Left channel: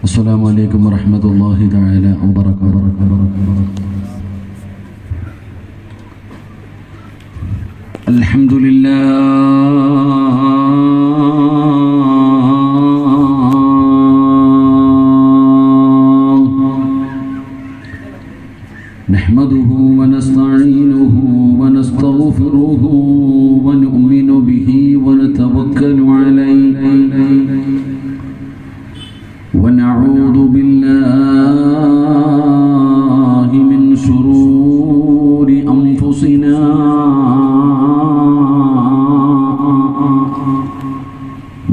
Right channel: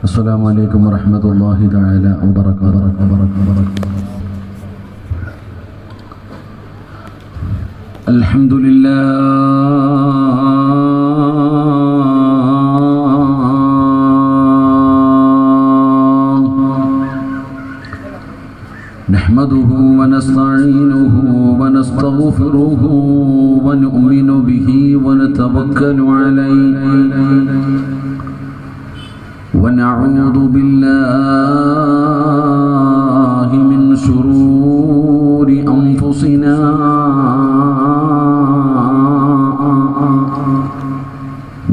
السلام عليكم ورحمة الله تعالى وبركاته. الحمد لله نحمده ونستعينه ونستغفره ونؤمن به ونتوكل عليه ونعوذ بالله من شرور أنفسنا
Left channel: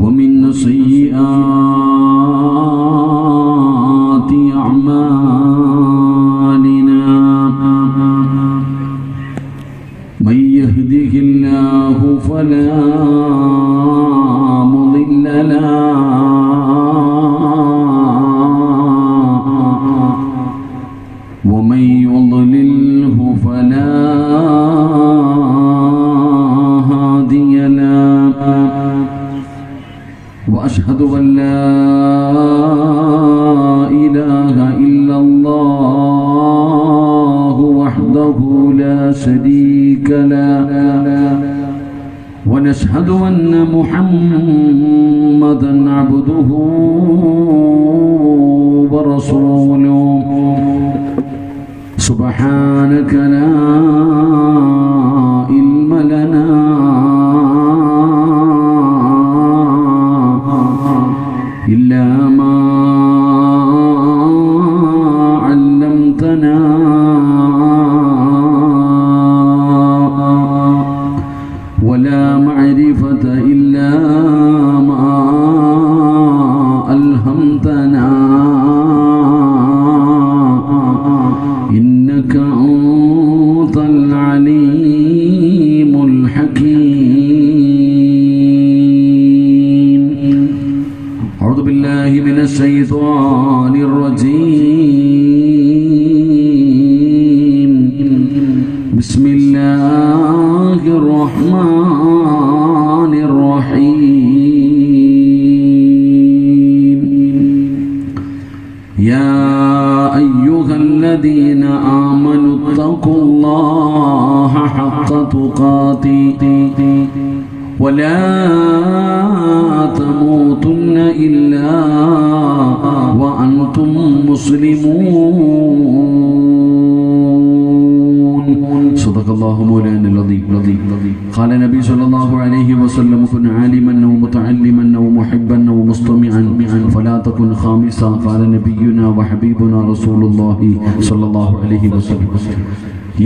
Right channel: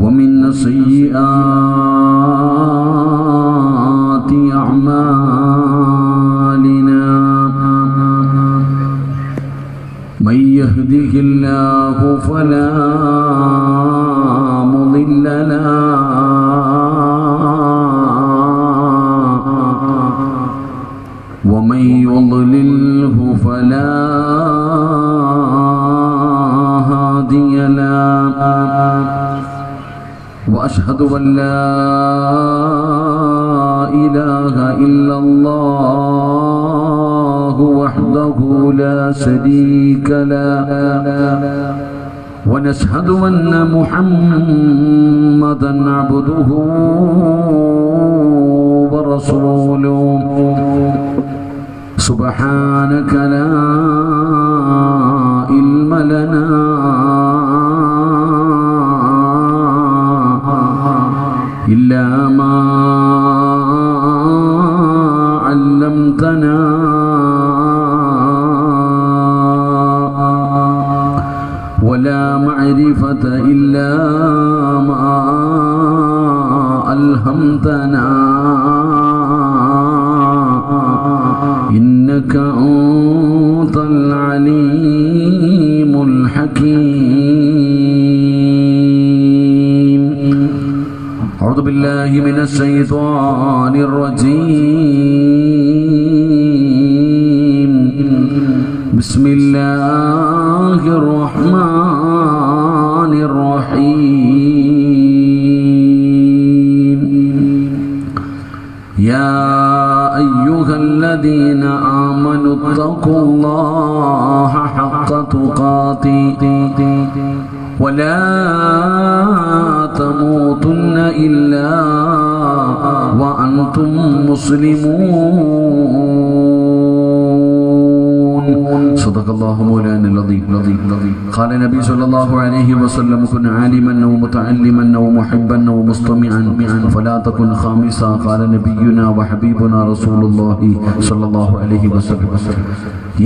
ومن سيئات أعمالنا من يهده الله فلا مضل له ومن يضلله فلا هادي له وأشهد أن لا إله إلا الله وحده لا شريك له ونشهد أن محمدا عبده ورسوله سبحانك لا علم لنا إلا ما علمتنا ولا معرفة إلا ما ألهمتنا إنك أنت العليم الحكيم. أعوذ بالله من الشيطان الرجيم. بسم الله الرحمن الرحيم. يا أيها الذين آمنوا اتقوا الله حق تقاته ولا تموتن إلا وأنتم مسلمون. صدق الله مولانا العظيم. قال النبي صلى الله عليه وسلم كن عالما ومتعلما ومحبا ومستمعا فلا تكن خامسا. قال نبينا وحبيبنا رسول الله صلى الله عليه وسلم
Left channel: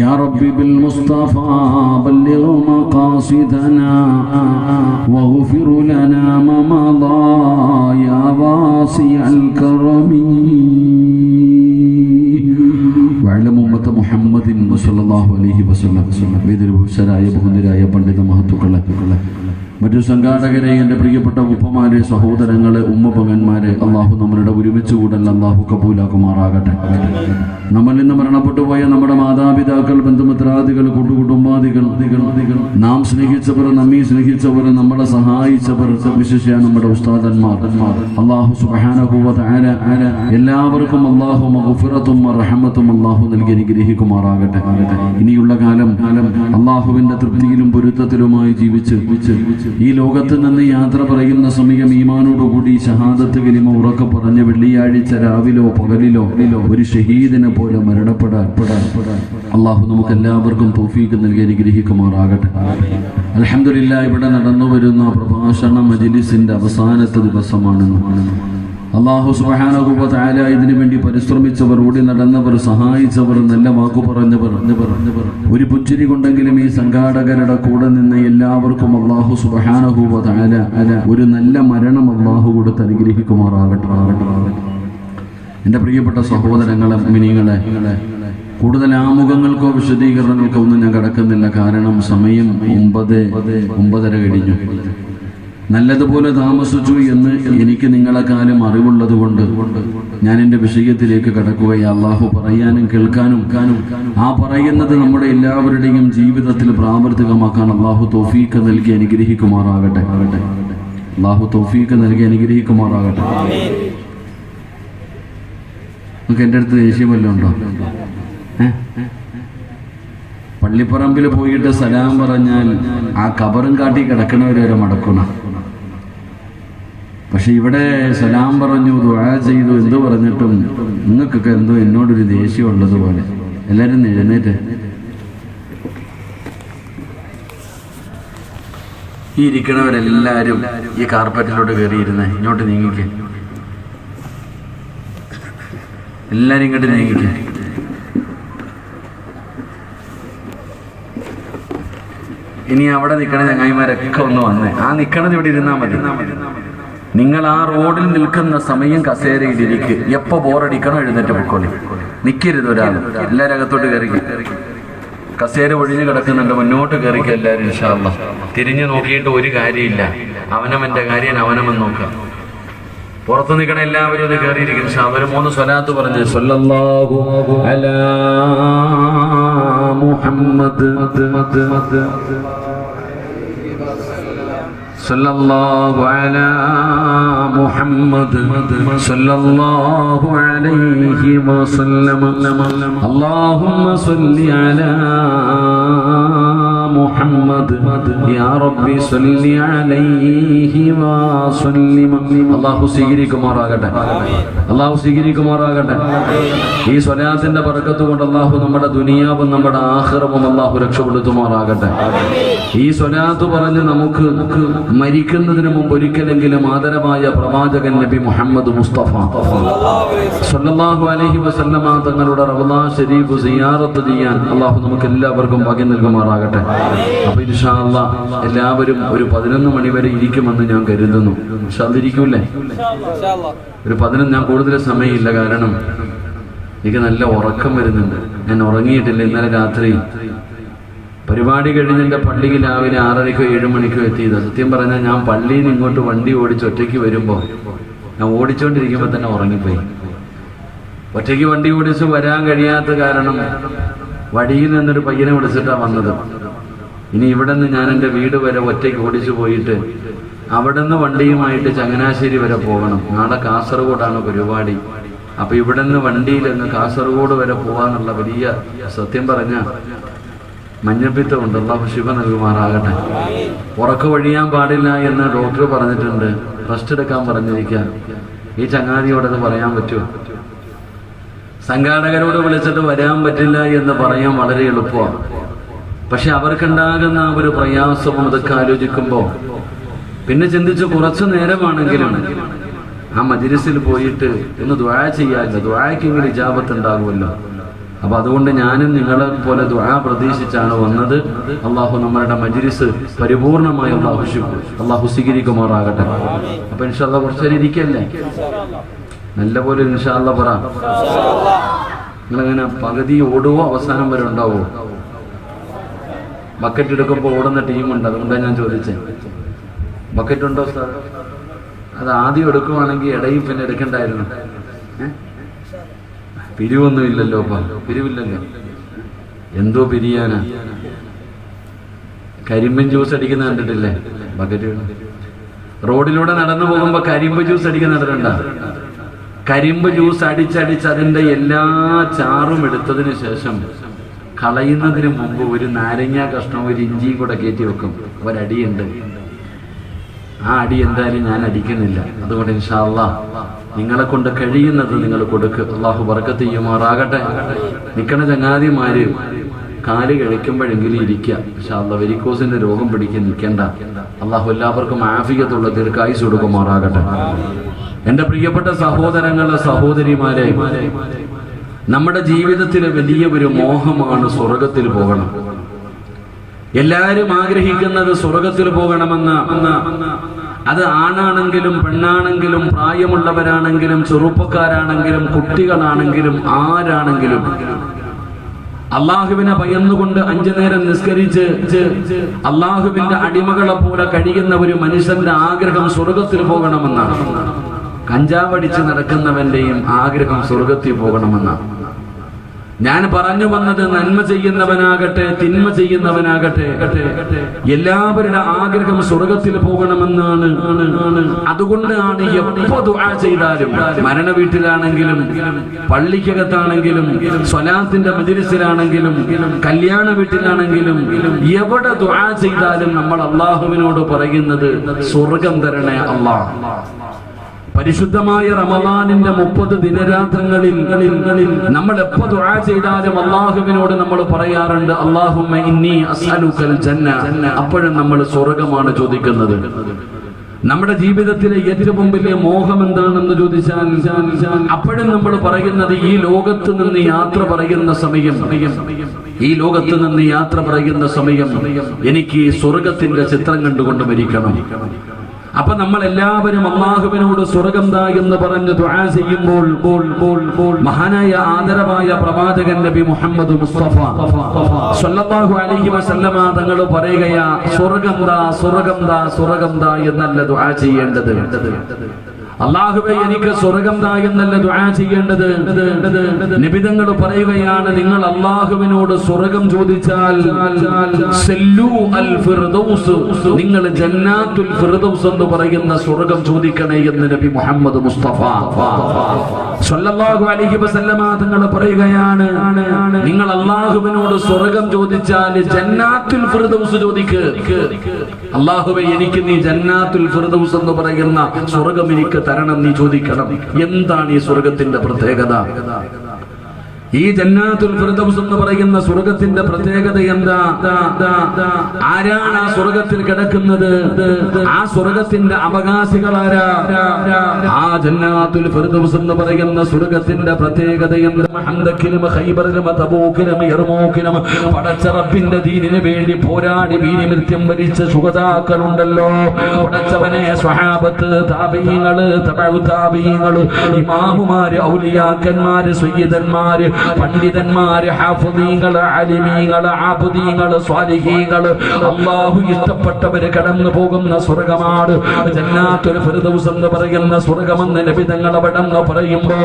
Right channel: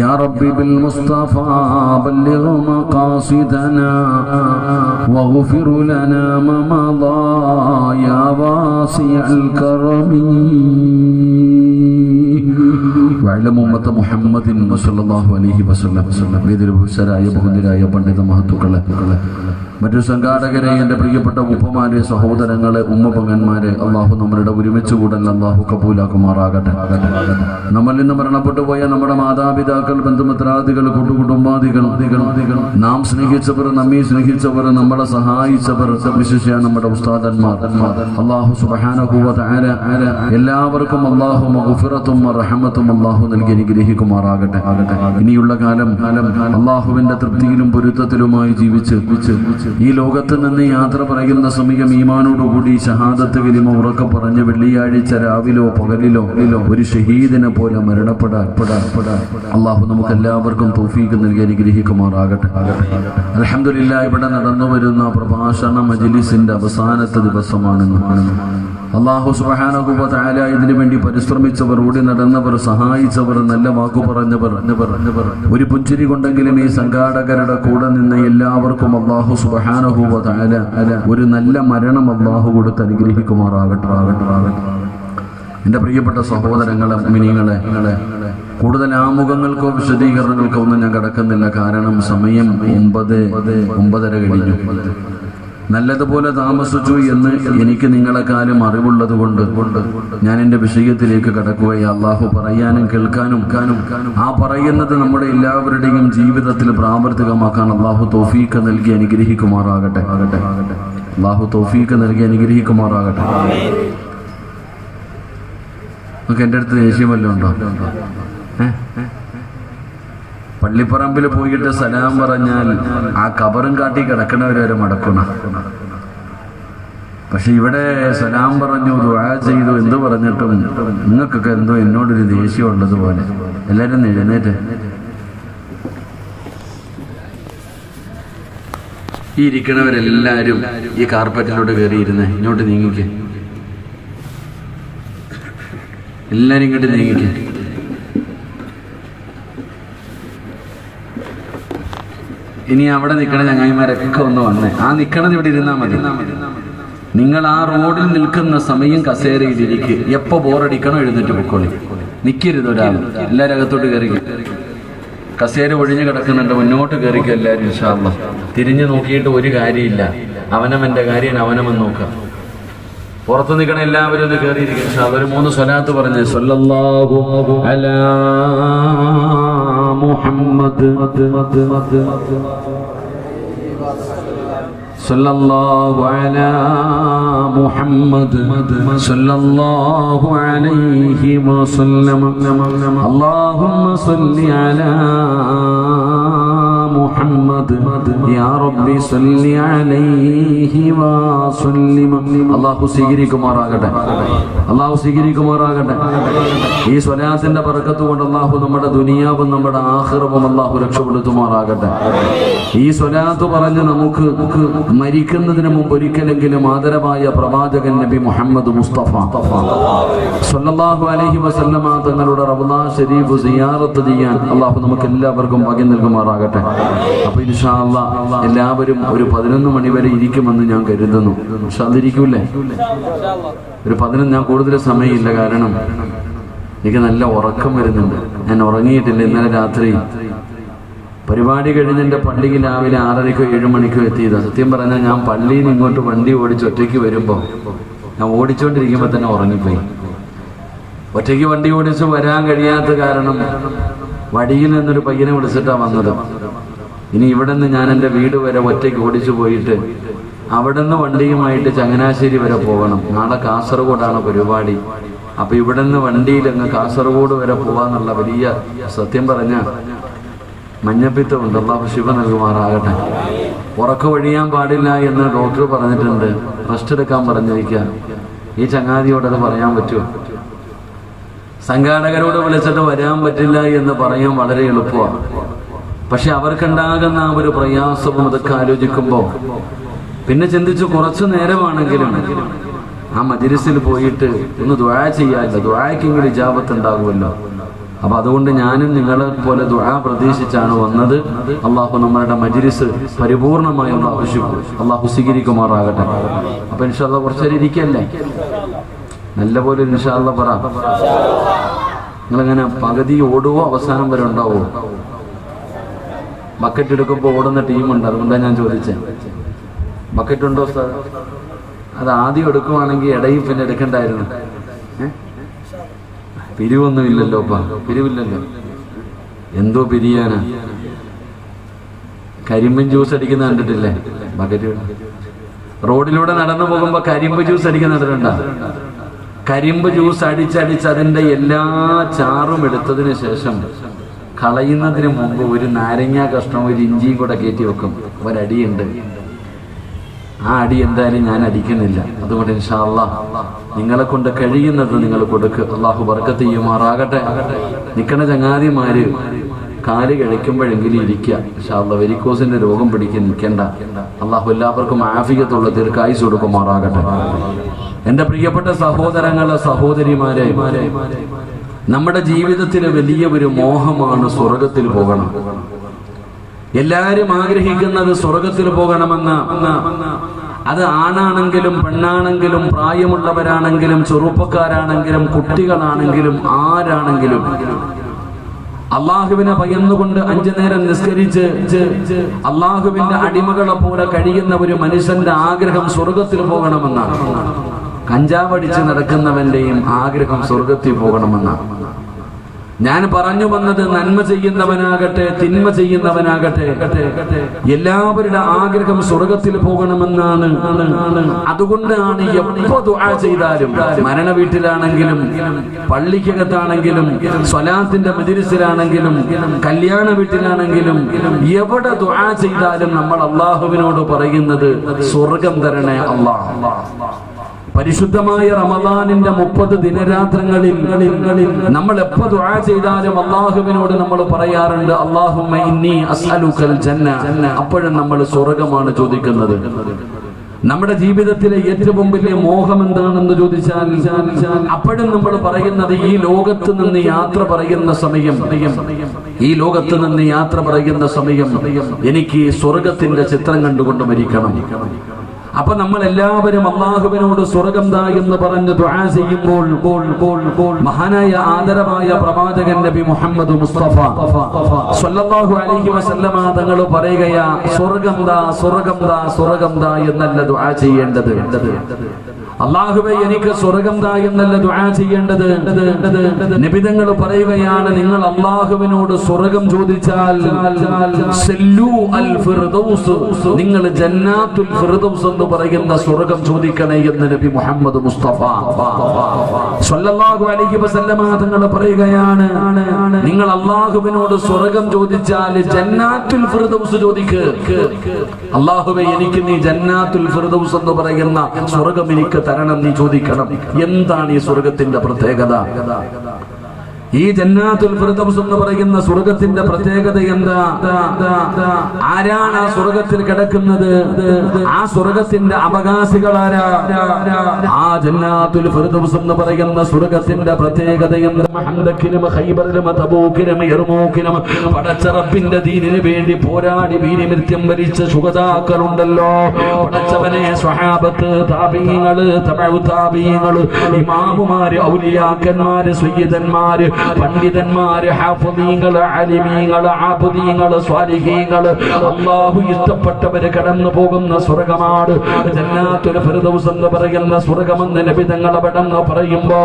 يا ربي بالمصطفى بلغ مقاصدنا واغفر لنا ما مضى يا واسع الكرم. وعلم أمة محمد صلى الله عليه وسلم. വേദിരായ ബഹുനിരായ പണ്ഡിത മഹത്തുക്കളെ, മറ്റു സംഘാടകരെ, എൻ്റെ പ്രിയപ്പെട്ട ഉപ്പമാരെ, സഹോദരങ്ങളെ, ഉമ്മപങ്ങന്മാരെ, അള്ളാഹു നമ്മളുടെ ഒരുമിച്ച് കൂടൽ അള്ളാഹു കബൂലാക്കുമാറാകട്ടെ. നമ്മളിൽ നിന്ന് മരണപ്പെട്ടു പോയ നമ്മുടെ മാതാപിതാക്കൾ, ബന്ധുമിത്രാദികൾ, കൂട്ടുകുടുംബാദികൾ, നാം സ്നേഹിച്ചവർ, നമ്മെ സ്നേഹിച്ചവർ, നമ്മളെ സഹായിച്ചവർ, വിശേഷ നമ്മുടെ ഉസ്താദന്മാർ, അള്ളാഹു സുബ്ഹാനഹു വ തആല എല്ലാവർക്കും അള്ളാഹു മഗ്ഫിറത്തും റഹ്മത്തും അള്ളാഹു നൽകി അനുഗ്രഹിക്കുമാറാകട്ടെ. ഇനിയുള്ള കാലം അള്ളാഹുവിന്റെ തൃപ്തിയിലും പൊരുത്തത്തിലുമായി ജീവിച്ച് ഈ ലോകത്ത് നിന്ന് യാത്ര പറയുന്ന സമയം ഈമാനോടുകൂടി ഷഹാദത്ത് കലിമ ഉറക്കെ പറഞ്ഞ് വെള്ളിയാഴ്ച രാവിലോ പകലിലോ ഒരു ഷഹീദിനെ പോലെ മരണപ്പെടാൻ അള്ളാഹു നമുക്ക് എല്ലാവർക്കും തൗഫീഖ് നൽകി അനുഗ്രഹിക്കുമാറാകട്ടെ. അൽഹംദുലില്ലാഹ്, ഇവിടെ നടന്നു വരുന്ന പ്രഭാഷണ മജ്ലിസിന്റെ അവസാനത്തെ ദിവസമാണെന്ന് അല്ലാഹു സുബ്ഹാനഹു വ തആല ഇതിനു വേണ്ടി പരിശ്രമിച്ചവർ, ഓടി നടന്നവർ, സഹായിച്ചവർ, നല്ല വാക്കു പറഞ്ഞവർ, ഒരു പുഞ്ചിരി കൊണ്ടെങ്കിലും ഈ സംഘാടകരുടെ കൂടെ നിന്ന് എല്ലാവർക്കും അല്ലാഹു സുബ്ഹാനഹു വ തആല ഒരു നല്ല മരണം അല്ലാഹു കൊടുത്ത് അനുഗ്രഹിക്കുമാറാകട്ടെ. എൻ്റെ പ്രിയപ്പെട്ട സഹോദരങ്ങളെ, മുഅ്മിനീങ്ങളെ, കൂടുതൽ ആമുഖങ്ങൾക്കോ വിശദീകരണങ്ങൾക്കോ ഒന്നും ഞാൻ കടക്കുന്നില്ല. കാരണം സമയം 9:30 കഴിഞ്ഞു. നല്ലതുപോലെ താമസിച്ചു എന്ന് എനിക്ക് നിങ്ങളെക്കാളും അറിവുള്ളത് കൊണ്ട് ഞാൻ എൻ്റെ വിഷയത്തിലേക്ക് കടക്കുകയാണ്. അള്ളാഹു പറയാനും കേൾക്കാനും ആ പറയുന്നത് നമ്മുടെ എല്ലാവരുടെയും ജീവിതത്തിൽ പ്രാവർത്തികമാക്കാൻ അള്ളാഹു തൗഫീഖ് നൽകി അനുഗ്രഹിക്കുമാറാകട്ടെ. അള്ളാഹു തൗഫീഖ് നൽകി അനുഗ്രഹിക്കുമാറാകട്ടെ. നമുക്ക് എൻ്റെ അടുത്ത് ദേഷ്യം വല്ലതും ഉണ്ടോ? പള്ളിപ്പറമ്പിൽ പോയിട്ട് സലാം പറഞ്ഞാൽ ആ കബറും കാട്ടി കിടക്കണവരെ മടക്കണ. പക്ഷെ ഇവിടെ സലാം പറഞ്ഞു, ദുആ ചെയ്തു, എന്ത് പറഞ്ഞിട്ടും നിങ്ങൾക്കൊക്കെ എന്തോ എന്നോടൊരു ദേഷ്യം ഉള്ളതുപോലെ. എല്ലാവരും എഴുന്നേറ്റ് ഈ ഇരിക്കണവരെല്ലാരും ഈ കാർപ്പറ്റിലോട്ട് കയറിയിരുന്നേ, ഇങ്ങോട്ട് നീങ്ങിക്ക്, എല്ലാരും ഇങ്ങോട്ട് നീങ്ങിക്ക്. ഇനി അവിടെ നിൽക്കണ ചങ്ങായിമാരൊക്കെ ഒന്ന് വന്നേ. ആ നിൽക്കണത് ഇവിടെ ഇരുന്നാൽ മതി. നിങ്ങൾ ആ റോഡിൽ നിൽക്കുന്ന സമയം കസേരയിൽ ഇരിക്കുക. എപ്പോ ബോറടിക്കണോ എഴുന്നേറ്റ് പൊക്കോളി, നിൽക്കരുത് ഒരാൾ. എല്ലാവരും അകത്തോട്ട് കയറിക്കും. കസേര ഒഴിഞ്ഞു കിടക്കുന്നുണ്ട്, മുന്നോട്ട് കയറിക്കുക എല്ലാവരും. ഇൻഷാ അല്ലാഹ് തിരിഞ്ഞു നോക്കിയിട്ട് ഒരു കാര്യമില്ല. അവനവന്റെ കാര്യം അവനവൻ നോക്കാം. പുറത്ത് നിൽക്കണ എല്ലാവരും ഒന്ന് കയറിയിരിക്കും. ഇൻഷാ അല്ലാഹ് ഒരു 3 സ്വലാത്ത് പറഞ്ഞ് സ്വല്ലല്ലാഹു അലാ മുഹമ്മദ് സല്ലല്ലാഹു അലാ മുഹമ്മദ് സല്ലല്ലാഹു അലൈഹി വസല്ലം അല്ലാഹുമ്മ സ്വല്ലി അലാ മുഹമ്മദ് യാ റബ്ബി സ്വല്ലി അലൈഹി വസല്ലം. അല്ലാഹു സ്വീകരിക്കുമാറാകട്ടെ, അല്ലാഹു സ്വീകരിക്കുമാറാകട്ടെ. ഈ സ്വലാത്തിന്റെ ബർക്കത്ത് കൊണ്ട് അല്ലാഹു നമ്മുടെ ദുനിയാവും നമ്മുടെ ആഖിറവും അല്ലാഹു രക്ഷപ്പെടുത്തുമാറാകട്ടെ. ഈ സ്വലാത്ത് പറഞ്ഞ് നമുക്ക് മരിക്കുന്നതിന് മുമ്പ് ഒരിക്കലെങ്കിലും ആദരവായ പ്രവാചകൻ നബി മുഹമ്മദ് മുസ്തഫ സ്വല്ലല്ലാഹു അലൈഹി വസല്ലമ തങ്ങളുടെ റൗള ശരീഫ് സിയാറത്ത് ചെയ്യാൻ അല്ലാഹു നമുക്ക് എല്ലാവർക്കും ഭാഗ്യം നൽകുമാറാകട്ടെ. അപ്പൊ ഇൻഷാ അല്ലാഹ് എല്ലാവരും ഒരു 11 മണി വരെ ഇരിക്കുമെന്ന് ഞാൻ കരുതുന്നു. ഇൻഷാ അല്ലാഹ് ഇരിക്കൂലേ? ഒരു 11. ഞാൻ കൂടുതൽ സമയമില്ല, കാരണം എനിക്ക് നല്ല ഉറക്കം വരുന്നുണ്ട്. ഞാൻ ഉറങ്ങിയിട്ടില്ല. ഇന്നലെ രാത്രി പരിപാടി കഴിഞ്ഞ് എൻ്റെ പള്ളിക്ക് രാവിലെ 6:30 7 മണിക്കോ എത്തിയത്. സത്യം പറഞ്ഞാൽ ഞാൻ പള്ളിയിൽ നിന്ന് ഇങ്ങോട്ട് വണ്ടി ഓടിച്ച് ഒറ്റയ്ക്ക് വരുമ്പോൾ ഞാൻ ഓടിച്ചുകൊണ്ടിരിക്കുമ്പോൾ തന്നെ ഉറങ്ങിപ്പോയി. ഒറ്റയ്ക്ക് വണ്ടി ഓടിച്ച് വരാൻ കഴിയാത്ത കാരണം വടിയിൽ നിന്നൊരു പയ്യനെ വിളിച്ചിട്ടാണ് വന്നത്. ഇനി ഇവിടെ നിന്ന് ഞാൻ എൻ്റെ വീട് വരെ ഒറ്റയ്ക്ക് ഓടിച്ചു പോയിട്ട് അവിടെ നിന്ന് വണ്ടിയുമായിട്ട് ചങ്ങനാശ്ശേരി വരെ പോകണം. നാളെ കാസർഗോഡാണ് പരിപാടി. അപ്പൊ ഇവിടെ നിന്ന് വണ്ടിയിൽ അങ്ങ് കാസർഗോഡ് വരെ പോകാന്നുള്ള വലിയ, സത്യം പറഞ്ഞ മഞ്ഞപ്പിത്തമുണ്ട്. അല്ലാഹു ശിവ നൽകുമാറാകട്ടെ. ഉറക്കം ഒഴിയാൻ പാടില്ല എന്ന് ഡോക്ടർ പറഞ്ഞിട്ടുണ്ട്. റെസ്റ്റ് എടുക്കാൻ പറഞ്ഞിരിക്കുക. ഈ ചങ്ങാതിയോടത് പറയാൻ പറ്റുമോ? സംഘാടകരോട് വിളിച്ചിട്ട് വരാൻ പറ്റില്ല എന്ന് പറയാൻ വളരെ എളുപ്പമാണ്. പക്ഷെ അവർക്കുണ്ടാകുന്ന ആ ഒരു പ്രയാസവും അതൊക്കെ ആലോചിക്കുമ്പോൾ പിന്നെ ചിന്തിച്ച് കുറച്ചു നേരമാണെങ്കിലും ആ മജ്‌ലിസിൽ പോയിട്ട് ഒന്ന് ദുആ ചെയ്യാറില്ല. ദുആയ്ക്കെങ്കിലും ഇജാബത്ത് ഉണ്ടാകുമല്ലോ. അപ്പൊ അതുകൊണ്ട് ഞാനും നിങ്ങളെ പോലെ ദുആ പ്രതീക്ഷിച്ചാണ് വന്നത്. അള്ളാഹു നമ്മളുടെ മജ്‌ലിസ് പരിപൂർണമായി അള്ളാഹു സ്വീകരിക്കുമാറാകട്ടെ. അപ്പൊ ഇൻഷാ അല്ലാഹ് കുറച്ചേരം ഇരിക്കല്ലേ? നല്ലപോലെ ഇൻഷാ അല്ലാഹ് പറ. നിങ്ങളെങ്ങനെ പകുതി ഓടുവോ അവസാനം വരെ ഉണ്ടാവോ? ബക്കറ്റ് എടുക്കുമ്പോൾ ഓടുന്ന ടീമുണ്ട്, അതുകൊണ്ടാണ് ഞാൻ ചോദിച്ചത്. ബക്കറ്റ് ഉണ്ടോ സാർ? അത് ആദ്യം എടുക്കുവാണെങ്കിൽ ഇടയിൽ പിന്നെ എടുക്കണ്ടായിരുന്നു. പിരിവൊന്നും ഇല്ലല്ലോ. പിരിവില്ലല്ലോ. എന്തോ പിരിയാനാ? കരിമ്പൻ ജ്യൂസ് അടിക്കുന്ന കണ്ടിട്ടില്ലേ? ബക്കറ്റ് റോഡിലൂടെ നടന്നു പോകുമ്പോ കരിമ്പ് ജ്യൂസ് അടിക്കുന്ന കണ്ടിട്ടുണ്ടോ? കരിമ്പ് ജ്യൂസ് അടിച്ചടിച്ച് അതിന്റെ എല്ലാ ചാറും എടുത്തതിന് ശേഷം കളയുന്നതിന് മുമ്പ് ഒരു നാരങ്ങ കഷ്ണം ഒരു ഇഞ്ചിയും കൂടെ കയറ്റി വെക്കും. ഒരടിയുണ്ട്. ആ അടി എന്തായാലും ഞാൻ അടിക്കുന്നില്ല. അതുകൊണ്ട് ഇൻഷാ അല്ലാഹ് നിങ്ങളെ കൊണ്ട് കഴിയുന്നത് നിങ്ങൾ കൊടുക്കുക. അള്ളാഹു ബർക്കത്ത് ചെയ്യുമാറാകട്ടെ. നിക്കണ ചങ്ങാതിമാര് കാല് കഴിക്കുമ്പോഴെങ്കിലും ഇരിക്കുക. ഇൻഷാ അല്ലാഹ് വെരിക്കോസിന്റെ രോഗം പിടിക്കാൻ നിൽക്കേണ്ട. അള്ളാഹു എല്ലാവർക്കും ആഫിയത്തുള്ള ദീർഘായുസ്സ് കൊടുക്കുമാറാകട്ടെ. എന്റെ പ്രിയപ്പെട്ട സഹോദരങ്ങളെ, സഹോദരിമാരെ, നമ്മുടെ ജീവിതത്തിന് വലിയ ഒരു മോഹമാണ് സ്വർഗത്തിൽ പോകണം. എല്ലാവരും ആഗ്രഹിക്കുന്നത് സ്വർഗത്തിൽ പോകണമെന്ന. അത് ആണാണെങ്കിലും പെണ്ണാണെങ്കിലും പ്രായമുള്ളവരാണെങ്കിലും ചെറുപ്പക്കാരാണെങ്കിലും കുട്ടികളാണെങ്കിലും ആരാണെങ്കിലും അള്ളാഹുവിനെ ഭയന്നുകൊണ്ട് 5 നേരം നിസ്കരിച്ച് അള്ളാഹുവിന്റെ അടിമകളെ പോലെ കഴിയുന്ന ഒരു മനുഷ്യന്റെ ആഗ്രഹം സ്വർഗത്തിൽ പോകണമെന്നാണ്. കഞ്ചാവടിച്ച് നടക്കുന്നവന്റെയും ആഗ്രഹം സ്വർഗത്തിൽ പോകണമെന്നാണ്. ഞാൻ പറഞ്ഞു വന്നത് നന്മ ചെയ്യുന്നവനാകട്ടെ തിന്മ ചെയ്യുന്നവനാകട്ടെ എല്ലാവരുടെ ആഗ്രഹം സ്വർഗത്തിൽ പോകണമെന്നാണ്. അതുകൊണ്ടാണ് എപ്പോ ദുആ ചെയ്താലും, മരണ വീട്ടിലാണെങ്കിലും പള്ളിക്കകത്താണെങ്കിലും സ്വലാത്തിന്റെ മജ്‌ലിസിലാണെങ്കിലും കല്യാണ വീട്ടിലാണെങ്കിലും എവിടെ ദുആ ചെയ്താലും നമ്മൾ അല്ലാഹുവിനോട് പറയുന്നത് സ്വർഗം തരണേ അല്ലാഹ്. പരിശുദ്ധമായ റമദാനിന്റെ 30 ദിനരാത്രങ്ങളിൽ നമ്മൾ എപ്പോ ദുആ ചെയ്താലും അല്ലാഹുവിനോട് നമ്മൾ പറയാറുണ്ട് അല്ലാഹുമ്മ ഇന്നി അസ്അലുകൽ ജന്ന. അപ്പോഴും നമ്മൾ സ്വർഗമാണ് ചോദിക്കുന്നത്. നമ്മുടെ ജീവിതത്തിലെ ഏറ്റവും വലിയ മോഹം എന്താണെന്ന് ചോദിച്ചാൽ അപ്പോഴും നമ്മൾ പറയുന്നത് ഈ ലോകത്ത് നിന്ന് യാത്ര പറയുന്ന സമയം, ഈ ലോകത്ത് നിന്ന് യാത്ര പറയുന്ന സമയം എനിക്ക് സ്വർഗത്തിന്റെ ചിത്രം കണ്ടുകൊണ്ട് മരിക്കണം. അപ്പൊ നമ്മൾ എല്ലാവരും അല്ലാഹുവിനോട് സ്വർഗം താ എന്ന് പറഞ്ഞ് ദുആ ചെയ്യുമ്പോൾ മഹാനായ ആദരവായ പ്രവാചകൻ നബി മുഹമ്മദ് മുസ്തഫ സ്വല്ലല്ലാഹു അലൈഹി വസല്ലമ തങ്ങൾ പറയുകയാ, സ്വർഗം താ സ്വർഗം താ സ്വർഗം താ എന്നല്ല ദുആ ചെയ്യേണ്ടത്. അല്ലാഹുവേ എനിക്ക് സ്വർഗം താ എന്നല്ല ദുആ ചെയ്യേണ്ടത്. നബി തങ്ങൾ പറയുകയാണ്, നിങ്ങൾ അല്ലാഹുവിനോട് സ്വർഗം ചോദിച്ചാൽ സല്ലു അൽ ഫിർദൗസ്, നിങ്ങൾ ജന്നാത്തുൽ ഫിർദൗസ് എന്ന് പറയുന്ന സ്വർഗം ചോദിക്കണേ എന്ന് നബി മുഹമ്മദ് മുസ്തഫ സ്വല്ലല്ലാഹു അലൈഹി വസല്ലമ തങ്ങൾ പറയുകയാണ്, നിങ്ങൾ അല്ലാഹുവിനോട് സ്വർഗം ചോദിച്ചാൽ ജന്നാത്തുൽ ഫിർദൗസ് ചോദിക്ക്. അല്ലാഹുവേ എനിക്ക് നീ ജന്നാത്തുൽ ഫിർദൗസ് എന്ന് പറയുന്ന സ്വർഗം എനിക്ക് തരണം, നീ ചോദിക്കണം. എന്താണ് ഈ സ്വർഗത്തിന്റെ പ്രത്യേകത? ഈ ജന്നാത്തുൽ ഫിർദൗസ് എന്ന് പറയുന്ന സ്വർഗത്തിന്റെ പ്രത്യേകത എന്താ? ആരാണ് ആ സ്വർഗത്തിൽ കിടക്കുന്നത്? ആ സ്വർഗത്തിന്റെ അവകാശികൾ ആരാ? ആ ജന്നാത്തുൽ ഫിർദൗസ് എന്ന് പറയുന്ന സ്വർഗത്തിന്റെ പ്രത്യേകത എന്താ? ഹംദക്കിലും ഖൈബറിലും തബൂക്കിലും യർമൂക്കിലും പടച്ച റബ്ബിന്റെ ദീനിന് വേണ്ടി പോരാടി വീരമൃത്യു വരിച്ച ശുഹദാക്കളുണ്ടല്ലോ. പടച്ചവനെ സ്വഹാബത്ത്, താബീഈങ്ങള്, തബഉ താബീഈങ്ങള്, ഇമാമുമാര്, ഔലിയാക്കന്മാര്, സയ്യിദന്മാര്, പണ്ഡിതന്മാര്, ഹാഫിദീങ്ങള്, അലിമീങ്ങള്, ആബിദീങ്ങള്, സ്വാലിഹീങ്ങള്, അല്ലാഹു ഇഷ്ടപ്പെട്ടവര് കടന്നു പോകുന്ന സ്വർഗമാണ് ജന്നാത്തുൽ ഫിർദൗസ് എന്ന് പറയുന്ന സ്വർഗമെന്ന് നബി തങ്ങൾ അവിടെന്ന് പറയുമ്പോ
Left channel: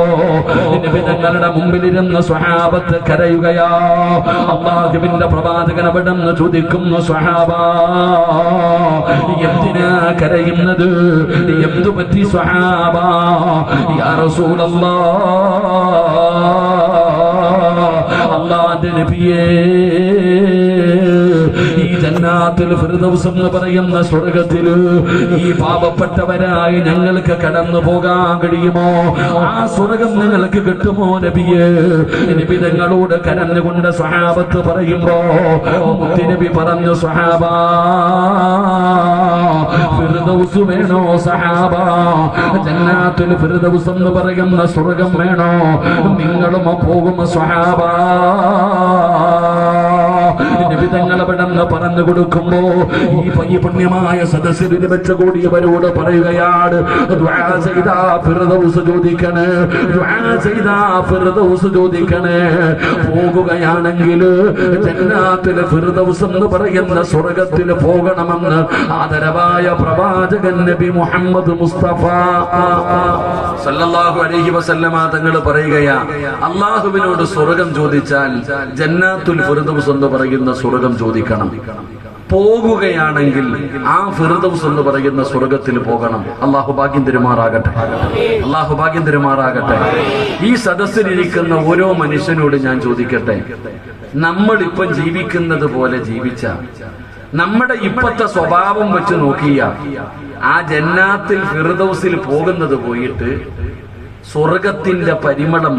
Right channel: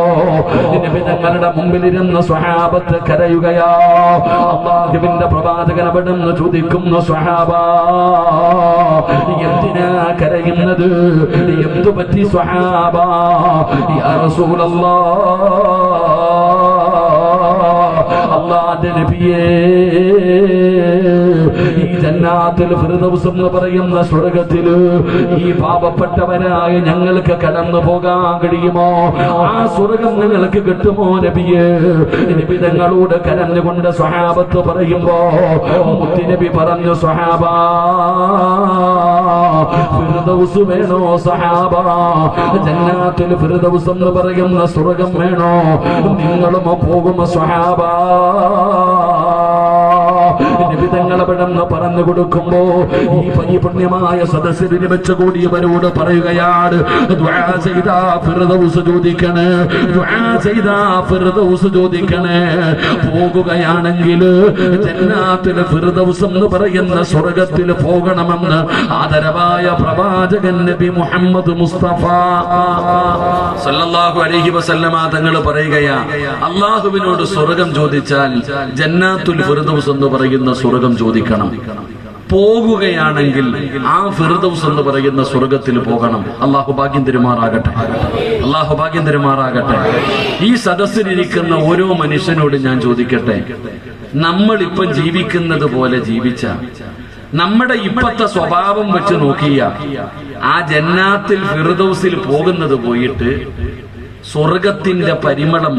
നബി തങ്ങളുടെ മുമ്പിലിരുന്ന സ്വഹാബത്ത് കരയുകയാ. അല്ലാഹുവിന്റെ പ്രവാചകൻ അവിടെന്ന് ചോദിക്കുന്നു, സ്വഹാബാ എന്തിനാ കരയുന്നത്? എന്തു പറ്റി സ്വഹാബാ? യാ റസൂലല്ലാഹ്, അല്ലാഹുവിന്റെ നബിയേ, ഈ ജന്നാത്തുൽ ഫിർദൗസ് എന്ന് പറയുന്ന സ്വർഗത്തിൽ ഈ പാപപ്പെട്ടവരായ ഞങ്ങൾക്ക് കടന്നു പോകാൻ കഴിയുമോ? ആ സ്വർഗം നിങ്ങൾക്ക് കിട്ടുമോ നബിയേ? നബി തങ്ങളോട് കരഞ്ഞുകൊണ്ട് സ്വഹാബത്ത് പറയുമ്പോ മുത്തുനബി പറഞ്ഞു, സ്വഹാബാ ഫിർദൗസ് വേണോ സഹാബാ? ജന്നാത്തുൽ ഫിർദൗസ് എന്ന് പറയുന്ന സ്വർഗം വേണോ? നിങ്ങളും പോകും സ്വഹാബാ. നബി തങ്ങൾ അവിടെന്ന് പറഞ്ഞു കൊടുക്കുമ്പോ ഈ പരിപുണ്യമായ സദസ്സിൽ വെച്ച് കൂടിയവരോട് പറയുകയാണ്, ദുആ ചെയ്താ ഫിർദൗസ് ചോദിക്കണേ, ദുആ ചെയ്താ ഫിർദൗസ് ചോദിക്കണേ. പോകുകയാണെങ്കിൽ ജന്നാത്തുൽ ഫിർദൗസ് എന്ന് പറയുന്ന സ്വർഗത്തിൽ പോകണമെന്ന് ആദരവായ പ്രവാചകൻ നബി മുഹമ്മദ് മുസ്തഫ സല്ലല്ലാഹു അലൈഹി വസല്ലമ തങ്ങൾ പറയുകയാ, അല്ലാഹുവിനോട് സ്വർഗം ചോദിച്ചാൽ ജന്നാത്തുൽ ഫിർദൗസ് എന്ന് പറയുന്ന സ്വർഗം ചോദിക്കണം. പോകുകയാണെങ്കിൽ ആ ഫിർദൗസ് എന്ന് പറയുന്ന സ്വർഗത്തിൽ പോകണം. അല്ലാഹു ഭാഗ്യം തരുമാറാകട്ടെ, അല്ലാഹു ഭാഗ്യം തരുമാറാകട്ടെ. ഈ സദസ്സിലിരിക്കുന്ന ഓരോ മനുഷ്യനോട് ഞാൻ ചോദിക്കട്ടെ, നമ്മൾ ഇപ്പം ജീവിക്കുന്നത് പോലെ ജീവിച്ച, നമ്മുടെ ഇപ്പത്തെ സ്വഭാവം വെച്ച് നോക്കിയ ആ ജന്നാത്തുൽ ഫിർദൗസിൽ പോകുന്നത് പോയിട്ട് സ്വർഗത്തിന്റെ പരിമളം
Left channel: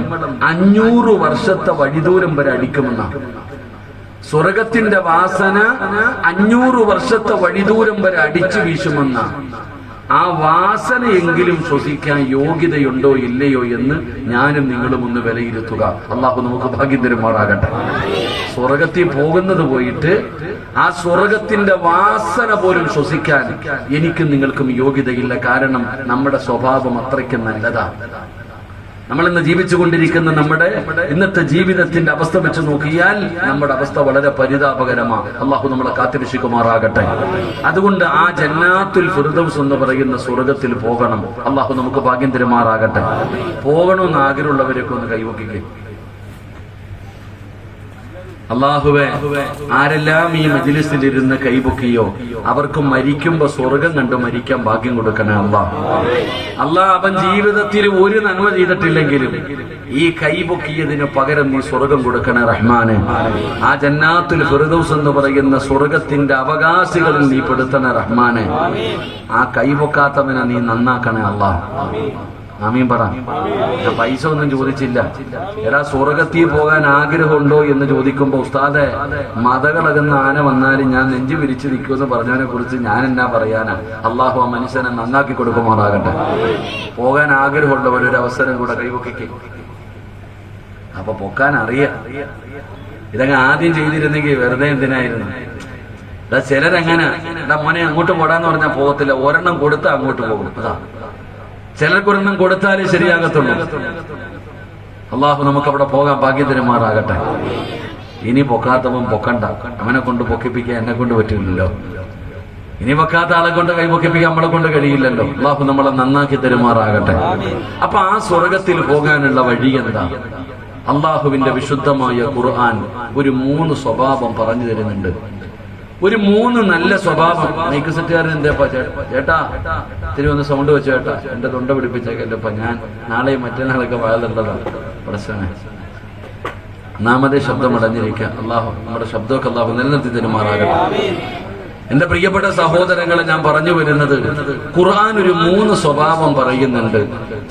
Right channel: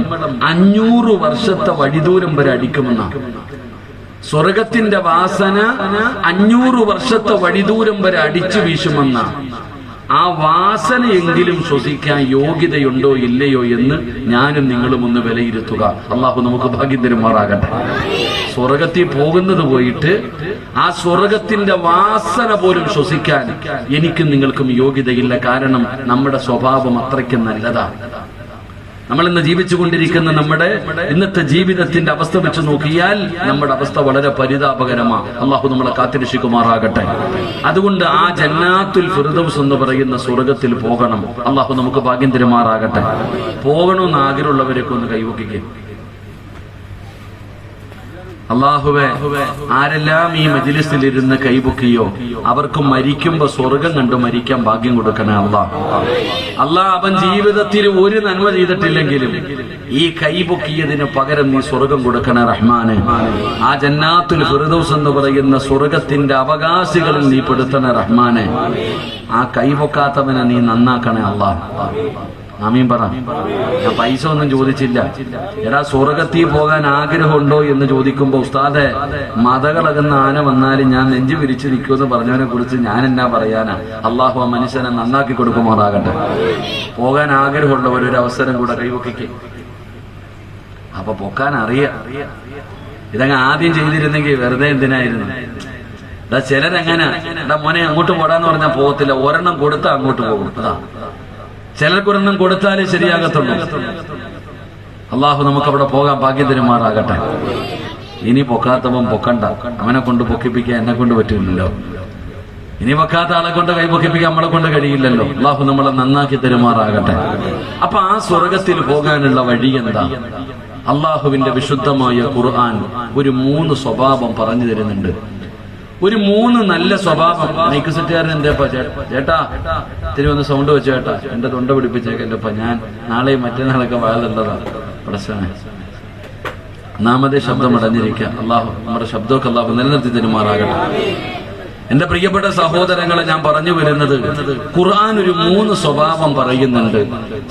500 വർഷത്തെ വഴിദൂരം വരെ അടിക്കുമെന്നാണ്. സ്വർഗത്തിന്റെ വാസന 500 വർഷത്തെ വഴിദൂരം വരെ അടിച്ചു വീശുമെന്നാണ്. ആ വാസനയെങ്കിലും ശ്വസിക്കാൻ യോഗ്യതയുണ്ടോ ഇല്ലയോ എന്ന് ഞാനും നിങ്ങളും ഒന്ന് വിലയിരുത്തുക. അള്ളാഹു നമുക്ക് ഭാഗ്യം തരുമാറാകട്ടെ. സ്വർഗത്തിൽ പോകുന്നത് പോയിട്ട് ആ സ്വർഗത്തിന്റെ വാസന പോലും ശ്വസിക്കാൻ എനിക്കും നിങ്ങൾക്കും യോഗ്യതയില്ല. കാരണം നമ്മുടെ സ്വഭാവം അത്രയ്ക്ക് നല്ലതാണ്. നമ്മൾ ഇന്ന് ജീവിച്ചുകൊണ്ടിരിക്കുന്ന നമ്മുടെ ഇന്നത്തെ ജീവിതത്തിന്റെ അവസ്ഥ വെച്ച് നോക്കിയാൽ നമ്മുടെ അവസ്ഥ വളരെ പരിതാപകരമാണ്. അള്ളാഹു നമ്മളെ കാത്തിരക്ഷിക്കുമാറാകട്ടെ. അതുകൊണ്ട് ആ ജന്നാത്തുൽ ഫിർദൗസ് എന്ന് പറയുന്ന സ്വർഗത്തിൽ പോകണം. അള്ളാഹു നമുക്ക് ഭാഗ്യം തരുമാറാകട്ടെ. പോകണമെന്ന് ആഗ്രഹമുള്ളവരൊക്കെ ഒന്ന് കൈവക്കിക്കുക. അല്ലാഹുവേ, ആരെല്ലാം ഈ മജ്ലിസിൽ ഇരുന്ന് കൈപൊക്കിയോ അവർക്ക് മരിക്കുമ്പോ സ്വർഗം കണ്ട് മരിക്കാൻ ഭാഗ്യം കൊടുക്കണേ അല്ലാഹ്. അവൻ ജീവിതത്തിൽ ഒരു നന്മ ചെയ്തിട്ടില്ലെങ്കിലും ഈ കൈപൊക്കിയതിന് പകരം നീ സ്വർഗം കൊടുക്കണേ റഹ്മാനെ. ആ ജന്നാത്തുൽ ഫിർദൗസ് എന്ന് പറയുന്ന സ്വർഗത്തിന്റെ അവകാശികളിൽ നീ പെടുത്തണേ റഹ്മാനെ. ആ കൈപൊക്കാത്തവനെ നീ നന്നാക്കണേ അല്ലാഹ്. ആമീൻ പറ. ഞാൻ പൈസ ഒന്നും ചോദിച്ചില്ല. എടാ, സ്വർഗത്തിൽ പോകാൻ ആഗ്രഹമുണ്ടോ എന്ന് ചോദിക്കുമ്പോ ഉസ്താദെ മതകളകുന്ന ആന വന്നാലും ഞാൻ നെഞ്ചു വിരിച്ചു നിൽക്കുമെന്ന് പറഞ്ഞവനെ കുറിച്ച് ഞാൻ എന്നാ പറയാനാ. അള്ളാഹു ആ മനുഷ്യനെ നന്നാക്കി കൊടുക്കുമാറാകട്ടെ. പോകാൻ ആഗ്രഹമുള്ളവരൊരു അവസരം കൂടെ കൈവക്കിക്ക്. അപ്പൊ പൊക്കാൻ അറിയാം. ഇതങ്ങ് ആദ്യം ചെയ്തിരുന്നെങ്കിൽ വെറുതെ എന്തിനായിരുന്നു. ചിലരങ്ങനെ എടാ മോനെ അങ്ങോട്ട് പോടാന്ന് പറഞ്ഞാൽ പോകത്തില്ല. ഒരെണ്ണം കൊടുത്താൽ അങ്ങോട്ട് പോകും. ചിലർക്കൊരെണ്ണം കൊടുത്താലേ ശരിയാകത്തുള്ളൂ. അള്ളാഹു നമുക്ക് അവിടെ പോകാൻ ഭാഗ്യം തരുമാറാകട്ടെ. ഇനി പൊക്കാത്തവൻ പൊക്കണ്ട. അവനെ കൊണ്ട് പൊക്കിപ്പിക്കാൻ എന്നെ കൊണ്ട് പറ്റില്ലല്ലോ. ഇനി പൊക്കാത്ത ആളെ കൊണ്ട് കൈ പൊക്കിപ്പിക്കാൻ നമ്മളെ കൊണ്ട് കഴിയില്ലല്ലോ. അള്ളാഹു നമ്മളെ നന്നാക്കി തരുമാറാകട്ടെ. അപ്പൊ ആ സ്വർഗത്തിൽ പോകാനുള്ള വഴി എന്താ? അള്ളാഹുവിന്റെ വിശുദ്ധമായ ഖുർആൻ ഒരു 3 സ്വഭാവം പറഞ്ഞു തരുന്നുണ്ട്. ഒരു 3 നല്ല സ്വഭാവം. മൈക്ക് സെറ്റുകാരൻ എന്റെ ചേട്ടാ ഇത്തിരി ഒന്ന് സൗണ്ട് വെച്ചു ചേട്ടാ, എന്റെ തൊണ്ട പിടിപ്പിച്ചേക്കല്ലപ്പ. ഞാൻ നാളെയും മറ്റന്നാളൊക്കെ വാഴുള്ളതാണ്. പടച്ചോനെ, ഒന്നാമതേ ശബ്ദം അടഞ്ഞിരിക്കുക. അള്ളാഹു നമ്മുടെ ശബ്ദമൊക്കെ അള്ളാഹു നിലനിർത്തി തരുമാറാകട്ടെ. എന്റെ പ്രിയപ്പെട്ട സഹോദരങ്ങളെ, ഞാൻ പറഞ്ഞു വരുന്നത് ഖുർആൻ ഒരു 3 സ്വഭാവം പറയുന്നുണ്ട്.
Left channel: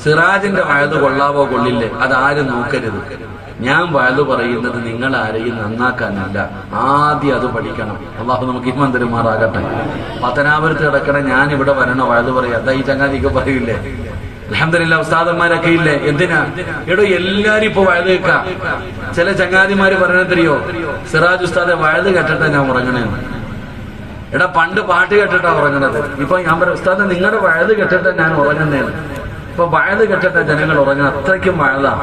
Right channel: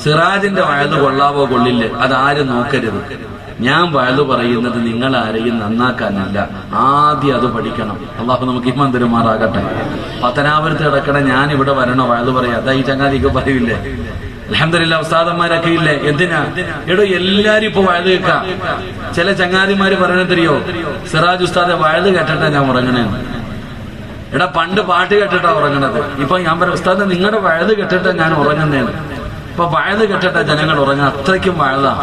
സിറാജിന്റെ വയല് കൊള്ളാവോ കൊള്ളില്ലേ, അതാരും നോക്കരുത്. ഞാൻ വയല് പറയുന്നത് നിങ്ങൾ ആരെയും നന്നാക്കാനല്ല, ആദ്യം അത് പഠിക്കണം. അള്ളാഹു നമുക്ക് ഈമാൻ തരുമാറാകട്ടെ. പത്തനാപുരത്ത് കിടക്കണ ഞാൻ ഇവിടെ വരണോ വയല് പറയാം? അതാ ഈ ചങ്ങാതിക്ക് പറയൂലേ. അൽഹംദുലില്ലാഹ് ഉസ്താദന്മാരൊക്കെ ഇല്ലേ? എന്തിനാ എടോ എല്ലാരും ഇപ്പൊ വയല് കേൾക്കാം. ചില ചങ്ങാതിമാര് പറയണതറിയോ, സിറാജ് ഉസ്താദെ വയല് കേട്ടിട്ടാ ഞാൻ ഉറങ്ങണേ. എടാ, പണ്ട് പാട്ട് കേട്ടിട്ടാ ഉറങ്ങണത്. ഇപ്പൊ ഞാൻ പറയും ഉസ്താദ് നിങ്ങളുടെ വയല് കെട്ടിട്ടാ ഞാൻ ഉറങ്ങുന്നേന്ന്. ഇപ്പൊ വയല് കെട്ടിട്ടാ ജനങ്ങൾ ഉറങ്ങുക. അത്രയ്ക്കും വയലാ.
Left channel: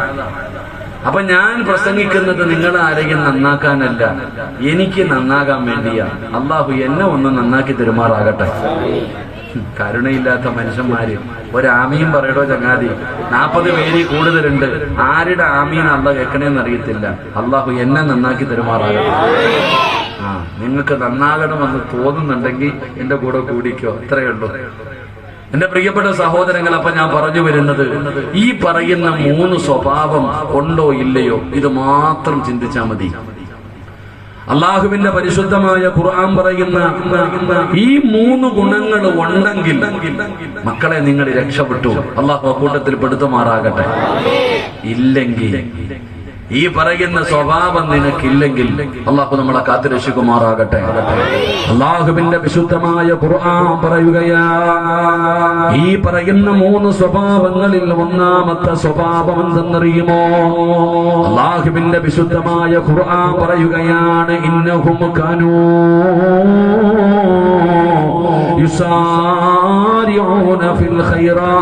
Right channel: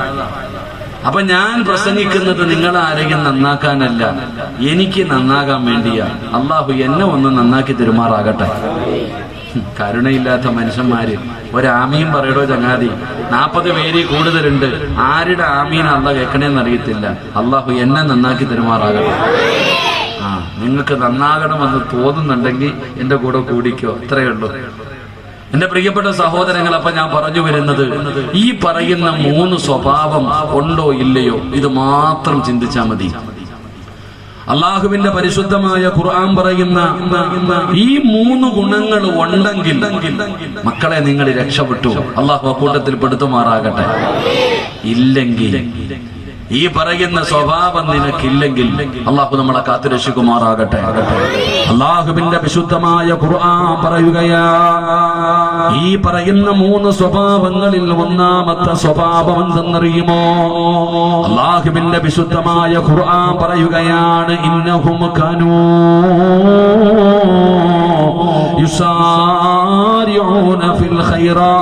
അപ്പൊ ഞാൻ പ്രസംഗിക്കുന്നത് നിങ്ങൾ ആരെയും നന്നാക്കാനല്ല, എനിക്ക് നന്നാകാൻ വേണ്ടിയാ. അള്ളാഹു എന്നെ ഒന്ന് നന്നാക്കി തരുമാറാകട്ടെ. കരുണയില്ലാത്ത മനുഷ്യന്മാര് ഒരാമീൻ പറയടോ ചങ്ങാതി. 40 പേര് കൂടുതലുണ്ട്. ആരുടെ ആമീൻ അള്ളാഹ് കേൾക്കണേന്ന് അറിയത്തില്ല. അള്ളാഹു എന്നെ നന്നാക്കി തരുമാറാകട്ടെ. നിങ്ങൾക്ക് നന്നാകണമെന്ന് തോന്നുന്നുണ്ടെങ്കിൽ എന്റെ കൂടെ കൂടിക്കോ. അത്രയേ ഉള്ളൂ എന്റെ പ്രിയപ്പെട്ട സഹോദരങ്ങൾ. അപ്പൊ ഞാൻ പറഞ്ഞു വരുന്നത്, ഈ പറയുന്ന 3 സ്വഭാവം ഉണ്ടോ ഇല്ലയോ ഇത് മാത്രം ചിന്തിച്ചാൽ മതി. അള്ളാഹുവിന്റെ പരിശുദ്ധമായ ഖുർആൻ പറയുന്ന ഈ 3 ഗുണങ്ങൾ ഉണ്ടെങ്കിൽ മക്കളെ നിങ്ങൾ രക്ഷപ്പെട്ടു. അള്ളാഹു അക്കൂട്ടത്തിൽ പെടുത്തുമാറാകട്ടെ. ഇല്ലെങ്കിൽ, ഈ പറയുന്ന സ്വഭാവം നിനക്കില്ലെങ്കിൽ അള്ളാഹു നമ്മളെ കാത്തുരക്ഷിക്കുമാറാകട്ടെ. അള്ളാഹുവിന്റെ വിശുദ്ധമായ ഖുർആൻ പറയുകയാ, ഈ പറയുന്ന 3 സ്വഭാവങ്ങളിൽ ഒന്നാമത്തെ സ്വഭാവം എന്തെന്നറിയുമോ? അള്ളാഹുവിന്റെ വിശുദ്ധമായ ഖുർആൻ പറയുകയാണ്, ഇന്നഹും കാനൂ യുസാരിഊന ഫിൽ ഖൈറാത്ത്.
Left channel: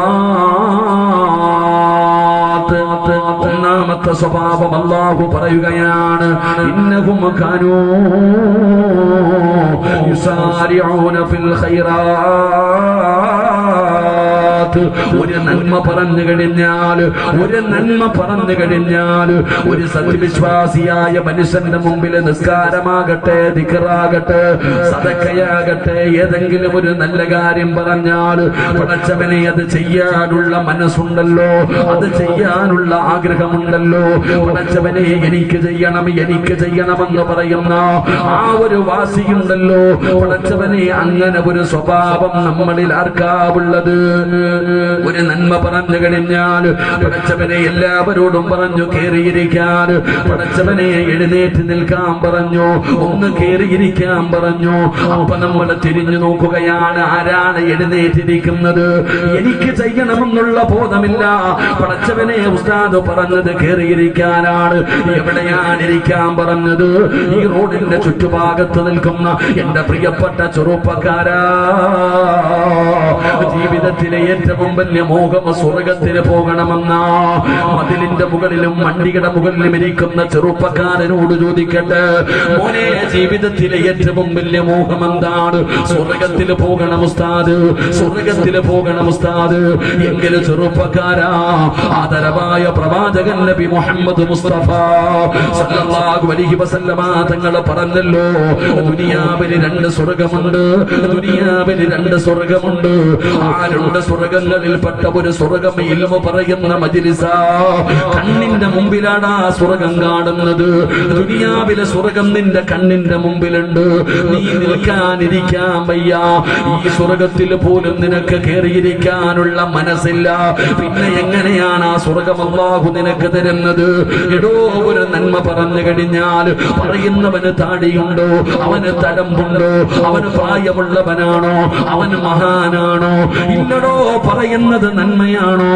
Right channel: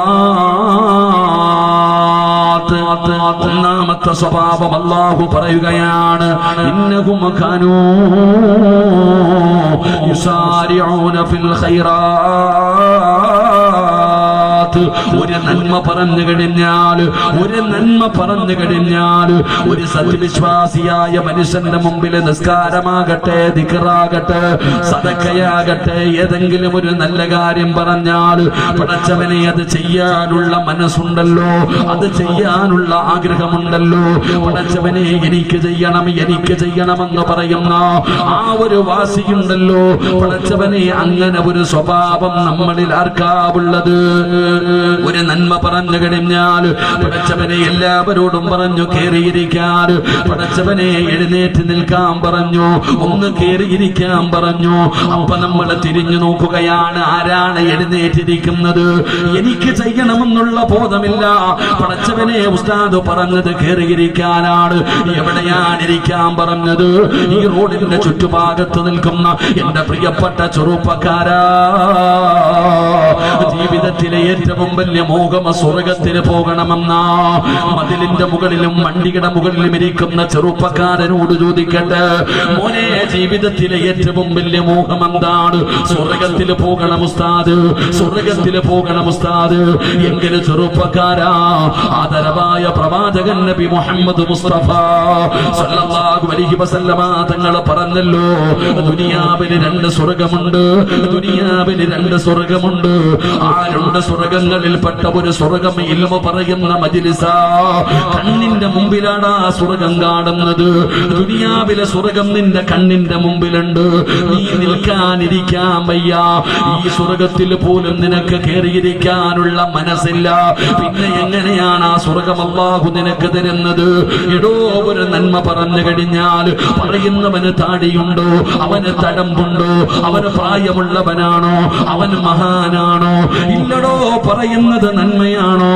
ഒന്നാമത്തെ സ്വഭാവം അല്ലാഹു പറയുകയാണ്, ഇന്നഹും കാനൂ യുസാരിഊന ഫിൽ ഖൈറാത്ത്. ഒരു നന്മ പറഞ്ഞു കഴിഞ്ഞാൽ ഒരു സത്യവിശ്വാസിയായ മനുഷ്യന്റെ മുമ്പിൽ നിസ്കാരമാകട്ടെ, ദിക്റാകട്ടെ, സദഖയാകട്ടെ, ഏതെങ്കിലും ഒരു നല്ല കാര്യം പറഞ്ഞാൽ പടച്ചവനെ അത് ചെയ്യാനുള്ള മനസ്സുണ്ടല്ലോ, അത് ചെയ്യാനുള്ള ആഗ്രഹമുണ്ടല്ലോ. പടച്ചവനെ എനിക്ക് ചെയ്യണമെന്ന് പറയുന്ന ആ ഒരു വാസിയുണ്ടല്ലോ. പടച്ചവനെ അങ്ങനെ ഒരു സ്വഭാവം നമ്മളിൽ ആർക്കാവുള്ളത്? ഒരു നന്മ പറഞ്ഞു കഴിഞ്ഞാൽ പടച്ചവനെ എല്ലാവരോടും പറഞ്ഞു കയറിയിരിക്കാൻ, പടച്ചവനെ എഴുന്നേറ്റ് നിൽക്കാൻ പറഞ്ഞു, ഒന്ന് കയറിയിരിക്കാൻ പറഞ്ഞു. അപ്പൊ നമ്മൾ തിരിഞ്ഞു നോക്കുകയാണ്, ആരാണ് എഴുന്നേറ്റിരിക്കുന്നത്? എനിക്ക് ചെയ്യണമെന്നുള്ള ബോധമില്ല. പടച്ചവനെ ഉസ്താദ് പറഞ്ഞത് കയറിയിരിക്കാനാണ്. എവിടെയാണ് ഇരിക്കാൻ പറഞ്ഞത്? ഈ റോഡിന്റെ ചുറ്റുഭാഗത്ത് നിൽക്കുന്ന എന്റെ പ്രിയപ്പെട്ട ചെറുപ്പക്കാരാ, ജീവിതത്തിലെ ഏറ്റവും ഏറ്റവും വലിയ മോഹം സ്വർഗത്തിൽ പോകണമെന്ന മതിലിന്റെ മുകളിലും വണ്ടിയുടെ മുകളിലും ഇരിക്കുന്ന ചെറുപ്പക്കാരനോട് ചോദിക്കട്ടെ, മോനെ ജീവിതത്തിലെ ഏറ്റവും വലിയ മോഹം എന്താണ്? സ്വർഗത്തിൽ പോകണം ഉസ്താദ്, സ്വർഗത്തിൽ പോകണം ഉസ്താദ്. എങ്കിൽ ചെറുപ്പക്കാരാ, ആദരവായ പ്രവാചകൻ നബി മുഹമ്മദ് മുസ്തഫ സല്ലല്ലാഹു അലൈഹി വസല്ലമ തങ്ങൾ പറഞ്ഞല്ലോ, ദുനിയാവിൽ രണ്ട് സ്വർഗമുണ്ട്, ദുനിയാവിൽ രണ്ട് സ്വർഗമുണ്ട്. ആ രണ്ട് സ്വർഗങ്ങളിൽപ്പെട്ട ഒരു സ്വർഗം ഇൽമു പറയുന്ന മജ്ലിസാ. കണ്ണിന്റെ മുമ്പിലാണ് ആ സ്വർഗം കാണുന്നത്. ദുനിയാവിലെ സ്വർഗം നിന്റെ കണ്ണിന്റെ മുമ്പിലുണ്ട്. നീ നിൽക്കാനിരിക്കാൻ വയ്യ. ഈ സ്വർഗത്തിൽ പോലും നിനക്ക് കയറിയിരിക്കാനുള്ള മനസ്സില്ല. പിന്നെ എങ്ങനെയാണ് ആ സ്വർഗം അല്ലാഹു നിനക്ക് തരുന്നത്? എടോ, ഒരു നന്മ പറഞ്ഞു കഴിഞ്ഞാൽ പറയുന്നവന് താടിയുണ്ടോ, അവന് തടമ്പുണ്ടോ, അവന് പ്രായമുള്ളവനാണോ, അവന് മഹാനാണോ? ഇല്ലടോ, പറയുന്നത് നന്മയാണോ?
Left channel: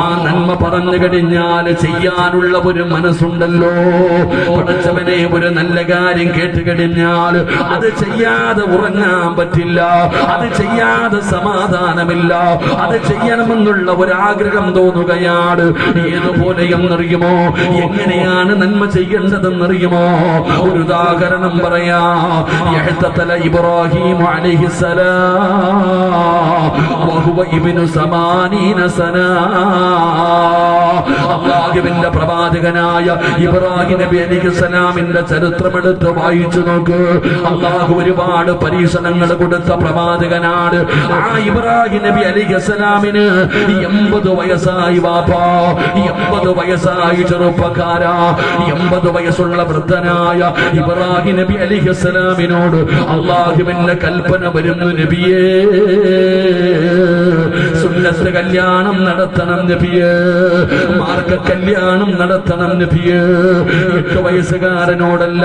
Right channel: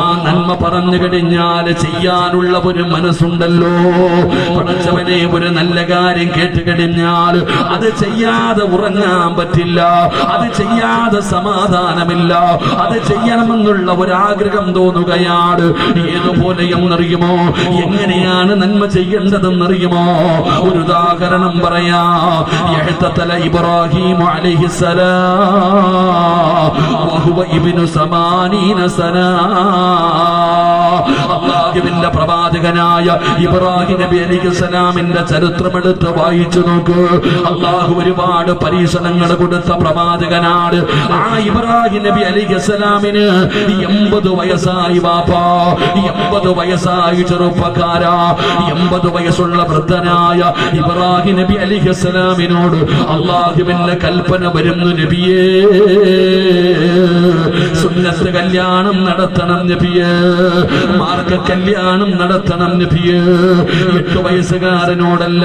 ആ നന്മ പറഞ്ഞു കഴിഞ്ഞാൽ ചെയ്യാനുള്ള ഒരു മനസ്സുണ്ടല്ലോ. പഠിച്ചവനെ, ഒരു നല്ല കാര്യം കേട്ട് കഴിഞ്ഞാൽ അത് ചെയ്യാതെ ഉറങ്ങാൻ പറ്റില്ല, അത് ചെയ്യാതെ സമാധാനമില്ല, അത് ചെയ്യണമെന്നുള്ള ഒരാഗ്രഹം തോന്നുകയാണ്. ഏതുപോലെയെന്നറിയുമോ? എങ്ങനെയാണ് നന്മ ചെയ്യേണ്ടതെന്നറിയുമോ? ഒരു ഉദാഹരണം പറയാ. ഇബ്രാഹിം അലൈഹിസ്സലാം വഹുവ ഇബ്നു 80 സന. അല്ലാഹുവിന്റെ പ്രവാചകനായ ഇബ്രാഹിം നബി അലൈഹിസ്സലാമിന്റെ ചരിത്രമെടുത്ത് വായിച്ചു നോക്ക്. അല്ലാഹു ഒരുപാട് പരീക്ഷണങ്ങൾ കൊടുത്ത പ്രവാചകനാണ്. ആ ഇബ്രാഹിം നബി അലൈഹിസ്സലാമിന് 80 വയസ്സായി. വാപ്പാ, 80 വയസ്സായി ചെറുപ്പക്കാരാ. 80 വയസ്സുള്ള വൃദ്ധനായ ഇബ്രാഹിം നബി അലൈഹിസ്സലാമിനോട് അല്ലാഹുവിന്റെ കൽപ്പന വരുന്നു, നബിയേ, സുന്നത്ത് കല്യാണം നടത്തണം നബിയേ, മാർഗ കല്യാണം നടത്തണം നബിയേ. 8 വയസ്സുകാരനോടല്ല,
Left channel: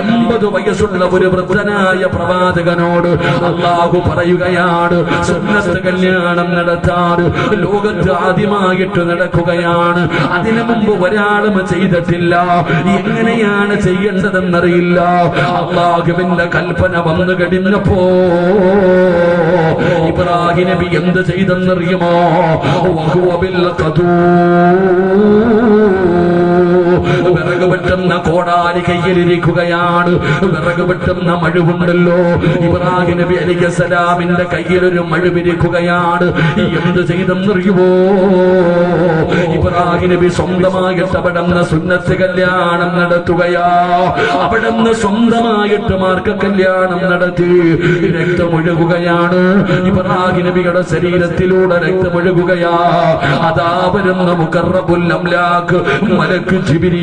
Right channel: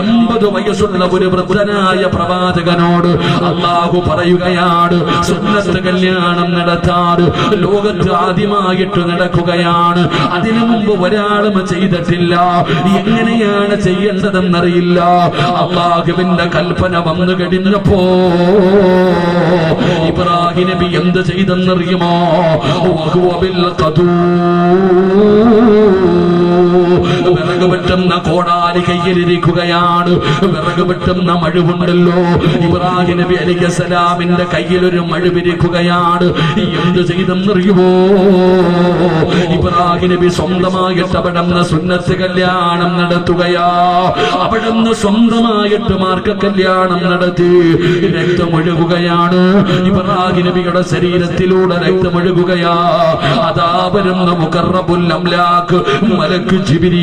80 വയസ്സുള്ള ഒരു വൃദ്ധനായ പ്രവാചകനോട് അല്ലാഹു പറയുകയാണ്, സുന്നത്ത് കല്യാണം നടത്താറ് ലോകത്ത് ആദ്യമായിട്ട് നടക്കുകയാണ്. അതിനു മുമ്പ് ഒരാളും ചെയ്തിട്ടില്ല. എങ്ങനെയാണ് ചെയ്യേണ്ടതെന്നറിയില്ല. അല്ലാഹുവിന്റെ കൽപ്പന വന്നു കഴിഞ്ഞപ്പോ ഇബ്രാഹിം നബി എന്ത് ചെയ്തെന്നറിയുമോ? വിറക് വെട്ടുന്ന കോടാലി കയ്യിലിരിക്കുകയാണ്. വിറക് വെട്ടുന്ന മഴുവുണ്ടല്ലോ, ഇബ്രാഹിം നബി അലൈഹിസ്സലാമിന്റെ കയ്യിലൊരു മഴുവിരിക്കുകയാണ്. എന്ത് ചെയ്തെന്നറിയുമോ? ഇബ്രാഹിം നബി സ്വന്തമായിട്ട് അവിടുന്ന് സുന്നത്ത് കല്യാണം നടത്തുകയാ. അവിടുന്ന് സ്വന്തമായിട്ട് മാർഗ കല്യാണം നടത്തി. രക്തമൊഴുകുകയാണ്. ഇബ്രാഹിം നബിയുടെ ശരീരത്തിലൂടെ രക്തമൊഴുകുകയാ. അതാ വരുന്ന മുഖറബുൽ അംലാഖ് മലക്ക് ജിബ്രീൽ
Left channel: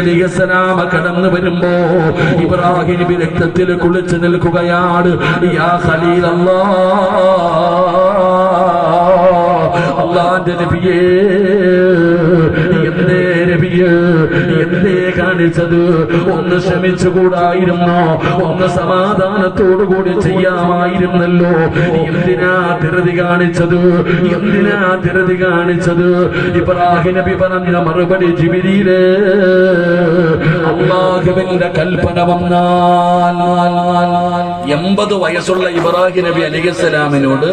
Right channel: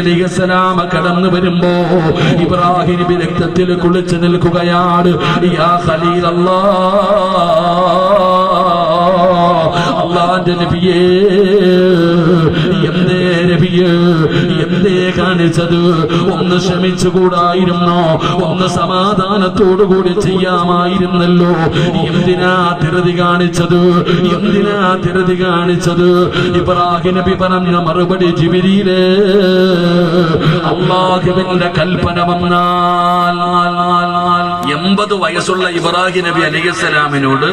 അലൈഹിസ്സലാം കടന്നു വരുമ്പോ ഇബ്രാഹിം നബി രക്തത്തിൽ കുളിച്ചു നിൽക്കുകയാണ്. യാ ഖലീലല്ലാഹ്, അല്ലാഹുവിന്റെ നബിയേ, എന്തേ നബിയേ, എന്തേ കാണിച്ചത്? ഒന്ന് ക്ഷമിച്ചുകൂടായിരുന്നോ? ഒന്ന് സമാധാനത്തോടുകൂടി ചെയ്യാമായിരുന്നല്ലോ. എന്തിനാ ധൃതി കാണിച്ചത്? എന്തിനാ ധൃതി കാണിച്ചത്? ഇബ്രാഹിം നബി പറഞ്ഞ മറുപടി, ജിബ്രീലേ, അല്ലാഹുവിന്റെ കൽപ്പന വന്നാൽ 80 വയസ്സുള്ള ഇബ്രാഹിം നബി അലൈഹിസ്സലാമിനോട്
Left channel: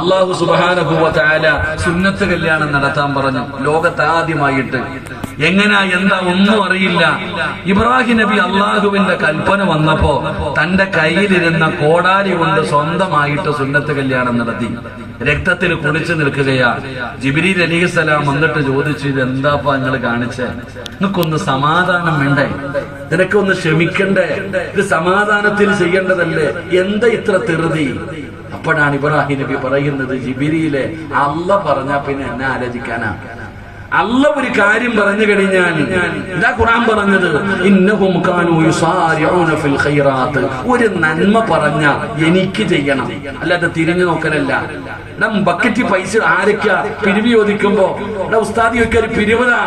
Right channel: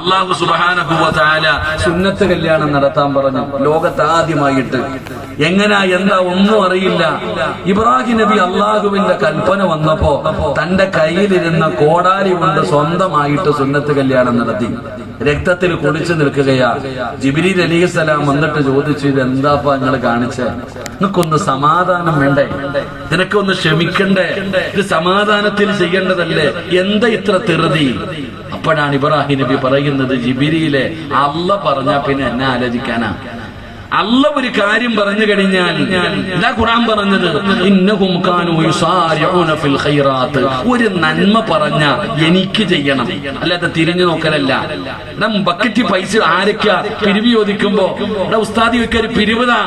അല്ലാഹു സുബ്ഹാനഹു വ തആല സുന്നത്ത് കല്യാണം നടത്താൻ പറഞ്ഞു. ലോകത്ത് ആദ്യമായിട്ട്. എങ്ങനാ എന്താ ഒന്നും അറിയില്ല. ഇബ്രാഹിം നബി അള്ളാഹുവിന്റെ കൽപ്പന വന്നപ്പോ തന്റെ കയ്യിലിരുന്ന കോടാലി കൊണ്ട് സ്വന്തമായിട്ട് സുന്നത്ത് കല്യാണം നടത്തി. രക്തത്തിൽ കുളിച്ചു നിൽക്കുകയാ. ജിബ്രീൽ അലൈഹിസ്സലാം വന്നിട്ട് ചോദിച്ചു, ഇത് എന്താപ്പാ നിങ്ങൾ കാണിച്ചേ? നിനക്കൊന്ന് സമാധാനം വേണ്ടേ? നിനക്കൊന്ന് ക്ഷമിക്കണ്ടേ? ഇത് സമാധാനത്തിന് ചെയ്യേണ്ടതല്ലേ? എന്താ ഇത്ര ധൃതി? അപ്പോഴാണ് ഇബ്രാഹിം നബി പറയുന്നത്, ജിബ്രീലെ, അള്ള പറഞ്ഞ പിന്നെ എന്നെ ആലോചിക്കാനാ? അള്ള ഒരു കാര്യം പറഞ്ഞു കഴിഞ്ഞാൽ ഇതാ ഖുർആൻ പറഞ്ഞത്, ഇന്നഹും കാനൂ യുസാരിഊന ഫിൽ ഖൈറാത്ത്. ഒരു നന്മ പറഞ്ഞ എനിക്ക് ചെയ്യണം, അല്ലാതെ തിരിഞ്ഞു നോക്കലല്ല. ബക്കറ്റ് പൈസ ആരൊക്കെയാ പിരിവ് ചോദിക്കുമ്പോ ഉസ്താദി വെക്കൊരു പിരിവതാ,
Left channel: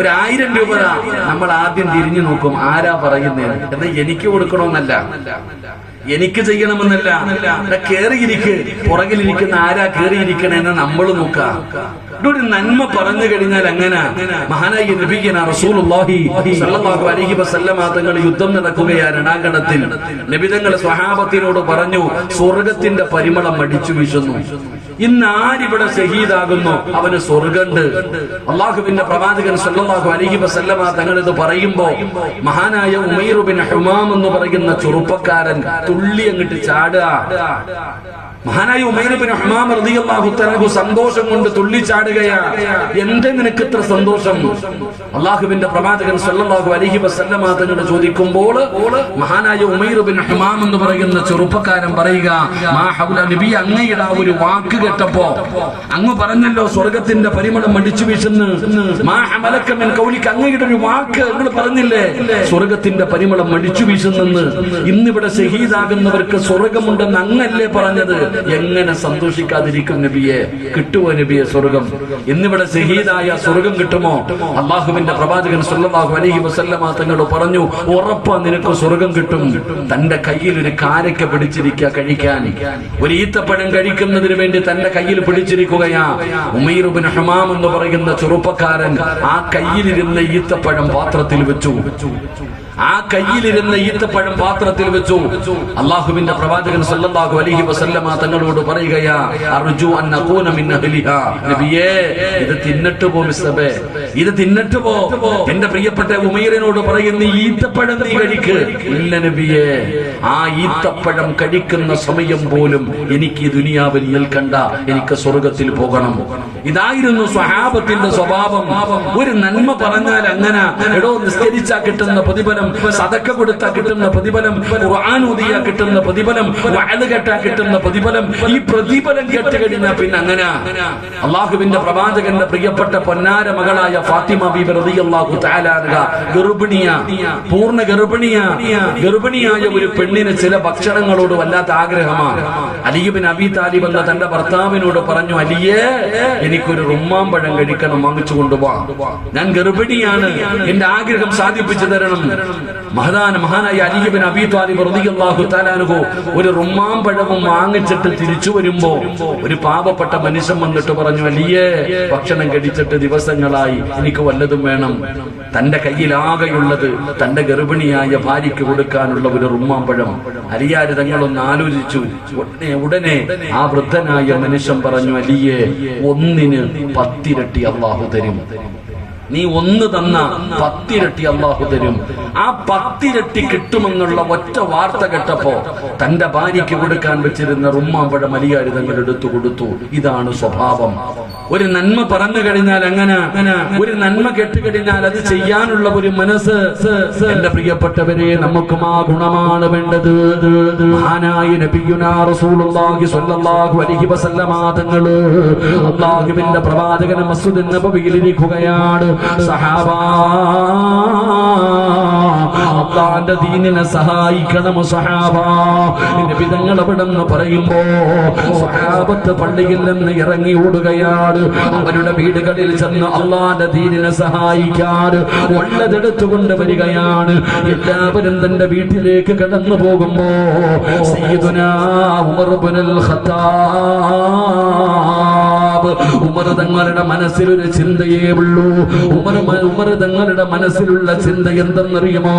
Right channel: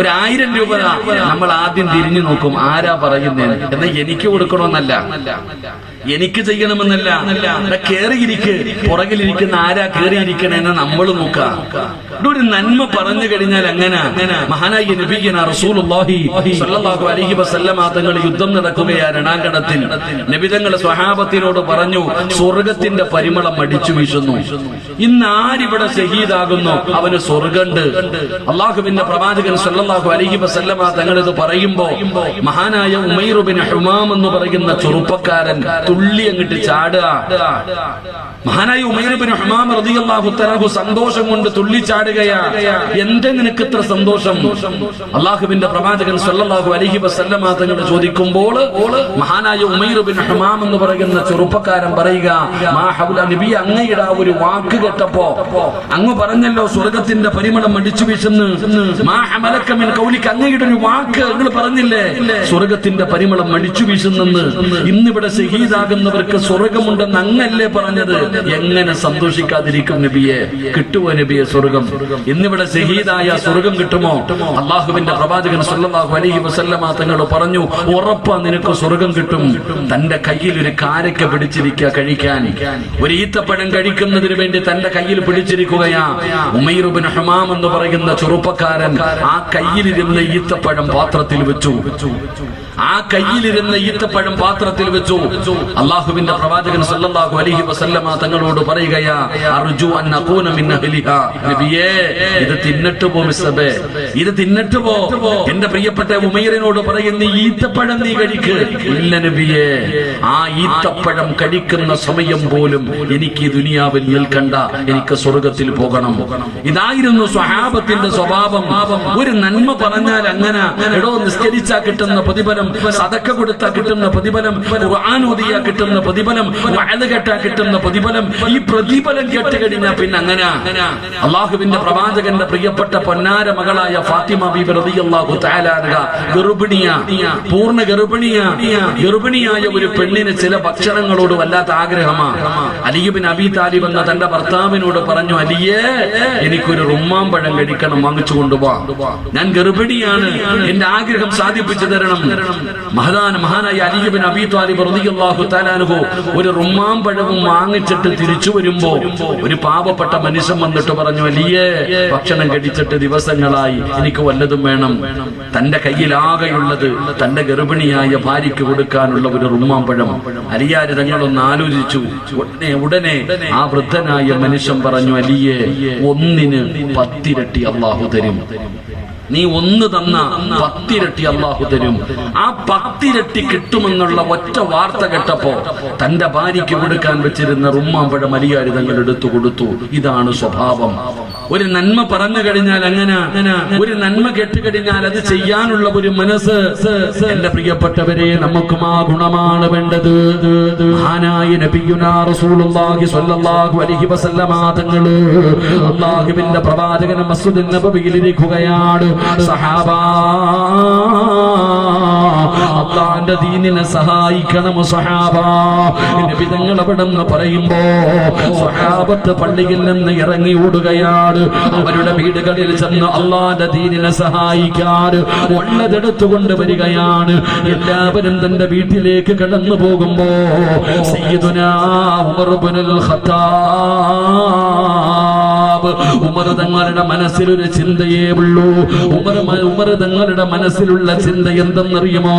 1000 രൂപതാ, നമ്മൾ ആദ്യം തിരിഞ്ഞു നോക്കും ആരാ പറയുന്നേന്ന്. എന്നാൽ എനിക്ക് കൊടുക്കണമെന്നല്ല. എനിക്ക് ചെയ്യണമെന്നല്ല, കേറിയിരിക്ക്, പുറകിലിരിക്കുന്ന ആരാ കേറിയിരിക്കണെന്ന് നമ്മൾ നോക്കാം. ഒരു നന്മ പറഞ്ഞു കഴിഞ്ഞാൽ അങ്ങനെ മഹാനായ നബിയന റസൂലുള്ളാഹി സ്വല്ലല്ലാഹു അലൈഹി വസല്ലമ തങ്ങൾ യുദ്ധം നടക്കുകയാണ് രണാങ്കണത്തിൽ. നബി തങ്ങൾ സ്വഹാബത്തിനോട് പറഞ്ഞു, സ്വർഗത്തിന്റെ പരിമളം അടിച്ചു വീശുന്നു. ഇന്ന് ആരിവിടെ ഷഹീദാകുന്നു അവന് സ്വർഗമുണ്ട്. അള്ളാഹുവിന്റെ പ്രവാചകൻ സ്വല്ലല്ലാഹു അലൈഹി വസല്ലമ തങ്ങൾ ഇത് പറയുമ്പോ മഹാനായ ഉമൈർ ബിൻ ഹുമാം എന്ന് പറയുന്ന ചെറുപ്പക്കാരൻ തുള്ളി അങ്ങോട്ട് ചാടുക. മഹാനായ ഉമൈർ ബിൻ ഹുമാം റളിയല്ലാഹു തആല സന്തോഷം കൊണ്ട് തുള്ളിച്ചാടുകയാ. എന്തേ നിനക്ക് ഇത്ര സന്തോഷം? അള്ളാഹുവിന്റെ പ്രവാചകൻ സല്ലല്ലാഹു അലൈഹി വസല്ലമ തങ്ങൾ ചോദിക്കുമ്പോൾ മഹാനായ ഉമൈർ ബിൻ ഹുമാം എന്ന് പറയുന്ന ചെറുപ്പക്കാരൻ പറയുക, മാ ഹൗല നബി, അങ്ങയുടെ ആ ഒരു വാക്ക് കേട്ടപ്പോ അങ്ങ് പറഞ്ഞല്ലോ സ്വർഗത്തിന്റെ പരിമളം അടിച്ചു വീശുന്നു. മാ ഹമലക മിൻ ഖൗലിക, അങ്ങയുടെ ഒരു വാക്ക് നിങ്ങൾ പറഞ്ഞില്ലേ സ്വർഗത്തിന്റെ പരിമളം അടിച്ചു വീശുന്നെന്ന്. ഇന്നിവിടെ ഷഹീദാകുന്നവർക്ക് സ്വർഗമുണ്ടെന്ന് അങ്ങല്ലേ പറഞ്ഞത്. എങ്ങനെ സന്തോഷിക്കാതിരിക്കും നബിയെ? കിട്ടുമോ നബിയെ സ്വർഗം? ഇന്നിവിടെ ഷഹീദായ സ്വർഗം കിട്ടുമോ? അള്ളാഹുവിന്റെ പ്രവാചകൻ സല്ലല്ലാഹു അലൈഹി വസല്ലമ തങ്ങൾ പറഞ്ഞു, ഉറപ്പാ നിനക്ക് സ്വർഗം കിട്ടും. തന്റെ കയ്യിൽ ഒരു കാരക്ക പിടിച്ചിരിക്കുക കഴിക്കാൻ, ഒരു ഈത്തപ്പഴം കഴിക്കുന്നതിന് വേണ്ടി തന്റെ കയ്യിൽ പിടിച്ചിരിക്കുകയാ. ഉമൈർ ബിൻ ഹുമാം എന്ന് പറയുന്ന ചെറുപ്പക്കാരൻ ആ കയ്യിലിരുന്ന ഈത്തപ്പഴം പാത്രത്തിൽ വെച്ചു. ആ കയ്യിലിരുന്ന ഈത്തപ്പഴം പാത്രത്തിൽ വെച്ചു. അള്ളാഹുവിന്റെ പ്രവാചകൻ സല്ലല്ലാഹു അലൈഹി വസല്ലമ തങ്ങളോട് പറയുകയാ, അർജു അൻ അകൂന മിൻ അഹ്ലിഹാ, നബിയേ ഇത് തിന്നിട്ട് പോ മിസ്സബേ, ഇത് തിന്നിട്ട് പോ. എന്റെ പ്രിയപ്പെട്ട ഉമൈറിനോട് പറയുന്ന ഈത്തപ്പഴം നീ കഴിക്ക്. ഇല്ല നബിയേ, ആ ഈത്തപ്പഴം കഴിക്കുന്ന സമയം പോലും എനിക്ക് ഈ ദുനിയാവിൽ നിൽക്കണ്ട, എനിക്ക് സ്വർഗത്തിൽ പോകണം. ഇതായിരുന്നു സ്വഹാബത്തിന്റെ സ്വഭാവം. ഒരു നന്മ പറഞ്ഞാൽ അങ്ങനെ, എടോ നിസ്കരിച്ചാ കിട്ടുന്ന പ്രതിഫലം, സദക്ക കൊടുത്താ കിട്ടുന്ന പ്രതിഫലം, ഖുർആൻ ഓതിയാ കിട്ടുന്ന പ്രതിഫലം, വഅദ് കേട്ടാ കിട്ടുന്ന പ്രതിഫലം, ഈ പ്രതിഫലം കേട്ട് കഴിഞ്ഞാൽ പിന്നെ അങ്ങനെ. അള്ളാഹുവിന്റെ പ്രവാചകന്റെ പ്രിയപ്പെട്ട പൊന്നാര മകളായ ഫാത്തിമ ബീബി റളിയല്ലാഹു തആല അൻഹ ഗർഭിണിയാ, പൂർണ്ണ ഗർഭിണിയായ ഒരു പെണ്ണിന് ചില ഭക്ഷണങ്ങളോട് വല്ലാത്ത ആഗ്രഹമാണ്. അലി ഇബ്നു അബീ താലിബ് എന്ന തന്റെ ഭർത്താവിനോട് പറഞ്ഞു, അലിയേ എനിക്കൊരു റുമ്മാമ്പഴം കഴിക്കണം, വാങ്ങിച്ചു കൊണ്ടുപോവാ, ഞാൻ ഗർഭിണിയാണ്, എന്റെ ആഗ്രഹം സാധിപ്പിച്ചു തരണം. മഹാനായ അലി ഇബ്നു അബീ താലിബ് റളിയല്ലാഹു തആല അൻഹു ഒരു റുമ്മാമ്പഴവും വാങ്ങിച്ചിട്ട് തിരിച്ചു വരുമ്പോ ഒരു പാവപ്പെട്ട മനുഷ്യൻ വന്നിട്ട് പറഞ്ഞു, അലിയേ ഭക്ഷണം കഴിച്ചിട്ട് ദിവസങ്ങളായി, എനിക്ക് വല്ലതും വേണം. തന്റെ കയ്യിലാകെയുള്ളത് തന്റെ ഗർഭിണിയായ ഭാര്യയ്ക്ക് കൊടുക്കാനുള്ള ഒരു റുമ്മാമ്പഴം. അലിയാര് തങ്ങളൊന്ന് ആലോചിച്ചു. ഉടനെ ആ വൃദ്ധനായ മനുഷ്യൻ പറഞ്ഞു, അലിയേ ഒന്നിന് 10 ഇരട്ടി അല്ലാഹു തരും. നീ ഒന്ന് തന്ന 10 ഇരട്ടി അല്ലാഹു തരും. ആ 10 ഇരട്ടി കിട്ടുമെന്നുള്ള ഒറ്റ വാർത്ത കേട്ടപ്പോ തന്റെ ഭാര്യയ്ക്ക് കൊടുക്കാൻ വെച്ചിരുന്ന റുമ്മാമ്പഴം അലിയാര് തങ്ങൾ എടുത്തു കൊടുത്തു. ഇതാണ് സ്വഭാവം. ഒരു നന്മ പറഞ്ഞു കഴിഞ്ഞാൽ അങ്ങനെ, ഒരു നന്മ കേട്ടുകഴിഞ്ഞാൽ അത് ചെയ്യാനുള്ള ഒരു മനസ്സ്. എന്റെ പ്രിയപ്പെട്ടവരെ, നമുക്കും ആ ഗുണമാണ് വേണ്ടത്. മഹാനായ നബിയുനാ റസൂലുള്ളാഹി സ്വല്ലല്ലാഹു അലൈഹി വസല്ലമ തങ്ങള് അല്ലാഹുവിന്റെ പ്രവാചകൻ മസ്ജിദ് നബവിയിൽ ഇരിക്കുകയാണ്. സഹാബാ, അല്ലാഹുവിന്റെ ദീനിനെ സഹായിക്കണം സഹാബാ. നബി തങ്ങൾ അവിടെ നിന്ന് പറയുമ്പോ സഹാബത്ത് പള്ളിയിൽ നിന്ന് ഇറങ്ങി ഓടുകയാണ്. അവരുടെ വീടുകളിൽ ചെന്ന് അല്ലാഹുവിന്റെ ദീനിനെ സഹായിക്കാൻ ഉള്ളതെടുത്തുകൊണ്ട് വരികയാണ്. എല്ലാവരും തന്റെ വീട്ടിലേക്ക് കടന്നു പോകുമ്പോ സയ്യിദുനാ ഉമർ ഇബ്നുൽ ഖത്താബ്, ഉമർ തങ്ങളുടെ മനസ്സിലൊരു ചിന്തയേ ഉള്ളൂ. ഉമർ തങ്ങളുടെ മനസ്സിലുള്ള ചിന്ത എന്തെന്നറിയുമോ?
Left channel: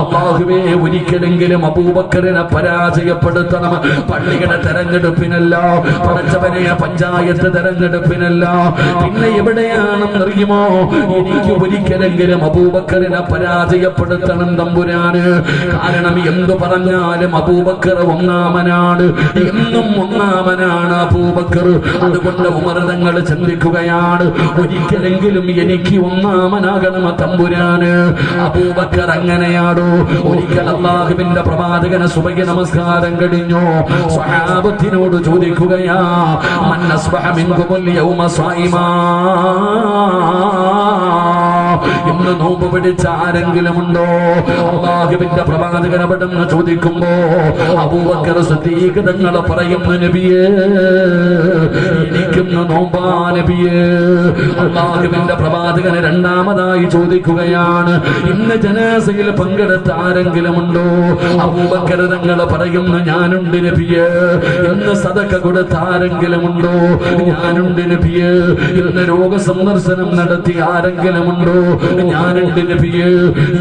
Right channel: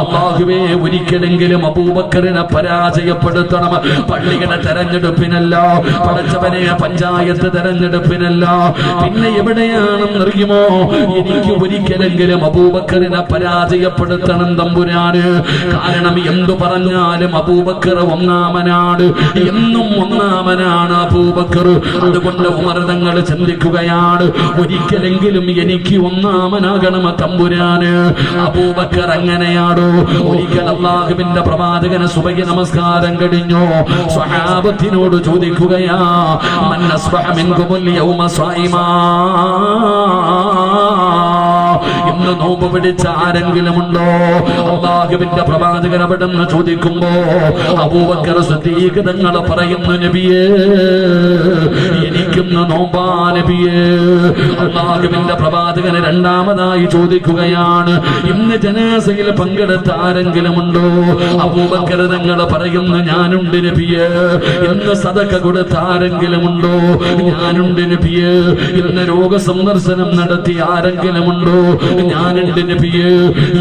അല്ലാഹുവേ, ഒരിക്കലെങ്കിലും അബൂബക്കറിനെ പരാജയപ്പെടുത്തണം. പള്ളിയുടെ തെരഞ്ഞെടുപ്പിനല്ല, പടച്ചവനെ പഞ്ചായത്ത് തെരഞ്ഞെടുപ്പിനല്ല, പിന്നെ എവിടെയാണെന്നറിയുമോ? എനിക്ക് ഒരിക്കലെങ്കിലും അബൂബക്കറിനെ പരാജയപ്പെടുത്തണം തമ്പുരാന്. കാരണം എന്തു പറഞ്ഞാലും അബൂബക്കർ ഒന്നാമനാണ്, എന്നും ഒന്നാമനാണ് അബൂബക്കർ. അതുകൊണ്ട് ഉമർ തങ്ങൾ ചിന്തിക്കുകയാണ്, ഒരിക്കലെങ്കിലും എനിക്ക് ഒന്നാമനാകണം തമ്പുരാന്. അബൂബക്കർ അങ്ങനെയാണോ? ഒരിക്കൽ അല്ലാഹുവിന്റെ പ്രവാചകന് സുബഹി നമസ്കാരം കഴിഞ്ഞു. സ്വഹാബത്തിനോട് ചോദിക്കുകയാ, മൻ അസ്ബഹ മിൻകുമുൽ യൗമ സായിമാ, ഇന്ന് നോമ്പ് പിടിച്ച ആരെങ്കിലും ഉണ്ടോ? അല്ലാഹുവിന്റെ പ്രവാചകൻ അവിടുന്ന് ചോദിക്കുമ്പോ അബൂബക്കർ സിദ്ദീഖ് തങ്ങൾ പറയുന്നു, നബിയേ എനിക്കിന്ന് നോമ്പാ നബിയേ. അല്ലാഹുവിന്റെ പ്രവാചകന് രണ്ടാമതായി ചോദിക്കുകയാണ്, ഇന്ന് ജനാസയിൽ പങ്കെടുത്ത ആരെങ്കിലും ഉണ്ടോ? അബൂബക്കർ തങ്ങൾ പറയുന്നു, ഞാനുണ്ട് നബിയേ. ഇന്ന് സദഖ കൊടുത്ത ആരെങ്കിലും ഉണ്ടോ? ഞാനുണ്ട് നബിയേ. ഇന്ന് രോഗസന്ദർശനം നടത്തി ആരെങ്കിലും ഉണ്ടോ? ഞാനുണ്ട് നബിയേ.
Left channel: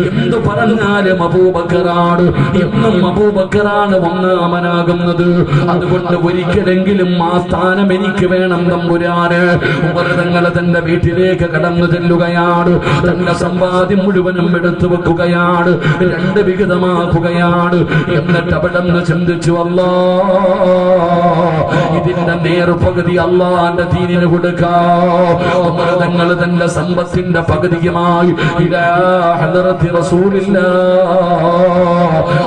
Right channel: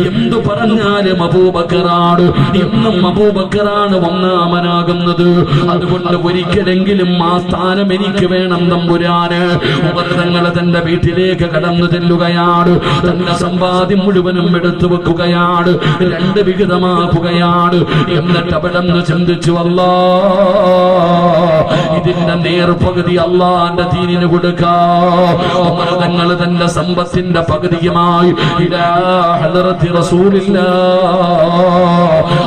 എന്തു പറഞ്ഞാലും അബൂബക്കറാണ്, എന്നും അബൂബക്കറാണ് ഒന്നാമനാകുന്നത്. അതുകൊണ്ട് ഒരിക്കലെങ്കിലും ആ സ്ഥാനം എനിക്ക് വേണം തമ്പുരാന്. ഉമർ തങ്ങൾ തന്റെ വീട്ടിലേക്ക് കടന്നു ചെല്ലുകയാണ്. തന്റെ സമ്പാദ്യം മുഴുവനും എടുത്തു വെക്കുകയാണ്, 2 വിഹിതമാക്കുകയാണ്. എന്നിട്ട് അവിടെ നിന്ന് ചിന്തിച്ചു, അല്ലാ ഇതിന്റെ നേർപകുതി അള്ളാന്റെ ദീനിന് കൊടുക്കാം. ഉമർ തങ്ങൾ തന്റെ സമ്പത്തിന്റെ പകുതിയുമായി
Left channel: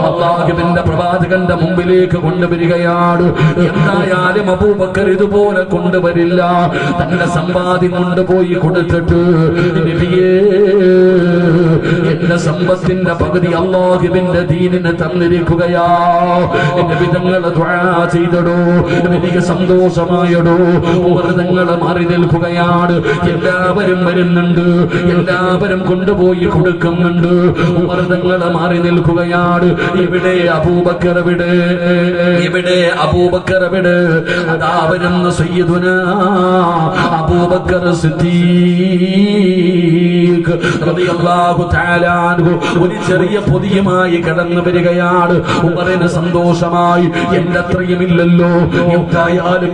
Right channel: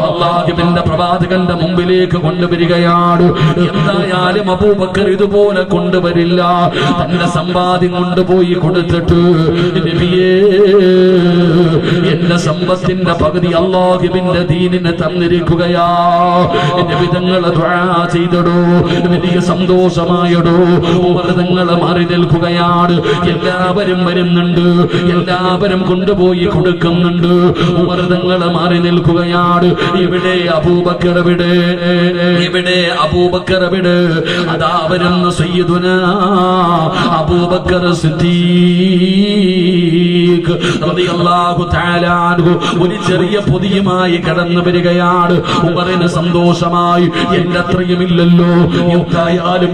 അല്ലാഹുവിന്റെ പ്രവാചകന്റെ മുമ്പിലേക്ക് കൊണ്ടുവരികയാണ്. എന്തായാലും അബൂബക്കർ ഇതുപോലെ കൊണ്ടുവരില്ല. തന്റെ സമ്പാദ്യം കൊണ്ടുപോയി കൊടുത്തിട്ട്, നബിയേ എന്റെ സമ്പത്തിന്റെ പകുതി അല്ലാഹുവിന്റെ ദീനിന് തന്നിരിക്കുകയാ. നബി തങ്ങൾ ദുആ ചെയ്തടോ, വലിയ സന്തോഷമായടോ. ഉമർ തങ്ങൾ മാറി നിൽക്കുകയാണ്. എല്ലാവരും വരുന്നുണ്ട്, എല്ലാവരും കൊണ്ടുപോയി കൊടുക്കുന്നുണ്ട്. ഉമർ തങ്ങൾ മാറി നിൽക്കുകയാണ്. ഇവിടെ അബൂബക്കർ എവിടെ? ഇവിടെ അബൂബക്കർ എവിടെ? അതാ വരുന്നു സയ്യിദുനാ അബൂബക്കർ സിദ്ദീഖ് റളിയല്ലാഹു തആല അൻഹു. ഒരു ചെറിയ പൊതിയുമായി കടന്നു വരികയാണ്. ഉമറിന് സന്തോഷമായി. എന്റെ അത്രയുമില്ലല്ലോ, യുദ്ധായാലും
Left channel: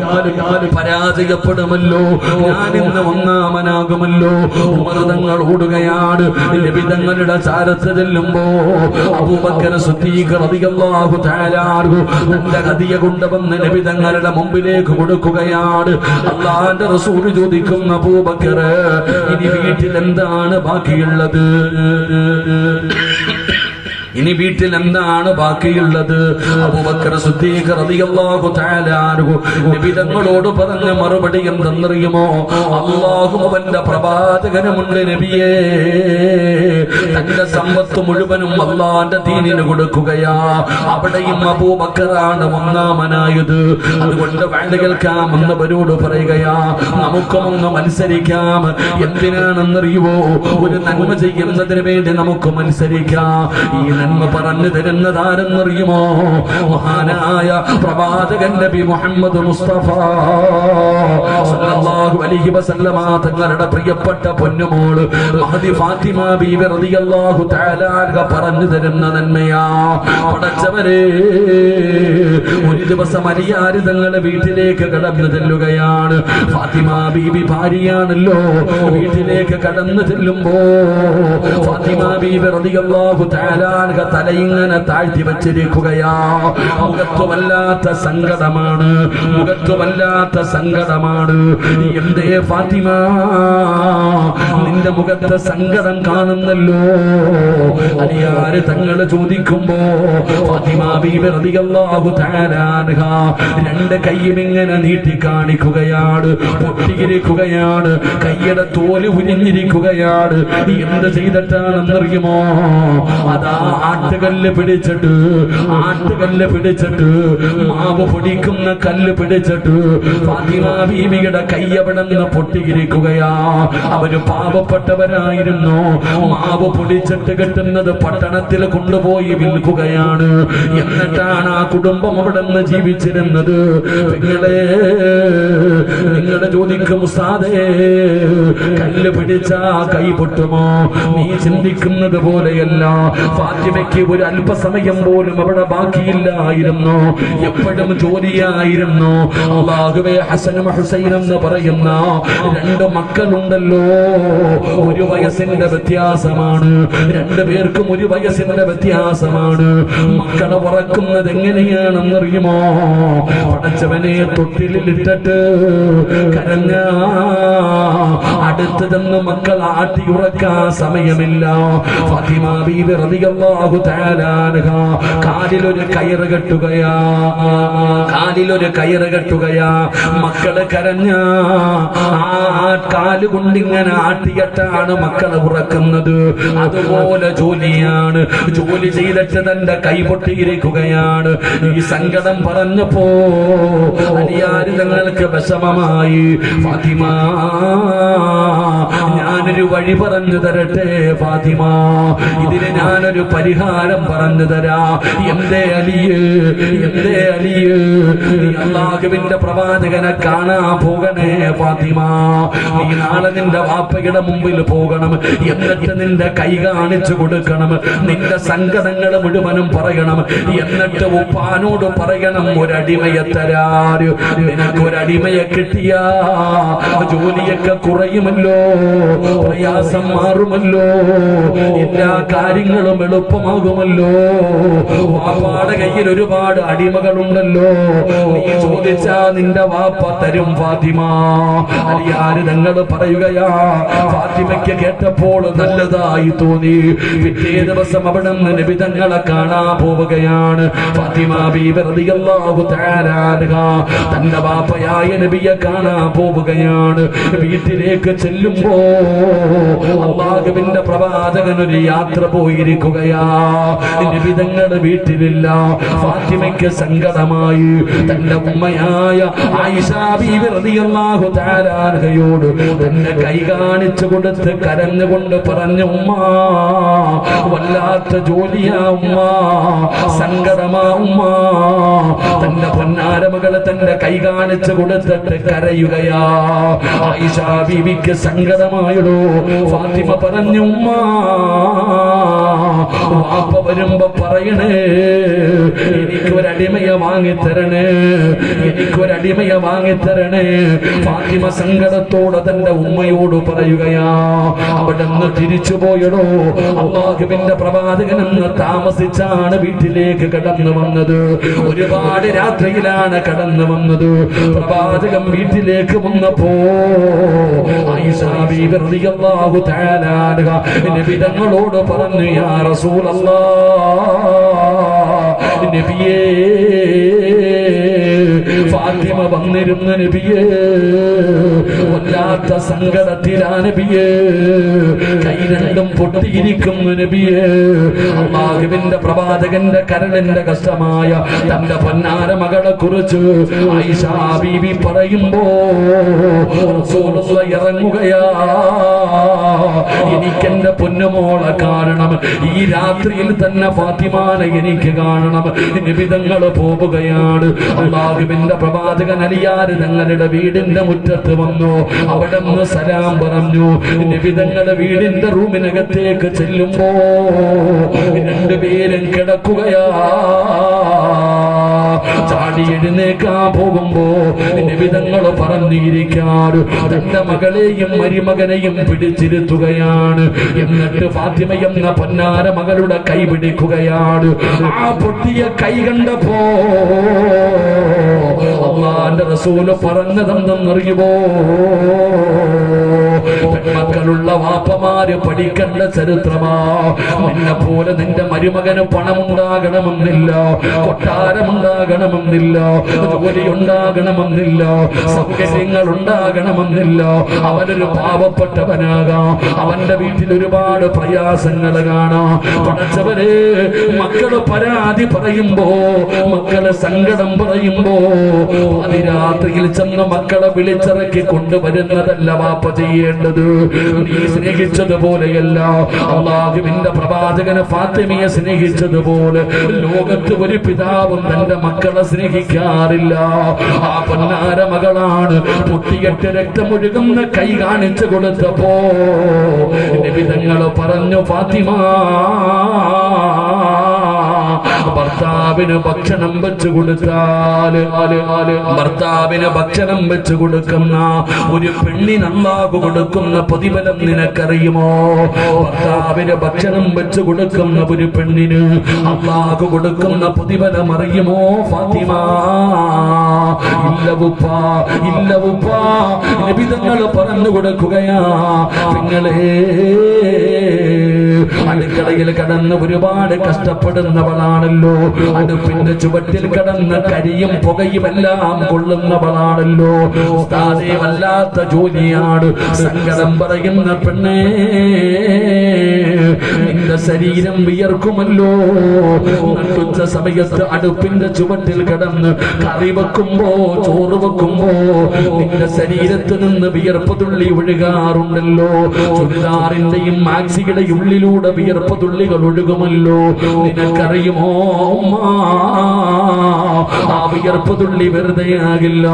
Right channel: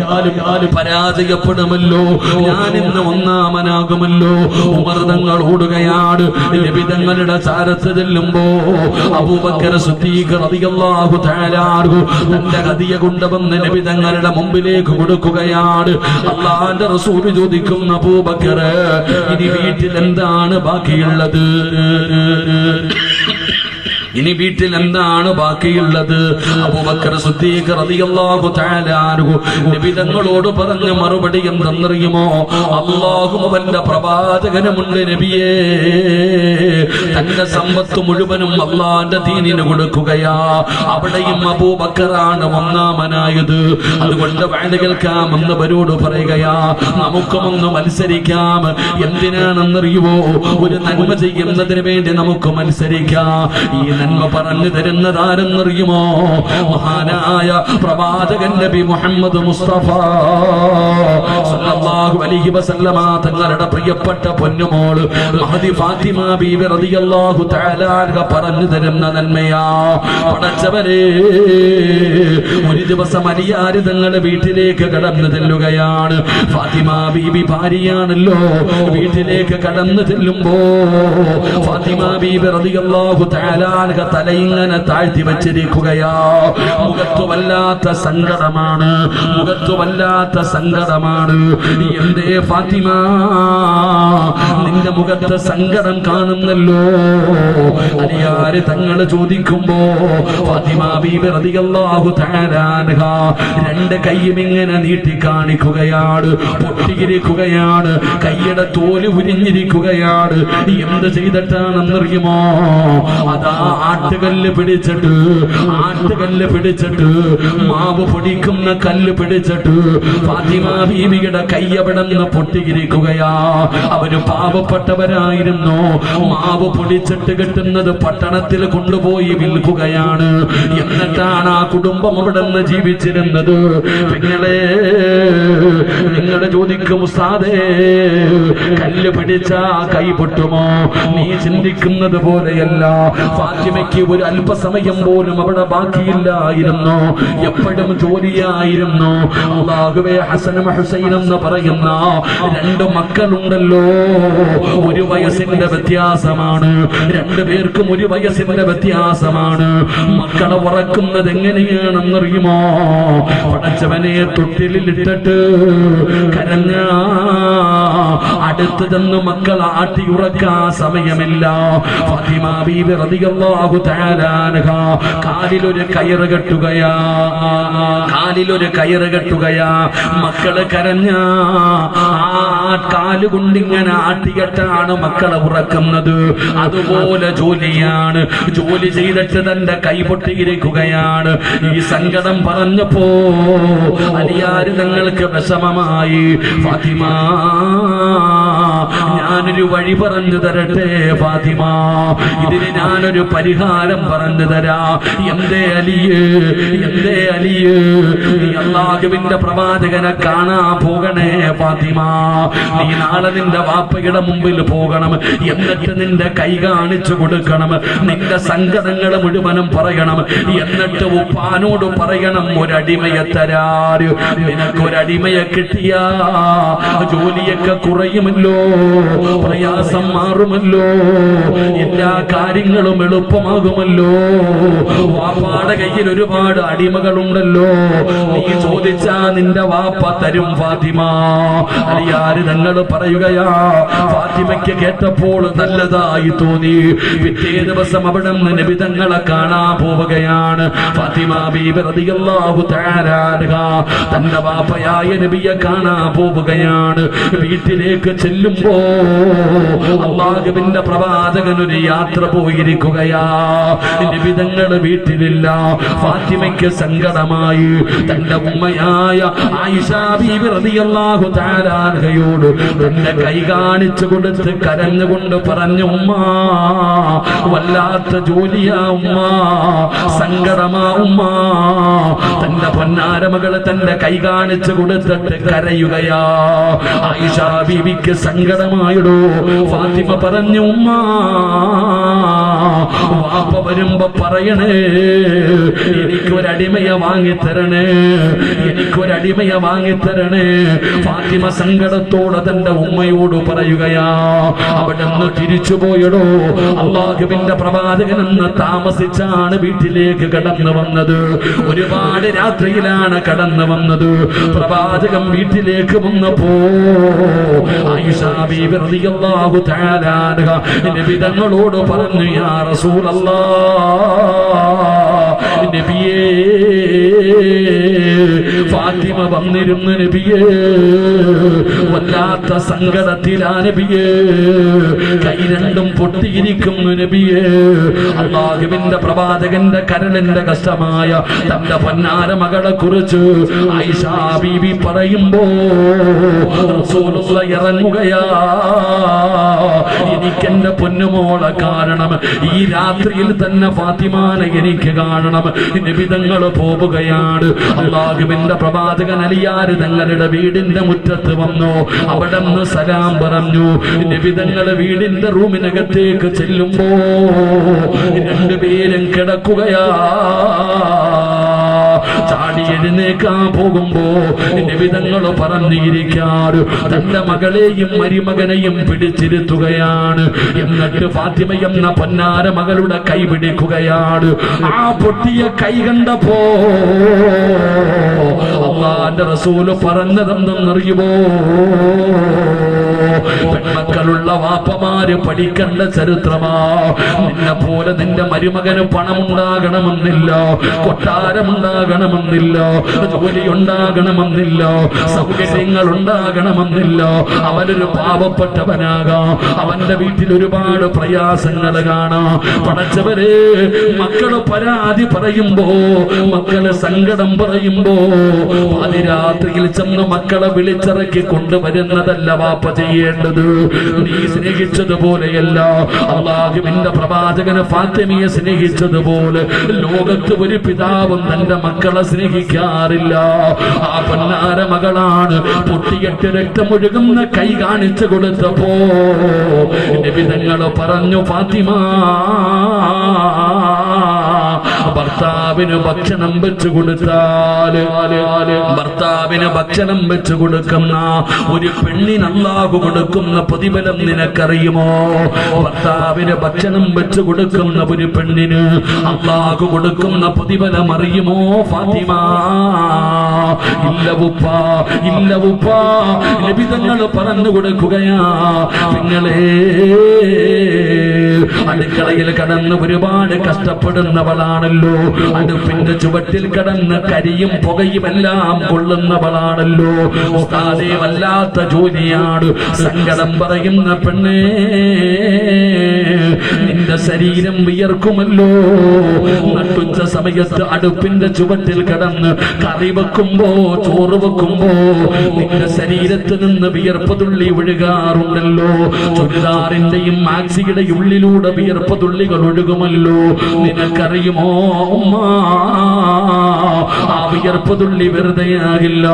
പരാജയപ്പെടുമല്ലോ, ഞാനിന്ന് ഒന്നാമനാകുമല്ലോ. ഉമർ തങ്ങൾ ഓടുകയാണ്. നബി തങ്ങളുടെ ചാരത്ത് ചെല്ലുമ്പോ അബൂബക്കർ സിദ്ദീഖ് റളിയല്ലാഹു തആല അൻഹു തന്റെ ഹദിയ കൊണ്ടുവന്ന് നബി തങ്ങളുടെ മുമ്പിലേക്ക് കൊടുക്കുകയാണ്. അല്ലാഹുവിന്റെ റസൂൽ ചോദിക്കും, അബൂബക്കർ ഇനി വീട്ടിൽ എന്താണ് ബാക്കിയുള്ളത്? ഇനി വീട്ടിൽ എന്താണ് ബാക്കിയുള്ളത്? അബൂബക്കർ സിദ്ദീഖ് റളിയല്ലാഹു തആല അൻഹു നബി തങ്ങളോട് പറഞ്ഞ മറുപടി എന്തെന്നറിയുമോ? അല്ലാഹുവും അവന്റെ പ്രവാചകനുമുണ്ട് നബിയേ. തന്റെ സമ്പത്ത് മുഴുവനും അല്ലാഹുവിന്റെ ദീനിന് കൊടുക്കുകയാ. അവിടെയും അബൂബക്കറാണ് ഒന്നാമനായത്. അതുകൊണ്ട് വാഴ കേൾക്കാമെന്ന് അവരോട് പറയുകയാ, നമുക്കുമൊന്ന് മത്സരിക്കാം. എന്തിനാണെന്നറിയുമോ? ഒരു നന്മ ചെയ്യുന്നതിന് വേണ്ടി നമുക്ക് മത്സരിക്കാം. ഈ നന്മ പറഞ്ഞു തരുന്നതാരെന്നറിയുമോ? മഹാനായ പ്രവാചകൻ നബി മുഹമ്മദ് മുസ്തഫ സല്ലല്ലാഹു അലൈഹി വസല്ലമ തങ്ങളുടെ പ്രിയപ്പെട്ട പൊന്നുമോള് മഹദി ഫാത്തിമ ബീവി റളിയല്ലാഹു തആല അൻഹ പറഞ്ഞു തരുന്ന നന്മയാ. പടച്ചവരെ, ഒരു ദിവസം അലിയാര് തങ്ങളുടെ വീട്ടിലേക്ക് കടന്നു ചെല്ലുകയാണ്. ഫാത്തിമ ബീബി ഭാര്യയാണല്ലോ. വീട്ടിലേക്ക് കടന്നു ചെല്ലുമ്പോ ഫാത്തിമ ബീബി റളിയല്ലാഹു തആല തലയിങ്ങനെ താഴ്ത്തി വെച്ചിരിക്കുകയാ. മുഖത്ത് വല്ലാത്ത സങ്കടമാണ്, മുഖത്ത് വല്ലാത്ത സങ്കടമാണ്. എന്തേ ഫാത്തിമ, നിന്റെ മുഖത്ത് സങ്കടം കാണുന്നല്ലോ? അലിയാര് തങ്ങൾ ചോദിക്കുമ്പോ ഫാത്തിമ ബീബി റളിയല്ലാഹു തആല അൻഹ 2 കൈയും ഇങ്ങനെ നീട്ടി കാണിക്കുകയാണ്, പൊട്ടിയിരിക്കുകയാണ്, കൈയുടെ തോല് ഉരിഞ്ഞിരിക്കുകയാണ്. എന്ത് ചെയ്തിട്ടാണെന്നറിയുമോ? അതാ ആട്ടുകല്ല് പിടിച്ചിട്ട് മാവ് പൊടിക്കുന്ന കല്ല് പിടിച്ചിട്ട് ഫാത്തിമ ബീവിയുടെ കയ്യവിടന്ന് പൊട്ടിയിരിക്കുകയാ. അവര് പാവപ്പെട്ടവരായിരുന്നു. മാവ് പൊടിച്ചിട്ട് കിട്ടുന്നത് പട്ടണത്തിൽ കൊണ്ടുപോയി വിൽക്കുകയാണ്. എന്നിട്ടാണ് ആ കുടുംബം അവിടെ നിന്ന് ജീവിച്ചിരുന്നത്. നിങ്ങളുടെ ചോദിക്കും, ഉസ്താദേ കല്ല് പിടിച്ച കൈ പൊട്ടുമോ? നീ ചിന്തിക്കുന്നത് പോലെയല്ല. ഫാത്തിമയ്ക്ക് ഒരു അല്പസമയം പോലും അവിടെ ബാക്കിയില്ലായിരുന്നു. എപ്പോഴും ജോലിയായിരുന്നു. അല്ലാഹുവേ, ഹസനും ഹുസൈനും എന്ന് പറയുന്ന 2 മക്കളുണ്ടല്ലോ. 1 വയസ്സിന്റെ വ്യത്യാസമാണ്. രണ്ടുപേർക്കും 1 വയസ്സിന്റെ വ്യത്യാസമാണ്. മക്കളെ ഉറക്കുന്നത് എങ്ങനെയാണെന്നറിയുമോ? പടച്ചവനെ തൊട്ടിലിട്ടിട്ട് കരഞ്ഞ അടുത്ത് ചെന്ന് മക്കൾ ആട്ടി ഉറക്കാൻ സമയമില്ല. ഫാത്തിമ ബീവി റളിയല്ലാഹു തആല അൻഹ കാലിലൊരു കയറ് കെട്ടുകയാ. മക്കള് കരഞ്ഞ ആ കാലുകൊണ്ടിങ്ങനെ ആട്ടിയിട്ടാണ് മക്കളെ ഉറക്കുന്നത്. അതുപോലെ ജോലിയാണ്. ജോലി ചെയ്തിട്ട് തന്റെ കൈ പൊട്ടിയിരിക്കുകയാണ്. ഈ സങ്കടം പറഞ്ഞപ്പോ അലിയാര് തങ്ങൾക്ക് വിഷമമായി. ഫാത്തിമ, ഞാനൊരു വഴി പറഞ്ഞു തരട്ടെ ഫാത്തിമ, ഇതിന് ഞാനൊരു പരിഹാരം പറഞ്ഞു തരാ. എന്തേ അലിയേ, നീ അല്ലാഹുവിന്റെ പ്രവാചകനെ കാണാൻ പോകണേ ഫാത്തിമ. നീ നാളെ നിന്റെ വാപ്പയുടെ മുമ്പിൽ പോകണം. എന്നിട്ട് നിന്റെ കൈ കാണിച്ചു കൊടുക്കണം. നിന്റെ സങ്കടങ്ങൾ മുഴുവനും പറയണം. എന്നിട്ട് ഉപ്പാനോട് പറയണം, ഒരടിമയെ തരാറ്. നിനക്കൊരടിമയെ കിട്ടിയാ ജോലിയൊക്കെ കുറയുമല്ലോ, പ്രയാസം മാറുമല്ലോ, എല്ലാ കാര്യങ്ങളും എളുപ്പമാകുമല്ലോ. വാപ്പാടെ കയ്യിൽ ഒരുപാട് അടിമകളുണ്ടല്ലോ. നീ ചോദിച്ചാ നിന്റെ വാപ്പ തരും ഫാത്തിമ. അലിയാര് തങ്ങൾ പറയുകയാ. ഫാത്തിമയ്ക്ക് കേട്ടപ്പോൾ നല്ലതായി തോന്നി. പിറ്റേ ദിവസം അവിടെ നിന്ന് നബി തങ്ങളെ കാണാൻ പോവുകയാണ്. ഫാത്തിമ ബീബി റളിയല്ലാഹു തആല അൻഹ തന്റെ വാപ്പയായ നബിയെ കാണാൻ പോവുകയാണ്. വീട്ടിലേക്ക് ചെല്ലുമ്പോ അല്ലാഹുവിന്റെ പ്രവാചകൻ ഒരു യാത്ര പോയിരിക്കുകയാ. നബി തങ്ങൾ വീട്ടിലില്ല. ഫാത്തിമയ്ക്ക് സങ്കടമായി. തന്റെ ഉമ്മയായ ആയിഷ ബീബി റളിയല്ലാഹു തആല അൻഹയോട് തന്റെ കൈ കാണിച്ചു കൊടുത്ത് കരഞ്ഞുകൊണ്ട് പറഞ്ഞു, ഉമ്മ, വല്ലാത്ത ജോലിയാ ഉമ്മ, സങ്കടമാ ഉമ്മ. തന്റെ പൊന്നാര മകള് തന്റെ കൈ കാണിച്ചു കൊടുത്തിട്ട് കരയുകയാ. ആയിഷ ബീവിക്ക് സങ്കടമായിടോ. ഫാത്തിമ പറഞ്ഞു, ഉമ്മ, വാപ്പ വരുമ്പോ പറയണേ, എനിക്കൊരടിമയെ വാങ്ങിത്തരണേ. ഫാത്തിമ സങ്കടത്തോടെ തന്റെ ഉമ്മയോട് പറയുകയാ. അവിടെ നിന്ന് തിരിച്ചു പോയടോ. അല്ലാഹുവിന്റെ പ്രവാചകൻ അന്ന് താമസിച്ചാണ് വീട്ടിലേക്ക് കടന്നു വന്നത്. ഒരുപാട് രാത്രിയിലാണ് കടന്നു വന്നത്. പ്രവാചകൻ വീട്ടിലേക്ക് വന്നപ്പോ ആയിഷ ബീബി റളിയല്ലാഹു തആല അൻഹ നബി തങ്ങളോട് പറഞ്ഞു, യാ റസൂലല്ലാഹ്, നബിയേ, ഫാത്തിമ വന്നിരുന്നു നബിയേ, വല്ലാത്ത സങ്കടത്തിലാ നബിയേ, കൈ രണ്ടും പൊട്ടിയിരിക്കുന്നു നബിയേ. അല്ലാഹുവിന്റെ പ്രവാചകന്റെ കരളിന്റെ കഷ്ടമായ തന്റെ പൊന്നാര മകളെ കുറിച്ച് ആയിഷ ബീബി പറയുമ്പോ റസൂലുള്ളാഹി ഇറങ്ങുകയാ. എനിക്കെന്റെ പൊന്നുമോളെ കാണണം. ഈ രാത്രിയിൽ തന്നെ ഫാത്തിമാനെ എനിക്ക് കാണണം. നബി തങ്ങൾ പോവുകയാണ്. അല്ലാഹുവിന്റെ പ്രവാചകൻ അലിയാര് തങ്ങളുടെ വീടിന്റെ മുറ്റത്ത് വന്നു. അവിടെ നിന്ന് സലാം പറഞ്ഞു. നബി തങ്ങളുടെ വീടിന്റെ റൂമിനകത്തേക്ക് ചെല്ലുമ്പോ രണ്ടുപേരും കിടക്കുകയാ. ചാടി എഴുന്നേക്കാൻ പോകുമ്പോ നബി തങ്ങൾ പറഞ്ഞിരിക്കാറ് തന്റെ മകളെയും മരുമകനെയും പിടിച്ചിരുത്തുകയാണ്. എന്നിട്ട് ഫാത്തിമ എന്ന പൊന്നാര മകളുടെ കൈ പിടിക്കുകയാണ്. ആ പൊട്ടിയ കൈ കണ്ടപ്പോ അല്ലാഹുവിന്റെ റസൂല് പറഞ്ഞതെന്തെന്നറിയുമോ? പെൺമക്കളുള്ള വാപ്പമാര് പഠിക്കേണ്ട ചരിത്രമാ. നിന്നെ പോലെ നിന്റെ മരുമകന് പണമുണ്ടാകണമെന്നില്ല, കൊട്ടാരമുണ്ടാകണമെന്നില്ല, ജോലി ഉണ്ടാകണമെന്നില്ല, സൗകര്യങ്ങൾ ഉണ്ടാകണമെന്നില്ല. അവനൊരു പാവപ്പെട്ടവനാകാം. അവന്റെ വീട്ടിൽ ഒരുപാട് പ്രയാസങ്ങൾ കാണാം. പടച്ചവരെ, മക്കള് പരാതി പറയുമ്പോ, മക്കള് സങ്കടം പറയുമ്പോ അതിരാത്രിയിൽ ചെന്ന് മക്കളെ വിളിച്ചിറക്കി കൊണ്ടുവരുന്നതല്ല വാപ്പ ചെയ്യേണ്ടത്. നീ സ്നേഹിച്ചതുപോലെയല്ല അല്ലാഹുവിന്റെ പ്രവാചകന് ഫാത്തിമയെ സ്നേഹിച്ചതുപോലെ ലോകത്ത് ഒരു പിതാവും തന്റെ മക്കളെ സ്നേഹിക്കാറില്ല. ആ പൊന്നാര മകളാണ് പൊട്ടിയിട്ട് രക്തമൊഴുകുന്ന കൈ കാണിച്ചു കൊടുത്തപ്പോ നബി തങ്ങൾ പറഞ്ഞു, ഫാത്തിമ, ഭർത്താവിന് ഭക്ഷണം വെച്ചു കൊടുത്താൽ ഭർത്താവിന് ഭക്ഷണം വെച്ചു കൊടുക്കുന്ന ഒരു പെണ്ണിന് അല്ലാഹു കൊടുക്കുന്ന പ്രതിഫലം നിനക്കറിയുമോ? ഭർത്താവിന് ഭക്ഷണം വെച്ചു കൊടുക്കുന്ന ഒരു പെണ്ണിന് അല്ലാഹു കൊടുക്കുന്ന പ്രതിഫലം അറിയുമോ ഫാത്തിമ? ഇല്ല ഉപ്പ, ഇല്ല ഉപ്പ. നബി തങ്ങൾ പറഞ്ഞു കൊടുക്കുകയാ, നിങ്ങളെ അടുക്കളയിൽ കടന്ന് ഒരുപാട് കഷ്ടപ്പെടുന്നവളാണല്ലോ, അടുപ്പിന്റെ ചുവട്ടിൽ കടന്ന് കരിയും പുകയും എല്ലാം കൊള്ളുന്നവളാണല്ലോ, ഉസ്താദേ വല്ലാത്ത ജോലിയാണ്. സങ്കടം പറയുന്ന പെണ്ണേ, നിന്റെ ശരീരം വിയർക്കുമല്ലോ. നട്ടുച്ച സമയത്ത് അടുപ്പിന്റെ ചുവട്ടിൽ കടന്ന് കറി വെക്കുമ്പോ, ചോറ് വെക്കുമ്പോ നിന്റെ ശരീരത്തിൽ നിന്ന് വിയർപ്പ് തുള്ളി ഒഴുകാറുണ്ടല്ലോ. ചുരിദാറിന്റെയും മാക്സിയുടെയും ഉള്ളിലൂടെ വിയർപ്പ് തുള്ളികൾ ഒഴുകുമല്ലോ. നിനക്കറിയുമോ ഉമ്മ, ആ വിയർപ്പ് തുള്ളി വെറുതെയാകില്ല,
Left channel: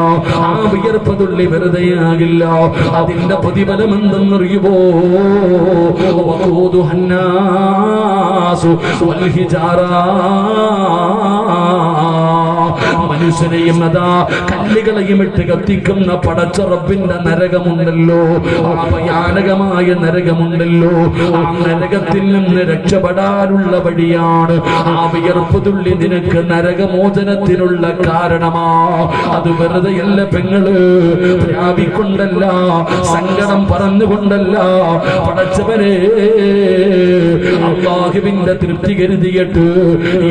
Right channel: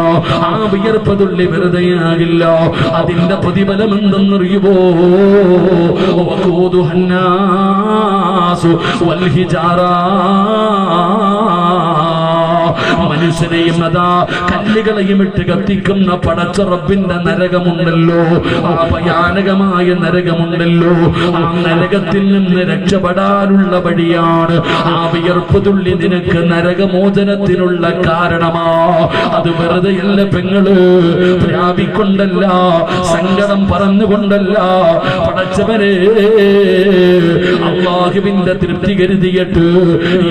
ആ വിയർപ്പ് തുള്ളി വെറുതെയാകില്ല. അതിന്റെ പ്രതിഫലം എന്തെന്നറിയുമോ? വഖൂദുഹന്നാസു വൽ ഹിജാറ. മനുഷ്യനെയും അതാ കല്ലുകളെയും ഇട്ട് കത്തിക്കുന്ന പടച്ച റബ്ബിന്റെ നരകമുണ്ടല്ലോ, ആ ഭയാനകമായ നരകമുണ്ടല്ലോ. ആ നരകത്തിൽ നിന്ന് രക്ഷപ്പെടാനുള്ള വഴിയാണ് ആ വിയർപ്പ് തുള്ളി നിനക്ക് നരകമോചനത്തിനുള്ള കാരണമാ. അത് വെറുതെയല്ല പെങ്ങള്, പ്രാപിക്കൊണ്ടല്ല, സങ്കടം പറഞ്ഞുകൊണ്ടല്ല. പടച്ചവരെ, അല്ലാഹുവിന്റെ തൃപ്തി കരുതിയിട്ട്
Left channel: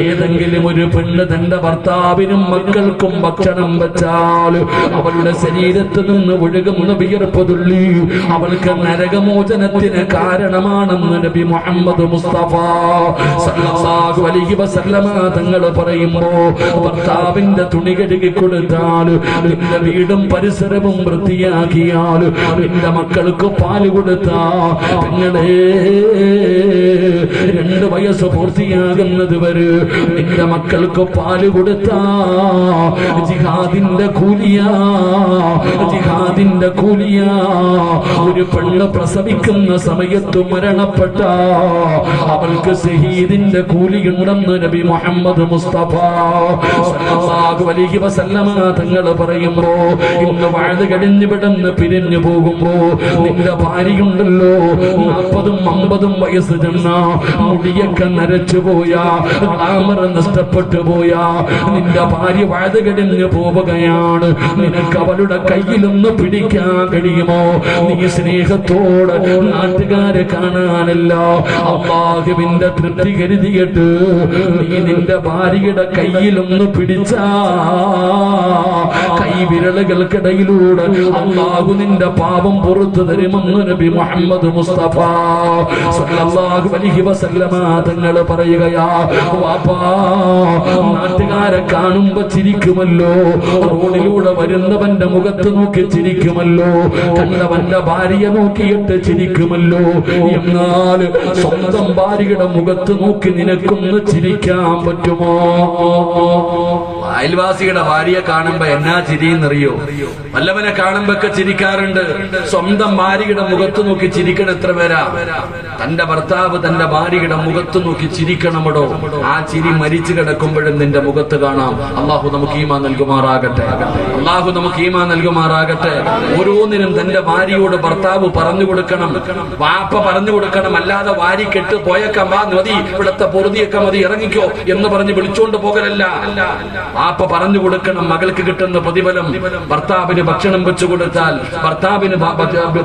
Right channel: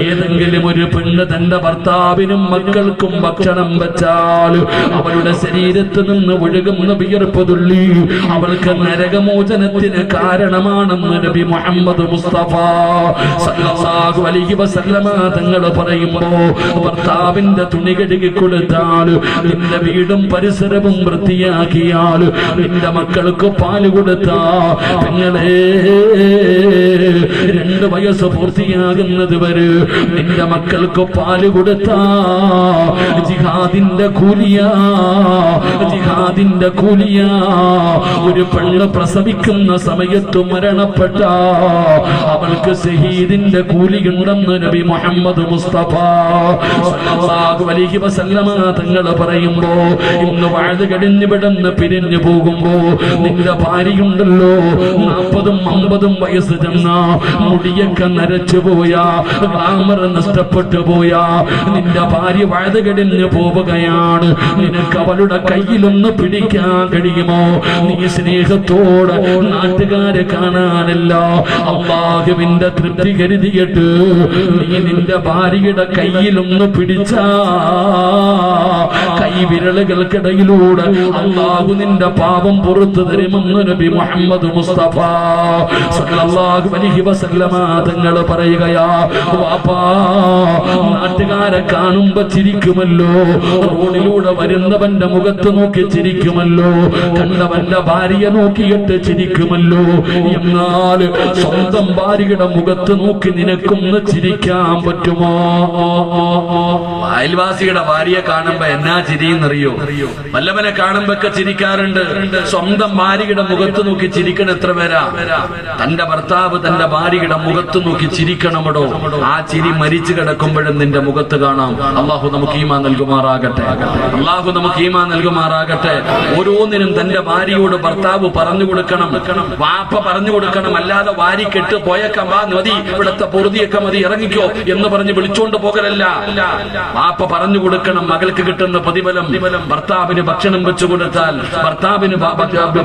ഏതെങ്കിലും ഒരു പെണ്ണ് തന്റെ ഭർത്താവിനും മക്കൾക്കും ഭക്ഷണം വെച്ചാൽ അവളുടെ ശരീരത്തിൽ നിന്ന് ഒഴുകുന്ന വിയർപ്പ് തുള്ളി അവൾക്ക് നരകമോചനത്തിന് കാരണമാണെന്ന് നബി മുഹമ്മദ് മുസ്തഫ സല്ലല്ലാഹു അലൈഹി വസല്ലമ തങ്ങൾ പറയുമ്പോ, ഭർത്താവിന്റെ തുണി കഴുകി കൊടുത്താൽ, നിന്റെ വീടും പരിസരവും വൃത്തിയാക്കിയാൽ, നിന്റെ മക്കൾക്ക് പാല് കൊടുത്താ, നിങ്ങളെ 2 വയസ്സ് പൂർത്തിയാകുന്നത് വരെ നിന്റെ മക്കൾക്ക് പാല് കൊടുത്താ ജിഹാദിന്റെ കൂലിയാ, ജിഹാദിന്റെ കൂലിയാ. ഒരു പെണ്ണ് പ്രസവിക്കുന്ന സമയത്ത് മരണപ്പെട്ട അവൾക്ക് ശഹീദിന്റെ കൂലിയുണ്ടെന്ന് നബി മുഹമ്മദ് മുസ്തഫ സല്ലല്ലാഹു അലൈഹി വസല്ലമ തങ്ങൾ പറയുമ്പോ, ഇന്ന് വഅദ് കഴിഞ്ഞു വിടന്ന് പിരിഞ്ഞു പോകുമ്പോ നിന്റെ ഭാര്യയുണ്ടല്ലോ 40ഉം 50ഉം വയസ്സ് ചെന്ന മുടിയൊക്കെ നരച്ചു പോയാ, ഗ്ലാമർ നഷ്ടപ്പെട്ടു പോയാ, നിന്റെ ഭാര്യ വഅദ് കഴിഞ്ഞു പോവുകയാണ്. നിനക്ക് അവളുടെ കയ്യിലൊന്ന് പിടിക്കാൻ കഴിയുമോ? നീ സ്നേഹത്തോടെ നാട്ടുകാരെ കാണാനല്ല, അല്ലാഹുവിന്റെ തൃപ്തി കരുതിയിട്ട് നീ നിന്റെ ഭാര്യയുടെ കയ്യിലൊന്ന് പിടിച്ചാ, കൈവിരലുകൾക്കിടയിലൂടെ അല്ലാഹു നിന്റെ പാപം പുറത്തു തരുമെന്ന് നബി മുഹമ്മദ് മുസ്തഫ സല്ലല്ലാഹു അലൈഹി വസല്ലമ തങ്ങൾ പറയുകയാ. വാപ്പാ, നാട്ടുകാരെ കാണുമ്പോ ചിരിക്കുമല്ലോ, റോഡിലൂടെ വരുന്നവന്റെ മുഖത്ത് നോക്കി ചിരിക്കുമല്ലോ, കണ്ടവന്റെ ഭാര്യയെ നോക്കിയിട്ട് ചിരിക്കുമല്ലോ. എന്നാൽ സ്വന്തം ഭാര്യയുടെ മുഖത്ത് നോക്കി നിനക്കൊന്ന് ചിരിക്കാൻ പറ്റുമോ? അയൽവാസിയുടെ ഭാര്യയെ കാണുമ്പോ എന്നാ ചിരിയെന്നറിയോ? വല്ലവനെ കാണുമ്പൊക്കെ ചിരിക്കാറുണ്ട്. സ്വന്തം ഭാര്യയുടെ മുഖത്ത് നോക്കി ചിരിക്കണ എത്ര പേരാ? തന്റെ ഭർത്താവ് തന്റെ ഭാര്യയുടെ മുഖത്ത് നോക്കി ചിരിക്കണമടോ. ആ ചിരി മരിച്ചു കിടക്കുമ്പോഴും നിന്റെ മുഖത്ത് കാണാം. അള്ളാഹു നമുക്ക് ഈമാൻ നൽകുമാറാകട്ടെ, അള്ളാഹു നമുക്ക് ഈമാൻ നൽകുമാറാകട്ടെ. ഓരോന്നിനും തന്റെ ഭാര്യയോട് ഭർത്താവ് പറഞ്ഞു കൊടുക്കണം, വാപ്പ പറഞ്ഞു കൊടുക്കണം. അല്ലാതെ വാരി കെട്ട് പോയേക്കാം, വാ മതി, ഇവിടത്തെ പൊറുതിയൊക്കെ മതി, ഇറങ്ങിക്കോ എന്ന് പറഞ്ഞ് വിളിച്ചോണ്ട് പോകലല്ല. വാപ്പ പറഞ്ഞു കൊടുക്കണം. മകൾക്ക് കിട്ടുന്ന പ്രതിഫലം ഭർത്താവിന് ഭക്ഷണം വെച്ചു കൊടുത്താൽ, ഭർത്താവിന്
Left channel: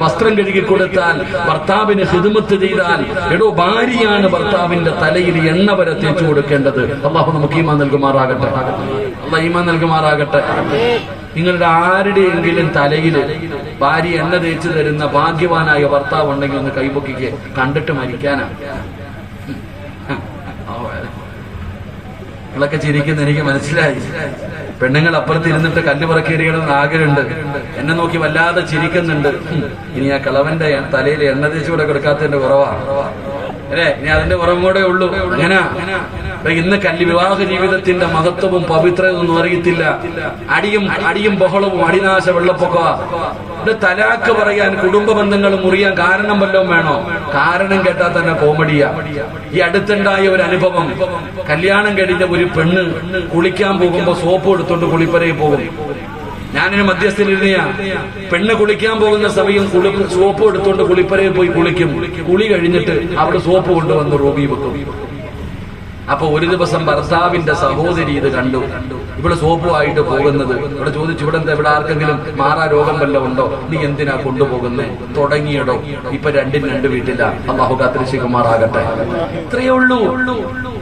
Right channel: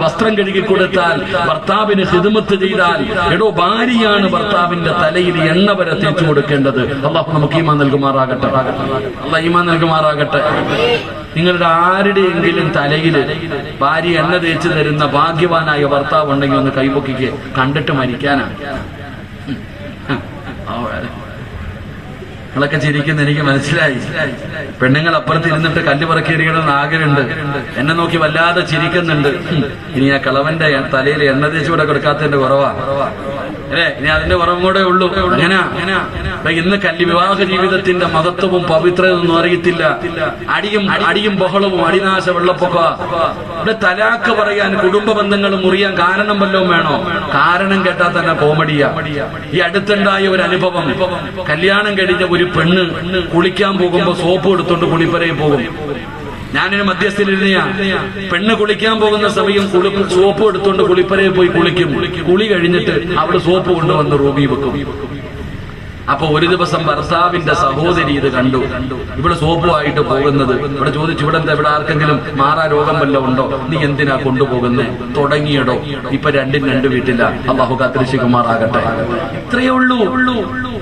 വസ്ത്രം കഴുകി കൊടുത്താൽ, ഭർത്താവിന് ഹിദ്മത്ത് ചെയ്താൽ, എടോ ഭാര്യയാണ് ഭർത്താവിന്റെ തലയിൽ എണ്ണ വരെ തേച്ചു കൊടുക്കേണ്ടത്. അല്ലാഹു നമുക്ക് ഈമാൻ നൽകുമാറാകട്ടെ, അല്ലാഹു ഈമാൻ നൽകുമാറാകട്ടെ. നിങ്ങളുടെ ആരുടെയെങ്കിലും തലയിൽ ഭാര്യ എണ്ണ തേച്ചു തരുന്ന ഭാഗ്യവാനായ ഭർത്താവ് ഉണ്ടെങ്കിൽ ഒന്ന് കൈപൊക്കിക്ക്, കണ്ടിട്ട് മരിക്കാനാണ്. നിങ്ങളൊക്കെ ചിരിക്കുന്ന എനിക്ക് മനസ്സിലായി. പെണ്ണുങ്ങൾ അപ്പുറത്ത് ഇരുന്നിട്ട് കല്ല് പറക്കിയിരിക്കണമെന്ന് ആഗ്രഹമുണ്ട്. എന്നെ നോക്കി വല്ലാതെ ചിരിക്കുന്നുണ്ട്. ഇനി ആ കളവന്റെ തലയിൽ എണ്ണ തേച്ചു കൂടെ കൊടുക്കാത്തതിന്റെ കുറവാ. അല്ലെ? ഇനി അതിന്റെ കുറവും കൂടെ ഉള്ളൂ. അങ്ങനെ ഇന്ന് വിവാഹ ജീവിതത്തിന്റെ മഹത്വവും പവിത്രതൊന്നും അറിയത്തില്ല. അടിയും ബഹളവും അടിനാശ വെള്ളപ്പൊക്ക. ഇവിടെ തലാക്ക് പറയാൻ, കുടുംബ ബന്ധങ്ങൾ മുറിയാൻ കാരണം വല്ലതും വേണോ? കാരണം കേട്ടാൽ തന്നെ കോമഡിയാ. ഈ അടുത്തുണ്ടായ ഒരു അനുഭവം, കല്യാണം കഴിഞ്ഞ ഒരു പെണ്ണ് കുളിക്കാൻ പോകുമ്പോ സോപ്പ് എടുത്തോണ്ട് കുളിപ്പരയിൽ പോകും. ഞാനൊരു മധ്യസ്ഥനിരുന്നയാ. പെണ്ണ് കുളിക്കാൻ പോകുന്ന സമയം സോപ്പ് എടുത്തോണ്ട് കുളിപ്പരയിൽ പോയി കുളിക്കും. കുളി കഴിഞ്ഞിട്ട് അവിടെ സോപ്പ് കൊണ്ടുവന്ന് റൂമിൽ വെക്കും. അപ്പൊ ഒരു ദിവസം ഭർത്താവിന്റെ സഹോദരി ഇത് കണ്ടു, ഇവിടെ സോപ്പുമായിട്ട് പോകുന്നത്. ഇവിടെ ചോദിച്ചു, ഇവിടെ ആർക്കെങ്കിലും മാറാ രോഗം വല്ലതും ഉണ്ടോ? നീ എന്തിനാ കൊണ്ടുപോകുന്നത്? തുടങ്ങിയിടോ. ഇപ്പൊ രണ്ടും രണ്ട് വീട്ടില്ല. അല്ലാഹു കാത്തിരക്ഷിക്കുമാറാകട്ടെ. ഇത്രയേ ഉള്ളൂ.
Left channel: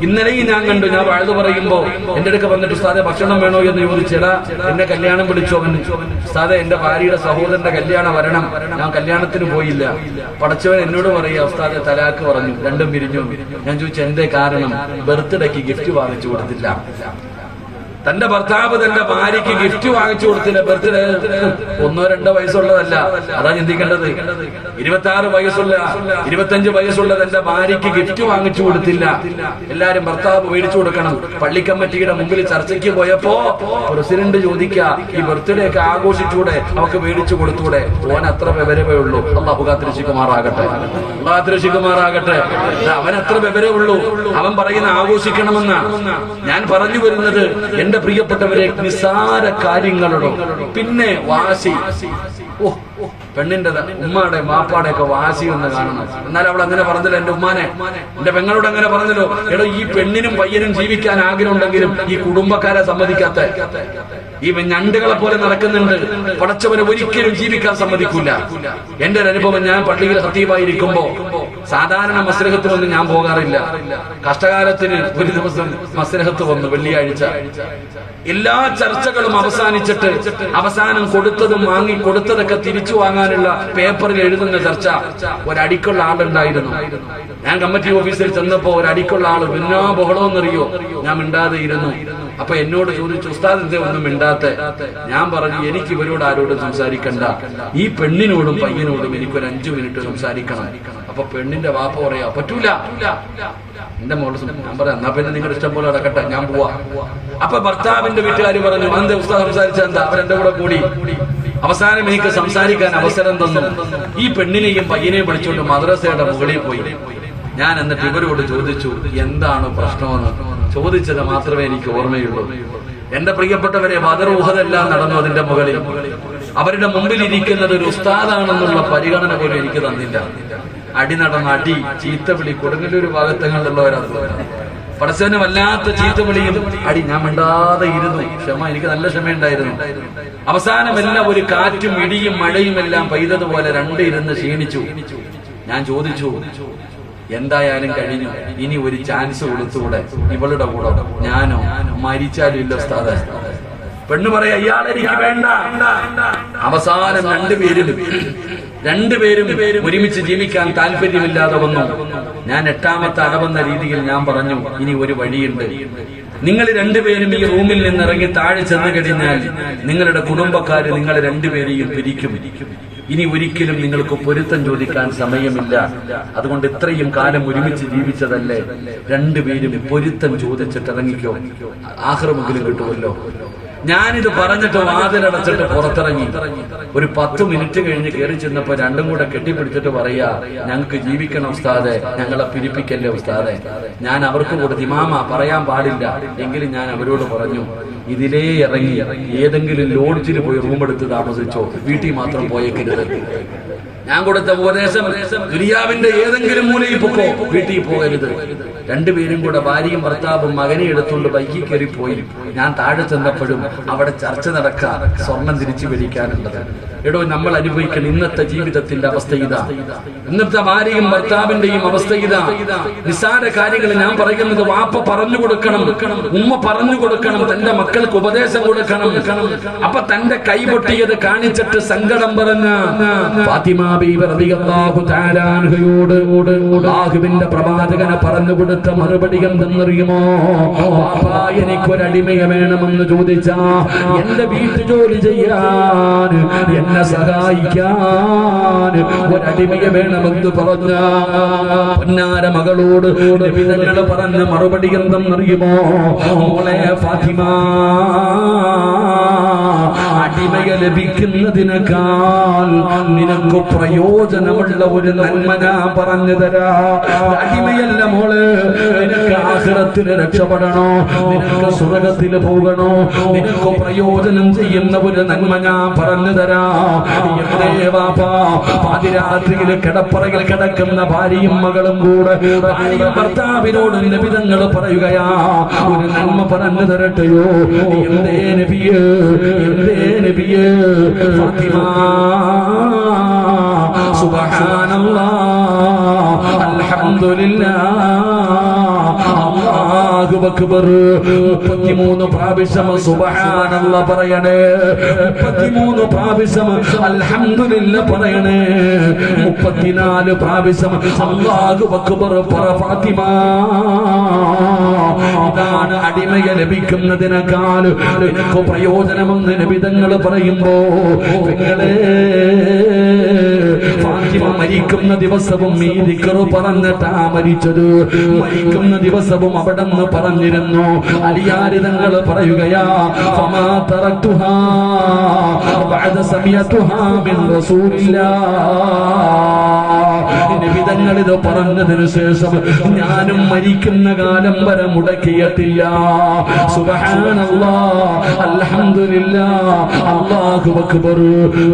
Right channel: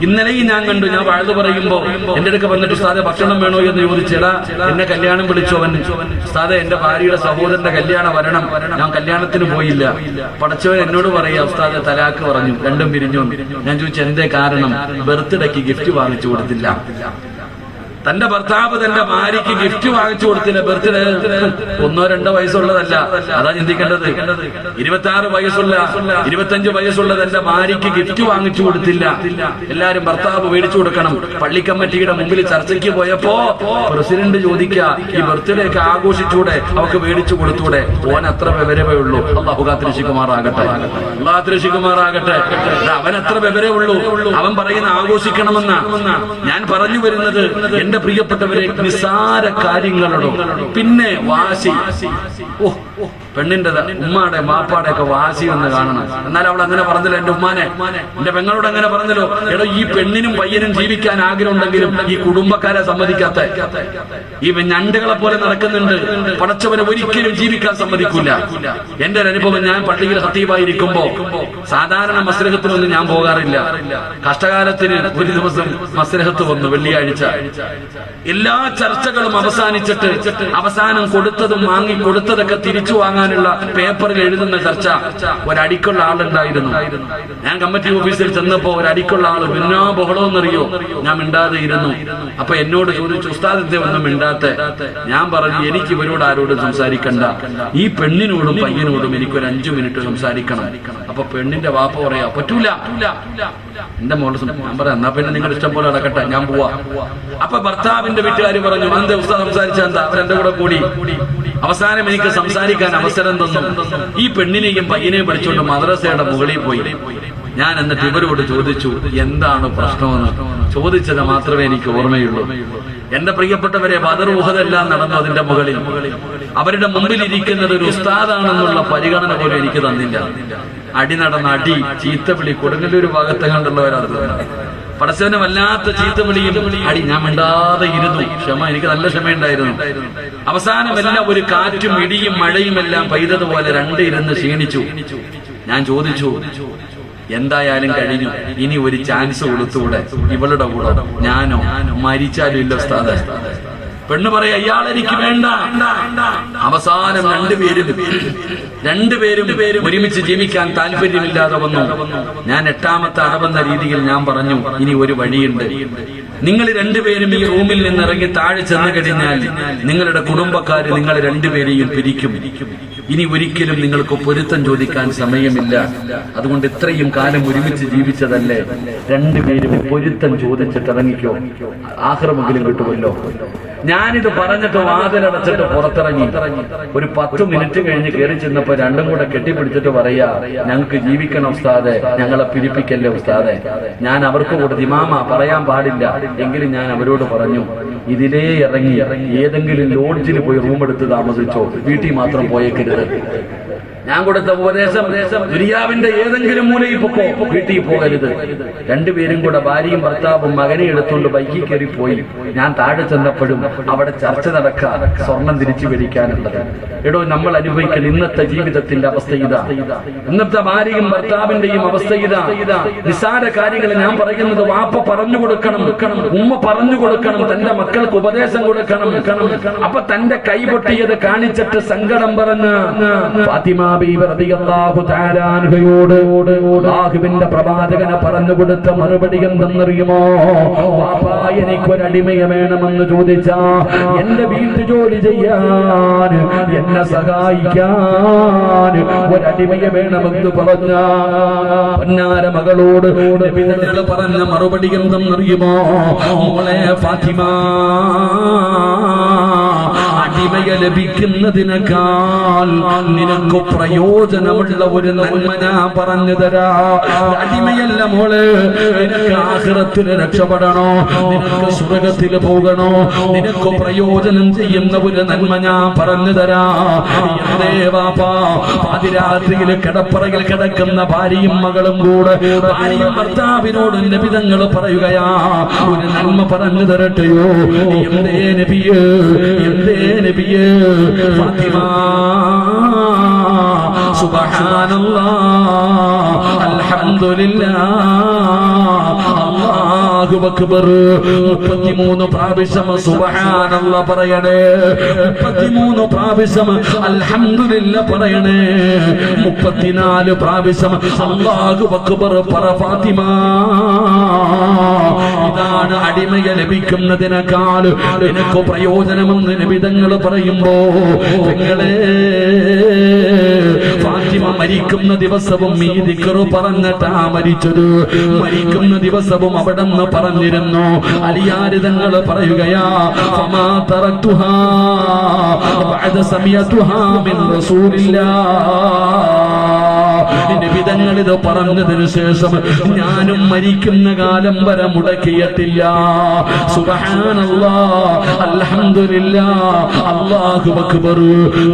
ഇന്നലെയും ഞാൻ കണ്ടു. ഞാൻ വഴുതു പറയുമ്പോ എന്റെ അടുക്ക വന്നിട്ട്, ഉസ്താദെ ഭക്ഷണം വേണോ എന്ന് ചോദിച്ചടാ. എന്നെ കല്യാണം വിളിച്ചവൻ, ഉസ്താദെ എന്റെ ഭാര്യയുടെ സഹോദരന്റെ കല്യാണം വരണം, ഞാൻ കല്യാണത്തിന് പോയില്ല. പടച്ചവൻ എന്നോട് പറയാ, ഉസ്താദെ തലാക്ക് പറഞ്ഞു, രണ്ടും പിരിഞ്ഞു. ഞാൻ ചോദിച്ചു എന്തേ കാരണം? ബർത്ത്ഡേക്ക് ഗിഫ്റ്റ് വാങ്ങിച്ചു കൊടുത്തില്ല. തന്റെ ഭർത്താവ് തന്റെ ഭാര്യയ്ക്ക് ഗിഫ്റ്റ് വാങ്ങിച്ചു കൊടുത്തില്ല. ബർത്ത്ഡേ 1-2 വയസ്സുള്ളതല്ല, അതാ ചിന്തിക്കേണ്ടത്. 26 വയസ്സുള്ള 25 വയസ്സുള്ള തന്റെ ഭാര്യയ്ക്ക് ഗിഫ്റ്റ് വാങ്ങിച്ചു കൊടുത്തില്ല. എല്ലാരും ഭർത്താവ് മേടിച്ചു കൊടുക്കണം. പള്ളി കമ്മിറ്റിയുടെ മുമ്പിൽ ചർച്ചയ്ക്ക് പോയപ്പോ പ്രസിഡന്റ് ചോദിക്ക, ഈ ബർത്ത്ഡേ ഒക്കെ ആഘോഷിച്ചൂടെ, അവർക്ക് മേടിച്ചു കൊടുത്തൂടെ? ഓൻ അത്ര വിവരമേ ഉള്ളൂ. അല്ലാഹു കാത്തിരക്ഷിക്കുമാറാകട്ടെ. അവൻ അത്ര വിവരമേ ഉള്ളൂ. അവൻ പറയുന്ന ആഘോഷിക്കണമെന്ന. ഞാൻ പറഞ്ഞു വരുന്നത്, എന്റെ പ്രിയപ്പെട്ടവരെ, നിസാര കാര്യങ്ങളോടും പിന്നെ വാശി. പെണ്ണിന്റെ ഉമ്മാടെ മാപ്പാടെ ഒക്കെ വാശി ഒന്ന് കാണണം. എന്നാൽ അവൾ അങ്ങനെ പറഞ്ഞല്ലോ, എന്റെ ഉമ്മാനെ, എന്റെ പെങ്ങളോട് അങ്ങനെ പറഞ്ഞല്ലോ. എടോ, ഈ പെണ്ണിനും പയ്യനും ജീവിക്കാൻ ആഗ്രഹം ഉണ്ടെങ്കിലും ഈ കുടുംബക്കാരെ സമ്മതിക്കാത്ത ഈ ഞണ്ടുകളെ പോലെ നടക്കുന്നുണ്ട്. പടച്ചവനെ ഒരിക്കലും ജീവിക്കാൻ സമ്മതിക്കൂല. എന്റെ ഒരു അനുഭവം, ഞാൻ പള്ളിയിൽ ഖത്തീബായിരിക്കുമ്പോ സാധാരണ മസ്രഹത്തിനൊന്നും ഞാൻ പോകാറില്ല. കഷ്ടകാലത്തിന് ഒരു ദിവസം മസ്രഹത്ത് വന്നു, വെള്ളിയാഴ്ച. എല്ലാ ചർച്ചകളും അവസാനിച്ചിട്ട് അവസാനം കൊടുത്തതും വാങ്ങി കൊടുത്തതൊക്കെ തിരിച്ചു വാങ്ങാനുള്ള പേപ്പറിൽ എഴുതുന്ന ചർച്ച. ഒരടിക്കുള്ള ആളുണ്ടായിരുന്നു. ഞാൻ കമ്മിറ്റി ഓഫീസിൽ ചെന്നപ്പോ ഒരടിക്കുള്ള ആള് പിന്നെ ബഹളമെന്നറിയോ. ഞാൻ മിണ്ടാതെ ഇരുന്നു. അപ്പൊ എന്നോട് ചോദിച്ചു, ഉസ്താദ് എന്തേ ഒന്നും മിണ്ടാത്തെ? ഞാൻ പറഞ്ഞു, എനിക്ക് ഇവരോട് ആരോടും സംസാരിക്കണ്ട, ഈ പെണ്ണിനോടും പയ്യനോടും എനിക്കൊരു 5 മിനിറ്റ് സംസാരിക്കണം. അപ്പൊ പെണ്ണിന്റെ വാപ്പ പറയാ, പറ്റൂല. എന്റെ മോള് ഞാൻ പറയാം, എന്നാ പിന്നെ നിങ്ങൾ ഇഷ്ടം പോലെ നടക്കട്ടെ, ഞാൻ പോവാ. അപ്പൊ ഭർത്താവിന്റെ വീട്ടുകാർ പറഞ്ഞു, എന്താ ഉസ്താദ് സംസാരിച്ചെന്താ? അവരെന്റെ കൂടെ കൂടി. അവസാനം എനിക്ക് സംസാരിക്കാൻ അവസരം തന്നു. ഈ പെണ്ണിനെയും പയ്യനെയും പഠിച്ചുകൊണ്ട് മദ്രസയുടെ മുകളിൽ പോയി. ഞാൻ എന്നിട്ട് ഇവരോട് ചോദിച്ചു, എന്താണ് പ്രശ്നമെന്ന്. ചോദിച്ചത് മാത്രമേ എനിക്ക് ഓർമ്മയുള്ളൂ. എന്റെ പ്രിയപ്പെട്ടവരെ, ബദർ ഉഹദെല്ലാം നടന്നു അതിന്റെ മുകളിൽ. അവരുടെ മുമ്പിലിരിക്കുന്നത് ഒരു ഉസ്താദാണെന്നുള്ള പരിഗണന പോലും എനിക്ക് തന്നില്ല. അടി നടന്ന അടി, ചീത്തവിളി, കൊടുങ്ങല്ലൂർ ഭാഗത്തെങ്ങാണ്ടുള്ളവരത്. പടച്ചവന് വല്ലാത്ത ചീത്തവിളിയും അടി. ഞാൻ മിണ്ടാതെ ഇരുന്നു. ക്ഷമ, എനിക്ക് നല്ല ക്ഷമയുണ്ടായിരുന്നു. അവസാനം എല്ലാം ഒരു കാറ്റും ഇടിയും മഴയും എല്ലാം പെയ്തതുപോലെ ഇരുന്ന് ക്ഷീണിച്ചു. ഞാൻ ചോദിച്ചു, എന്തായാലും കഴിഞ്ഞു, ഇനി ഒരു ചാൻസ് കൊടുത്തുകൂടെ? ഇവളുടെ കൂടെ ഞാനോ മരിച്ചാലും ഇല്ല ഉസ്താദേ. പെണ്ണ് പറയാ, ഇയാളെനിക്ക് വേണ്ട. അവസാനം രണ്ടുപേരും ഒരുമിച്ച് ജീവിക്കാൻ താല്പര്യമില്ലാതെ വന്നു. ഞാൻ 8ാമത്തെ അടവെന്ന രീതിയിൽ ഞാൻ പറഞ്ഞു, ഇനി ഒരു വഴിയുണ്ട്. നിങ്ങൾ രണ്ടുപേരും ഈ റൂമിൽ നിന്ന് ഇറങ്ങി താഴെ ചെന്ന് കഴിഞ്ഞാൽ നിങ്ങളുടെ കുടുംബക്കാര് നിങ്ങൾ രണ്ടുപേരെയും പിരിക്കും. ഇനി ഒരിക്കലും നിങ്ങൾക്ക് പൊരുത്തം ചോദിക്കാൻ സമയമില്ല. അതുകൊണ്ട് ഇത്രയും കാലം ഒരുമിച്ച് ജീവിച്ചതല്ലേ, രണ്ടുപേരും പൊരുത്തം ചോദിച്ചിട്ട് ഇറങ്ങിക്കോ, ആഖിറമെങ്കിലും കിട്ടുമല്ലോ. ഞാനിത് പറഞ്ഞിട്ട് വാതിലടച്ചിട്ട് പുറത്തിറങ്ങി. ഒരു 10 മിനിറ്റ് കഴിഞ്ഞ് കയറി ചെന്നപ്പോ രണ്ടും കൂടെ കെട്ടിപ്പിടിച്ചിട്ട് പറയാ, ഞങ്ങൾക്ക് ജീവിക്കണം ഉസ്താദെ, ഞങ്ങളെ പിരിപ്പിക്കല്ലേ ഉസ്താദെ. ഞാൻ അവർക്ക് കൊടുത്ത്, ഇമാമ പറയാൻ പാടില്ല എങ്കിലും ഞാൻ അവരോട് പറഞ്ഞു, ഇതിലേ ഇറങ്ങി ഏതെങ്കിലും ലോഡ്ജിൽ പോയി റൂം എടുത്ത് താമസിച്ചോ, വീട്ടിൽ മാത്രം പോയേക്കരുത്. ഞാൻ കൊടുത്ത ഉപദേശം, ദുനിയാവിന്റെ ഏതെങ്കിലും മൂലയിൽ പൊക്കോ, വീട്ടിൽ പോകരുത്. രണ്ടുപേരും കൂടെ ഭാര്യയും ഭർത്താവും മകനെ എടുത്തുകൊണ്ട് ബൈക്കിൽ കയറി പോയി. ഞാൻ താഴെ ചെന്നപ്പോഴും അവിടെ ചർച്ച നടക്കാൻ, സ്വർണം തിരിച്ചു മേടിക്കാനുള്ളത്. എടോ, നമ്മൾ അനുഭവിക്കുന്ന ഇന്നത്തെ ജീവിതത്തിന്റെ അവസ്ഥ ഇതാ. ഇന്നത്തെ ഭാര്യയും ഭർത്താവിന്റെയും അവസ്ഥ ഇതാ. നിസ്സാര കാര്യങ്ങൾ ഞാൻ പറയുന്നത് വാപ്പ പറഞ്ഞു കൊടുക്കണം, ഉമ്മ പറഞ്ഞു കൊടുക്കണം, തന്റെ മക്കൾക്ക് ഉപദേശം കൊടുക്കണം. അപ്പൊ തന്റെ കൈ പൊട്ടിയത് കാണിച്ചിട്ട് സങ്കടം പറഞ്ഞ ഫാത്തിമ ബീവി റളിയല്ലാഹു തആല അൻഹയോട് അല്ലാഹുവിന്റെ പ്രവാചകനെ പറഞ്ഞു കൊടുത്ത മറുപടി എന്തെന്നറിയുമോ? വാപ്പ, എനിക്കൊരടിമയെ വേണമെന്ന് ചോദിച്ചാൽ എന്റെ വീട്ടു ജോലി ചെയ്യാൻ, എന്നെ സഹായിക്കാൻ ഒരടിമയെ വേണമെന്ന് പറഞ്ഞ പൊന്നാര മകളോട് നബിതങ്ങൾ പറഞ്ഞ മറുപടി എന്തെന്നറിയുമോ? മോളെ ഫാത്തിമ, അടിമയെ ലഭിക്കുന്നതിനേക്കാൾ നിനക്ക് പ്രയോജനമുള്ള ഒരു നന്മ ഞാൻ പറഞ്ഞു തരാ. അടിമയല്ല മോളെ, നിനക്ക് ആഖിറത്തിൽ രക്ഷപ്പെടണോ, നിനക്ക് സ്വർഗ്ഗത്തിൽ പോകണോ, നിനക്ക് പ്രയോജനം ചെയ്യുന്ന ഒരു നന്മ ഞാൻ പറഞ്ഞു തരാ. എന്തേ വാപ്പാ, പാതിരാത്രിയിൽ കിടപ്പറയിൽ കിടക്കുന്ന ഭാര്യയും മകളും കൂടെ ഭാര്യയും ഭർത്താവിനോട് നബിതങ്ങൾ പറയുകയാ, ഒരു നന്മ പറഞ്ഞു തരട്ടെയോ? എന്തേ നബിയേ, എന്തേ നബിയേ? ഫാത്തിമ, സുബ്ഹാനല്ലാഹ്, അൽഹംദുലില്ലാഹ്, അല്ലാഹു അക്ബർ. 33 പ്രാവശ്യം സുബ്ഹാനല്ലാഹ് പറയണേ, 33 പ്രാവശ്യം അൽഹംദുലില്ലാഹ് പറയണേ, 34 പ്രാവശ്യം അല്ലാഹു അക്ബർ പറ ഫാത്തിമ. ഇതാണ് അടിമയെ ലഭിക്കുന്നതിനേക്കാൾ നിനക്ക് പ്രയോജനമെന്ന് നബിതങ്ങൾ പറയുമ്പോ, നിങ്ങളെ ഫാത്തിമ മരിക്കുന്ന ദിവസവും ഈ ദിക്റ് പറഞ്ഞിട്ടാ മരിച്ചത്. മരിക്കുന്ന ദിവസവും അവിടെ നിന്ന് പറഞ്ഞിരുന്നു. അലിയാര് തങ്ങൾ പറയുകയാ, ഫമാ തറക്തുഹാ ബഅദ സമയതുഹാ മിൻ റസൂലില്ലാഹ്. നബിതങ്ങൾ ഇത് പറഞ്ഞതിനു ശേഷം ഞാനും മരിക്കുന്ന കാലം വരെ മുടക്കിയിട്ടില്ല. സുബ്ഹാനല്ലാഹ്, അൽഹംദുലില്ലാഹ്, അല്ലാഹു അക്ബർ.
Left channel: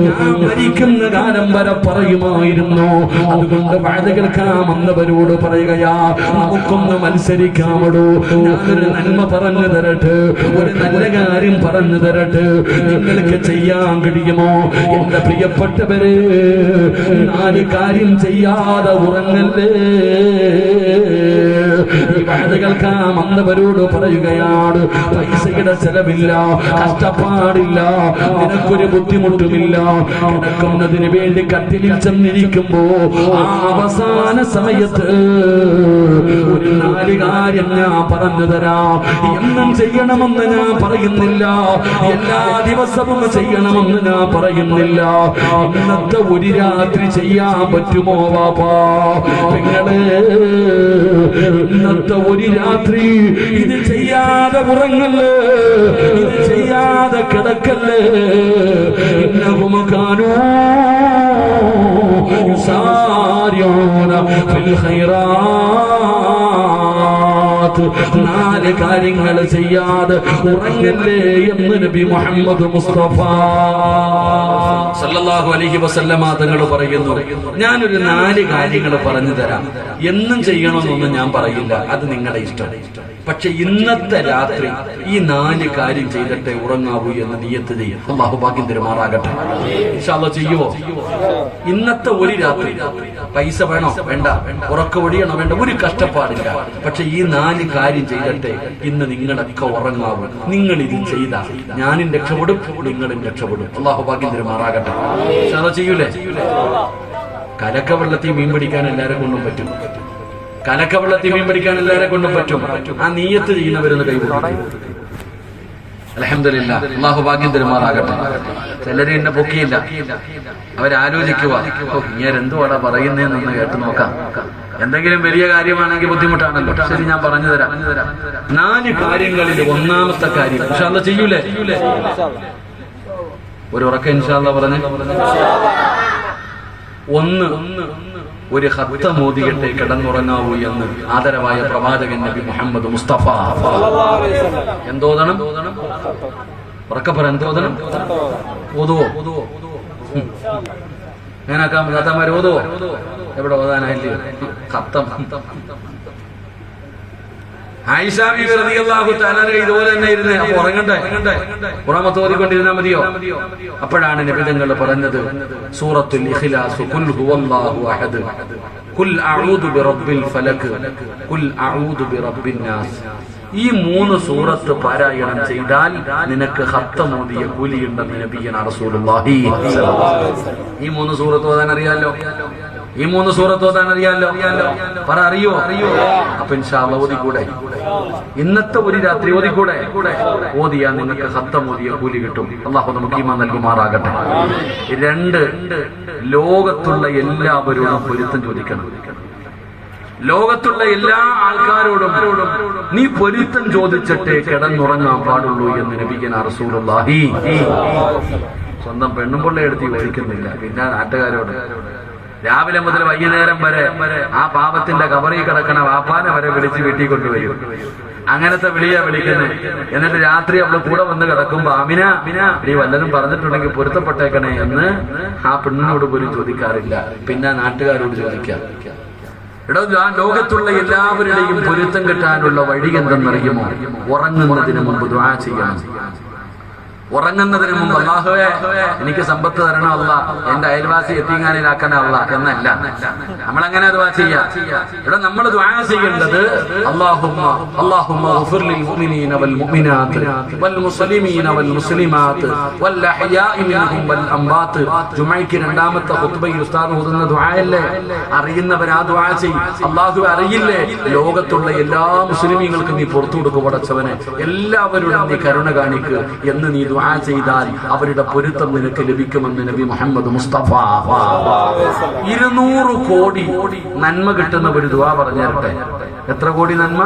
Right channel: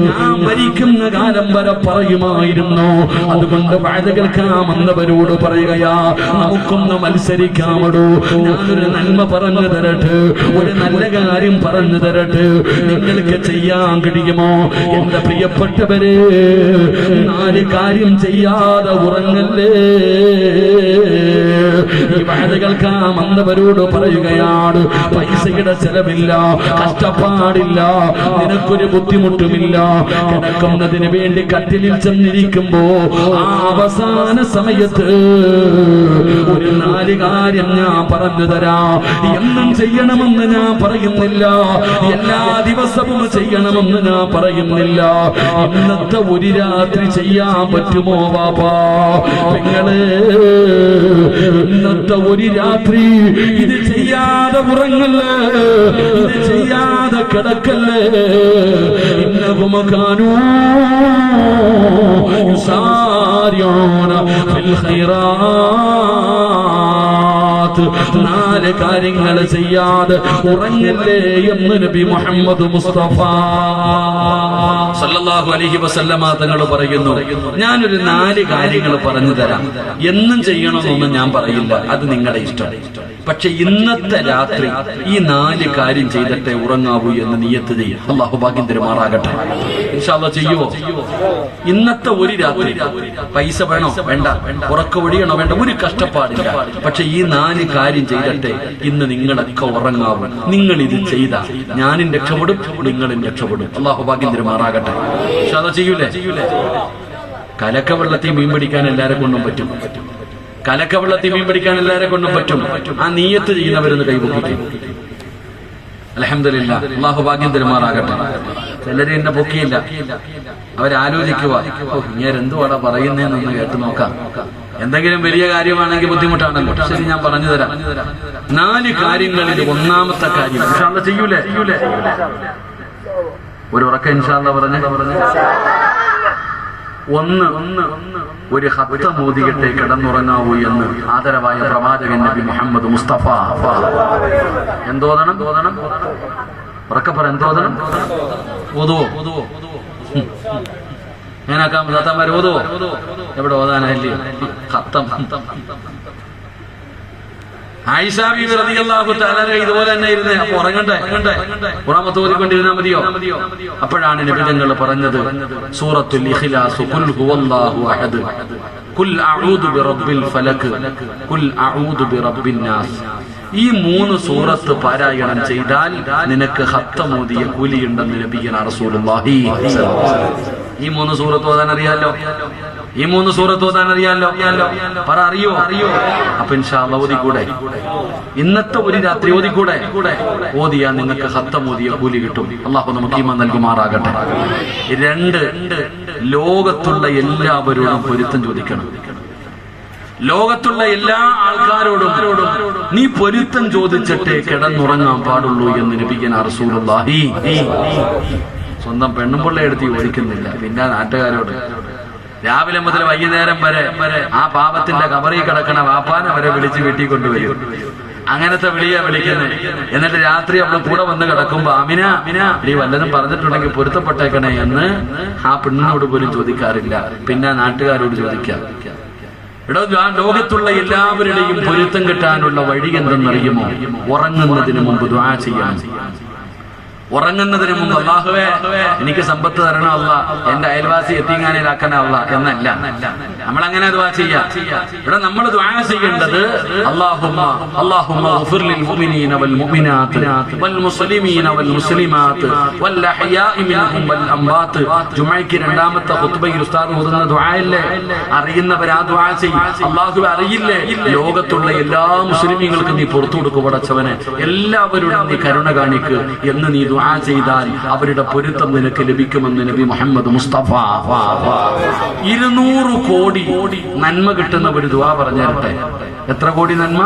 ഞാൻ മരിക്കുന്ന കാലം വരെ പറയുമായിരുന്നു. അതുകൊണ്ട് വഅദ കേൾക്കാമെന്നവരോട് പറയുകയാ, നമുക്കൊന്ന് മത്സരിക്കാമടോ. ഞാനൊരു നന്മ പറഞ്ഞു തരട്ടെ, ഒരു നല്ല കാര്യം പറഞ്ഞു തരട്ടെ, നിങ്ങൾക്ക് ചെയ്യാൻ കഴിയുമോ? എന്റെ പ്രിയപ്പെട്ടവരെ, 4 കാര്യം ചെയ്യാതെ ഉറങ്ങല്ലേ. ഈ വഅദ കേൾക്കാമെന്നവരോട് പറയുകയാണ്, പൈസയുടെ ചെലവില്ല, കഷ്ടപ്പാടില്ല, നിനക്കൊരു ബുദ്ധിമുട്ടുമില്ല. കിടക്കുന്നതിന് വേണ്ടി കട്ടിലിൽ ചെന്നിരിക്കുമ്പോ ആ അവസാന സമയത്ത് ഒരു 4 കാര്യം ഞാൻ പറഞ്ഞു തരാം. എന്നും ചെയ്യണമെന്ന് ഞാൻ പറയുന്നില്ല, എല്ലാ ദിവസവും ചെയ്യണമെന്ന് ഞാൻ പറയുന്നില്ല. ഇന്നത്തെ ഒരു രാത്രി ചെയ്യാൻ പറ്റുമോ വാപ്പാ? നിങ്ങളെ ഇന്നത്തെ ഒരു രാത്രി ഇത് ചെയ്യാതെ ഉറങ്ങല്ലേ, ഇത് ചെയ്യാതെ കിടക്കല്ലേ. ഇന്നഹും കാനൂ യുസാരിഊന ഫിൽ ഖൈറാത്ത്. 4 കാര്യങ്ങൾ ചെയ്യാതെ ഉറങ്ങല്ലേ എന്ന് നബി മുഹമ്മദ് മുസ്തഫ സല്ലല്ലാഹു അലൈഹി വസല്ലമ തങ്ങൾ പറയുന്നു. ഞാനൊരു 4 കാര്യങ്ങൾ പറഞ്ഞു തരാം. എന്നും ചെയ്യണമെന്നൊന്നും ഞാൻ പറയില്ല, അത് നിങ്ങളുടെ ഇഷ്ടം. പക്ഷെ ഇന്നത്തെ രാത്രി ഈ 4 കാര്യം ചെയ്തിട്ടേ ഉറങ്ങാവൂ എന്ന് നിയ്യത്ത് ചെയ്യും. അല്ലാഹു ഭാഗ്യം തരുമാറാകട്ടെ. ഇൻഷാ അല്ലാഹ് ചെയ്യുവോ? ഇന്നത്തെ ഒരു രാത്രി പൈസ വേണോ വേണ്ട, ഉറക്ക ഒഴിയണോ വേണ്ട, ഒരു കഷ്ടപ്പാടില്ല. പക്ഷെ ഈ 4 കാര്യം ചെയ്തിട്ടേ ഇന്ന് നിങ്ങളൊക്കെ ഉറങ്ങാവൂ. നിങ്ങൾ ഇത് ചെയ്താൽ ഞാനും രക്ഷപ്പെടും, നിങ്ങളും രക്ഷപ്പെടും. അല്ലാഹു ഭാഗ്യം തരുമാറാകട്ടെ. ഇൻഷാ അല്ലാഹ് ചെയ്യൂലേ? കലക്കവെള്ളത്തിൽ മീൻ പിടിക്കാൻ എല്ലാരെ കൊണ്ടും പറ്റും. കലക്കവെള്ളത്തിൽ മീൻ പിടിക്കാൻ എല്ലാരെ കൊണ്ടും പറ്റും. ആ നീയത്ത് ചെയ്യുന്നവരൊന്ന് കൈപൊക്കിക്കും. അൽഹംദുലില്ലാ, അല്ലാഹു ഭാഗ്യം തരുമാറാകട്ടെ. ചിലര് എന്നെ പൊക്കിയില്ല, അവരാലോചിക്കുക, ഇങ്ങനെ എന്തുവാടാ പറയുന്നതെന്നൊന്ന് കേട്ട് നോക്കാം. എന്തെങ്കിലും വലിയ കാര്യമാണെങ്കിൽ ബുദ്ധിമുട്ടാണല്ലോ. ശരി, ഞാൻ പറഞ്ഞു തരാം. 4 കാര്യങ്ങളിൽ ഒന്നാമത്തെ കാര്യം ഇൻഷാ അല്ലാഹ് ചെയ്യൂലേ? ഒരു ഉറക്കം ഇൻഷാ അല്ലാഹ് പറഞ്ഞേ. 1 ഒരു ഖത്ത് മോദികട്ടെ കിടന്നുറങ്ങാവൂ എന്ന് ആദരവായ പ്രവാചകൻ നബി മുഹമ്മദ് മുസ്തഫ. എന്തോദണം? ഉറക്കപ്പറ, എന്തോദണം? ഓതുവോ? ഞാനാക്കാം നേതാമാര് ഓതുവോ? എവിടെ ഓതാനല്ലയോ? ഖത്തം. ആയിഷ ബീവി റളിയല്ലാഹു തആല ഇതുപോലെ തന്നെ ഇരുന്ന് അപ്പൊ ഉറങ്ങണ്ടേ? ഖുർആൻ ഓതിക്കൊണ്ടിരുന്നാൽ മതിയോ? അപ്പോഴാണ് നബി തങ്ങൾ പറഞ്ഞത് സൂറത്തുൽ ഇഖ്ലാസ്, ഖുൽ ഹുവല്ലാഹു അഹദ്, ഖുൽ അഊദു ബിറബ്ബിൽ ഫലക്, ഖുൽ അഊദു ബിറബ്ബിൻ നാസ്. ഈ 3 സൂറത്ത് പാരായണം ചെയ്താൽ നിനക്ക് ഖത്തം ഓതിയ കൂലിയുണ്ടെന്ന് നബിയന റസൂലുള്ളാഹി. ഈ 3 സൂറത്ത് ഓതാൻ അറിയാലോ? ഈ 3 സൂറത്ത് ഓതാൻ അറിയാലോ? പറ, അറിയോ? അപ്പൊ ഇൻഷാ അല്ലാഹ് ഓതിക്കൂടെ? ഇന്നത്തെ ഒരു രാത്രി ഓതിക്കൂടെ? ഓതിയാ നിങ്ങൾക്ക് ഖത്തം ഓതിയ കൂലി കിട്ടും. അല്ലാഹു നമുക്ക് ഈമാൻ നൽകുമാറാകട്ടെ. 2, ലോകത്തുള്ള എല്ലാവരോടും പൊരുത്തം ചോദിക്കണം. ലോകത്തുള്ള എല്ലാ ആൾക്കാരോടും നീ പൊരുത്തം ചോദിച്ചിട്ടേ കിടന്നുറങ്ങാൻ പാടുള്ളൂ എന്ന് നബിയനാ റസൂലുള്ളാഹി. സ്വന്തം പെണ്ണുമ്പിള്ള എടുത്ത് ചോദിക്കുന്നില്ല, പിന്നെ നാട്ടുകാരോട്. രാവിലെ മുതൽ വൈകുന്നേരം വരെ ആ പാപത്തിന്റെ കബറിൽ കിടക്കണ വാപ്പാനെ വരെ വിളിച്ച് വീട്ടിൽ കൊണ്ടുവരും. അങ്ങനത്തെ വിളിയാ വിളിക്കുന്നത്. എന്നിട്ട് രാത്രി അവള് കൂടെ വന്ന് കിടക്കുമ്പോ അമിന നീ വല്ലതും പറഞ്ഞിട്ടുണ്ടെങ്കിൽ പൊരുത്തപ്പെട്ടേക്കണേ എന്ന് ആ പെണ്ണിനോട് പോലും ചോദിക്കാറില്ല, പിന്നെ നാട്ടുകാരോട് ചോദിക്കാം. ലോകത്തുള്ള എല്ലാവരുടെയും പൊരുത്തം കിട്ടാനുള്ള വഴി എന്തെന്നറിയുമോ? ഉറങ്ങുന്നതിന് മുമ്പ് ദുആ ചെയ്യണം. ഉറങ്ങുന്നതിന് മുമ്പ് അല്ലാഹുവേ എനിക്ക് സമ്പത്ത് തരണം അല്ല, എന്റെ അയൽവാസി യതീംഖാനയിലാക്കണ അല്ല എന്നല്ല. നമ്മളങ്ങനെ ദുആ ചെയ്യാം. ഇവിടെ നമ്മൾ ദുആ ചെയ്യേണ്ടത് അല്ലാഹുമ്മ ഗഫിർ ലിൽ മുഅ്മിനീന വൽ മുഅ്മിനാത്ത് വൽ മുസ്ലിമീന വൽ മുസ്ലിമാത്ത് വൽ അഹ്യാഇ മിൻഹും വൽ അംവാത്ത്. ജുമഅയ്ക്ക് 2ാമത്തെ ഖുത്ബയിൽ ഉസ്താദ് ഓതുന്ന ദുആയല്ലേ? അറിയുന്നവർ ആ ദുആ ചെയ്യും. അല്ലാഹു അറിയില്ലേ? ലോകത്തുള്ള എല്ലാ മുസ്ലിമീങ്ങൾക്കും നീ പുറത്തു കൊടുക്കു പടച്ചവനെ, എല്ലാവരോടും നീ കരുണ കാണിക്ക് എന്ന് നീ ദുആ ചെയ്താൽ അവരുടെ പൊരുത്തം നിനക്ക് ലഭിക്കുമെന്ന് നബി മുഹമ്മദ് മുസ്തഫ. 200 കോടി നന്മ കിട്ടുന്ന ഒരു ദുആ പറഞ്ഞിരട്ടെ. എത്ര കോടി നന്മ?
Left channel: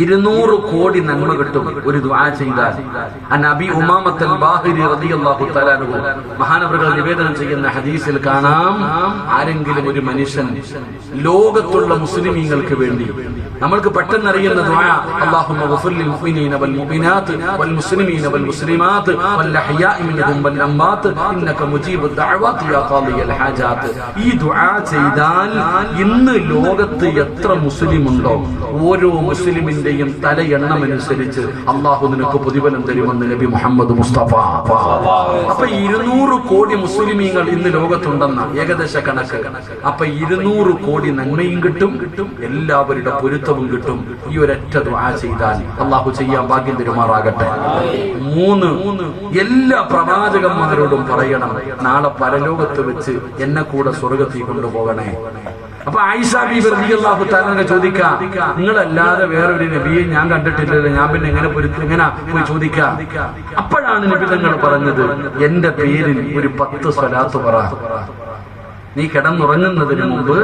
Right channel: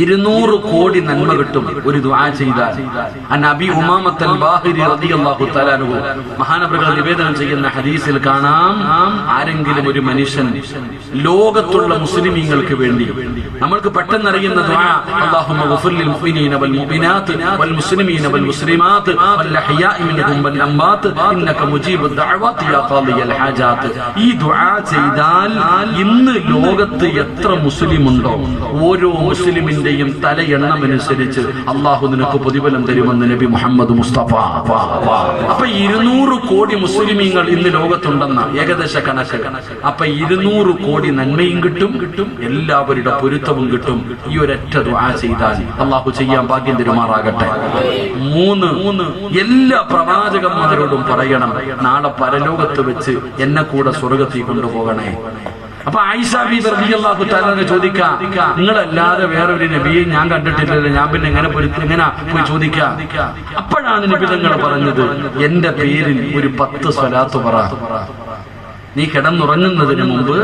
200 കോടി നന്മ കിട്ടും ഒരു ദുആ ചെയ്താൽ. നബി ഉമാമത്തുൽ ബാഹിരി റളിയല്ലാഹു തആല അൻഹു മഹാനവറുകൾ നിവേദനം ചെയ്യുന്ന ഹദീസിൽ കാണാം, ആരെങ്കിലും ഒരു മനുഷ്യൻ ലോകത്തുള്ള മുസ്ലിമീങ്ങൾക്ക് വേണ്ടി, നമ്മൾക്ക് പെട്ടെന്ന് അറിയുന്ന ദുആ അല്ലാഹുമ്മ ഗഫിർ ലിൽ മുഅ്മിനീന വൽ മുഅ്മിനാത്ത് വൽ മുസ്ലിമീന വൽ മുസ്ലിമാത്ത് വൽ അഹ്യാഇ മിൻഹും വൽ അംവാത്ത് ഇന്നക മുജീബുദ് ദഅവാതി യാ ഖാദിയൽ ഹാജാത്ത്. ഈ ദുആ ചെയ്താൽ ഇന്ന് ലോകത്ത് എത്ര മുസ്ലിം ഉണ്ടോ ഓരോ മുസ്ലിമിൻ തല എണ്ണമനുസരിച്ച് അള്ളാഹു നിനക്ക് പ്രതിഫലം തരുമെന്ന് നബി മുഹമ്മദ് മുസ്തഫ. അപ്പൊ 200 കോടി മുസ്ലിമീങ്ങൾ ഇന്ന് ലോകത്തുണ്ടെന്ന ഏകദേശ കണക്ക്. അപ്പൊ 200 കോടി നന്മയും കിട്ടും, എല്ലാവരുടെ പൊരുത്തവും കിട്ടും ഈ ഒരൊറ്റ ദുആ ചെയ്താൽ. അള്ളാഹു ചെയ്യാൻ ഭാഗ്യം തരുമാറാകട്ടെ. 3, എല്ലാ പ്രവാചകന്മാരോടും പറയണം, നാളെ പരലോകത്ത് വെച്ച് എന്നെ കൂടെ സ്വർഗത്തിൽ കൊണ്ടുപോകണേ. അപ്പൊ ആയിഷ ബീബി റളിയല്ലാഹു തആല ചോദിക്കാം, നിങ്ങളല്ലാതെ വേറൊരു നബിയെ ഞാൻ കണ്ടിട്ടില്ലല്ലോ, ഞാൻ പിന്നെ എങ്ങനെ പോയി ചോദിക്കാം? അപ്പോഴാണ് നബി തങ്ങൾ പറഞ്ഞത്, എന്റെ പേരിൽ ഒരു 10 സ്വലാത്ത് പറ. നീ കിടന്നുറങ്ങുന്നതിന് മുമ്പ്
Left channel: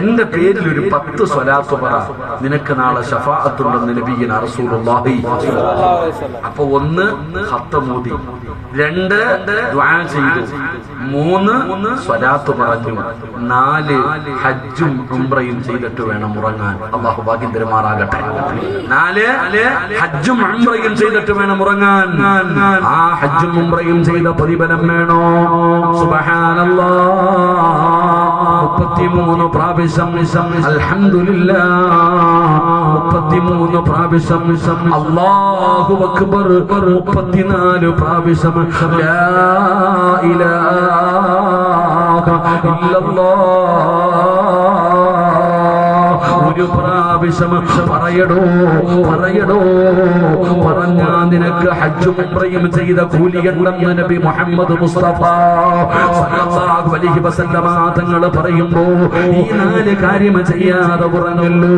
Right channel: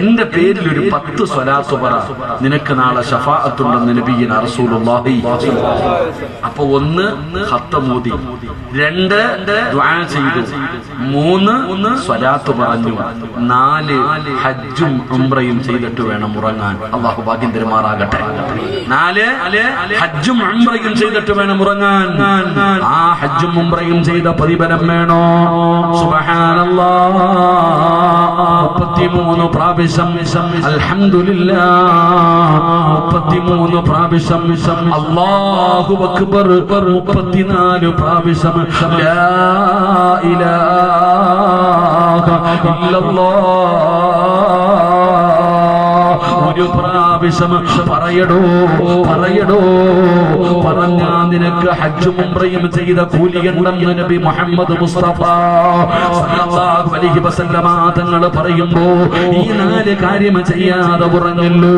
എന്റെ പേരിൽ ഒരു 10 സ്വലാത്ത് പറ, നിനക്ക് നാളെ ശഫാഅത്തുണ്ടെന്ന് നബിയനാ റസൂലുള്ളാഹി. അപ്പൊ 1 ഖത്തം ഓതി, 2 ദുആ ചെയ്തു, 3 സ്വലാത്ത് പറഞ്ഞു, 4 ഹജ്ജും ഉംറയും ചെയ്തിട്ട് വേണം ഉറങ്ങാൻ. അല്ലാഹു ഭാഗ്യം തരുമാറാകട്ടെ. 4 ഹജ്ജും ഉംറയും ചെയ്തിട്ട് വേണം ഉറങ്ങാൻ. ആ ഹജ്ജും ഉംറയും ചെയ്ത പ്രതിഫലം വേണോ? സുബ്ഹാനല്ലാഹ് 33 പ്രാവശ്യം അൽഹംദുലില്ലാഹ്, 33 പ്രാവശ്യം അല്ലാഹു അക്ബർ, 34 പ്രാവശ്യം ലാ ഇലാഹ ഇല്ലല്ലാഹ്. ഒരു പ്രാവശ്യം പറയടോ പറഞ്ഞാ നിനക്ക് ഹജ്ജും ഉംറയും ചെയ്ത കൂലിയുണ്ടെന്ന് നബി മുഹമ്മദ് മുസ്തഫ സല്ലല്ലാഹു അലൈഹി വസല്ലമ തങ്ങൾ പറയുമ്പോ ഈ 4 കാര്യം ചെയ്യാതെ ഉറങ്ങല്ലോ,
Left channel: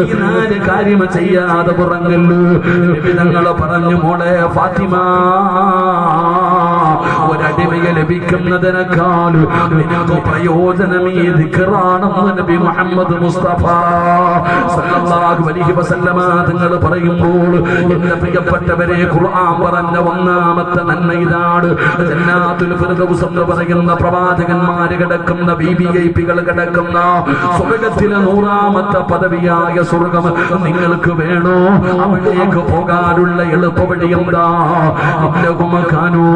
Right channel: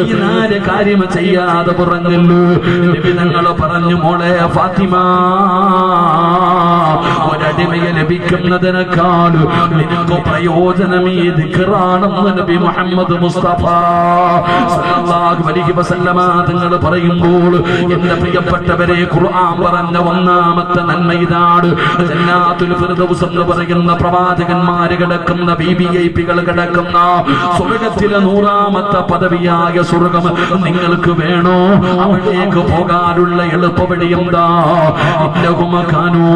ഈ 4 കാര്യം ചെയ്യാതെ ഉറങ്ങല്ലോ. നബി തങ്ങൾ പറഞ്ഞു, മോളെ ഫാത്തിമ, ഒരടിമയെ ലഭിക്കുന്നതിനേക്കാൾ നിനക്ക് പ്രയോജനം ഈ ദിക്റാണെന്ന് നബി മുഹമ്മദ് മുസ്തഫ സല്ലല്ലാഹു അലൈഹി വസല്ലമ തങ്ങൾ പറയുമ്പോൾ, എന്റെ പ്രിയപ്പെട്ടവരെ, ഖുർആൻ പറഞ്ഞ 1ാമത്തെ നന്മ ഇതാണ്. ജന്നാത്തുൽ ഫിർദൗസ് എന്ന് പറയുന്ന പ്രവാചകന്മാര് കിടക്കുന്ന വിവിഐപികൾ കിടക്കുന്ന സ്വർഗ്ഗത്തിലെ 100ാമത്തെ പദവിയായ സ്വർഗ്ഗം നിങ്ങൾക്ക് വേണോ? അവിടേക്ക് പോകാനുള്ള എളുപ്പവഴി എന്താ? ഇന്നഹും കാനൂ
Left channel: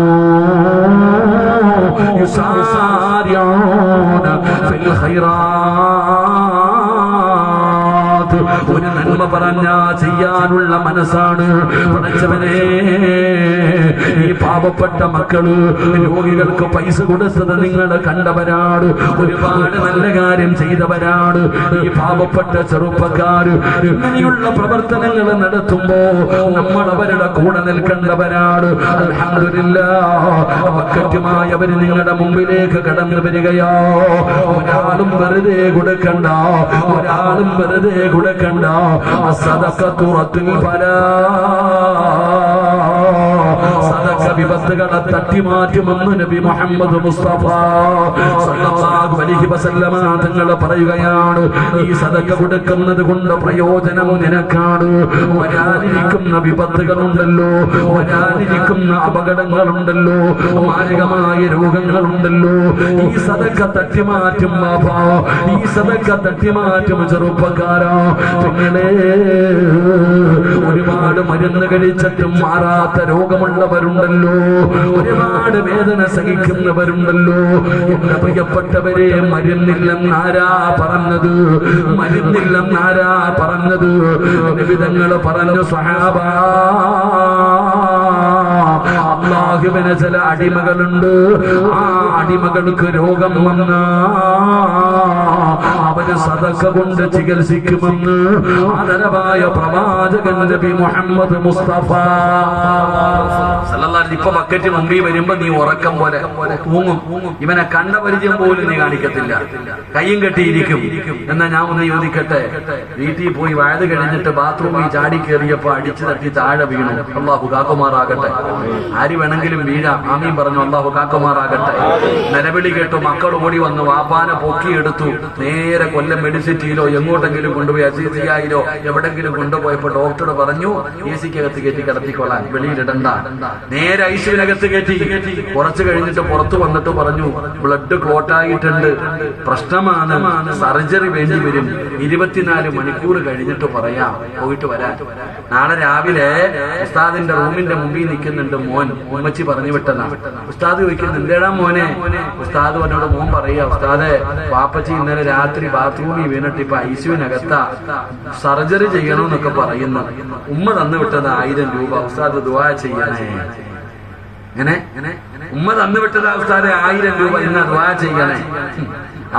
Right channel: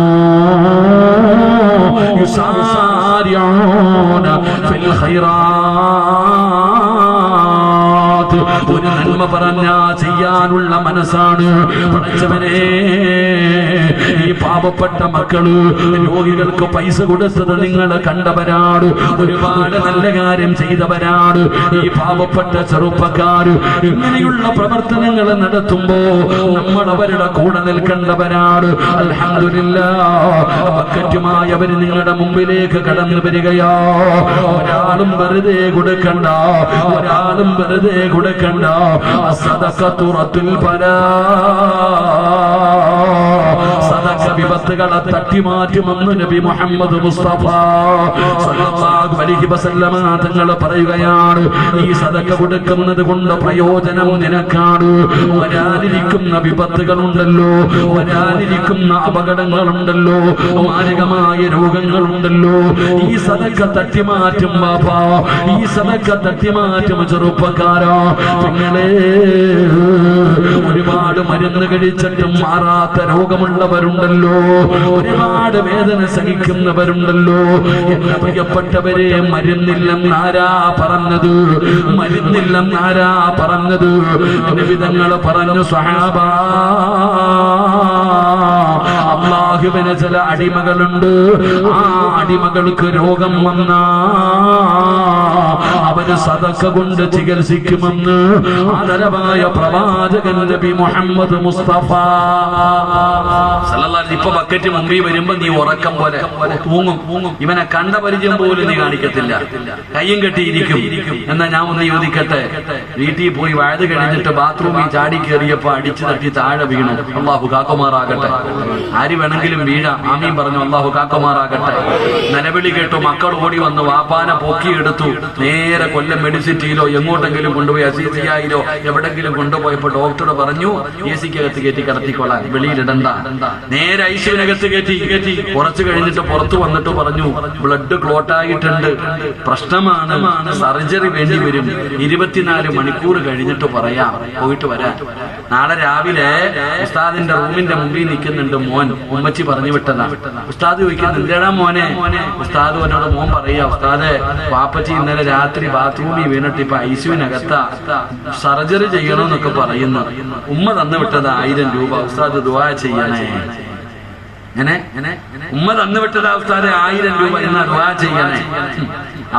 യുസാരിഊന ഫിൽ ഖൈറാത്ത്. കലിമാത്ത്, ഒരു നന്മ പറഞ്ഞാ ചെയ്യാനുള്ള മനസ്സാണ്. പടച്ചവനെ, ഈ പാവപ്പെട്ട മക്കള് രോഗികൾക്ക് പൈസ കൊടുത്തത് നിങ്ങൾ കണ്ടവരാണ്, ഒരുപാട് നല്ല കാര്യം ചെയ്തവരാണ്. ഈ പാവപ്പെട്ട ചെറുപ്പക്കാര് ഇങ്ങനെയുള്ള പ്രവർത്തനങ്ങൾ നടത്തുമ്പോ നമ്മൾ അവരുടെ കൂടെ നിൽക്കേണ്ടവരാണ്. അൽഹംദുലില്ലാഹ്, ബക്കറ്റുമായി അവർ നിങ്ങളുടെ മുമ്പിലേക്ക് കടന്നു വരികയാ. ഒരാളും വെറുതെ കൊടുക്കണ്ട, ഒരാളും വെറുതെ കൊടുക്കണ്ട. സദഖത്തു റത്തുൽ ബലാ, സദഖ വിപത്തുകളെ തട്ടിമാറ്റുമെന്ന് നബി മുഹമ്മദ് മുസ്തഫ സല്ലല്ലാഹു അലൈഹി വസല്ലമ തങ്ങൾ പറയുകയാണ്. ഈ സദഖ കൊടുക്കുന്നത് കൊണ്ട് പ്രയോജനം നിനക്കാണ്. വരാനിരിക്കുന്ന വിപത്തുകളുണ്ടല്ലോ, വരാനിരിക്കുന്ന അപകടങ്ങളുണ്ടല്ലോ, മാരകമായ രോഗങ്ങളുണ്ടല്ലോ, ഈ സദഖ തട്ടിമാറ്റും ബാബാ, ഈ സദഖ തട്ടിമാറ്റും ചെറുപ്പക്കാരാ. പെങ്ങളെ, ഒരുപാട് മരുന്ന് കഴിച്ചിട്ടും മാറാത്ത രോഗമുള്ളവരുണ്ടല്ലോ, ഒരുപാട് വേദന സഹിക്കുന്നവരുണ്ടല്ലോ. എന്റെ പ്രിയപ്പെട്ടവരെ, മരുന്നില്ലെന്നാരാ പറഞ്ഞത്? മരുന്നില്ലെന്നാരാ പറഞ്ഞത്? നബിതങ്ങൾ പറഞ്ഞു, സ്വഹാബാ, അല്ലാഹുവിന് ചില അടിമകളുണ്ട്, ആ അടിമകൾക്ക് രോഗം വന്നാ അവര് സദഖ കൊണ്ട് ചികിത്സിക്കുമെന്ന് ആദരവായ പ്രവാചകൻ നബി മുഹമ്മദ് മുസ്തഫ സല്ലല്ലാഹു. ഇപ്പൊ ബക്കറ്റ് മുമ്പിൽ വരുമ്പോ നീ ഉറക്കം പോലെ തൂങ്ങും. ഇവനെ കണ്ട പരിചയം പോലും നീ കാണിക്കത്തില്ല, കയ്യും കെട്ടിയിരിക്കും. എന്നാ ഞാൻ ഒന്ന് ചോദിക്കട്ടെ, വീട്ടിൽ പോയി വയത് കഴിഞ്ഞിട്ട് ബാത്റൂമിൽ ചാടി കയറിയപ്പോ അടിച്ചു തട്ടി താഴെ വീണു, അല്ലാഹു കാക്കുമാറാകട്ടെ. ആര് വേണമെങ്കിലും വീഴാം, ആമീൻ പറഞ്ഞു, അല്ലാഹു കാക്കുമാറാകട്ടെ. നിലവിളി കേട്ടു, മക്കൾ ഓടി വന്നു, വാപ്പാനെ പൊക്കിയെടുത്തു, നേരെ കൊല്ലം മെഡിസിറ്റിയിലോ എങ്ങോട്ടെങ്കിലും കൊണ്ടുപോയി, അസീസിയായിലോ എവിടെങ്കിലും കൊണ്ടുപോയപ്പോ ഡോക്ടർ പറഞ്ഞു, എസിക്കകത്ത് കയറ്റി കിടത്തിക്കൊള്ളാൻ, വെളിയിലിടണ്ട. നേരെ ഐസിയുനകത്ത് കയറ്റി. കുറച്ചു കഴിഞ്ഞിട്ട് പുറത്തു വന്നിട്ട് പറഞ്ഞു, ബ്ലഡ് ക്ലോട്ട് ആയിട്ടുണ്ട്, പ്രശ്നമാണ്, സർജറി വേണ്ടി വരും, 24 മണിക്കൂർ കഴിഞ്ഞിട്ട് പറയാം, പോയിട്ട് വരാം. നാളെ രാവിലെ ഉസ്താദിന്റെ റൂമിന്റെ മുമ്പിൽ നിൽക്കുന്നുണ്ട് മോൻ, ഉമ്മച്ചി പറഞ്ഞു വിട്ടതാണ്. ഉസ്താദ് ചോദിക്കുന്നു, എന്തേടാ മോനെ? ഉസ്താദ് എന്നോട് മോൻ പറയാ, ഉസ്താദെ, വാപ്പച്ചി ഇന്നലെ രാത്രി ബാത്റൂമിൽ വീണിട്ട് ഇപ്പൊ ഐസിയുനകത്താ, സർജറി ചെയ്യണമെന്നൊക്കെ പറയുന്നു. ഉമ്മ തന്നു വിട്ടത് 1000 രൂപ, ഉസ്താദ് ദുആ ചെയ്യണേ. ഉമ്മ തന്നു വിട്ടത് ഉസ്താദെ 1000 രൂപ, ഇന്ന് ദുആ ചെയ്യണേ.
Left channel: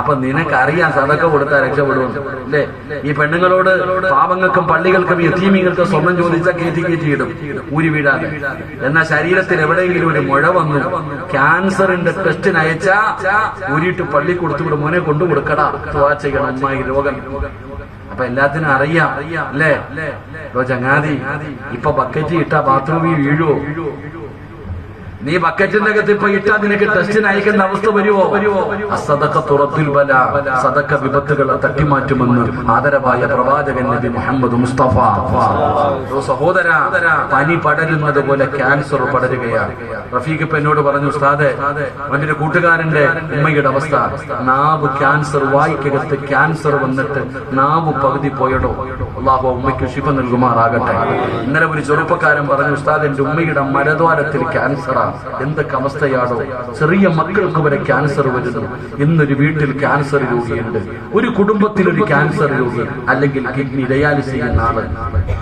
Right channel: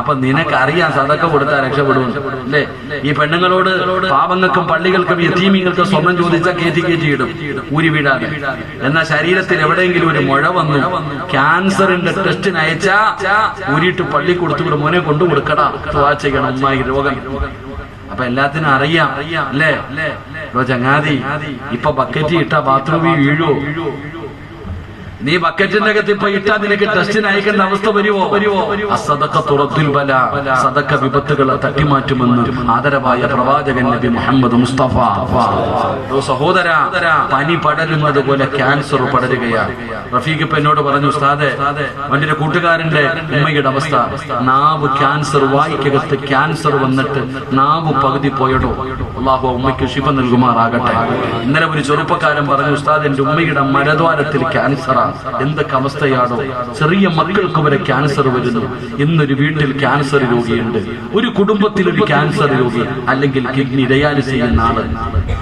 അപ്പൊ നിനക്കറിയാം സദഖ കൊടുത്താൽ രക്ഷപ്പെടും അല്ലേ? ഈ പെണ്ണുങ്ങളോട് പാവങ്ങൾക്കും പള്ളികൾക്കും യതീമീങ്ങൾക്കും സ്വർണം ചോദിച്ചാൽ കയറ്റിയിടും, ഊരി വീഴാതെ. എന്നാൽ ശരീരത്തിൽ എവിടെയെങ്കിലും ഒരു മുഴ വന്നു, ക്യാൻസറിന്റെ ടെസ്റ്റിന് അയച്ചാ ഊരിയിട്ട് പള്ളി കൊടുത്തുകൂടെ, മോനെ കൊണ്ടു കൊടുക്കടാ, ദുആ ചെയ്യണം, അമ്മായി രോഗം. അപ്പൊ എല്ലാത്തിനും അറിയാം അല്ലേ? ചങ്ങാതി, ഇപ്പൊ ബക്കറ്റ് ഇട്ടാ ബാത്റൂമിൽ വീഴുവോ? നീ ബക്കറ്റിന്റെ അകത്ത് ഇപ്പൊ ഇട്ടാ നിനക്ക് ടെസ്റ്റിന് അയക്കേണ്ട അവസ്ഥ വരുവോ? അസ്സദഖത്തു റദ്ദുൽ ബലാ, സദഖ വിപത്തുകളെ തട്ടിമാറ്റുമെന്ന് ആദരവായ പ്രവാചകൻ നബി മുഹമ്മദ് മുസ്തഫ. സഹോദരാ, പനി പടരുന്നത് പോലെ ക്യാൻസർ പടരുകയാണ്. റഫീഖ് ഇപ്പൊ എന്നോട് പറഞ്ഞു, ഉസ്താദെ, അവന്റെ കൂട്ടുകാരന്റെ ഉമ്മയുടെ അവസ്ഥ, നാവ് ക്യാൻസർ, വായിക്കകത്ത് ക്യാൻസർ വന്നിട്ട് നാവ് പകുതി പോയടോ. അല്ലാഹു ഉമ്മയ്ക്ക് ശിഫ നൽകുമാറാകട്ടെ. ഇന്നലെ ഒരു ചെറുപ്പക്കാരൻ പറഞ്ഞു, ഉസ്താദ്, എന്റെ ഉമ്മയുടെ മലദ്വാരത്തിൽ ക്യാൻസറാ. എന്തൊക്കെ അവസ്ഥയാണോ? ചെറിയ മക്കൾക്ക് വരെ ക്യാൻസർ വരുന്നു. ഇന്നൊരു വീട്ടിൽ ക്യാൻസർ രോഗിയുണ്ട്, ഒരു കുടുംബത്തിൽ ഒരു ക്യാൻസർ രോഗി, അല്ലെങ്കിൽ കിഡ്നി ഡയാലിസിസ് ചെയ്യുന്ന ആള്.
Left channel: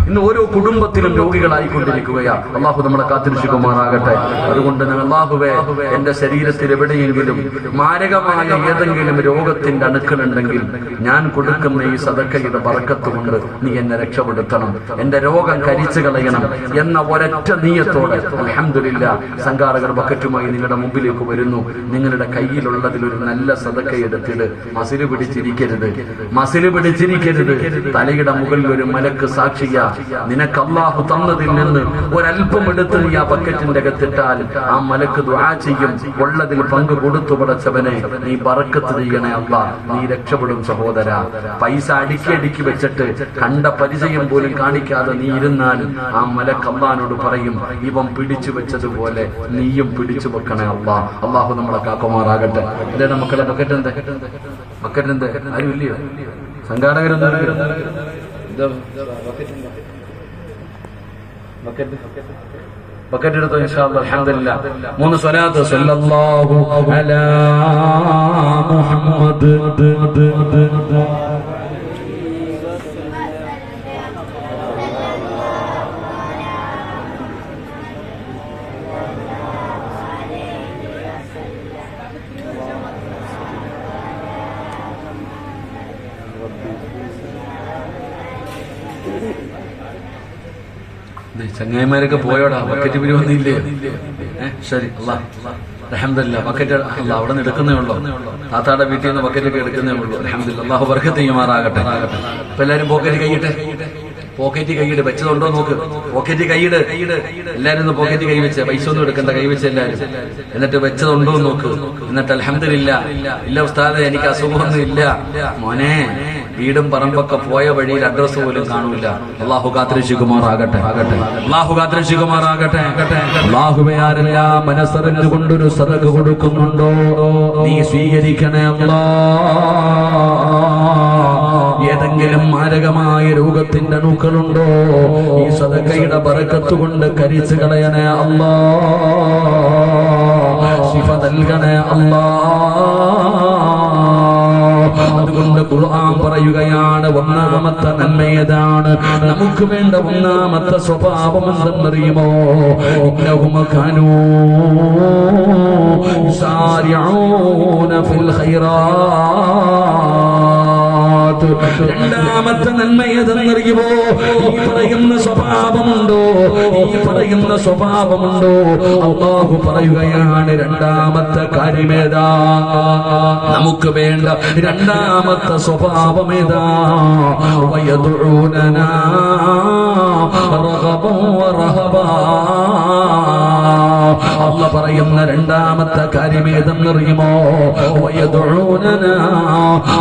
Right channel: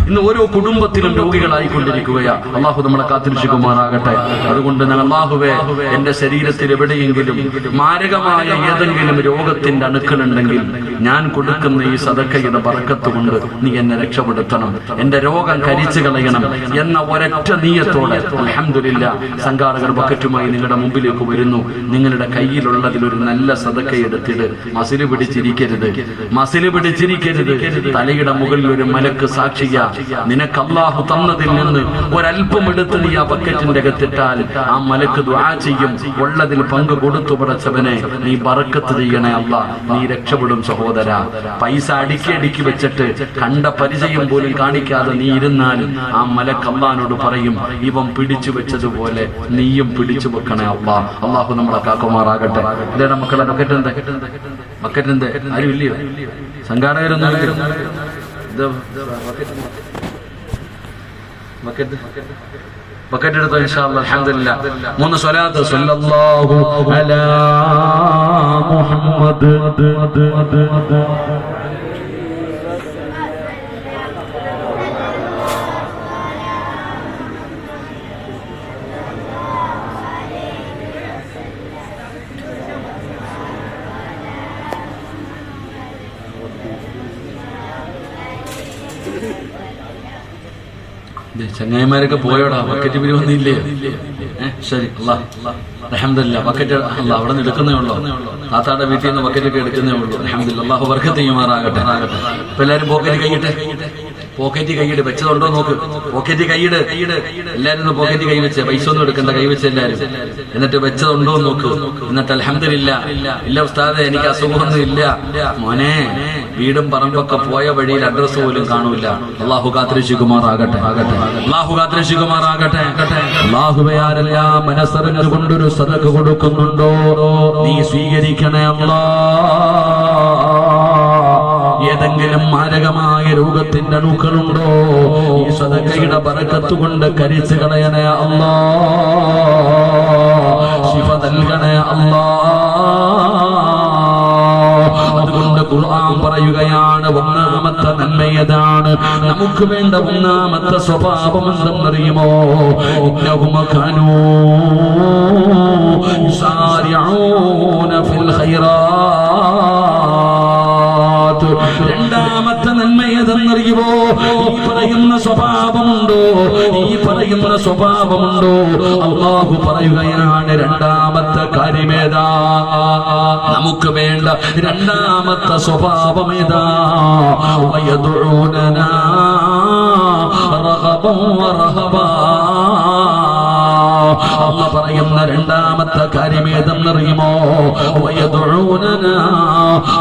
ഇന്ന് ഓരോ കുടുംബത്തിലും രോഗികളായിക്കൊണ്ടിരിക്കുകയാണ്. അള്ളാഹു നമ്മളെ കാത്തിരക്ഷിക്കുമാറാകട്ടെ. അതുകൊണ്ട് അള്ളാഹുവേ, എന്റെ ശരീരത്തിൽ എവിടെയെങ്കിലും മാരകമായ ഏതെങ്കിലും രോഗത്തിന്റെ അണുക്കളുണ്ടെങ്കിൽ ഞാൻ കൊടുക്കുന്ന ഈ സദഖയുടെ ബറക്കത്ത് കൊണ്ട് നീ എന്നെ രക്ഷപ്പെടുത്തണം, എന്റെ രോഗം കരിച്ചു കളയണം എന്ന ഒരൊറ്റ നീയത്തോടെ അൽഹംദുലില്ലാഹ് സംഘാടകർ ബക്കറ്റുമായി നിങ്ങളുടെ മുമ്പിലേക്ക് വരുന്നു. നിങ്ങളുടെ കയ്യിലുള്ളതിൽ ഒരു നല്ല സദഖ എടുത്തിട്ട് മസില് പിടിച്ചിരിക്കരുത്. തലയുടെ മുകളിൽ ഒരു മലക്ക് സാക്ഷിയാ, നിനക്ക് അല്ലാഹു തന്നതിൽ നിന്ന് ഒരല്പം എടുത്ത് നീ ആ ബക്കറ്റിന്റെ അകത്തിട്ടാൽ ആ മലക്ക് ദുആ ചെയ്യും, ഉള്ളതിൽ പങ്ക് കൊടുത്തു പടച്ചവനെ നീ ബറക്കത്ത് ചെയ്യണേ അല്ലാ, നീ രക്ഷപ്പെടും സഹോദര. പൈസ അടുക്കി വെച്ചിട്ട് കണ്ട പരിചയം പോലും കാണിക്കാതെ നീ ഇരുന്നാൽ ആ മലക്ക് അല്ലാഹുവിനോട് പറയും, ഇവൻ പിടിച്ചു വെച്ചതുപോലെ നീയും പിടിച്ചു വെക്കണേ അല്ലാ. അല്ലാഹു നമ്മളെ കാക്കുമാറാകട്ടെ. അതേടാ മക്കളെ, ബക്കറ്റ് ആരും ഇല്ലയോ? സംഘാടകരൊന്നും ബക്കറ്റ് എടുത്തോ? ഇൻഷാ അല്ലാഹ്. അൽഹംദുലില്ലാഹ്. 3 സ്വലാത്ത്. സല്ലല്ലാഹു അലാ മുഹമ്മദ് ചങ്ങായിമാരൊക്കെ പോയോടാ, ബക്കറ്റ് പിരിവൊന്നില്ലേ? ശരി, അൽഹംദുലില്ലാ. ബക്കറ്റ് അവിടെ നിന്ന് എടുക്കുന്നേ ഉള്ളൂ. താത്താടെ വീട്ടിൽ നിന്ന് ബക്കറ്റൊക്കെ എടുക്കുന്നേ ഉള്ളൂ. അൽഹംദുലില്ലാ. അല്ലാഹു ബർക്കത്ത് ചെയ്യുമാറാകട്ടെ. അപ്പൊ എല്ലാരും പോക്കറ്റ് കൈയിട്ട്, പോക്കറ്റ് കൈയിട്. വെച്ചതുണ്ടോ നോക്ക്. പോക്കറ്റ് കൈയിട്. എല്ലാരും ഒന്ന് പോക്കറ്റ് കൈവച്ച്, പൈസ ഒന്നും എടുക്കണ്ട, കൈവച്ച് എല്ലാരും. എന്നിട്ട് വെച്ചതുണ്ടോ നോക്ക്. എന്നിട്ട് അൽഹംദുലില്ലാ, ഇല്ല ഉസ്താദ് എനിക്ക് അസുഖമൊന്നും ഇല്ല. മോനെ, വീടും പറമ്പൊക്കെ പോയ വഴിയിൽ അഡ്രസ് പോലും കാണൂല. അല്ലാഹു കാത്തിരക്ഷിക്കുമാറാകട്ടെ. അല്ലാഹു കാത്തിരക്ഷിക്കുമാറാകട്ടെ. അല്ലാഹുവേ, ആരെല്ലാം മനസ്സറിഞ്ഞുകൊണ്ടൊരു സദഖ കൊടുക്കുന്നുണ്ടോ നീ സ്വീകരിക്കണേ അല്ലാഹ്. ഏതെങ്കിലും മാരകമായ രോഗത്തിന്റെ അണുക്കളുണ്ടോ ഈ സദഖയുടെ ബറക്കത്ത് കൊണ്ട് കരിച്ചു കളയണേ അല്ലാഹ്. ശിഫ നൽകണേ അല്ലാഹ്. അതുകൊണ്ട് ഖുർആൻ പറയുകയാണ്, ഒന്നാമത്തെ നന്മയതാണ്, നമുക്ക് വേണ്ട ഒന്നാമത്തെ സ്വഭാവം എന്തെന്നറിയുമോ? ഇന്നഹും കാനൂ യുസാരിഊന ഫിൽ ഖൈറാത്ത്. രണ്ടാമത്തെ നന്മ ഏതെന്നറിയുമോ? ഈ പറയുന്ന സ്വഭാവമുണ്ടോ? ഈ പറയുന്ന സ്വഭാവമുണ്ടോ? അല്ലാഹു പറയുകയാണ്, രണ്ടാമത്തെ കാര്യമേതാ? നമുക്ക് വേണ്ട രണ്ടാമത്തെ സ്വഭാവമേതാ? വയദുഊനനാ റഗബൻ വറഹബാ. അല്ലാഹു പറയുന്ന രണ്ടാമത്തെ കാര്യമേതെന്നറിയുമോ? വയദുഊനനാ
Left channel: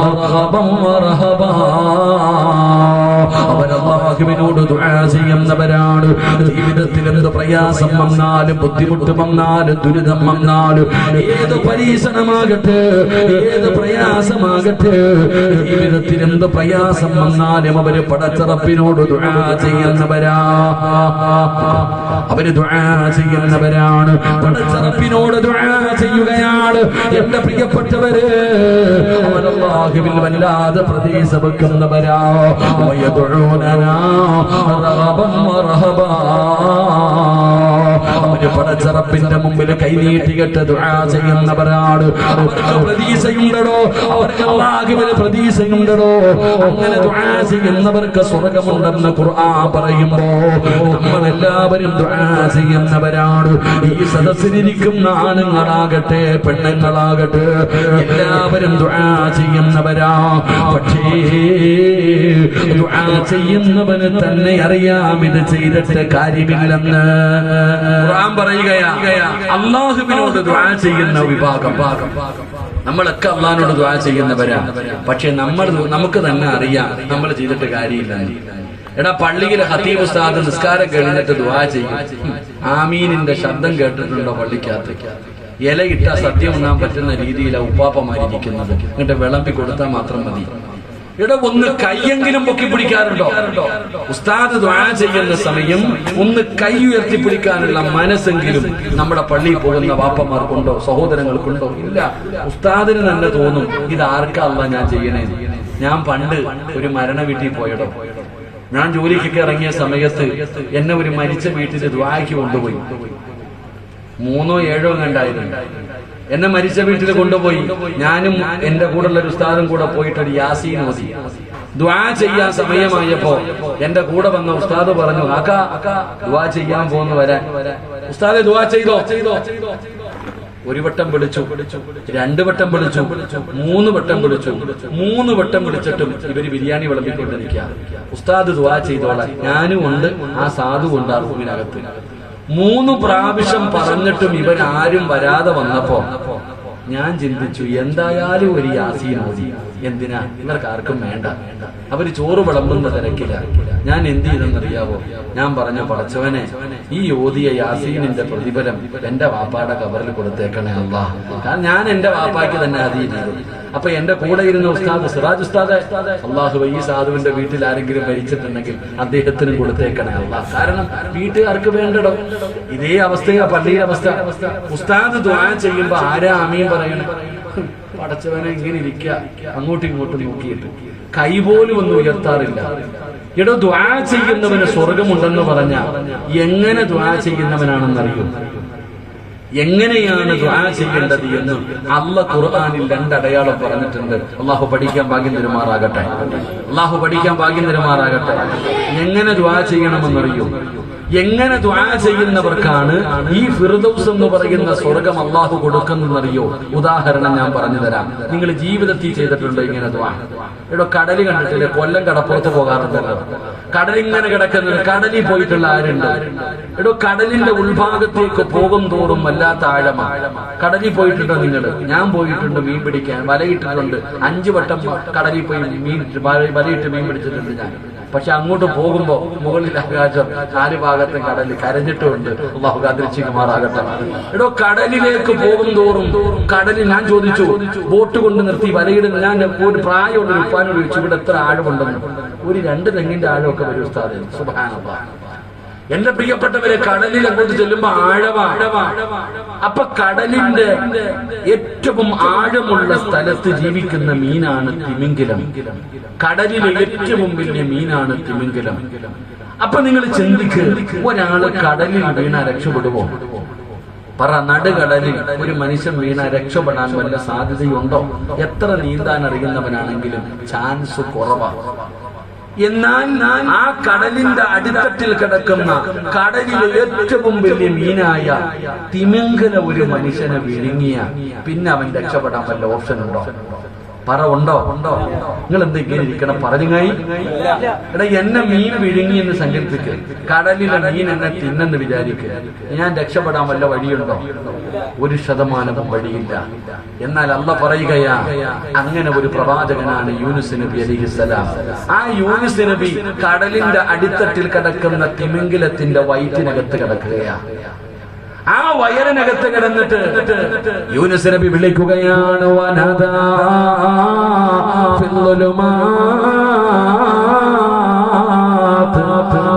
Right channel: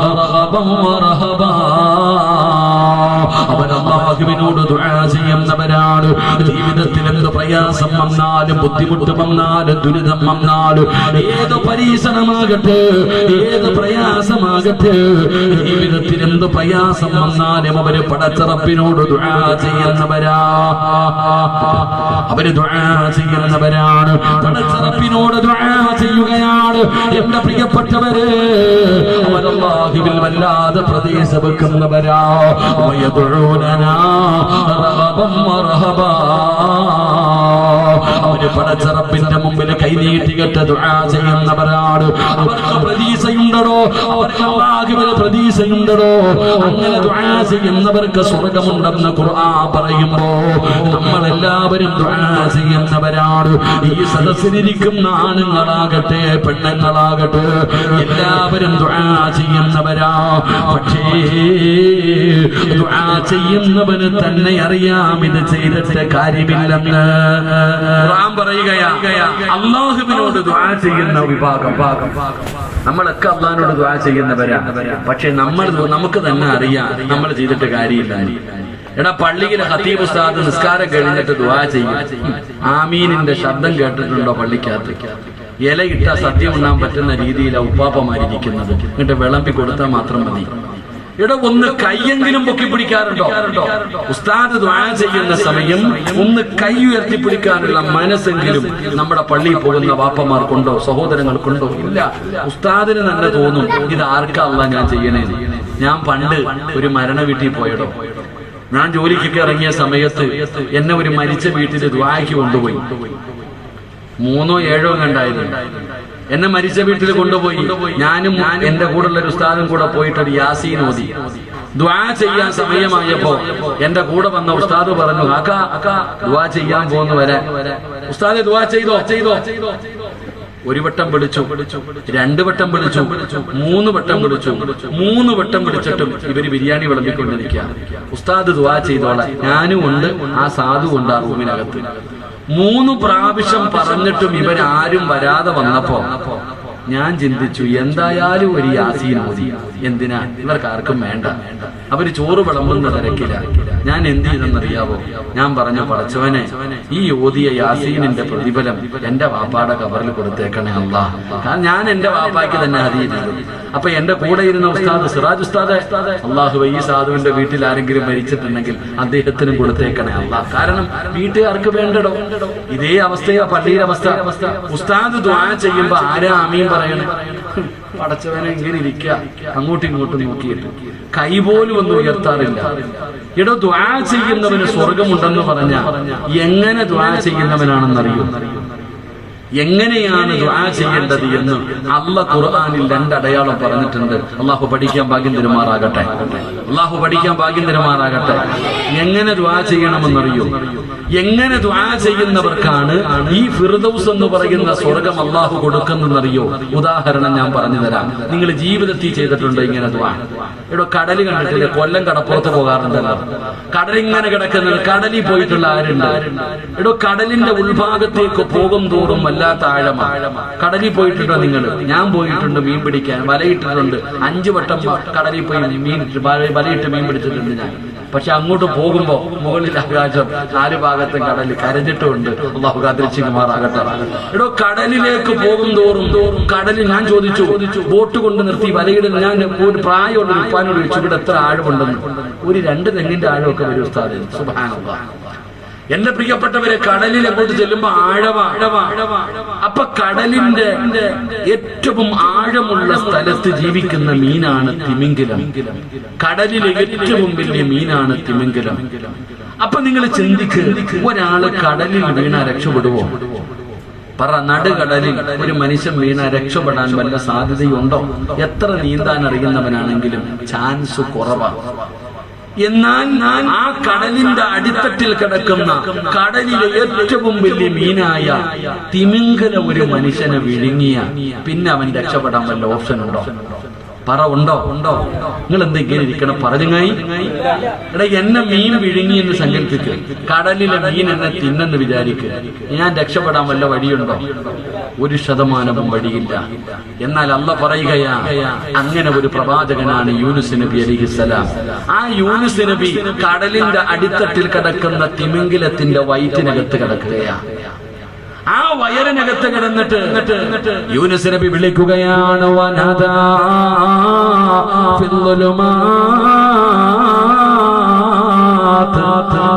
റഗബൻ വറഹബാ. അവർ അല്ലാഹുവിനോട് ദുആ ചെയ്യുന്നവരാണ്. ജീവിതത്തിൽ എന്ത് പ്രയാസം വന്നാലും, ബുദ്ധിമുട്ട് വന്നാലും, ദുരിതം വന്നാലും, ഏത് പരീക്ഷണമാകട്ടെ, ഏത് പ്രയാസമാകട്ടെ, ജീവിതത്തിൽ എന്ത് പ്രയാസം വന്നാലും അവര് പടച്ചറപ്പിനോട് ദുആ ചെയ്യുന്നവരാ. അവര് ദുആ ചെയ്യുന്നവരാണ്, പടച്ചറപ്പിനോട് ദുആ ചെയ്യുകയാണ്. എന്റെ പ്രിയപ്പെട്ടവര്, അവർ അല്ലാഹുവിൽ വല്ലാതെ പ്രതീക്ഷ വെക്കുന്നവരാ. വയദുഊനനാ റഗബൻ വറഹബാ. അവര് പടച്ചറപ്പിന്റെ മുമ്പിൽ കൈനീട്ടികെട്ട് ദുആ ചെയ്യുന്നവരാണ്. അവർക്ക് പ്രതീക്ഷയുണ്ടോ? അവർക്ക് അല്ലാഹുവിൽ പ്രതീക്ഷയുണ്ടോ? അങ്ങനെ ദുആ ചെയ്യുന്നവർക്ക് സ്വർഗ്ഗമുണ്ടെന്ന് ഖുർആൻ പറയുമ്പോ നമ്മളെല്ലാവരും ദുആ ചെയ്യുന്നവരാണ്. ഈ സദസ്സിലിരിക്കുന്ന ആണുങ്ങളാകട്ടെ പെണ്ണുങ്ങളാകട്ടെ എല്ലാവരും ദുആ ചെയ്യുന്നവരാ. പക്ഷേ ദുആ ചെയ്യുന്നവന് തന്നെ അറിയാം ഇത് ചെയ്തിട്ട് കാര്യമില്ലെന്ന്. ഖുർആൻ പറയുകയാ, അല്ലാഹുവിനോട് ദുആ ചെയ്യുന്ന വിഭാഗം, നമ്മളൊക്കെ അല്ലാഹുവിനോട് ദുആ ചെയ്യുന്നവരാ. പക്ഷെ നമുക്ക് തന്നെ അറിയാം നമ്മൾ ചെയ്തിട്ട് കാര്യമില്ല. എടാ, പള്ളിയിലെ ഖതീബ് ഉസ്താദ് നിസ്കാരം കഴിഞ്ഞിട്ട് ദുആ ചെയ്യും. ആമീനിന്റെ ശബ്ദം കേട്ടിട്ടുണ്ടോ? പള്ളിക്കകത്ത് ഇലയിട്ട സദ്യ ഉണ്ണാൻ പറ്റുന്ന രീതിയിലാണ് ഉപ്പാപ്പമാരിക്കുന്നത്. എന്നിട്ട് വിളമ്പി കൊടുത്താൽ മാത്രം മതി. ഇവിടെ ഒന്ന് കൈയെങ്കിലും പൊക്കി പിടിക്കാറുണ്ടോ? ഉസ്താദ് ദുആ ചെയ്യുന്ന സമയം ഒന്ന് കൈ ഉയർത്തിപ്പിടിക്കാനുള്ള മനസ്സെങ്കിലും നമ്മുടെ പള്ളിയിൽ പോകുന്ന വാപ്പമാർക്കുണ്ടോ, സഹോദരങ്ങൾക്കുണ്ടോ? ഇല്ല. ഉസ്താദിന് തന്നെ തോന്നും ഇത് ആർക്കാ അല്ലാഹ് ഞാൻ ചെയ്യണേ. ഞാൻ പണ്ട് ഒരു മരണ വീട്ടിൽ പോയടോ, ഞാൻ ജോലിക്കൊക്കെ ഇറങ്ങിയ സമയത്ത് എന്നെ ഒരു മരിച്ച വീട്ടിൽ ദുആയ്ക്ക് കൊണ്ടുപോയി. 3 or 7 കണ്ടായിരുന്നു. എന്നെ മരിച്ച വീട്ടിൽ കൊണ്ടുപോയി. ഞാനും എന്റെ കൂടെയുള്ള ഒരു ഉസ്താദും കൂടെ പോയിട്ടൊരു യാസീൻ ഓതി. ദുആ ചെയ്യാൻ സമയമായപ്പോ എന്റെ കൂടെ വന്ന ഉസ്താദ് പറഞ്ഞു, അക്കാ ദുആ ചെയ്യാൻ പോന്ന് വരാൻ. ഉസ്താദ് ദുആ ചെയ്തോ? ഒരു വട്ടം വിളിച്ചു, 2 വട്ടം വിളിച്ചു, 3 വട്ടം വിളിച്ചു. 3 വട്ടം വിളിച്ചിട്ടും ഇവര് ബിരിയാണി വിളമ്പിക്കൊണ്ടിരിക്കുക. ഉസ്താദ് ദുആ ചെയ്തോളാം, ഞാനും ഉണ്ട്, ആ സാധു ഉണ്ട് ആ റൂമിനകത്ത്. 3 പ്രാവശ്യം പറഞ്ഞിട്ടും ഇവരാരും വരാതെ വന്നപ്പോ ഞാൻ ചിന്തിച്ചു, എന്തായാലും ഒരു യാസീൻ ഓതി. എന്തിനാ? ഇവർക്ക് ആർക്കും വേണ്ട. അവര് ചോറ് വിളമ്പുന്ന തിരക്കില്ല. ഞാൻ എന്ത് ചെയ്തെന്നറിയാവോ? ഞാൻ പറഞ്ഞു, പടച്ചവനെ, ഈ ഓതിയ യാസീനിന്റെ പ്രതിഫലം എന്റെ വാപ്പാടെ കബറിൽ കൊടുത്തേക്കണേ അല്ലാഹ്. കാരണം ഞാൻ എന്റെ വാപ്പായ്ക്ക് തന്നെ ഹദിയ ചെയ്തു. അപ്പൊ എന്റെ കൂടെ ഇരുന്ന ഉസ്താദ് സിറാജ് ഉസ്താദ്, അല്ലാഹുവേ, ഈ സാധുവിന്റെ വീട്ടിൽ ആരെങ്കിലും മരിച്ചിട്ടുണ്ടെങ്കിൽ അദ്ദേഹത്തിനും കൊടുത്തേക്കണേ അല്ലാഹ്. കാരണം വീട്ടുകാർക്ക് വേണ്ടടോ. ഇതേ അവസ്ഥയാ പള്ളിയുടെ അവസ്ഥ. ഉസ്താദ് ദുആ ചെയ്യുമ്പോ ആരാ ആമീൻ പറയണേ? പടച്ചവനെ ഇങ്ങനെ ഇരിക്കുക, അങ്ങോട്ടും ഇങ്ങോട്ടും നോക്കിയിട്ട് കൈ പോലും ഒന്നും ഉയർത്താറില്ല. ഇടോ, ദുആ ചെയ്യുന്നവന് സ്വർഗമുണ്ടെന്ന് പറഞ്ഞ എങ്ങനെ ദുആ ചെയ്യുന്നവനാണെന്നറിയോ? എങ്ങനെയാണ് ദുആ ചെയ്യേണ്ടത് എന്ന് അല്ലാഹ് ഖുർആനിൽ 2 അടയാളം പറഞ്ഞിട്ടുണ്ട്. അല്ലാഹു പഠിക്കാൻ ഭാഗ്യം തരുമാറാകട്ടെ. അല്ലാഹു പഠിക്കാൻ ഭാഗ്യം തരുമാറാകട്ടെ. എങ്ങനെ ദുആ ചെയ്യണമെന്നറിയോ? എങ്ങനെ ദുആ ചെയ്യുന്നവർക്കാണ് ഈ ഫിർദൗസ് എന്ന് പറയുന്ന സ്വർഗം അല്ലാഹു കൊടുക്കുന്നതെന്നറിയോ? ഉദാഹരണം ഞാൻ പറഞ്ഞു തരാം. നിങ്ങൾ ജീവിതത്തിൽ ചെയ്തിട്ടുണ്ട് ഇങ്ങനെ ദുആ? ഇവിടെ കടല് കണ്ടിട്ടില്ലേ? കൊല്ലം കടപ്പുറത്ത് പോകാറുണ്ടല്ലോ. കടലിങ്ങനെ കിടക്കുന്നത്, കടലിൽ പോയിട്ടുള്ള ആരുണ്ട്? ഇവിടെ കടലിന്റെ ഉൾഭാഗത്തേക്ക് പോകും തോറും വല്ലാത്ത ആഴമാണ്. കടലിൽ പോയിട്ടുണ്ടോ നിങ്ങൾ? ഞാൻ പോയിട്ടുണ്ട് മീൻ പിടിക്കാൻ. വലയിട്ടിട്ടുണ്ട്. 5 വട്ടം കടലിൽ പോയി വലയിട്ട് മീൻ പിടിച്ചിട്ടുണ്ട് ഞാൻ. പക്ഷെ അങ്ങോട്ട് പോകുമ്പോ മുകളിൽ ആകാശം, 4 ഭാഗത്തും കടൽ കരഞ്ഞിട്ടുമുണ്ട്. അല്ലാഹു കാത്തിരക്ഷിക്കുമാറാകട്ടെ. എടോ, കടലിലേക്ക് പോകും തോറും കടലിൽ ഞാൻ ചോദിച്ചു, ബോട്ട് കൊണ്ട് നിർത്തി വലയിടുന്ന ഞാൻ ഒരു പ്രായമുള്ള ഉപ്പാനോട് ചോദിച്ചു, ഇവിടെ എത്ര ആഴമുണ്ടെന്ന്. ഒരു 2 തെങ്ങിന്റെ ആഴമൊക്കെ വരും ഉസ്താദേ. സുബ്ഹാനല്ലാഹ്. എന്റെ പ്രിയപ്പെട്ടവരെ, കടലിൽ അങ്ങോട്ട് ചെല്ലുമ്പോ ആഴമാണ്. അപ്പൊ കടലിന്റെ ഏറ്റവും ആഴമുള്ള സ്ഥലത്ത് ജീവിക്കുന്ന മീനാണ് തിമിംഗലം. കടലിലെ ഏറ്റവും വലിയ മീനാണ് തിമിംഗലം. അപ്പൊ നിങ്ങൾ ചിന്തിക്ക്, ഒരാള് കടലിൽ വീണാ രക്ഷപ്പെടുവോ? പറ. നടുകടലിൽ ഒരു മനുഷ്യൻ വീണാ രക്ഷപ്പെടാൻ വല്ല സാധ്യതയുണ്ടോ? എത്ര നീന്താൻ അറിയുന്നവനാണെങ്കിലും ചാൻസ് കുറവാണ്. എന്നാൽ ആ കടലിന്റെ അടിത്തട്ടിൽ കിടക്കുന്ന കടലിലെ ഏറ്റവും വലിയ മീനായ തിമിംഗലം ഒരു മനുഷ്യനെ വിഴുങ്ങിയ പിന്നെ അവൻ രക്ഷപ്പെടാൻ വല്ല ഓപ്ഷൻ ഉണ്ടോ? പറ. ഉണ്ടോ? നിങ്ങൾ എന്തെങ്കിലും ഇരിക്കണം പറഞ്ഞായി. എടാ, എന്നെ മീൻ വിഴുങ്ങി എന്ന് സങ്കല്പിക്ക്. കടലിലെ മീൻ എന്നെ തിന്നെന്ന് വിചാരിക്കുക. ഞാൻ രക്ഷപ്പെടാൻ വല്ല വഴിയുണ്ടോ? 1% വഴിയില്ല. എന്നാൽ അല്ലാഹ് പറയുകയാ, അങ്ങനെ ഒരു പ്രവാചകനാണ് യൂനുസ് നബി അലൈഹിസ്സലാം. ആ യൂനുസ് നബി കടലിന്റെ അടിത്തട്ടിൽ കിടക്കുന്ന തിമിംഗലത്തിന്റെ വയറ്റിനകത്ത് കിടക്കുകയാ. ആ വയറിനകത്ത് കിടന്നിട്ട് യൂനുസ് നബി വിളിക്കുകയാണ്, വനദാ ഫിദ്ദുലുമാത്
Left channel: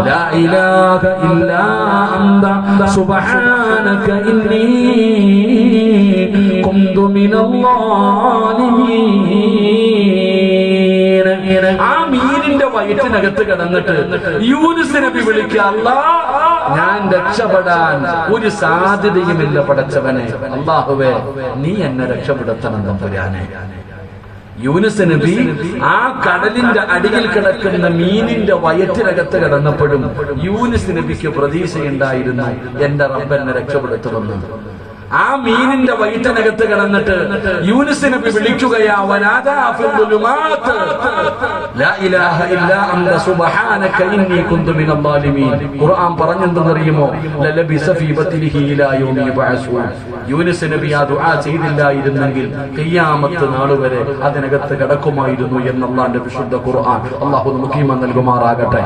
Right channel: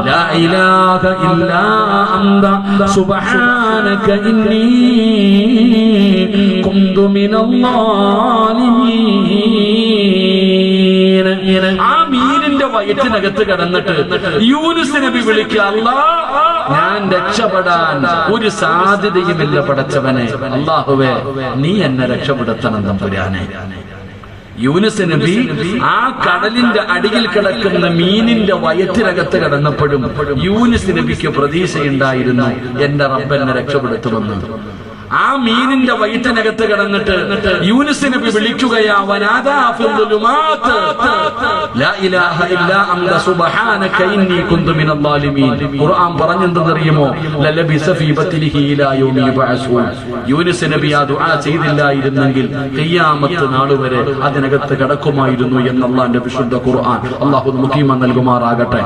ലാ ഇലാഹ ഇല്ലാ അന്ത സുബ്ഹാനക ഇന്നി കുന്തു മിനൽ ളാലിമീൻ. ആ മീനിന്റെ വയറ്റിനകത്ത് കിടന്നിട്ട് യൂനുസ് നബി വിളിക്കുക, അല്ലാഹ്, ഞാൻ രക്ഷപ്പെടാൻ ഒരു സാധ്യതയുമില്ല പടച്ചവനെ. അല്ലാഹുവേ, നീ എന്നെ രക്ഷപ്പെടുത്തണം തമ്പുരാനെ. യൂനുസ് നബി ആ കടലിന്റെ അടിയിൽ കിടക്കുന്ന മീനിന്റെ വയറ്റിനകത്ത് കിടന്നപ്പോഴും യൂനുസ് നബിക്ക് പ്രതീക്ഷയുണ്ടായിരുന്നു, എന്റെ റബ്ബ് എന്നെ രക്ഷപ്പെടുത്തുമെന്ന്. ആ മീനിന്റെ വയറ്റിനകത്ത് കിടന്നിട്ട് യൂനുസ് നബി വിളിക്കുകയാ, വനാദാ ഫിദ്ദുലുമാത് ലാ ഇലാഹ ഇല്ലാ അന്ത സുബ്ഹാനക ഇന്നി കുന്തു മിനൽ ളാലിമീൻ. ഖുർആൻ പറഞ്ഞെന്തെന്നറിയുമോ? ലലബിസ ഫീ ബത്നിഹി ഇലാ യൗമി യുബ്അസൂൻ. യൂനുസ് നബി ആ ദുആ ചെയ്തില്ലായിരുന്നെങ്കിൽ ഖിയാമത്ത് നാൾ വരെ അതിനകത്ത് കിടക്കുമായിരുന്നു എന്ന് അല്ലാഹുവിന്റെ വിശുദ്ധ ഖുർആൻ. അല്ലാഹു നമുക്ക് ഈമാൻ നൽകുമാറാകട്ടെ.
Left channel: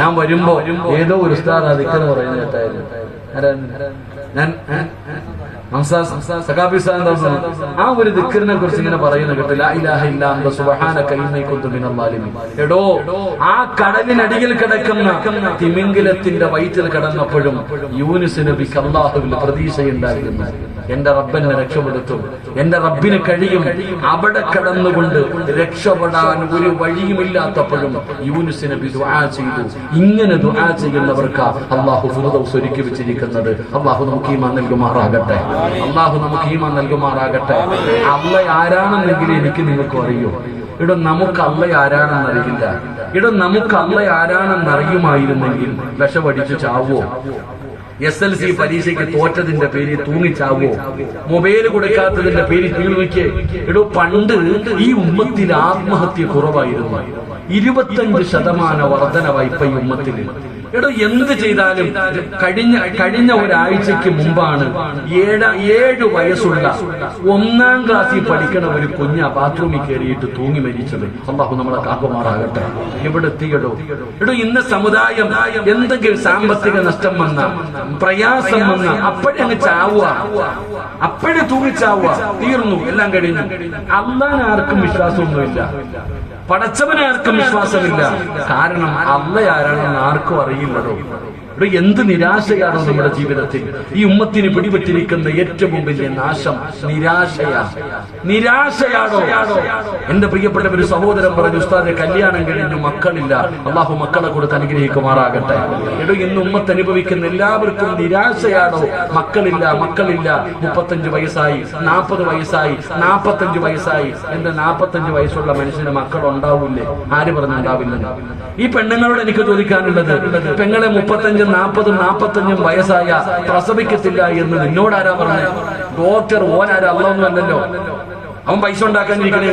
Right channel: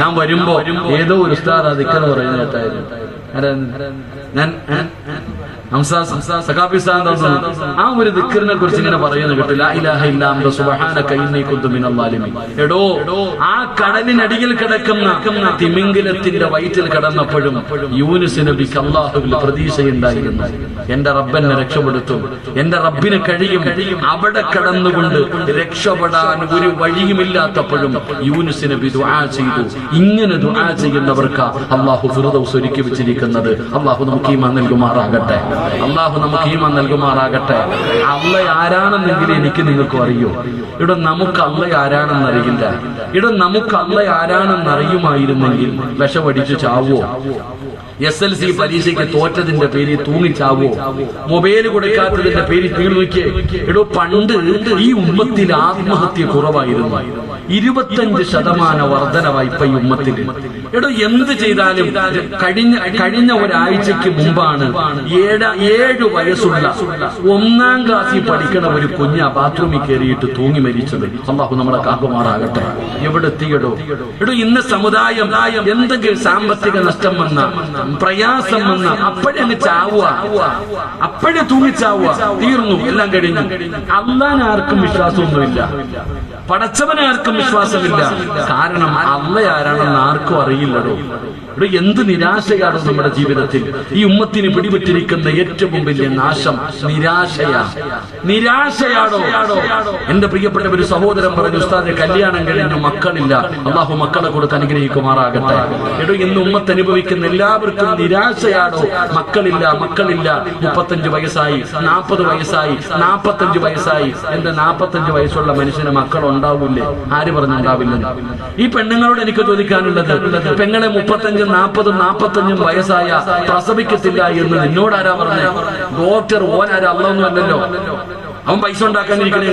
ഞാൻ വരുമ്പോ ഏതോ ഒരു ഉസ്താദ് ദിക്റ് പറയുന്നതായിരുന്നു. ഞാൻ ആ ഒരു ദിക്റിനെ കുറിച്ച് ഇങ്ങനെ പറയുന്നു കേട്ടോ, ലാ ഇലാഹ ഇല്ലാ അന്ത സുബ്ഹാനക ഇന്നി കുന്തു മിനൽ ളാലിമീൻ. എടോ, ആ കടലിനടിയിൽ കിടക്കുന്ന തിമിംഗലത്തിന്റെ വയറ്റിൽ കിടന്നപ്പോഴും യൂനുസ് നബിക്ക് അല്ലാഹുവിൽ പ്രതീക്ഷയുണ്ടായിരുന്നു, എന്റെ റബ്ബെന്നെ രക്ഷപ്പെടുത്തും, എന്റെ റബ്ബിന് കഴിയും. അവിടെ കിടന്നുകൊണ്ട് രക്ഷപ്പെടാൻ ഒരു വഴിയുമില്ലാത്തപ്പോഴും യൂനുസ് നബി ദുആ ചെയ്തു. ഇങ്ങനെ ദുആ ചെയ്യുന്നവർക്ക് അല്ലാഹു ഫിർദൗസ് ഒരുക്കി വെച്ചിരിക്കുന്നത്. അല്ലാഹു നമുക്ക് ഈമാൻ നൽകുമാറാകട്ടെ. അല്ലാഹു നമുക്ക് ഈമാൻ നൽകുമാറാകട്ടെ. അല്ലാഹ് ആരാണെന്നെങ്കിലും എനിക്ക് നിങ്ങൾക്കും അറിയോ? ഇവിടെ നമുക്ക് അല്ലാഹ് ആരാണെന്ന് അറിയില്ല. ഇവിടെ നമുക്ക് അല്ലാഹ് ആരാണെന്ന് അറിയുമായിരുന്നെങ്കിൽ വിഷമടിച്ചു ചാവോ? SLC പരീക്ഷയ്ക്ക് തോറ്റതിന്റെ പേരിൽ തൂങ്ങിച്ചാവോ? മൊബൈൽ കൊടുക്കാത്തതിന്റെ പേരിൽ തീർന്നിക്ക്. എടോ, പണ്ട് ഈ ഉമ്മത്തിൽ ആത്മഹത്യ കുറവായിരുന്നു. 25% വർധനവായി ഇപ്പൊ ഈ ഉമ്മത്തിൽ. എടോ, എന്ത് ചെയ്താലും കഴിഞ്ഞ ഒരാഴ്ചക്ക് മുമ്പാണ് 7 വയസ്സുള്ള 1ാം ക്ലാസ്സിൽ പഠിക്കണ ഒരു കുഞ്ഞ ബാത്റൂമിൽ കയറിയിട്ട് തൂങ്ങി മരിച്ചത്. അല്ലാഹു നമ്മളെ കാക്കുമാറാകട്ടെ. എവിടെ എത്തിയടോ? എടോ, ഇന്ന് സമുദായം എന്തെങ്കിലും സാമ്പത്തിക നഷ്ടം വന്ന, പ്രയാസം വന്ന അപ്പോഴേ അങ്ങ് ചാവുക, അപ്പോഴേ തൂങ്ങിച്ചാവുക. തീർന്നു, എല്ലാം കഴിഞ്ഞു. അല്ലാഹ് ആർക്കും വിശ്വാസമൊന്നുമില്ല, പടച്ചവനെ ആർക്കും വിശ്വാസമില്ല. കാരണം അല്ലാഹ് ആരാണെന്ന് ആർക്കും അറിയില്ലടോ. എന്ത് നിരാശയാണോ നമ്മുടെ ജീവിതത്തിൽ. ഈ ഉമ്മത്തിന് പിടിപെട്ടിരിക്കുന്ന ഏറ്റവും വലിയ നാശം നിരാശയാണോ? എന്റെ പ്രിയപ്പെട്ട ഒരു സഹോദരൻ പറഞ്ഞു, ഉസ്താദെ കല്യാണം കഴിഞ്ഞു, മക്കളില്ല, അള്ളാഹു മക്കളെ കൊടുത്ത് അനുഗ്രഹിക്കുമാറാകട്ടെ. ഇന്ന് ഉമ്മത്ത് അനുഭവിക്കുന്ന എല്ലാവർക്കും നിരാശയാണോ? മക്കളില്ല 35 വയസ്സായി, 40 വയസ്സായി, 45 വയസ്സായി. എന്റെ 45 വയസ്സുള്ള മനുഷ്യന് മക്കൾ ഉണ്ടാവില്ലേ? ആര് പറഞ്ഞുണ്ടാവില്ലെന്ന്? ഈ പെണ്ണുങ്ങളോട് എനിക്ക് ചോദിക്കാനുള്ളത്, പെങ്ങളെ 35, 40, 45 വയസ്സായ പ്രസവിക്കത്തില്ല എന്ന് നിന്നോടാരാ പറഞ്ഞേ? ഡോക്ടർ ഓനാരാ? അള്ളൊന്നും അല്ലല്ലോ. അവൻ പൈസ ഉണ്ടാക്കാൻ ഇരിക്കണേ.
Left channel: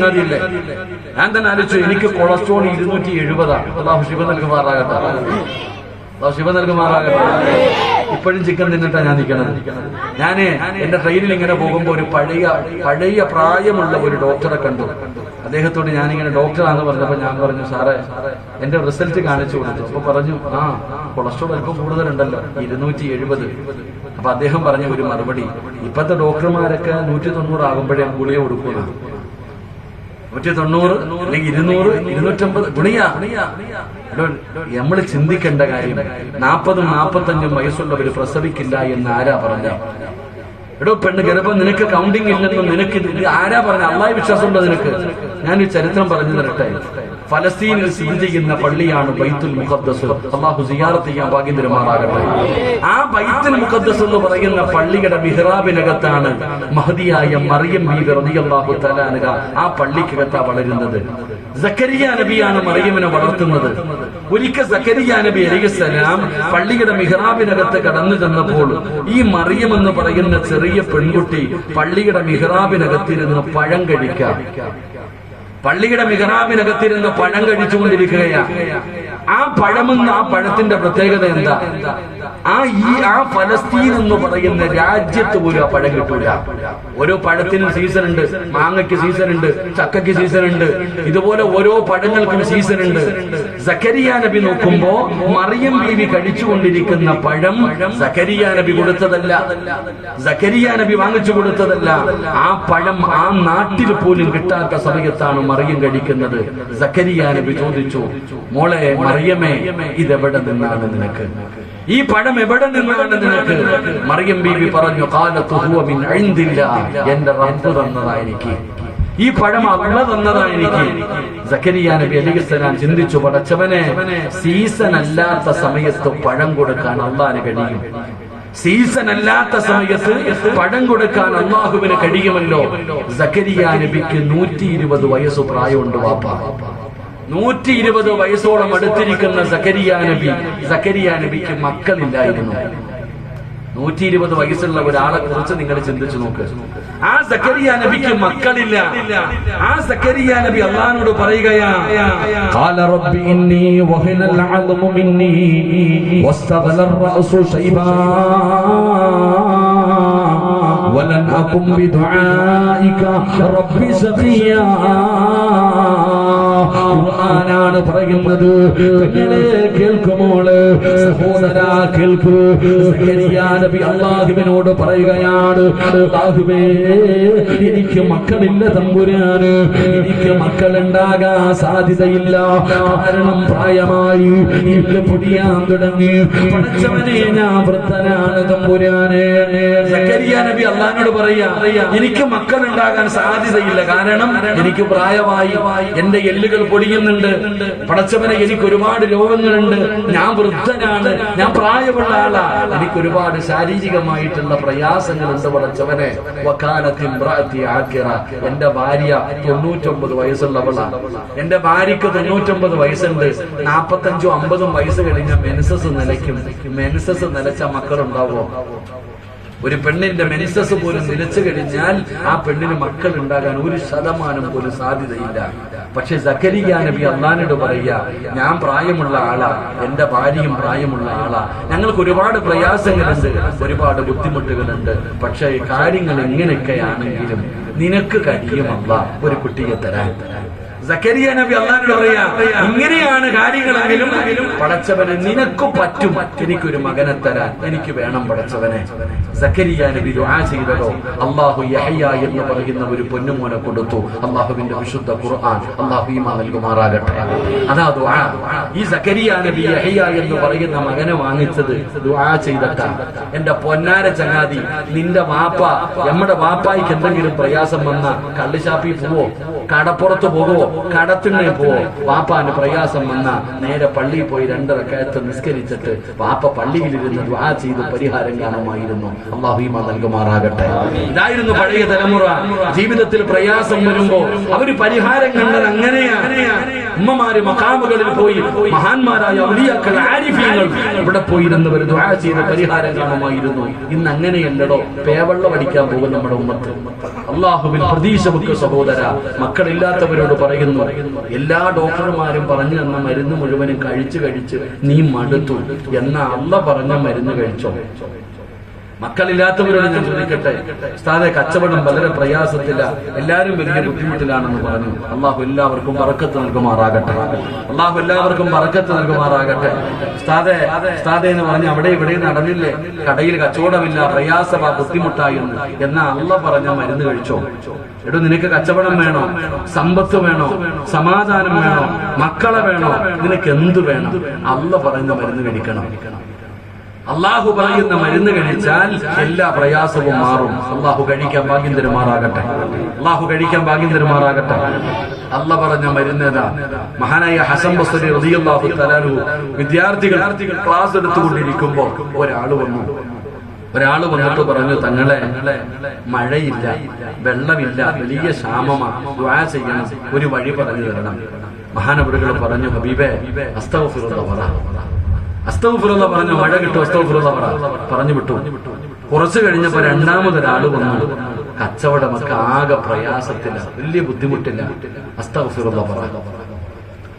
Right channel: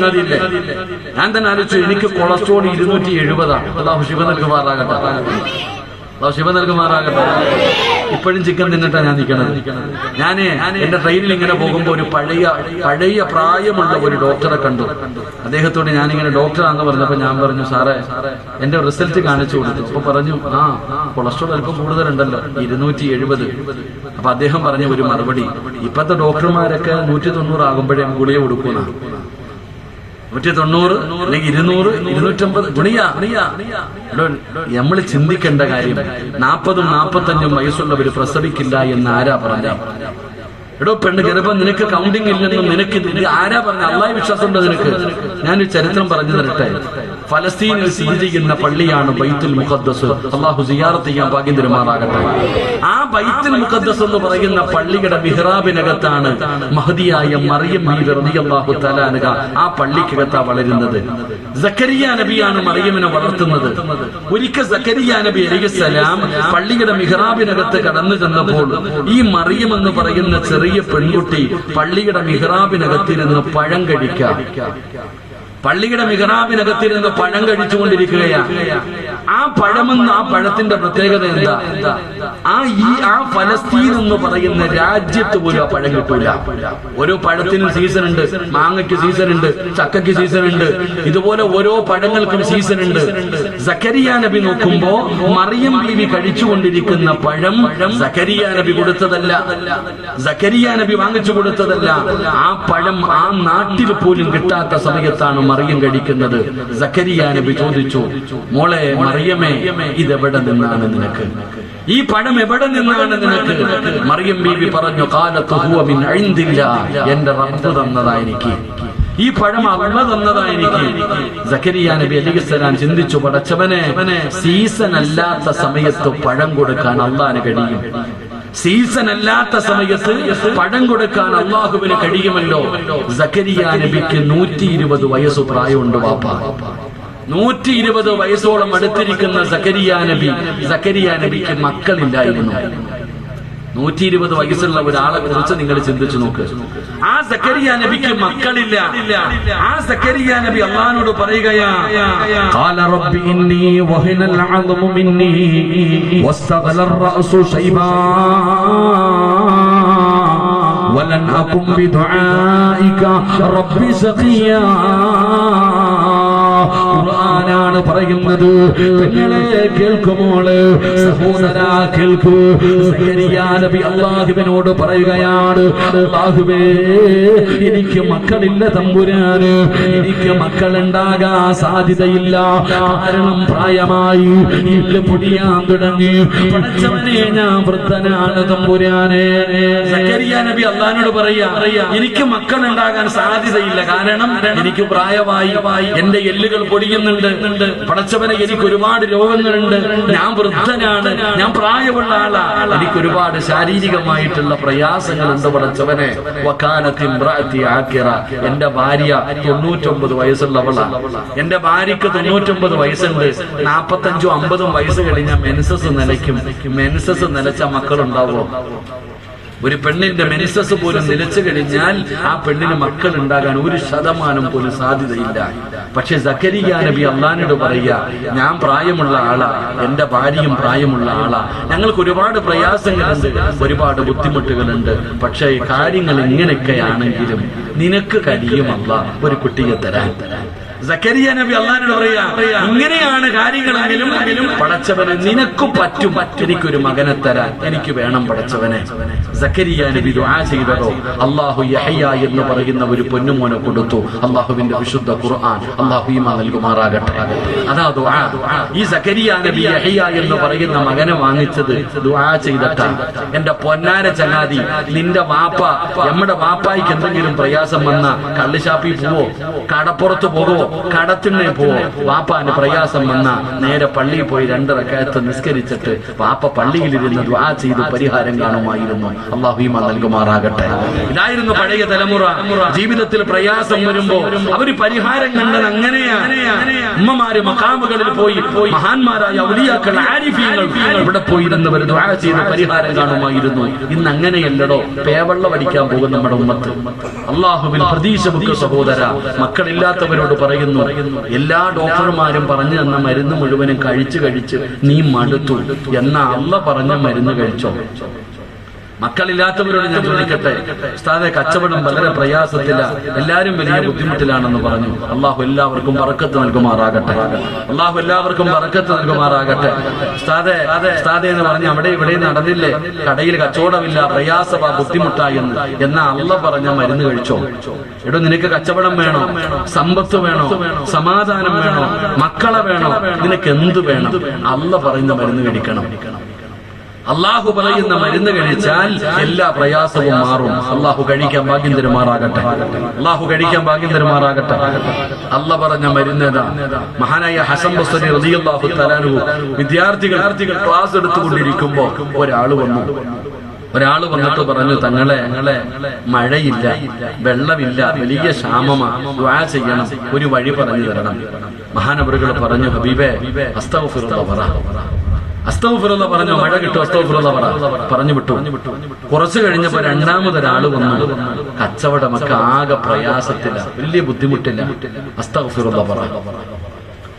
ഞാൻ തന്നെ ആലോചിച്ചു, എനിക്ക് കൊളസ്ട്രോൾ 270. അള്ളാഹു ശിവ നൽകുമാറാകട്ടെ. ഇപ്പോഴും ചിക്കൻ തിന്നിട്ടാ ഞാൻ നിൽക്കണത്. ഞാന് എന്റെ ട്രെയിനിൽ ഇങ്ങനെ പോകുമ്പോ ഒരു പഴയ പ്രായമുള്ള ഒരു ഡോക്ടറെ കണ്ടു. അദ്ദേഹത്തോട് ഞാനിങ്ങനെ ഡോക്ടറാന്ന് പറഞ്ഞപ്പോ ഞാൻ പറഞ്ഞു, സാറേ എന്റെ റിസൾട്ട് കാണിച്ചു കൊടുത്തു. അപ്പൊ പറഞ്ഞു, കൊളസ്ട്രോൾ അല്പം കൂടുതലുണ്ടല്ലോ, 270. അപ്പൊ അദ്ദേഹം പറഞ്ഞ ഒരു മറുപടി, ഇപ്പത്തെ ഡോക്ടർമാരൊക്കെ 190 ആകുമ്പോഴേ ഗുളിക കൊടുക്കുന്ന. 190 അല്ലെങ്കിൽ 200, 250 ഗുണിയ. നമ്മൾ ചിന്തിക്കേണ്ട കാര്യം, 40, 45 വയസ്സുള്ളവർ പ്രസവിക്കില്ല എന്ന് ആരാ പറഞ്ഞ? പെണ്ണ് ഗർഭം നിനക്ക് കൗണ്ടിങ് ഇല്ലെന്നും നിനക്ക് ആരാ പറഞ്ഞ? അള്ളാഹു വിശ്വാസമുണ്ടോ നിനക്ക്? ഞാനൊരു ചരിത്രം പറഞ്ഞു തരട്ടെ. ഫലസ്തീനിൽ സ്ഥിതി ചെയ്യുന്ന പള്ളിയാണ് ബൈത്തുൽ മുഖദ്ദസ്. അള്ളാഹു സിയാറത്ത് ചെയ്യാൻ ഭാഗ്യം തരുമാറാകട്ടെ. ആ ബൈത്തുൽ മുഖദ്ദസ് എന്ന് പറയുന്ന പള്ളിയുടെ മിഹ്റാബിനകത്താണ് മഹദിയായ മറിയം ബീവി റളിയല്ലാഹു തആല അൻഹ ആ പള്ളിക്കകത്താ വളരുന്നത്. സക്കരിയ നബിയാണ് മറിയമിനെ വളർത്തുന്നത്. ഒരിക്കൽ സക്കരിയ നബി അലൈഹിസ്സലാം പള്ളിയുടെ മിഹ്റാബിനകത്ത് കടന്നു ചെന്നപ്പോൾ ഈ മറിയം എന്ന് പറയുന്ന ചെറിയ പെൺകുട്ടി പള്ളിയുടെ മിഹ്റാബിനകത്തിരുന്ന് പഴം കഴിക്കാം. പള്ളിയുടെ മിഹ്റാബിനകത്തിരുന്ന് പഴം കഴിച്ചുകൊണ്ടിരിക്കുകയാണ്. ആ പഴമെന്ന്, ആ പഴത്തിന്റെ പ്രത്യേകത എന്താ? ആ ഫലസ്തീൻ എന്ന് പറയുന്ന രാജ്യത്ത് പോലും ആ പഴം കിട്ടൂല. ഓരോ പഴത്തിനും സീസൺ ഉണ്ട്. മാങ്ങയ്ക്ക് സീസൺ ഉണ്ട്, ചക്കയ്ക്ക് സീസൺ ഉണ്ട്. ഇതുപോലെ ഓരോ പഴങ്ങൾക്കും സീസൺ ഉണ്ട്. സക്കരിയ നബി നോക്കുമ്പോ മറിയം ബീവി കഴിച്ചുകൊണ്ടിരിക്കുന്ന പഴം സക്കരിയ നബി കൊടുത്തതല്ല, സക്കരിയ നബി വാങ്ങിച്ചു കൊടുത്തതല്ല. ആ പഴം ആ നാട്ടിൽ പോലും കിട്ടാത്ത സമയത്താണ് മറിയം കഴിക്കുന്നത്. സക്കരിയ നബി ചോദിച്ചു, മോളെ മറിയമേ, ഇതെവിടെ നിന്നാണ് നിനക്ക്? ഈ പഴം എവിടെ നിന്നാണ് നിനക്ക്? മറിയം ബീവി പറഞ്ഞു, ഖാലതു ഹുവ മിൻ ഇൻദില്ലാഹ്, എന്റെ റബ്ബ് തന്നതാ എനിക്ക്. ഈ പഴം അല്ലാഹു തന്നതാ എനിക്ക്. സക്കരിയ നബി അലൈഹിസ്സലാം ചിന്തിച്ചു, പടച്ചവനെ, സീസൺ അല്ലാത്ത സമയത്ത് പഴം കൊടുക്കാൻ അല്ലാഹുവിന് കഴിയും. സീസൺ അല്ലാത്ത സമയത്ത് പഴം കൊടുക്കാൻ അള്ളാഹുവിന് കഴിയുമല്ലോ. സക്കരിയ നബിക്ക് 120 വയസ്സ് പ്രായമുണ്ട്. വാപ്പ 120 വയസ്സോളം അടുത്തിരിക്കുന്ന സക്കരിയ നബിക്ക് മക്കളില്ലായിരുന്നു. 120 വയസ്സുള്ള ഒരാളെ കുറിച്ച് നിങ്ങൾ ചിന്തിച്ചു നോക്ക്. ആ സക്കരിയ നബിക്ക് മക്കളില്ല. ആ സക്കരിയ നബി അല്ലാഹുവോട് പറയുകയാണ്, ഖാല റബ്ബി ഇന്നി വഹനൽ അദ്മു മിന്നി വസ്തഗലർ റഅസു ശൈബാ വലൻ അകും ബിദുആഇക റബ്ബി സഖിയാ. ഖുർആനാണ് പറയുന്നത്. പെങ്ങളെ കേൾക്കുമോള്, സഹോദരാ കേൾക്കൂ. സക്കരിയ നബി അല്ലാഹുവിനോട് പറയുകയാണ്, അല്ലാഹുവേ, എനിക്ക് മക്കളില്ല തമ്പുരാന്. എനിക്ക് മക്കളുണ്ടാകാൻ സാധ്യതയില്ല. കാരണം പ്രായമായി, ഇല്ല പൊടിയാൻ തുടങ്ങി. പടച്ചവനെ, ഞാൻ വൃദ്ധനാണ് തമ്പുരാനെ. സക്കരിയ നബി അല്ലാഹുവിനോട് പറയാ, എനിക്ക് മക്കളുണ്ടാകാൻ സാധ്യതയില്ല. കാരണം എനിക്ക് പ്രായമായി, എന്റെ എല്ലുകൾ പൊടിയുന്നുണ്ട്. പടച്ചവനെ, എനിക്ക് ഒരുപാട് രോഗങ്ങളുണ്ട്. ഞാൻ വൃദ്ധനാണ്, ഞാൻ പ്രായമുള്ള ആളാ. എനിക്ക് ഒരുപാട് ശാരീരികമായിട്ടുള്ള പ്രയാസങ്ങളുണ്ട്. പടച്ചവനെ, വകാലത്തി ഇംറഅതി ആഖിറ, എന്റെ ഭാര്യ 99 വയസ്സുള്ളവളാണ്. എന്റെ ഭാര്യക്ക് 99 വയസ്സുണ്ട്. 45, 50 വയസ്സ് കഴിഞ്ഞ മെൻസസ് നിലയ്ക്കും. മെൻസസ് നിലച്ച മക്കളുണ്ടാവോ? ഒരു പെണ്ണിന്റെ മെൻസസ് പോലും നിലച്ചു കഴിഞ്ഞാൽ ആ പെണ്ണിന് മക്കൾ ഉണ്ടാകാൻ 1% പോലും സാധ്യതയില്ല. പക്ഷെ സക്കരിയ നബി അല്ലാഹുവിനോട് പറയാ, ഞാൻ പ്രായമുള്ള ആളാ, എന്റെ ഭാര്യയും പ്രായമുള്ള ആളാ, ഞങ്ങൾക്ക് ഒരുപാട് പ്രയാസങ്ങളുണ്ട്, ഒരുപാട് ബുദ്ധിമുട്ടുകളുണ്ട്. പക്ഷെ കാര്യങ്ങൾ ഇങ്ങനെയൊക്കെയാണെങ്കിലും നിനക്ക് കഴിയുമല്ല ഒരു കുട്ടിയെ തരാൻ. സക്കരിയ നബി അല്ലാഹുവിനോട് പറയാ, ഇങ്ങനെയാണ് കാര്യങ്ങളെങ്കിലും പടച്ചവനെ നിനക്ക് പറ്റും എനിക്കൊരു മകനെ തരാൻ, എനിക്ക് വേണം പടച്ചവനെ. സക്കരിയ നബി ദുആ ചെയ്തതോ അല്ലാഹു യഹ്യ എന്ന് പറയുന്ന ഒരു പൊന്നുമോനെ കൊടുത്തു. അല്ലാഹുവിന്റെ വിശുദ്ധ ഖുർആൻ അല്ലാഹു ഈമാൻ നൽകുമാറാകട്ടെ. അതാ ദുആ. ഈ സക്കരിയ നബി യഹ്യ എന്ന് പറയുന്ന മകനെ വാങ്ങിച്ചത് ദുആ ചെയ്തിട്ടാണ്. എന്റെ പൊന്നാര ചങ്ങാതി, നിന്റെ വാപ്പ, നമ്മുടെ വാപ്പായിക്ക് എന്തെങ്കിലും പ്രയാസം വന്ന കള്ളുഷാപ്പിൽ പോവോ, കടപ്പുറത്ത് പോകുവോ, കടത്തിണ്ണെ പോവോ? വാപ്പാന്റെ പ്രയാസം വന്ന നേരെ പള്ളിയിൽ പോയി 2 റക്അത്ത് നിസ്കരിച്ചിട്ട് വാപ്പ പള്ളിയിലിരുന്ന് ദുആ ചെയ്ത് പരിഹാരം കാണുമായിരുന്നു. അല്ലാഹു ഈമാൻ നൽകുമാറാകട്ടെ. ഇതായിരുന്നു പഴയ തലമുറ. ജീവിതത്തിൽ പ്രയാസം വരുമ്പോ അവര് പരിഹാരം കണ്ടത് അങ്ങനെയാണ്. ഉമ്മമാര് മഖാമുകളിൽ പോയി മഹാന്മാരായ ഔലിയാക്കൾ, ആരിഫീങ്ങൾ ഇവിടെ പോയിരുന്നവർ ദുആ ചെയ്ത് പരിഹാരം കാണുമായിരുന്നു. ഇന്ന് അങ്ങനെയല്ലടോ. പേവെള്ളം അടിക്കാൻ പോകും നമ്മുടെ ഉമ്മത്ത്. അല്ലാഹുവിൽ പ്രതീക്ഷ വെക്കുക സഹോദര. മക്കളില്ലാത്തവരോട് പറയുന്നു, എല്ലാ ഡോക്ടർമാരും പറഞ്ഞു തന്ന മരുന്ന് മുഴുവനും കഴിച്ച് നീ മടുത്തു എന്നാ അള്ള പറഞ്ഞ മരുന്ന് കഴിച്ചോ? മക്കളില്ലാത്തവരോട് ഞാൻ ചോദിക്കട്ടെ, ഉസ്താദേ കച്ചവടം വളരെ പ്രയാസത്തില്ല, എല്ലാരും വലിയ ബുദ്ധിമുട്ടിലാണെന്ന് പറഞ്ഞു. അള്ളാഹു എല്ലാവർക്കും ബറക്കത്ത് നൽകുമാറാകട്ടെ. അള്ളാഹു എല്ലാവർക്കും ബറക്കത്ത് നൽകുമാറാകട്ടെ. ഉസ്താദേ എന്ന് പറഞ്ഞ് അവിടെ ഇവിടെ നടന്നില്ലേ, കടയിൽ കച്ചവടമില്ല, പ്രയാസമാ, ബുദ്ധിമുട്ടായി എന്നാ അള്ള പറഞ്ഞ മരുന്ന് കഴിച്ചോ? എടോ, നിനക്ക് കച്ചവടം വേണോ, സമ്പത്ത് വേണോ, സമാധാനം വേണോ, മക്കളെ വേണോ, നിനക്ക് എന്ത് വേണം? അള്ള പറയുന്ന മരുന്ന് കഴിക്കണം. അള്ളാഹു പറയുന്ന മരുന്ന് കഴിച്ചാൽ എല്ലാ പ്രയാസവും മാറും. അള്ളാഹു കഴിക്കാൻ ഭാഗ്യം തരുമാറാകട്ടെ. അള്ളാഹു കഴിക്കാൻ ഭാഗ്യം തരുമാറാകട്ടെ. അള്ള പറഞ്ഞ മരുന്ന് ഏതാ? മഹാനായ ഹസൻ ബസ്രി റളിയല്ലാഹു തആല അൻഹു വിദ്യാർത്ഥികൾ ക്ലാസ് എടുത്തുകൊണ്ടിരിക്കുമ്പോ ഒരാള് വന്നിട്ട് പറഞ്ഞു, തങ്ങളെ മഴയില്ല, വെള്ളമില്ല, വലിയ ക്ഷാമമാ, ദുആ ചെയ്യണം, ഒരു വഴി പറഞ്ഞു തരണം. മഹാനവറുകൾ പറഞ്ഞു, ഹബീബേ അസ്തഗ്ഫിറുല്ലാഹ് പറ. അസ്തഗ്ഫിറുല്ലാഹ് പറഞ്ഞു, മഴ കിട്ടും, അസ്തഗ്ഫിറുല്ലാഹ് പറ പറഞ്ഞു വിട്ടു. കുറച്ചു കഴിഞ്ഞപ്പോ 2ാമതൊരാള് വന്നു, കച്ചവടമൊക്കെ ആകെ പ്രയാസത്തില്ല, വലിയ ബുദ്ധിമുട്ടില്ല, അസ്തഗ്ഫിറുല്ലാഹ് പറ,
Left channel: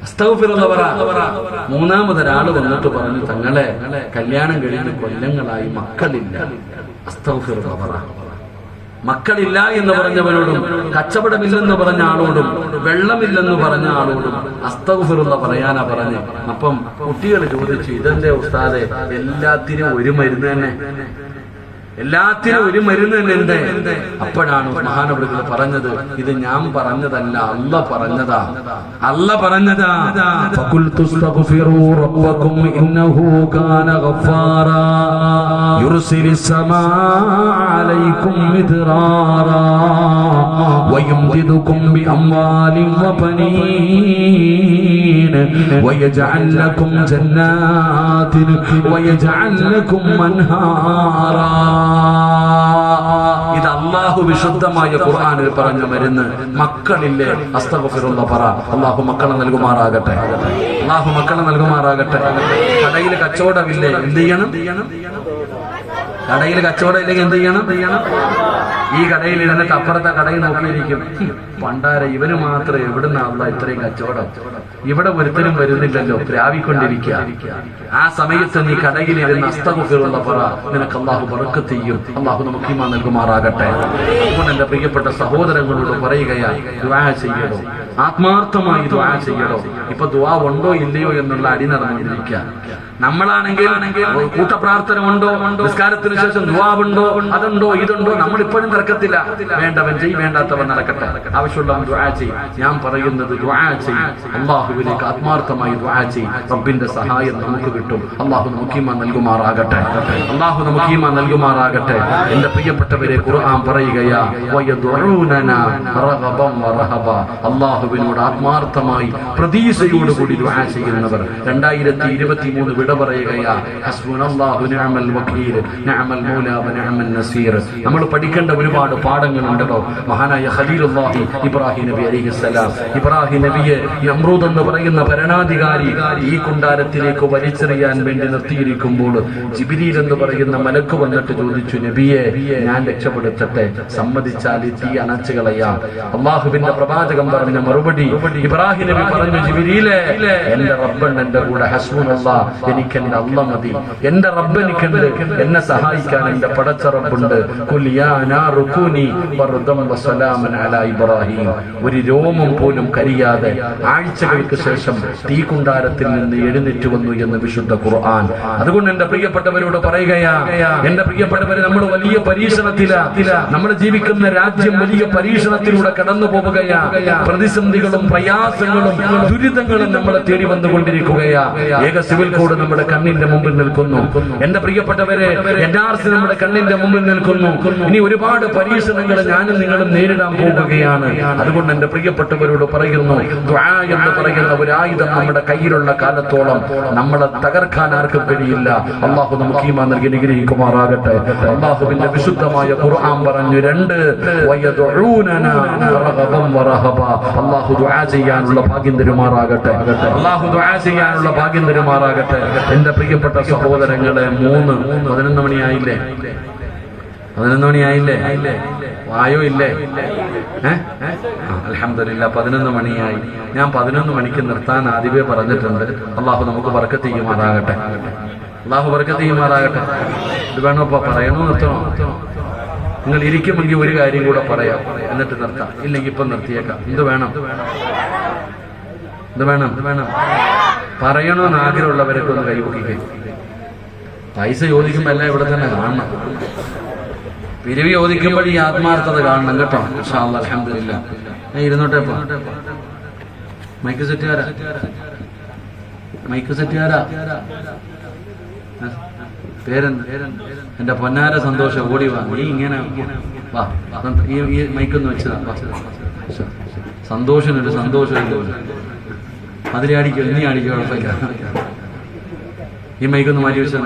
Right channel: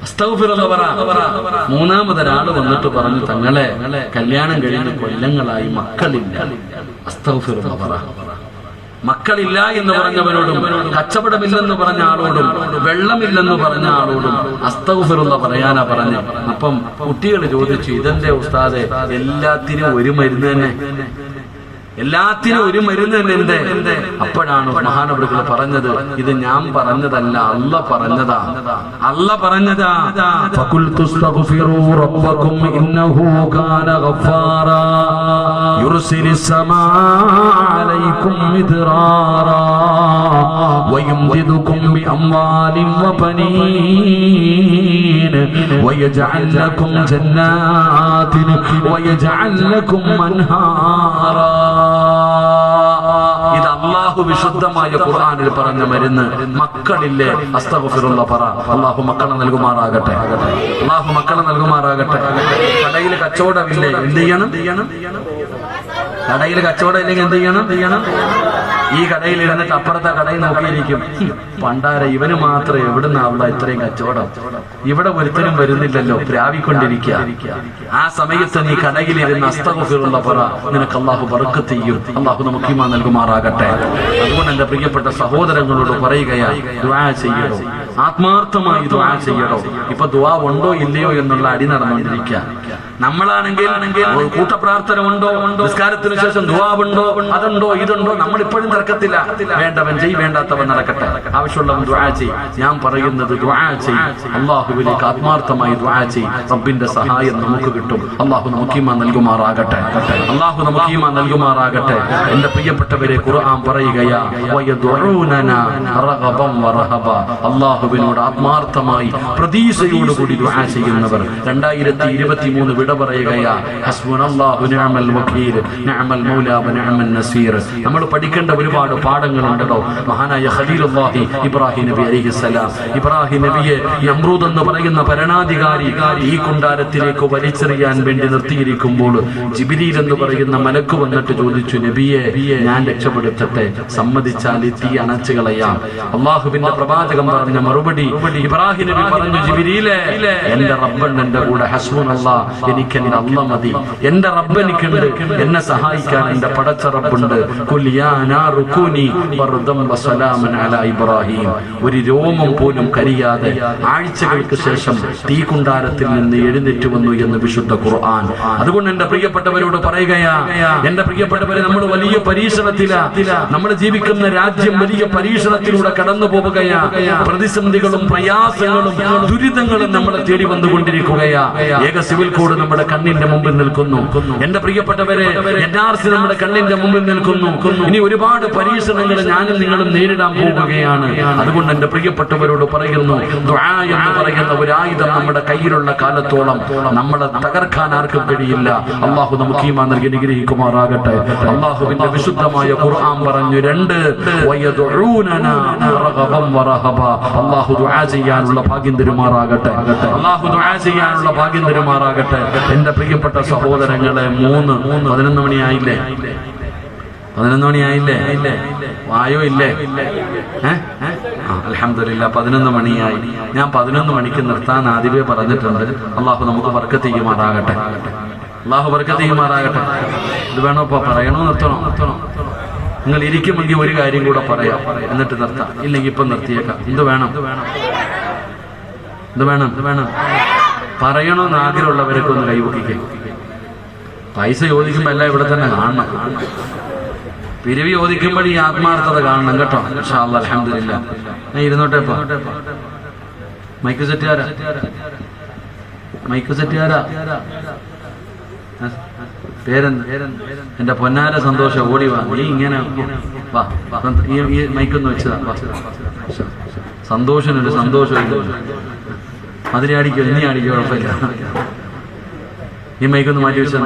അസ്തഗ്ഫിറുല്ലാഹ് പറ. 3ാമതൊരാള് വന്നിട്ട് പറഞ്ഞു, തങ്ങളെ കല്യാണം കഴിഞ്ഞ് കൊല്ലങ്ങളായി, മക്കളില്ല, അസ്തഗ്ഫിറുല്ലാഹ് പറ. മക്കളില്ല എന്ന് പറഞ്ഞവനോടും കച്ചവടമില്ലെന്ന് പറഞ്ഞ ആളോടും വെള്ളമില്ലെന്ന് പറഞ്ഞ ആളോടും അസ്തഗ്ഫിറുല്ലാഹ് പറയാനാ പറഞ്ഞ്. അപ്പം കുട്ടികൾ ചോദിച്ചു, ഇതെന്തേ ഉസ്താദെ, എല്ലാത്തിനും ഒരു മരുന്ന് തന്നെ, എല്ലാത്തിനും ഒരു മരുന്ന് തന്നെ എന്തേ? അപ്പോഴാണ് മഹാനവറുകൾ പറഞ്ഞത്, ഇത് ഞാൻ പറഞ്ഞതല്ല, അല്ല പറഞ്ഞതാ, അല്ല പറഞ്ഞതാ. ഫഖുൽതുസ്തഗ്ഫിറൂ റബ്ബക്കും ഇന്നഹു കാന ഗഫാറാ യുർസിലിസ് സമാഅ അലൈക്കും മിദ്റാറാ വയുംദിദുകും ബിഅംവാലിൻ വബനീൻ വയജഅൽ ലക്കും ജന്നാത്തിൻ വയജഅൽ ലക്കും അൻഹാറാ. ഇത് അല്ലാഹു വിശുദ്ധമായ ഖുർആനിൽ പറഞ്ഞ മരുന്ന്. മക്കളില്ലേ, അസ്തഗ്ഫിറുല്ലാഹ് പറ. അല്ലാഹു മക്കളെ നൽകുമാറാകട്ടെ. അല്ലാഹു മക്കളെ നൽകുമാറാകട്ടെ. കടയിൽ കച്ചവടമില്ലേ, എന്ത് ചെയ്യണം? കടയിൽ കച്ചവടം ഇല്ലെങ്കിൽ എന്ത് ചെയ്യണം? ഈ കടയിൽ ഇരുന്നിട്ട് അപ്പുറത്തെ കടയിൽ നോക്കിയിരിക്കും, പണ്ടാര ഇവന് മാത്രം എവിടുന്നാവുള്ള ഇത്രയും കച്ചവടം, ഇവിടെ ഒരുത്തനും വരുന്നില്ലല്ലോ, പ്രാവിക്കൊണ്ടിരിക്കുക. ആ സമയത്ത് നീ കടയിലിരുന്ന് അസ്തഗ്ഫിറുല്ലാഹ് പറ, നിനക്ക് അല്ലാഹു ബറക്കത്ത് ചെയ്യും. അല്ലാഹു നമുക്ക് ഈമാൻ നൽകുമാറാകട്ടെ. അതുകൊണ്ട് എന്റെ പ്രിയപ്പെട്ട സഹോദരങ്ങളോട് പറയുകയാ, ദുആ ചെയ്യണോ, ആത്മാർത്ഥമായി ദുആ ചെയ്യണോ. ഇപ്പൊ ദുആ ഉണ്ടോ ഇല്ലയോ എന്നുള്ള അടി നടന്നുകൊണ്ടിരിക്കുക. നമ്മളാണെങ്കിൽ കൂട്ടപ്രാർത്ഥന ഉണ്ടോ, നിസ്കാരത്തിന് ശേഷം ദുആ ഉണ്ടോ, അതുണ്ടോ ഇതുണ്ടോ, നമ്മൾ ഇപ്പോഴും തിരക്കത്തില്ല. വേണ്ടവൻ ചെയ്, വേണ്ടാത്തവൻ നടക്കട്ടെ, ആവശ്യമുള്ളവൻ ദുആ ചെയ്. ഞാൻ പറയുന്നത് ദുആ ചെയ്, അല്ലാഹുവിലേക്ക് ആത്മാർത്ഥമായി ദുആ ചെയ്, റബ്ബിന്റെ സഹായം നമുക്ക് കിട്ടും. അല്ലാഹു നമുക്ക് ഈമാൻ നൽകുമാറാകട്ടെ. അല്ലാഹു നമുക്ക് ഈമാൻ നൽകുമാറാകട്ടെ. എന്റെ പ്രിയപ്പെട്ടവരെ, ഖുർആൻ പറയുകയാ, വയദുഊനനാ റഗബൻ വറഹബ. അല്ലാഹുവിനോട് ആത്മാർത്ഥമായി പ്രതീക്ഷയോടുകൂടി ദുആ ചെയ്യുന്നവർ 2023 വിട പറയുകയാ. ഹസ്ബുനല്ലാഹു നിഅമൽ വകീൽ നിഅമൽ മൗലാ വ നിഅമൻ നസീർ. നമ്മൾ പഠിക്കേണ്ട ഒരുപാട് പാഠങ്ങളുണ്ടോ. മഹാനായ ഖലീലുല്ലാഹി ഇബ്രാഹിം നബി അലൈഹിസ്സലാം, ഇബ്രാഹിം നബിയെ നമ്രൂദ് എന്ന് പറയുന്ന ഭരണാധികാരി ഈ കുണ്ടാരത്തിലേക്ക് വലിച്ചെറിയാൻ വേണ്ടി നിർത്തിയിരിക്കുമ്പോൾ ജിബ്രീൽ എന്ന് പറയുന്ന മലക്ക് വന്നിട്ട് ചോദിച്ചു, നബിയെ ഞാൻ രക്ഷപ്പെടുത്തട്ടെ, സമ്മതിച്ചാൽ ഈ തീ അണച്ചു കളയാം. അള്ളാഹുവിന്റെ പ്രവാചകൻ പറഞ്ഞ മറുപടി, ഇബ്രാഹിം നബി പറഞ്ഞു, ജിബ്രീലേ, എന്റെ റബ്ബൻ എന്റെ കൂടെ, ഹസ്ബുനല്ലാഹ് എനിക്ക് എന്റെ അല്ല മതി, എന്റെ റബ്ബ് എനിക്കുണ്ട്, എന്നെ സഹായിക്കാൻ എന്റെ പടച്ച റബ്ബുണ്ട്. ഖുൽ യാ നാറു കൂനി ബർദൻ വസലാമൻ അലാ ഇബ്രാഹിം. ഒരു രോമം പോലും കരിയാതെ ആഴ്ചകൾക്ക് ശേഷം തീകുണ്ടാരത്തിൽ നിന്ന് എഴുന്നേറ്റ് വന്നു എന്ന് വിശുദ്ധ ഖുർആൻ. അതുകൊണ്ട് എന്റെ പ്രിയപ്പെട്ടവരോട് പറയുകയാ, എന്റെ പ്രിയപ്പെട്ടവരെ, നമ്മൾ വലിയ പരീക്ഷണത്തിലാ. നമ്മൾ ജീവിക്കുന്ന രാജ്യം വലിയ പരീക്ഷണത്തിലൂടെ കടന്നു പോവുകയാ. പ്രതിസന്ധികളും പ്രയാസങ്ങളും ദുരിതങ്ങളും നമ്മളെ തേടി വന്നുകൊണ്ടിരിക്കുകയാ. ഏക സിവിൽ കോഡ് നമ്മുടെ കണ്ണിന്റെ മുമ്പിൽ നിൽക്കുന്നു. എന്റെ പ്രിയപ്പെട്ടവരെ, NRC നമ്മുടെ കണ്ണിന്റെ മുമ്പിൽ നിൽക്കുന്നു. ഇനി ഒരുപാട് പരീക്ഷണങ്ങൾ ഞാനും നിങ്ങളും നേരിടാൻ പോകുകയാണ്. അതുകൊണ്ട് എന്റെ പ്രിയപ്പെട്ടവരോട് പറയുന്നു, ദുആ എന്ന് പറയുന്ന ഒരു ആയുധം നമ്മുടെ കയ്യിലുള്ള കാലത്തോളം നമ്മളെ തകർക്കാൻ ആർക്കും കഴിയില്ല. അള്ളാഹു നമുക്ക് ഈമാൻ നൽകി അനുഗ്രഹിക്കുമാറാകട്ടെ. അള്ളാഹുവിന്റെ വിശുദ്ധമായ ഖുർആൻ പറഞ്ഞു, 2 വയദഊനനാ റഗബൻ വറഹബ. അള്ളാഹു ദുആ ചെയ്യാനുള്ള ഭാഗ്യം തരുമാറാകട്ടെ. അള്ളാഹു ദുആ ചെയ്യാനുള്ള ഭാഗ്യം തരുമാറാകട്ടെ. എന്റെ പ്രിയപ്പെട്ട സഹോദരങ്ങളെ, 11 മണിയായില്ലേ? 11 മണിയായില്ലേ? വായോ ഇല്ലേ? അൽഹംദുലില്ലാ, 11 മണിയായി. ഞാൻ 11 മണിക്ക് നിർത്താൻ ആദ്യമേ പറഞ്ഞിട്ടുണ്ട്. അള്ളാഹു നമുക്ക് ബർക്കത്ത് ചെയ്യുമാറാകട്ടെ. അള്ളാഹു ബർക്കത്ത് ചെയ്യുമാറാകട്ടെ. ഇത് വേണോ പറയണോ നിർത്തണോ? നിങ്ങൾ ഇരിക്കുമെങ്കിൽ ഒരു കാര്യം കൂടെ പറയാം, എന്നിട്ട് നിർത്താം. ഇല്ലെങ്കിൽ ഇപ്പം നിർത്തിയേക്കാം. എന്ത് വേണം? പറയണോന്ന് ആഗ്രഹമുള്ളവരൊക്കെ ഒന്ന് കൈവക്കിക്കേ. പൈസ ചോദിക്കുമ്പോ എല്ലാം ഇവിടെ തന്നെ കാണണം. പിരിവ് ചോദിക്കുമ്പോൾ ഈ ആത്മാർത്ഥത കാണണം കേട്ടോ. ഇൻഷാ അല്ലാഹ്, അൽഹംദുലില്ലാ. ഞാൻ ഇരുന്നോട്ടെ. മൈക്ക് സെറ്റുകാരാ പേരെന്ത്? എന്റെ പൊന്നാര സന്തോഷം, ഓടി വാ. നീ ഇങ്ങനെ വാ, ഈ മൈക്കൊന്ന് വെച്ചതാ. സന്തോഷമില്ല, സന്തോഷമില്ല. അതിലടിക്കോ, ഇനി അടിക്കോ, കുഴപ്പമില്ല. ഈ മൈക്കൊന്ന് മാറ്റി വെച്ചാൽ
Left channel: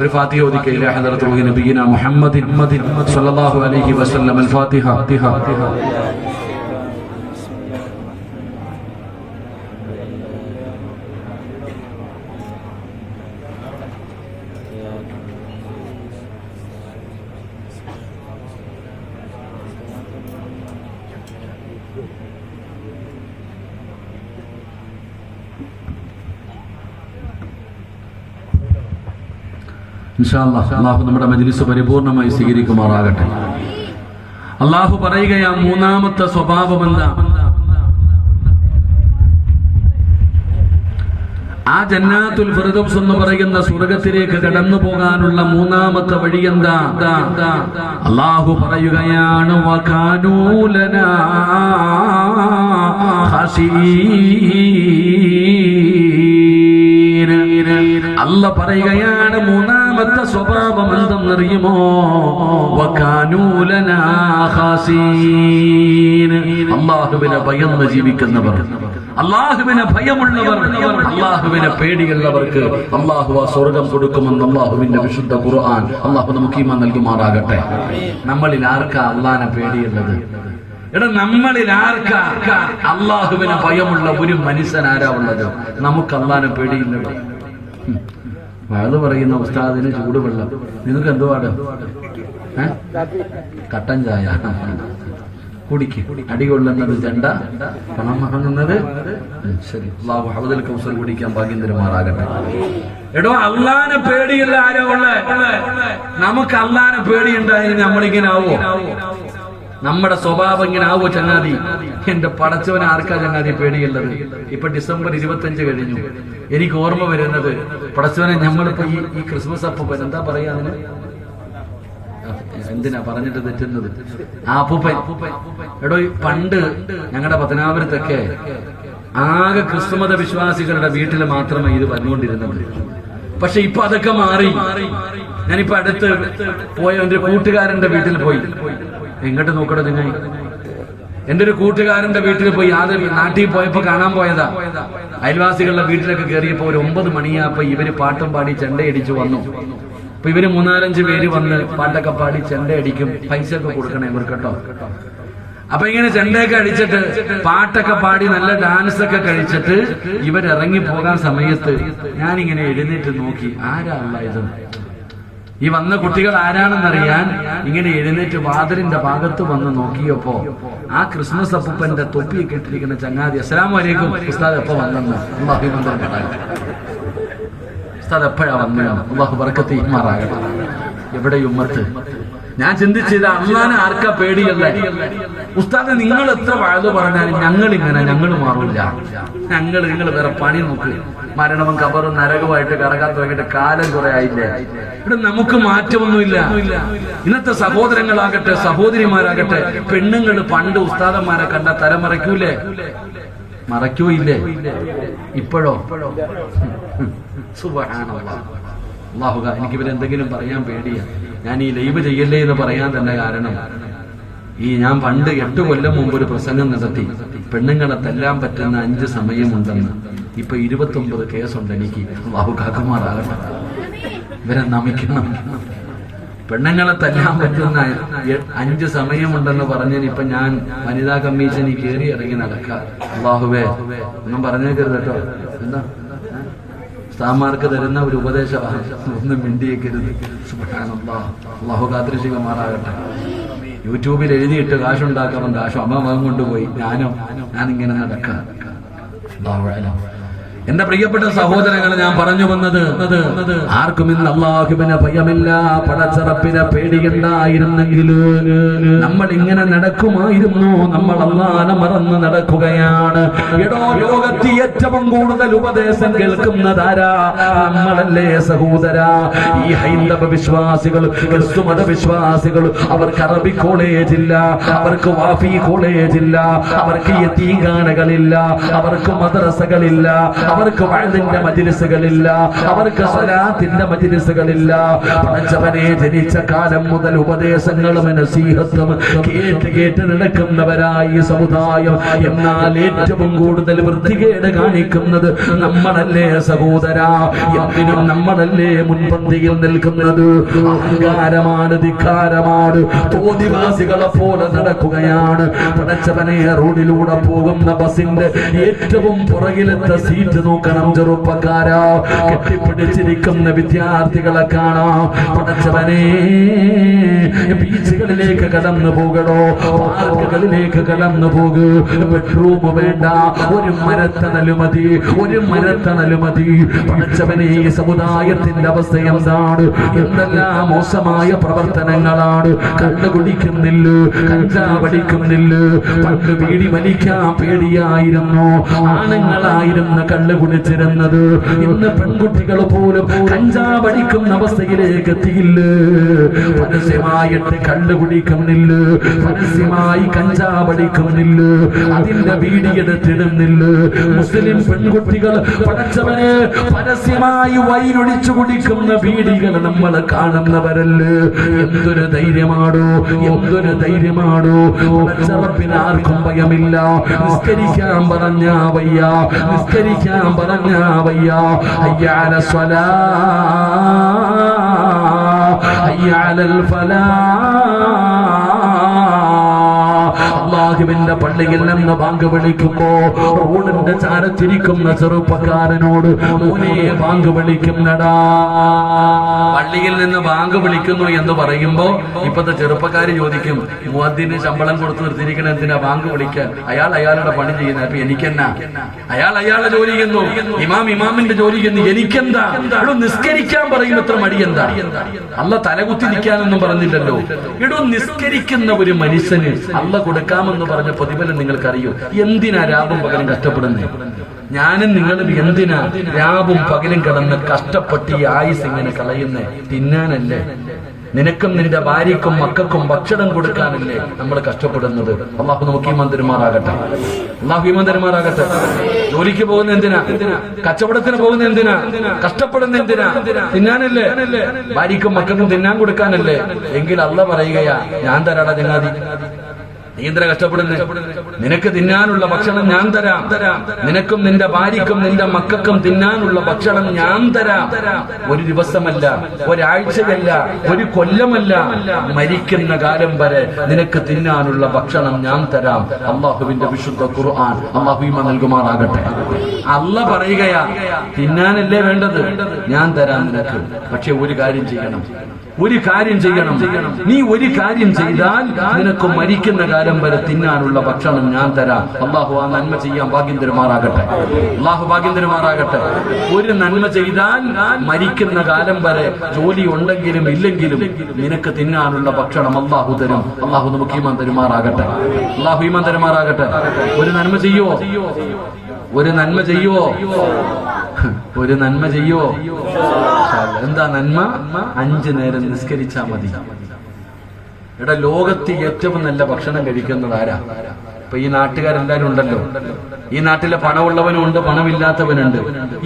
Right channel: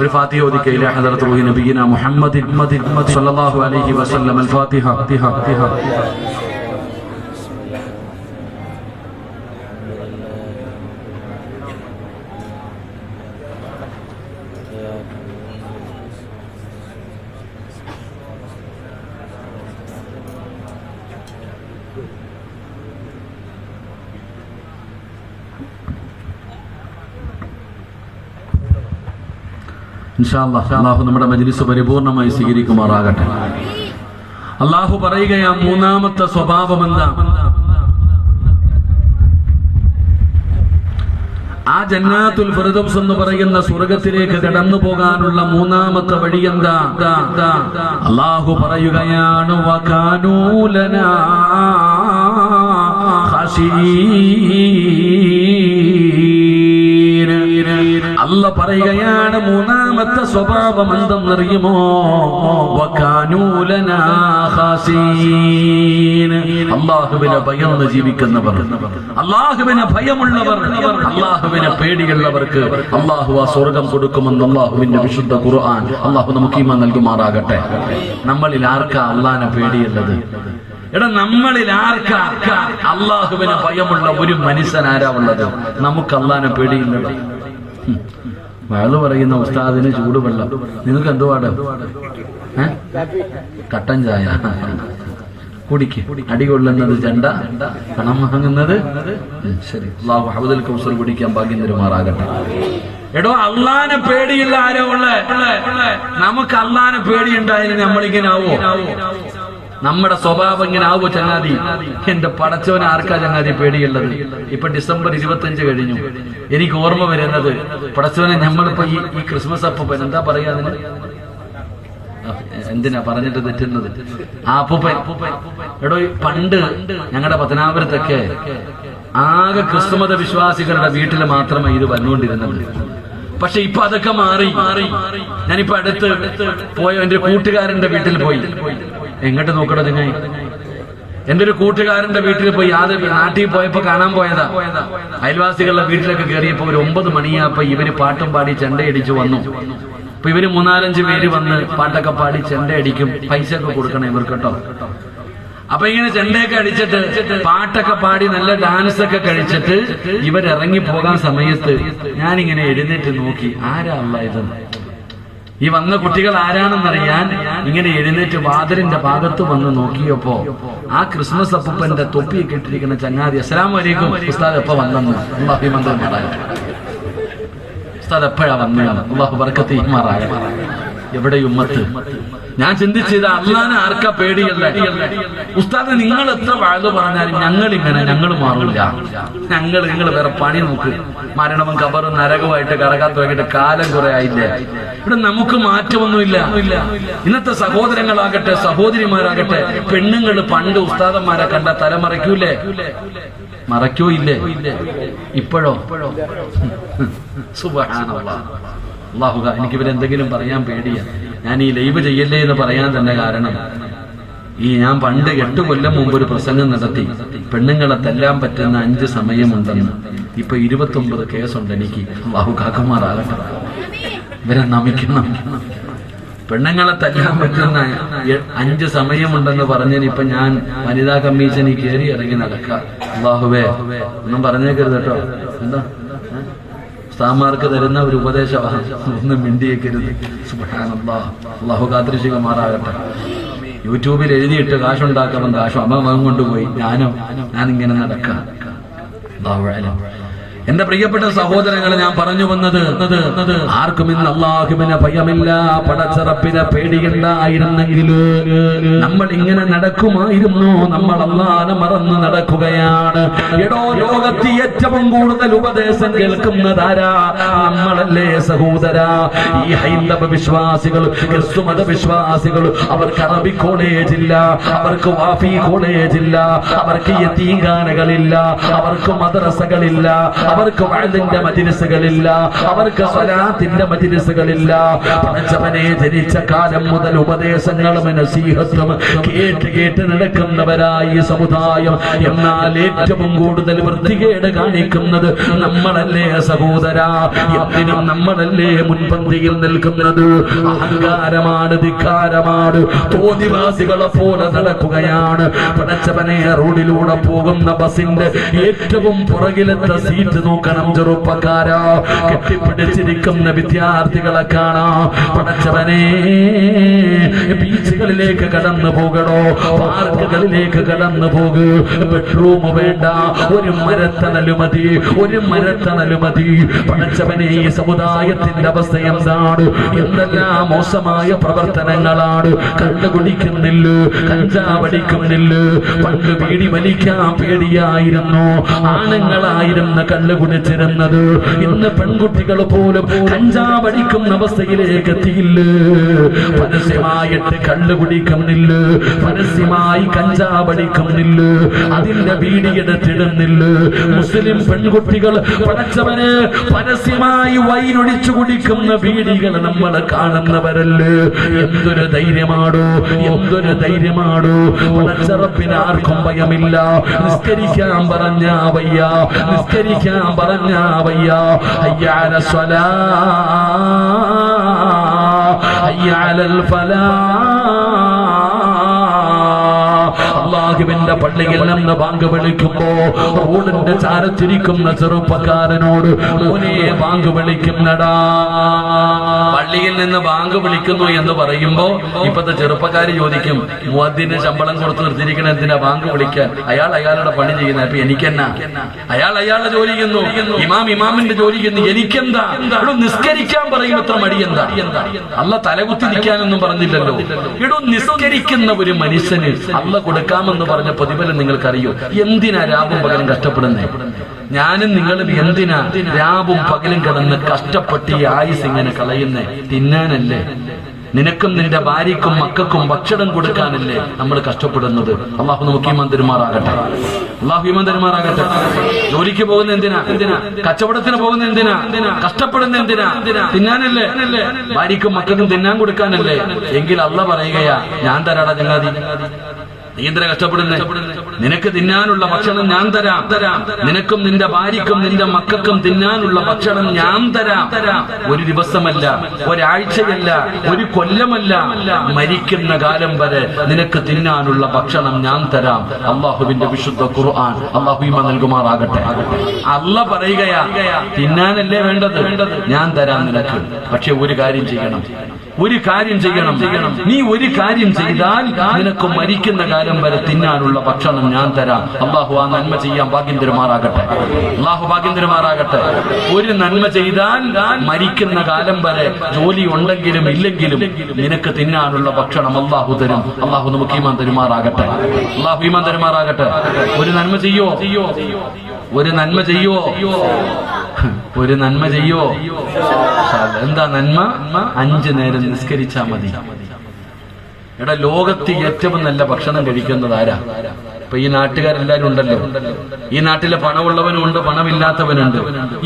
ഒരു ഫാത്തിഹ ഓദിക്കുക. ഇലാ ഹദറത്ത് റൂഹി നബിയിനാ മുഹമ്മദിൻ സ്വല്ലല്ലാഹു അലൈഹി വസല്ലം. അൽ ഫാത്തിഹ. ഇൻഷാ അല്ലാഹ് അല്ലാഹു നമ്മുടെ മജ്ലിസ് പരിപൂർണമായി സ്വീകരിക്കുമാറാകട്ടെ. അല്ലാഹു പറയുകയാ, 3ാമത്തെ സ്വഭാവം എന്താ? ആ ജന്നാത്തുൽ ഫിർദൗസ് എന്ന് പറയുന്ന സ്വർഗത്തിലേക്ക് കടന്നു പോകാനുള്ള 3ാമത്തെ വഴി എന്താ? അല്ലാഹു പറയുകയാണ്, വകാനൂ ലനാ അല്ല പറയുകയാണ്, 3ാമത്തെ സ്വഭാവം എന്തെന്നറിയുമോ? വകാനൂ ലനാ ഖാശീൻ. അല്ലാഹുവിനെ ഭയന്ന് ജീവിക്കുന്നവർ, അല്ലാഹുവിനെ ഭയമുള്ളവർ, അല്ലാഹുവിനെ പേടിയുള്ളവർക്ക് അല്ലാഹു ആ സ്വർഗം കൊടുക്കുമെന്ന് അല്ലാഹുവിന്റെ വിശുദ്ധ ഖുർആൻ. അല്ലാഹു നമുക്ക് ഈമാൻ നൽകുമാറാകട്ടെ. നമ്മളിൽ ആർക്കാ അല്ലാഹുവിനെ പേടിയുള്ളത്? നമ്മളിൽ ആർക്കാ അല്ലാഹുവിനെ ഭയമുള്ള ഒരു മനുഷ്യനാരാ ഉള്ളത്? നമുക്ക് അല്ലാഹുവിനെ പേടിയില്ലല്ലോ. വഅദ് പറയുന്ന ഉസ്താദിന് ചൂടുവെള്ളം, നിനക്ക് എന്തുവാട്? കട്ടൻ ചായ കുടിക്ക്. അടികൊള്ളുന്നത് ചെണ്ട, പണം വാങ്ങുന്നത് ശരി. അല്ലാഹു ഹൗദുൽ കൗസർ കുടിക്കാൻ ഭാഗ്യം തരുമാറാകട്ടെ. അല്ലാഹുവിനെ പേടിയുള്ള ആരോ ഉള്ളത്? നമുക്ക് അല്ലാഹുവിനെ പേടിയുണ്ടായിരുന്നു നമ്മളിങ്ങനെ ആവോ? നമ്മുടെ സ്വഭാവം ഇങ്ങനെ ആവോ ചങ്ങാതി? എന്റെ പടച്ചവന് ആർക്കാ ചങ്ങാതി പേടിയുള്ളത്? ഇപ്പൊ ഡിസംബർ 25 കഴിഞ്ഞു. എനിക്ക് ഓർമ്മ വരുന്നത്, പടച്ചവനെ നമ്മളിപ്പോ ഈ ക്രിസ്മസ് അപ്പൂപ്പൻ എന്താ പറയാ അതിന്? എന്തിനാ പറഞ്ഞിട്ട് തെറ്റുന്നത്? ആ അപ്പൂപ്പൻ. പണ്ട് ഞങ്ങളുടെ പത്തനാപുരത്തൊക്കെ ആകെ ക്രിസ്തുമത വിശ്വാസികളുടെ വീട്ടിൽ മാത്രമേ ഇത് വന്നുകൊണ്ടിരുന്നത്. പക്ഷെ ഇപ്പൊ അതൊക്കെ മാറി. ഞാനിപ്പോ അടുത്ത് പോയ എന്റെ കൂട്ടുകാരന്റെ വീട്ടിൽ പോയി. എങ്ങോട്ട് നോക്കണോ നിങ്ങൾ? എന്റെ ഒരു കൂട്ടുകാരന്റെ വീട്ടിൽ പോയി. നാട്ടിൽ പോയപ്പോ കാണാൻ പോയതാ. അയൽവാസികളുടെ വീട്ടിലൊക്കെ കയറിയപ്പോ ഒരു 9 മണിയായപ്പോ ഇവര് പാട്ടും പാടി ചെണ്ടയടിച്ചു വന്നു. അപ്പൊ ഇവര് 3-4 പേര് വന്ന് പാട്ടൊക്കെ പാടി ചെണ്ടയടിക്കും. പൈസ ഒക്കെ കൊടുക്കണം ഇവർക്ക് കേട്ടോ. അപ്പൊ ഇങ്ങനെ ചെണ്ടയൊക്കെ അടിച്ചിട്ട് പാട്ടൊക്കെ പാടി നല്ല ഡാൻസ് ഒക്കെ കഴിച്ചിട്ട് ഇവരിറങ്ങി പോകാൻ സമയത്ത് ഞാനിങ്ങനെ എഴുന്നേറ്റ് നോക്കി, ആരാ ഇത്? ഈ വന്ന കുട്ടികൾ ആരാണെന്നറിയാൻ ഇങ്ങനെ എഴുന്നേറ്റ് വാതിലിന്റെ ഭാഗത്ത് വന്ന് നോക്കിയപ്പോ ആ ക്രിസ്മസ് അപ്പൂപ്പന്റെ തൊപ്പിയൊക്കെ ഇട്ടിരിക്കുന്ന ചങ്ങാതി, അസ്സലാമു അലൈക്കും ഉസ്താദ് എപ്പോ വന്നെന്ന് അഭിമന്ത്രം. ഉസ്താദ് എപ്പോഴാ വന്നു? അല്ലാഹു ബർക്കത്ത് ചെയ്യുമാറായ. എവിടെ ഉമ്മത്ത്? ഞാൻ ചിന്തിച്ചത് അള്ളാനെ ആർക്കാ പേടിയല്ല. ഉസ്താദ് നിങ്ങൾ എത്ര വഴുത് പറഞ്ഞാലും ഞങ്ങൾ മാറില്ല. നിങ്ങൾ വേറെ പണി നോക്ക്. മരണവും കബറും നരകമായിട്ട് കടകാത്ത് നോക്കിയിട്ട് കാലം കുറെ ആയില്ലേ. ഇവിടെ നമുക്ക് മാറ്റമൊന്നുമില്ല. ഇന്നത്തെ സഹോദരങ്ങളാകട്ടെ സഹോദരിമാരാകട്ടെ പെണ്ണുങ്ങൾ പണ്ട് ഉസ്താദന്മാരെ കണ്ട തലമറയ്ക്കൂലേ? മറയ്ക്കോ ഇല്ലേ? ഇപ്പോഴോ? സുബ്ഹാനല്ലാഹ്. അല്ലാഹുവേ, എനിക്ക് ഇവരെന്തെങ്കിലും പറയാൻ പേടിയാ. ഞാൻ ഈ ലൈവ് ചെയ്യല്ലേ എന്ന് പറയാൻ തന്നെ കാരണം, ഞാൻ പണ്ട് 8 കൊല്ലം മുമ്പ് ഒരു പ്രസംഗം നടത്തി, പെണ്ണുങ്ങളെ തല്ലാൻ പറ്റുന്ന 5 സമയമുണ്ടെന്ന്. ഇപ്പൊ 29 കേസുണ്ട് എനിക്ക്. അല്ലാഹു കാക്കുമാറാകട്ടെ. ഇവരെ നമിക്കണം. പെണ്ണുങ്ങളെ തല്ലാൻ പറ്റുന്ന 5 സമയമുണ്ടെന്ന് പറഞ്ഞതിന് ഇപ്പൊ ഞാൻ വനിതാ കമ്മീഷനിൽ കയറി ഇറങ്ങി നടക്കാം. അല്ലാഹുവേ, ഒന്നും പറഞ്ഞേക്കരുത് കേട്ടോ. എന്താ ഉസ്താദന്മാർക്ക് തരുന്ന ഒരു ഉപദേശമാണ്, ഒന്നും മിണ്ടിയേക്കരുത്. സുബ്ഹാനല്ലാഹ്. അല്ലാഹു കാത്തിരക്ഷിക്കുമാറാകട്ടെ. യൂട്യൂബിൽ എഴുതിയിട്ട് കാശുണ്ടാക്കാൻ കാശു അമ്മ കൊണ്ടുപോയി. ഞാനിങ്ങനെ നടക്കാം. അല്ലാഹു അഅലം. എന്റെ പ്രിയപ്പെട്ട സഹോദരങ്ങളെ, ഞാൻ പറഞ്ഞു വന്നത്, ആർക്കും ഇന്ന് അല്ലാഹുവിനെ ഭയമില്ല, പടച്ചറപ്പിനെ പേടിയുണ്ടായിരുന്നെങ്കിലോ നമ്മൾ ഇങ്ങനെ നടക്കുമായിരുന്നു. നമ്മൾ അല്ലാഹനെ മറന്ന് നടക്കുകയാണ്. എടോ, ലോകത്ത് ഏറ്റവും കൂടുതൽ ഉപദേശം കേൾക്കുന്നതാരാ? നമ്മളല്ലേ സഹോദരാ? ഈ ഹൈന്ദവ വിശ്വാസികൾ, ക്രിസ്തുമത വിശ്വാസികൾ, അവർക്ക് അറബി കോളേജ് ഇല്ല, അവർക്ക് വാഫി കോളേജ് ഇല്ല, അവർക്ക് യതീംഖാനകളില്ല, അവർക്ക് മദ്രസകളില്ല, അവർക്ക് വഅദിന്റെ മജ്‌ലിസുകളില്ല, അവർക്ക് സ്വലാത്തിന്റെ മജ്‌ലിസുകളില്ല. പടച്ചവനെ, ജനിച്ച കാലം മുതൽ ഉപദേശങ്ങളും നസീഹത്തും കേട്ട് നടക്കുന്നവരായി സമുദായം. എന്നാൽ ഏറ്റവും കൂടുതൽ വൃത്തികേട് കാണിക്കുന്നത് നമ്മളല്ലേ സഹോദരാ? എന്തിനും നമ്മളല്ലേ മുൻപന്തിയിൽ നിൽക്കുന്നത്? അഹങ്കാരമാണ്, ധിക്കാരമാണ്. തോന്നിവാസികളെ പോലെ നടക്കുകയാണ്. പടച്ചവനെ, റോഡിലൂടെ പോകുന്ന ബസിന്റെ ഏറ്റവും പുറകിലത്തെ സീറ്റ് നോക്കണം ചെറുപ്പക്കാരാ. കെട്ടിപ്പിടിച്ചിരിക്കുന്ന വിദ്യാർത്ഥികളെ കാണാം. പടച്ചവനെ, ബീച്ചുകളിലേക്ക് കടന്നു പോകണോ, പാർക്കുകളിലേക്ക് കടന്നു പോകു. ബെഡ്റൂം വേണ്ട, ഒരു മരത്തണല് മതി, ഒരു മരത്തണല് മതി. പടച്ചവനെ, ഈ സമുദായത്തിന്റെ അവസ്ഥ എന്താണ്? എന്തെല്ലാം മോശമായ പ്രവർത്തനങ്ങളാണ്. കള്ള് കുടിക്കുന്നില്ല, കഞ്ചാവടിക്കുന്നില്ല. പണ്ട് ബീഡി വലിക്കാൻ പേടിയായിരുന്നു, ആണുങ്ങളായിരുന്ന കള്ള് കുടിച്ചിരുന്നത്. ഇന്ന് പെൺകുട്ടികൾ പോലും കഞ്ചാവടിക്കുന്ന അവസ്ഥയിലേക്ക് എത്തിയില്ല. പരസ്യമായിട്ട് കള്ള് കുടിക്കുന്നില്ല, പരസ്യമായി കഞ്ചാവടിക്കുന്നില്ല, അതിന്റെ വീഡിയെടുത്തിടുന്നില്ല. മുസ്ലിം പെൺകുട്ടികൾ പടച്ചവന് പരസ്യമായി വൈനൊഴിച്ചു കുടിക്കുന്ന വീഡികൾ നമ്മൾ കാണുന്നവരല്ലേ. എന്തൊരു ധൈര്യമാടോ, എന്തൊരു ധൈര്യമാടോ. പടച്ചറപ്പിന് ആർക്കും ഭയമില്ല. നിസ്കരിക്കാൻ പറഞ്ഞാ വയ്യ, നിസ്കരിക്കാൻ പറഞ്ഞാ വയ്യ. ഹയ്യ അലൽ സ്വലാ, ഹയ്യ അലൽ ഫലാഹ്. അല്ലാഹുവിന്റെ പള്ളിയിൽ നിന്ന് ബാങ്ക് വിളിക്കുമ്പോ റോഡിന്റെ ചാരത്തിരിക്കുന്ന ചെറുപ്പക്കാരനോട് മോനെ ബാങ്ക് വിളിക്കുന്നടാ. പള്ളിയിൽ നിന്ന് ബാങ്ക് വിളിക്കുന്നു എന്ന് പറയുമ്പോ ഇപ്പത്തെ ചെറുപ്പക്കാര് ചോദിക്കും, മുഅദ്ദിന് ശമ്പളം കൊടുത്ത് നിർത്തിയിരിക്കണ എന്തിനാ ബാങ്ക് വിളിക്കാൻ? അയാളുടെ പണി ചെയ്യുന്ന. അപ്പൊ എനിക്കെന്നാ? അയാളുടെ ജോലി ചെയ്യുന്നു, ഇമാമിന്റെ ജോലി ചെയ്യുന്നു, എനിക്കെന്താ? ഇവിടെ നിസ്കരിക്കാൻ പറയും, എത്ര മടിയെന്താ? അല്ല തലകുത്തി നിൽക്കാനൊന്നും പറഞ്ഞില്ലല്ലോ. ഇവിടെ നിസ്കരിക്കുന്ന ഒരു മനുഷ്യന് അല്ല കൊടുക്കാമെന്ന് പറഞ്ഞ പ്രതിഫലം നിങ്ങൾക്കറിയോ? എന്തിനാ രാവും പകലും കഷ്ടപ്പെടുന്നേ? ഞാനും നിങ്ങളും എന്തിനാ രാവും പകലും കിടന്ന് കഷ്ടപ്പെട്ട് ഈ ആയുസ് ഇങ്ങനെ കളയുന്നേ? തിന്നാനല്ലേ? നിനക്കും നിന്റെ ഭാര്യക്കും മക്കൾക്കും ഭക്ഷണം കൊടുക്കാനല്ലേ നമ്മൾ കഷ്ടപ്പെടുന്നത്? അള്ളാഹു നമുക്ക് ഈമാൻ തരുമാറാകട്ടെ. അള്ളാഹു ഈമാൻ തരുമാറാകട്ടെ. ജോലിക്ക് പോകുന്ന എന്തിനാ? കച്ചവടത്തിന് പോകുന്ന എന്തിനാ? കഷ്ടപ്പെടുന്ന എന്തിനാ? തിന്നാനല്ലേ? ഭാര്യക്കും മക്കൾക്കും തിന്നാൻ കൊടുക്കാനല്ലേ? എങ്കിൽ അള്ളാഹ് പറയുകയാ, ഞാൻ തരാടാ ചങ്ങാതി. നീ എന്തിനാ കഷ്ടപ്പെടുന്നേ? നിനക്ക് തിന്നാനുള്ള ഭക്ഷണം ഞാൻ തരാം. നിനക്കും നിന്റെ ഭാര്യക്കും നിന്റെ മക്കൾക്കും തിന്നാനുള്ള ഭക്ഷണം ഞാൻ തരാം. ഒരു ദിവസമല്ല, ഒരാഴ്ചയല്ല, ഒരു കൊല്ലമല്ല, മരിക്കുന്ന കാലം വരെ നിനക്ക് തിന്നാനുള്ള ഭക്ഷണം ഞാൻ തരാം. അള്ളാഹുവിന്റെ വിശുദ്ധ ഖുർആൻ. അള്ളാഹു ഈമാൻ നൽകുമാറാകട്ടെ. അള്ളാഹ് പറയുകയാ, തിന്നാനല്ലേ വേണ്ടത്? ഞാൻ തരാം നിനക്ക്. പക്ഷെ ഒരു കാര്യം ചെയ്യണം, ഒരു കാര്യം ചെയ്യണം. നീ ഒരു കാര്യം ചെയ്താൽ നിനക്ക് മരിക്കുന്ന കാലം വരെ തിന്നാനുള്ള ഭക്ഷണം ഞാൻ തരാം. അള്ളാഹു ആ നന്മ ചെയ്യാൻ ഭാഗ്യം തരുമാറാകട്ടെ. അള്ളാഹു ഭാഗ്യം തരുമാറാകട്ടെ. ഒരു നന്മ ചെയ്താൽ മരിക്കുന്ന കാലം വരെ ജോലി ഉണ്ടെങ്കിലും ഇല്ലെങ്കിലും നിനക്ക് തിന്നാനുള്ള ഭക്ഷണം അള്ളാഹു തരും. അള്ളാഹു നമുക്ക് ഈമാൻ തരുമാറാകട്ടെ. അള്ളാഹു ഈമാൻ തരുമാറാകട്ടെ. ഒരു നന്മ ചെയ്യോ? ഒരു നന്മ ചെയ്യോ? ഒരു നന്മ ചെയ്യോ? എന്താ നന്മ? 5 നേരം നിസ്കരിച്ചാൽ മതി. ഇവിടെ ലോകത്ത് ഏറ്റവും നല്ല ഭക്ഷണം കഴിക്കുന്നത് ആരാ? ഇപ്പൊ ഈ നാട്ടുകാരെല്ലാരും ഉണ്ടല്ലോ. ഈ നാട്ടിലെ പണമുള്ളവനുണ്ട്, പണമില്ലാത്തവനുണ്ട്.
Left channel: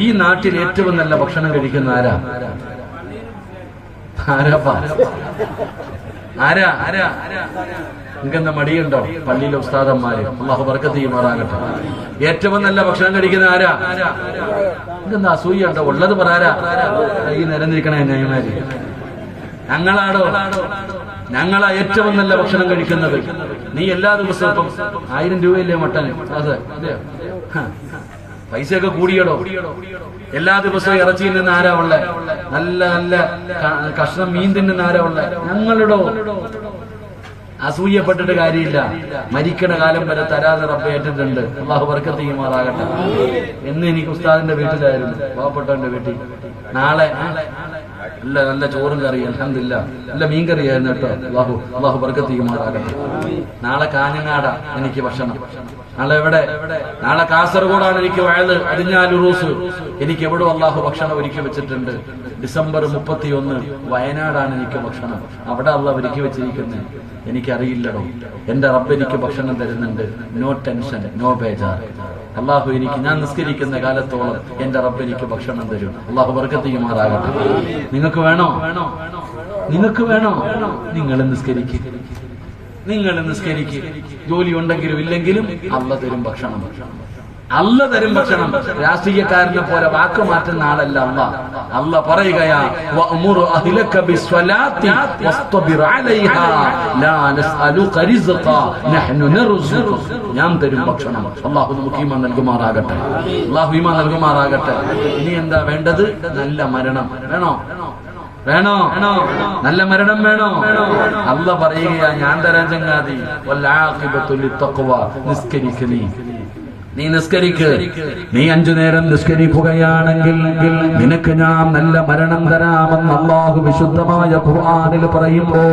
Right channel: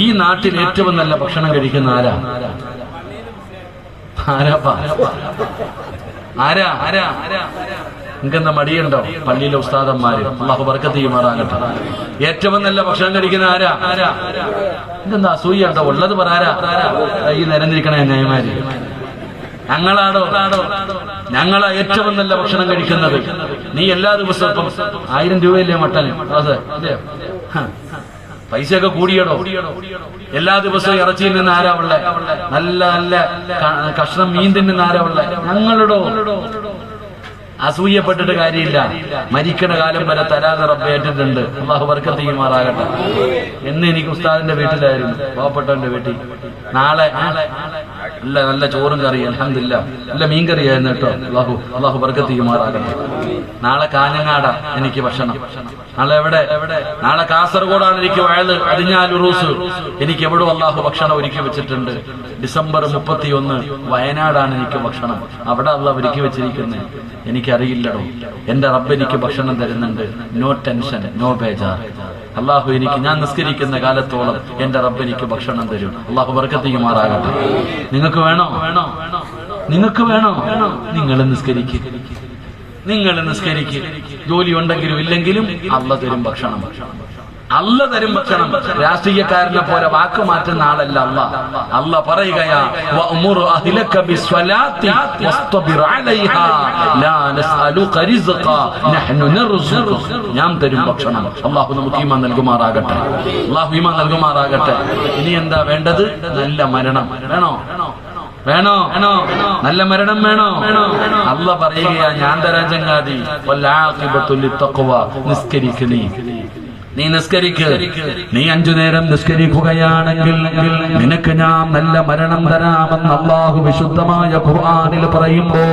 ഈ നാട്ടിൽ ഏറ്റവും നല്ല ഭക്ഷണം കഴിക്കുന്ന ആരാ? ആരാ? നിങ്ങൾക്കെന്താ മടിയുണ്ടോ? പള്ളിയിലെ ഉസ്താദന്മാര്, അള്ളാഹു ബർക്കത്ത് ചെയ്യുമാറാകട്ടെ. ഏറ്റവും നല്ല ഭക്ഷണം കഴിക്കുന്ന ആരാ? ഇതെന്താ അസൂയ ഉണ്ടോ? ഉള്ളത് പറയാ. ഈ നിരന്നിരിക്കണേ ന്യായമാര്. ഞങ്ങളാടോ? ഞങ്ങളാ ഏറ്റവും നല്ല ഭക്ഷണം കഴിക്കുന്നത്. നീ എല്ലാ ദിവസവും 1000 രൂപയല്ലേ മട്ടന്? അതെ, പൈസയൊക്കെ കൂടിയടോ. എല്ലാ ദിവസവും ഇറച്ചിയിൽ നിന്ന് ആരാ ഉള്ളേ? നല്ല നല്ല കഷ്ണം മീൻ തിന്നുന്ന ആരാ ഉള്ളേ? ഞങ്ങളോടോ. അസൂയപ്പെട്ടിട്ട് കാര്യമില്ല. മരിക്കണ കാലം വരെ തരാതെ റബ്ബേറ്റിട്ടുണ്ട്. അള്ളാഹു ബർക്കത്ത് ചെയ്യുമാറാകട്ടെ. എന്ന് എനിക്ക് ഉസ്താദിന്റെ വീട്ടിലായിരുന്നു, പാവപ്പെട്ടവന്റെ വീട്ടിൽ. നാളെ നല്ല ചോറും കറി, അൽഹംദുലില്ലാ, നല്ല മീൻ കറിയായിരുന്നു കേട്ടോ. അള്ളാഹു ബർക്കത്ത് ചെയ്യുമാറാകട്ടെ. നാളെ കാഞ്ഞങ്ങാടാ എനിക്ക് ഭക്ഷണം. നാളെ എവിടെ? നാളെ കാസർഗോഡാണ് എനിക്ക് വയല്. അടിഞ്ഞാലുറൂസ്. എനിക്ക് എവിടും അള്ളാഹു ഭക്ഷണം ഒരുക്കി വെച്ചിട്ടുണ്ട്. ഡിസംബർ 31 വയനാടാണ് എനിക്ക് ഭക്ഷണം. അവിടെ അള്ളാഹു ഒരുക്കി വെച്ചിരിക്കുന്നത് എനിക്കറിയില്ലടോ. എന്റെ റബ്ബ് എനിക്ക് ഭക്ഷണം തരുന്നുണ്ട്. നോ ടെൻഷൻ, നോ ബേജാർ. അള്ളാഹു എനിക്ക്, ഞാൻ നിസ്കരിക്കുന്ന കാലത്തോളം എന്റെ റബ്ബ് എനിക്ക് ഭക്ഷണം തരും. അള്ളാഹു ബർക്കത്ത് ചെയ്യുമാറാകട്ടെ. നിങ്ങൾക്ക് വേണോ? നിങ്ങൾക്ക് വേണോ? നിങ്ങൾ നിസ്കരിക്ക്. ജോലി ഉണ്ടെങ്കിലും ഇല്ലെങ്കിലും അള്ളാഹു തരും ഭക്ഷണം. അള്ളാഹു തരും ഭക്ഷണം. രാഷ്ട്രീയക്കാരനെ പോലെ വാക്ക് മാറ്റുന്ന ആളല്ല അള്ളാഹ്. അള്ളാഹ് പറയുകയാ, വഅ്മുർ അഹ്ലക ബിസ്സലാത്തി വസ്തബിർ അലൈഹാ ലാ നസ്അലുക റിസ്ഖ നഹ്നു നർസുഖു. ഞാൻ തരും ഭക്ഷണം. അള്ളാഹു നമുക്ക് ഈമാൻ നൽകുമാറാകട്ടെ. അള്ളാഹു ഈമാൻ നൽകുമാറാകട്ടെ. ഇനി എന്താ വേണ്ടത്? നല്ല മരണം വേണോ? നല്ല മരണം വേണോ? അള്ളാഹ് പറയുകയാ, ഞാൻ തരാൻ ചങ്ങാതി. വൽആഖിബത്തു ലിത്തഖ്വ. നീ നിസ്കരിക്ക്. നീ 5 നേരം നിസ്കരിക്കുകയാണെങ്കിൽ നിനക്ക് ഞാൻ നല്ല മരണം തരാമെന്ന് അള്ളാഹു വിശുദ്ധമായ ഖുർആനിൽ പറയുമ്പോ,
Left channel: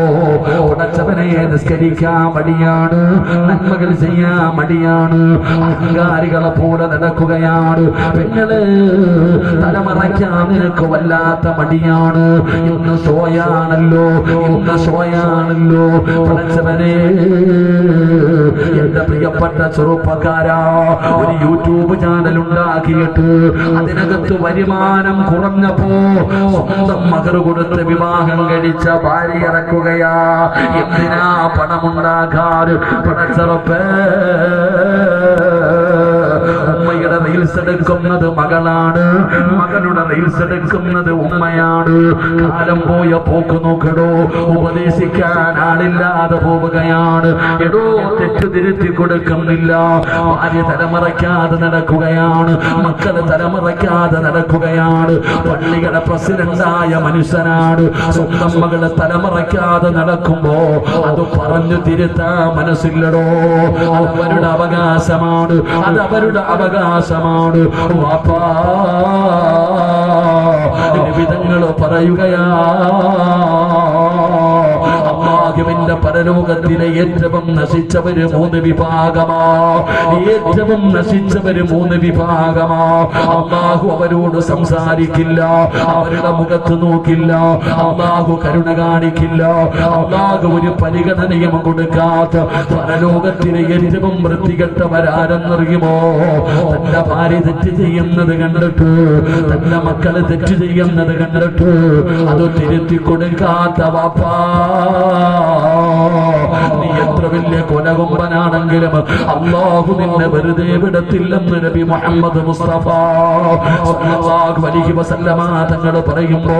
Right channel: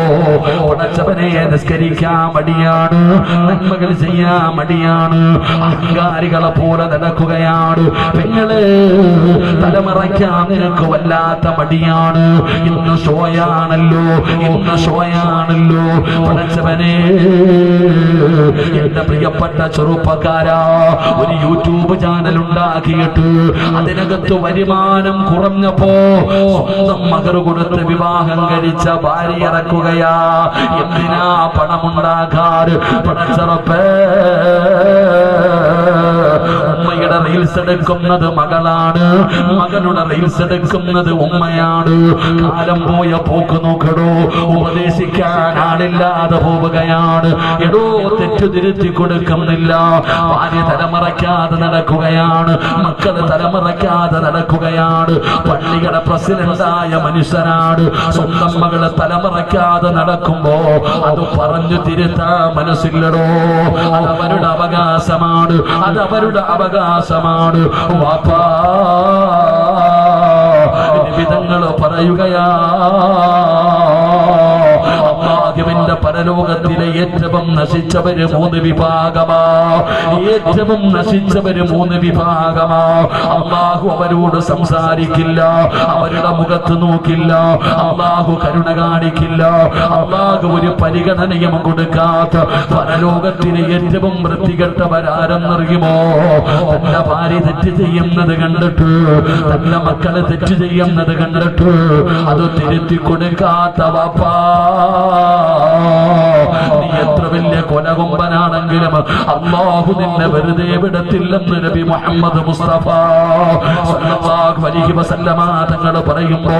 പടച്ചവനെ നിസ്കരിക്കാൻ മടിയാണ്, നന്മകൾ ചെയ്യാൻ മടിയാണ്, അഹങ്കാരികളെ പോലെ നടക്കുകയാണ്. പെങ്ങള് തലമറയ്ക്കാൻ നിനക്ക് വല്ലാത്ത മടിയാണ്. ഇന്ന് ഷോയാണല്ലോ. പടച്ചവനെ, എന്റെ പ്രിയപ്പെട്ട ചെറുപ്പക്കാരാ, ഒരു യൂട്യൂബ് ചാനൽ ഉണ്ടാക്കിയിട്ട് അതിനകത്ത് വരുമാനം കുറഞ്ഞപ്പോ സ്വന്തം മകർ കൊടുത്ത് വിവാഹം കഴിച്ച ഭാര്യ ഇറക്കുകയാ. എന്തിനാ പണമുണ്ടാക്കാറ്? പടച്ചറപ്പേ, ഉമ്മയുടെ റീൽസ് എടുക്കുന്നത് മകളാണ്, മകനുടെ റീൽസ് എടുക്കുന്നത് ഉമ്മയാണ്. കാലം പോയ പോക്ക് നോക്കടോ. ഉപദേശിക്കാൻ ആളില്ലാതെ പോവുകയാണ്. എടോ, തെറ്റു തിരുത്തി കൊടുക്കുന്നില്ല. ഭാര്യ തലമറയ്ക്കാതെ നടക്കുകയാണ്, മക്കള് തലമറയ്ക്കാതെ നടക്കുകയാണ്. പള്ളിയുടെ പ്രസിഡന്റായ മനുഷ്യനാണ്. സ്വന്തം മകളെ തലമറയ്ക്കാതെ നടക്കുമ്പോ അത് പറഞ്ഞു തിരുത്താൻ മനസ്സില്ലടോ. അതവരുടെ അവകാശമാണ്, അതവരുടെ അവകാശമാണ്. വാപ്പാ, വിധങ്ങൾ പറയുകയാ, അല്ലാഹുവിന്റെ പരലോകത്തിലെ ഏറ്റവും നശിച്ചവര് 3 വിഭാഗമാ. ഏറ്റവും നശിച്ചവര് 3 വിഭാഗമാ. അല്ലാഹു അവരോട് സംസാരിക്കില്ല, അവരുടെ മുഖത്ത് നോക്കില്ല, അല്ലാഹു കരുണ കാണിക്കില്ല, അല്ലാഹു ഒരു പരിഗണനയും കൊടുക്കാത്ത പരലോകത്തിലെ ഏറ്റവും വൃത്തികെട്ടവരാരെന്നറിയുമോ? തന്റെ ഭാര്യ തെറ്റ് ചെയ്യുന്നത് കണ്ടിട്ട്, തന്റെ മക്കളെ തെറ്റ് ചെയ്യുന്നത് കണ്ടിട്ട് അത് തിരുത്തി കൊടുക്കാത്ത വാപ്പാ, നീ എത്ര വലിയ കൊലകൊമ്പനാണെങ്കിലും അല്ലാഹു നിന്നെ വെറുതെ വിടത്തില്ലെന്ന് നബി മുഹമ്മദ് മുസ്തഫ സല്ലല്ലാഹു അലൈഹി വസല്ലമ തങ്ങൾ പറയുമ്പോ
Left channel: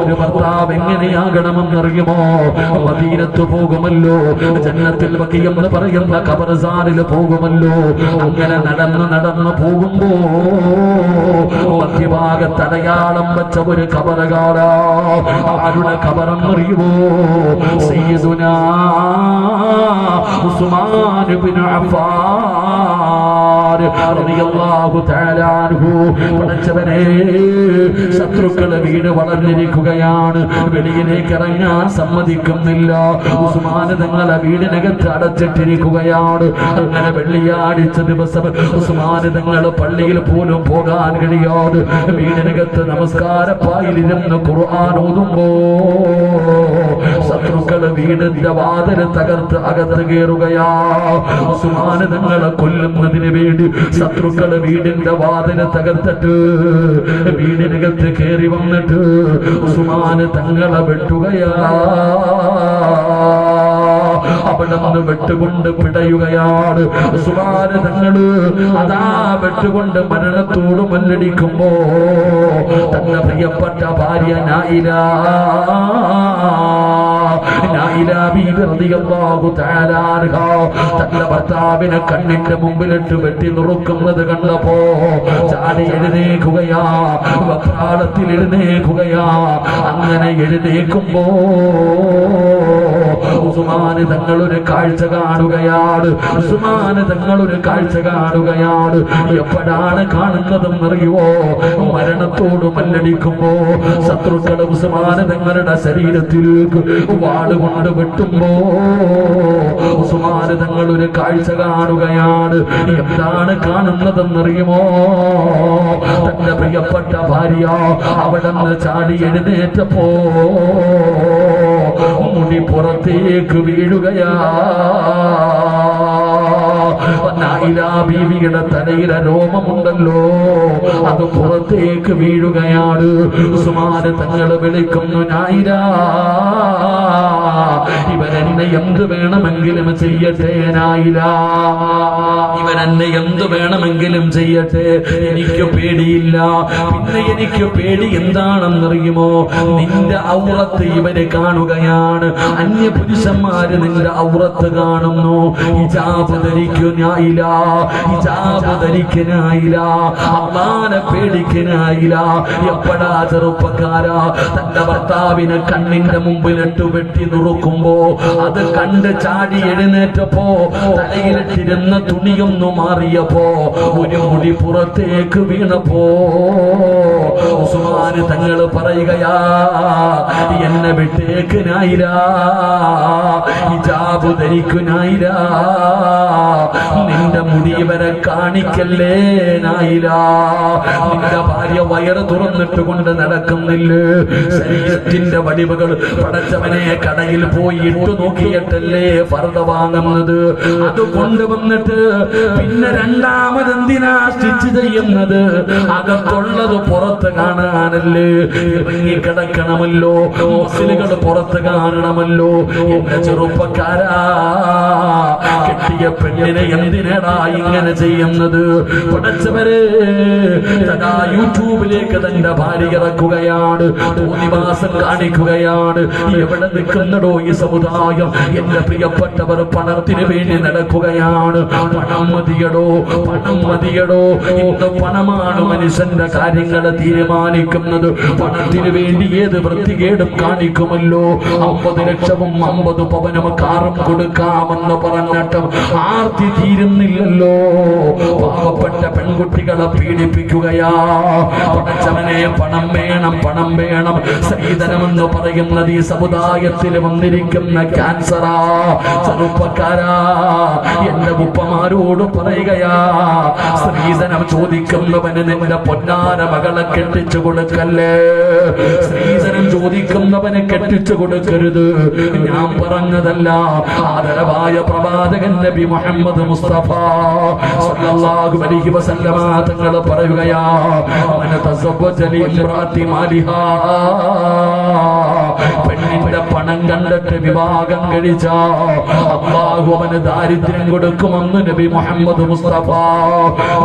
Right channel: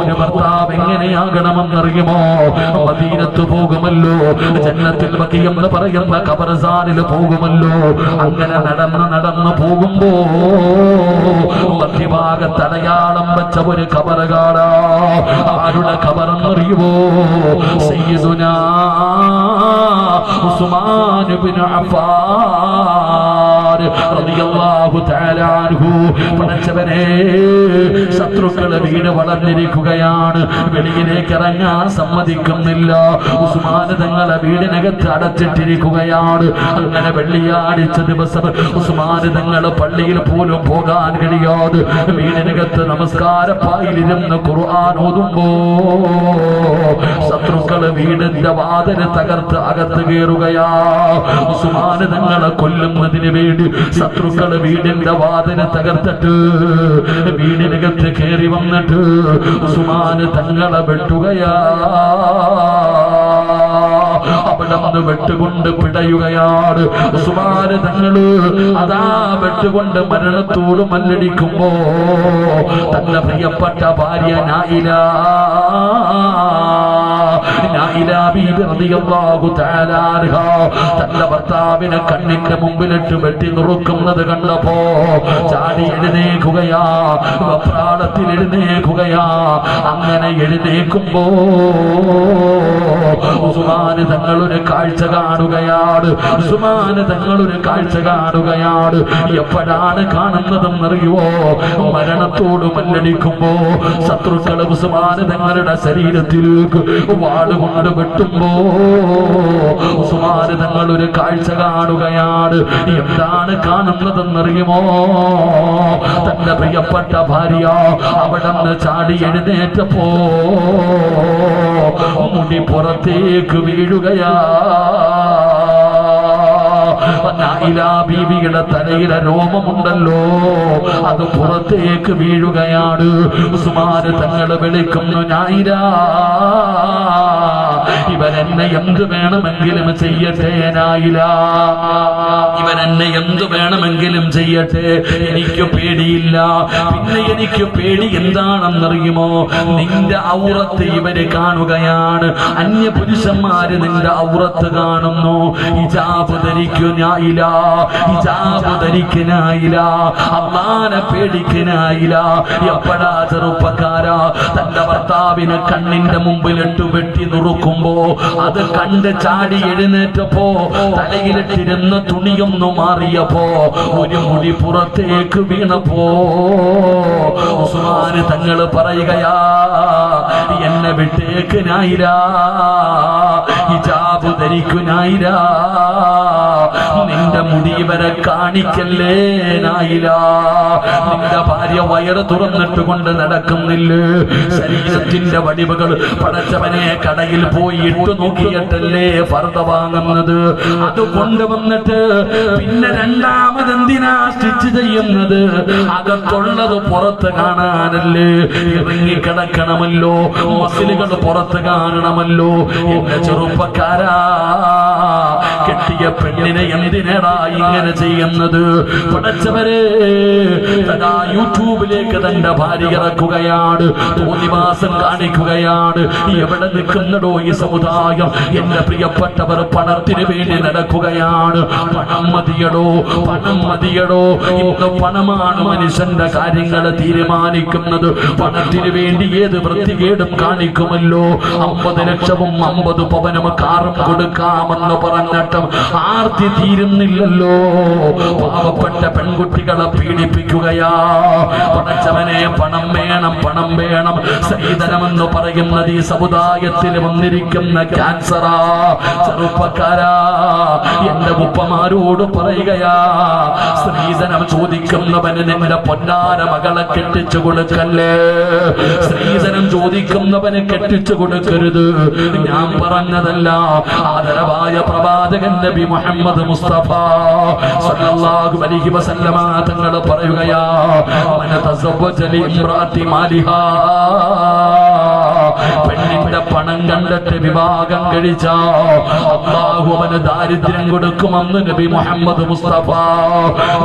ഒരു ഭർത്താവ് എങ്ങനെയാകണമെന്നറിയുമോ? മദീനത്ത് പോകുമല്ലോ, ജന്നത്തിൽ ബഖീ എന്ന് പറയുന്ന ഖബർസ്ഥാനിൽ പോകുമല്ലോ. അങ്ങനെ നടന്ന് പോകുമ്പോ മധ്യഭാഗത്ത് അടയാളം വെച്ച ഒരു ഖബറുകാരാ. ആരുടെ ഖബറെന്നറിയുമോ? സയ്യിദുനാ ഉസ്മാൻ ഇബ്നു അഫ്ഫാൻ റളിയല്ലാഹു തആല അൻഹു. പടച്ചവനെ, ശത്രുക്കളെ വീട് വളർന്നിരിക്കുകയാണ്, വെളിയിലേക്ക് ഇറങ്ങാൻ സമ്മതിക്കുന്നില്ല. ഉസ്മാൻ തങ്ങളെ വീടിനകത്ത് അടച്ചിട്ടിരിക്കുകയാണ്. അങ്ങനെ വെള്ളിയാഴ്ച ദിവസം ഉസ്മാൻ തങ്ങൾ പള്ളിയിൽ പോലും പോകാൻ കഴിയാതെ വീടിനകത്ത് നമസ്കാരപ്പായിലിരുന്ന് ഖുർആൻ ഓതുമ്പോ ശത്രുക്കള് വീടിന്റെ വാതില് തകർത്ത് അകത്ത് കയറുകയാ. ഉസ്മാൻ തങ്ങളെ കൊല്ലുന്നതിന് വേണ്ടി ശത്രുക്കള് വീടിന്റെ വാതില് തകർത്തിട്ട് വീടിനകത്ത് കയറി വന്നിട്ട് ഉസ്മാൻ തങ്ങളെ വെട്ടുകയാ. അവിടെ നിന്ന് വെട്ടുകൊണ്ട് പിടയുകയാണ്. ഉസ്മാൻ തങ്ങള് അതാ വെട്ടുകൊണ്ട് മരണത്തോട് മല്ലടിക്കുമ്പോ തങ്ങളുടെ പ്രിയപ്പെട്ട ഭാര്യ നായില ബീബി റളിയല്ലാഹു തആല അൻഹ തന്റെ ഭർത്താവിനെ കണ്ണിന്റെ മുമ്പിലിട്ട് വെട്ടി നുറുക്കുന്നത് കണ്ടപ്പോ ചാടി എഴുന്നേൽക്കുകയാ, വെപ്രാളത്തിൽ എഴുന്നേൽക്കുകയാ. അങ്ങനെ എഴുന്നേൽക്കുമ്പോ ഉസ്മാൻ തങ്ങളൊരു കാഴ്ച കാണുകയാണ്. ഉസ്മാൻ തങ്ങളൊരു കാഴ്ച കാണുകയാണ്. എപ്പോഴാണ് കാണുന്നതെന്നറിയുവോ? മരണത്തോട് മല്ലടിക്കുമ്പോ ശത്രുക്കളെ ഉസ്മാൻ തങ്ങളുടെ ശരീരത്തിലേക്ക് വാടുകൊണ്ട് വെട്ടുമ്പോ ഉസ്മാൻ തങ്ങളൊരു കാഴ്ച കാണുകയാണ്. എന്താണ് കാണുന്നതെന്നറിയുമോ? തന്റെ പ്രിയപ്പെട്ട ഭാര്യ അവിടെ നിന്ന് ചാടി എഴുന്നേറ്റപ്പോ മുടി പുറത്തേക്ക് വീഴുകയാ. നായില ബീവിയുടെ തലയിലെ രോമമുണ്ടല്ലോ, അത് പുറത്തേക്ക് വീഴുകയാണ്. ഉസ്മാൻ തങ്ങൾ വിളിക്കുന്നു, നായില, ഇവരെന്നെ എന്ത് വേണമെങ്കിലും ചെയ്യട്ടെ. നായില, ഇവരെന്നെ എന്ത് വേണമെങ്കിലും ചെയ്യട്ടെ, എനിക്ക് പേടിയില്ല. പിന്നെ എനിക്ക് പേടി എന്താണെന്നറിയുമോ? നിന്റെ ഔറത്ത് ഇവര് കാണുകയാണ്. അന്യ പുരുഷന്മാര് നിന്റെ ഔറത്ത് കാണുന്നു. ഹിജാബ് ധരിക്കുനായില്ല, ഹിജാബ് ധരിക്കുനായില്ല, അള്ളാനെ പേടിക്കുനായില്ല. എപ്പോഴാ ചെറുപ്പക്കാരാ തന്റെ ഭർത്താവിനെ കണ്ണിന്റെ മുമ്പിലിട്ട് വെട്ടി നുറുക്കുമ്പോ അത് കണ്ട് ചാടി എഴുന്നേറ്റപ്പോ തലയിലിട്ടിരുന്ന തുണിയൊന്നു മാറിയപ്പോ ഒരു മുടി പുറത്തേക്ക് വീണപ്പോ ഉസ്മാൻ തങ്ങള് പറയുകയാ, എന്നെ വിട്ടേക്ക് നായില, ഹിജാബ് ധരിക്കുനായില്ല, നിന്റെ മുടി വരെ കാണിക്കല്ലേ നായില. നിന്റെ ഭാര്യ വയറ് തുറന്നിട്ട് കൊണ്ട് നടക്കുന്നില്ലേ? ശരീരത്തിന്റെ വടിവുകൾ പടച്ചവനെ കടയിൽ പോയി ഇട്ടു നോക്കിയിട്ടല്ലേ ഫർദ വാങ്ങുന്നത്? അത് കൊണ്ടുവന്നിട്ട് പിന്നെ രണ്ടാമതെന്തിനാ സ്റ്റിച്ച് ചെയ്യുന്നത്? അകത്തുള്ളത് പുറത്ത് കാണാനല്ലേ? ഇറങ്ങിക്കിടക്കണമല്ലോ, മസിലുകൾ പുറത്ത് കാണണമല്ലോ. ചെറുപ്പക്കാരാ, കെട്ടിയ പെണ്ണിനെ എന്തിനാ ഇങ്ങനെ ചെയ്യുന്നത്? പടച്ചവരെ, യൂട്യൂബിലേക്ക് തന്റെ ഭാര്യ ഇറക്കുകയാണ്, തോന്നിവാസം കാണിക്കുകയാണ്. എവിടെ നിൽക്കുന്നടോ ഈ സമുദായം? എന്റെ പ്രിയപ്പെട്ടവർ പണത്തിന് വേണ്ടി നടക്കുകയാണ്. പണം മതിയടോ, പണം മതിയടോ. ഇന്ന് പണമാണ് മനുഷ്യന്റെ കാര്യങ്ങൾ തീരുമാനിക്കുന്നത്. പണത്തിന് വേണ്ടി ഏത് വൃത്തികേടും കാണിക്കുമല്ലോ. 50 ലക്ഷവും 50 പവനും കാറും കൊടുക്കാമെന്ന് പറഞ്ഞിട്ടും ആർത്തി തീരുന്നില്ലല്ലോ. പാവപ്പെട്ട പെൺകുട്ടികളെ പീഡിപ്പിക്കുകയാ. പടച്ചവനെ, പണം വേണം, പണം വേണം. സ്ത്രീധനമെന്ന് പറയുന്നത് ഈ സമുദായത്തിൽ വന്നിരിക്കുന്ന ക്യാൻസറാ. ചെറുപ്പക്കാരാ, എന്റെ ഉപ്പമാരോട് പറയുകയാ, സ്ത്രീധനം ചോദിക്കുന്നവന് നിന്റെ പൊന്നാര മകളെ കെട്ടിച്ചു കൊടുക്കല്ലേ. സ്ത്രീധനം ചോദിക്കുന്നവന് കെട്ടിച്ചു കൊടുക്കരുത്. ഞാൻ പറഞ്ഞതല്ല, ആദരവായ പ്രവാചകൻ നബി മുഹമ്മദ് മുസ്തഫ സല്ലല്ലാഹു അലൈഹി വസല്ലമ തങ്ങൾ പറയുകയാ, മൻ തസവ്വജ ലി ഇംറാത്തി മാലിഹാ, പെണ്ണിന്റെ പണം കണ്ട കൊല്ലത്തെ വിവാഹം കഴിച്ച അല്ലാഹു അവന് ദാരിദ്ര്യം കൊടുക്കുമെന്ന് നബി മുഹമ്മദ് മുസ്തഫ.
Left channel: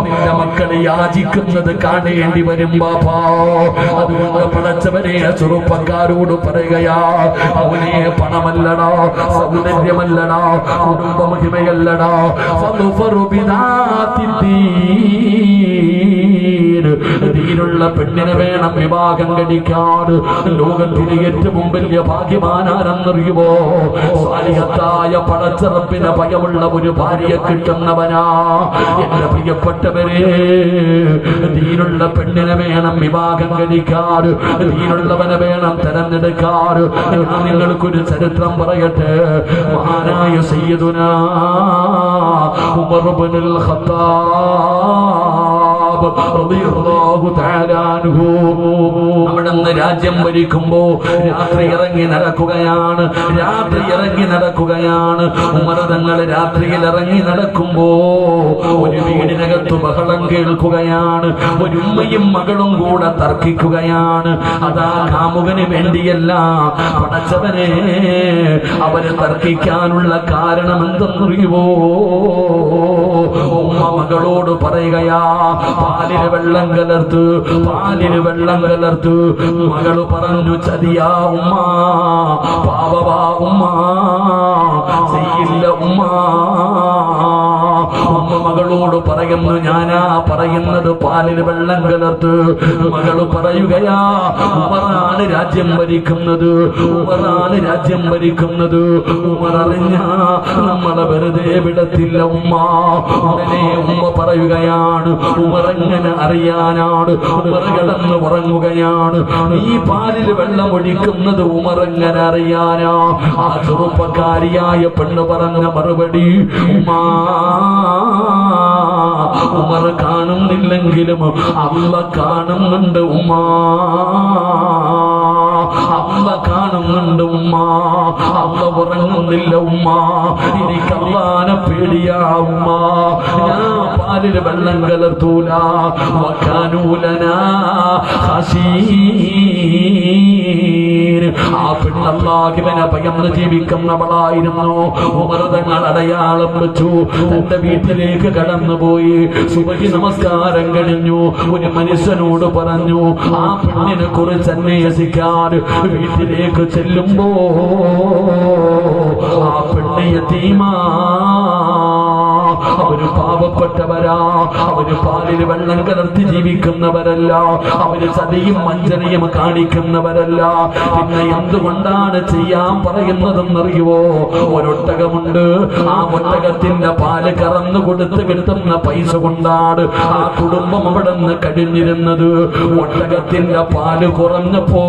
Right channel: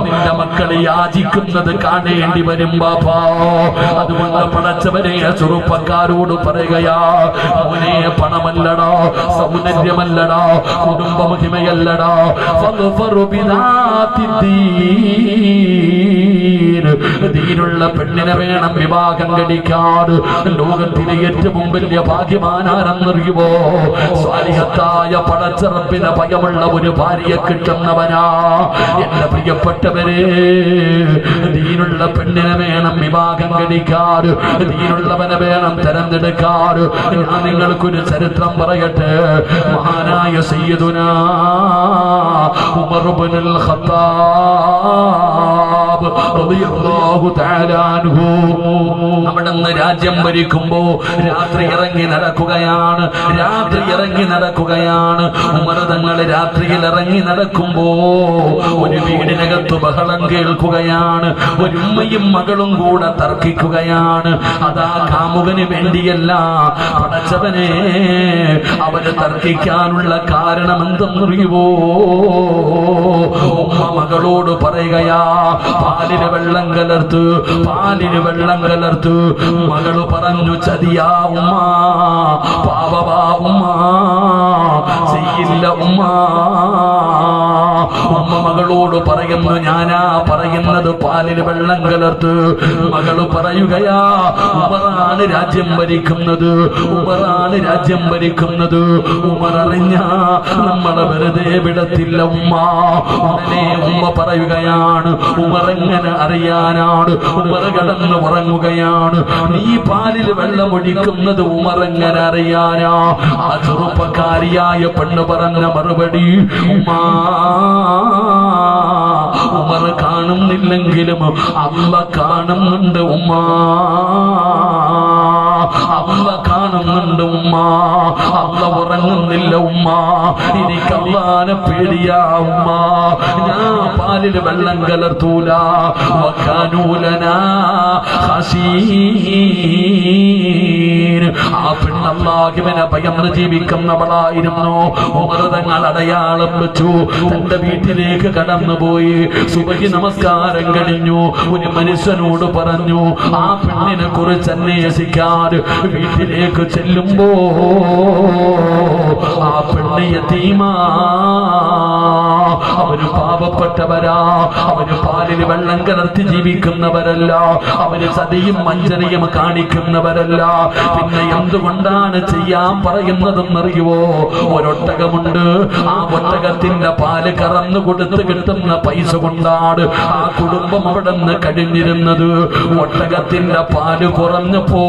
നിന്റെ മക്കളെ യാചിക്കുന്നത് കാണേണ്ടി വരും ബാപ്പാ. അതുകൊണ്ട് പടച്ചവനെ ചെറുപ്പക്കാരോട് പറയുകയാ, അവനെ പണമല്ലടാ, സൗന്ദര്യമല്ലടാ, കുടുംബ മഹിമയല്ലടാ, ദീനുള്ള പെണ്ണിനെ വേണം വിവാഹം കഴിക്കാൻ. ലോകത്തിലെ ഏറ്റവും വലിയ ഭാഗ്യമാനാരെന്നറിയുമോ? സ്വാലിഹത്തായ പടച്ചറപ്പിന് ഭയമുള്ള ഒരു ഭാര്യയെ കിട്ടുന്നവനാ. എന്റെ പ്രിയപ്പെട്ടവരെ, ദീനുള്ള പെണ്ണിനെ വേണം വിവാഹം കഴിക്കാൻ, ദീനുള്ളവനെ വേണം തെരഞ്ഞെടുക്കാൻ. ഞാൻ നിങ്ങൾക്കൊരു ചരിത്രം പറയട്ടെ. മഹാനായ സയ്യിദുനാ ഉമർ ഇബ്നുൽ ഖത്താബ് റളിയല്ലാഹു തആല അൻഹു അവിടുന്ന് രാജ്യം ഭരിക്കുമ്പോ രാത്രി ഇറങ്ങി നടക്കുകയാണ്. ഉമർ തങ്ങൾ രാത്രിയിൽ ഇറങ്ങി നടക്കുമ്പോ ഒരു വീടിനകത്ത് ബഹളം കേൾക്കുകയാണ്. ഒരു ഉമ്മയും മകളും കൂടെ തർക്കിക്കുകയാണ്. അതാ കാമുകന് വേണ്ടിയല്ല, പടച്ചവനെ അവര് തർക്കിക്കാനുള്ള കാരണം എന്തെന്നറിയുവോ? ഉമ്മ മകളോട് പറയുകയാ, പാലിന് വെള്ളം കലർത്ത്. മകള് പറഞ്ഞു, ചതിയാ ഉമ്മ, പാവവാ ഉമ്മ, ചെയ്യില്ല ഉമ്മ. ഉമ്മ മകളോട് പറയുന്നു, ഞാനാ പറയുന്നത് പാലിന് വെള്ളം കലർത്ത്. മകള് പറയുകയാ, ഉമറാണ് രാജ്യം ഭരിക്കുന്നത്. ഉമർ അറിഞ്ഞ നമ്മളെ വെറുതെ വിടത്തില്ല ഉമ്മ. ഉടനെ ഉമ്മ പറയുകയാണ്, ഉമർ എങ്ങനെ അറിയാനാണ്? ഉമർ കിടന്ന് ഉറങ്ങുകയാണ്. നീ പാലിൽ വെള്ളം ഒഴിക്കുന്നത് ഉമർ എങ്ങനെ അറിയാനാ? ആ ചെറുപ്പക്കാരിയായ പെണ്ണ് പറഞ്ഞ മറുപടി, ഉമർ കാണുന്നില്ലെങ്കിലും അല്ല കാണുന്നുണ്ട് ഉമ്മ. അല്ല ഉറങ്ങുന്നില്ല ഉമ്മ. എനിക്ക് അല്ലാനെ പേടിയാ ഉമ്മ. ഞാൻ പാലിൽ വെള്ളം കലർത്തൂല. ആ പെണ്ണല്ലാഹുവിനെ ഭയന്ന് ജീവിക്കുന്നവളായിരുന്നു. ഉമർ തങ്ങൾ അടയാളം വെച്ചു. തന്റെ വീട്ടിലേക്ക് കടന്നുപോയി. സുബഹി നമസ്കാരം കഴിഞ്ഞു. ഒരു മനുഷ്യനോട് പറഞ്ഞു, ആ പെണ്ണിനെ കുറിച്ച് അന്വേഷിക്കാൻ വീട്ടിലേക്ക് ചെല്ലുമ്പോ ആ പെണ്ണ് യതീമാ. അവര് പാവപ്പെട്ടവരാ. അവര് പാലിൽ വെള്ളം കലർത്തി ജീവിക്കുന്നവരല്ല. അവര് ചതിയും വഞ്ചനയും കാണിക്കുന്നവരല്ല. പിന്നെ എന്തുകൊണ്ടാണ് ചെയ്യാൻ പറയുന്നതെന്നറിയുവോ? ഒരൊട്ടകമുണ്ട്. ആ ഒട്ടകത്തിന്റെ പാല് കറന്നു കൊടുത്ത് കിട്ടുന്ന പൈസ കൊണ്ടാണ് ആ കുടുംബം അവിടെ നിന്ന് കഴിഞ്ഞിരുന്നത്. ഒട്ടകത്തിന്റെ പാല് കുറഞ്ഞപ്പോ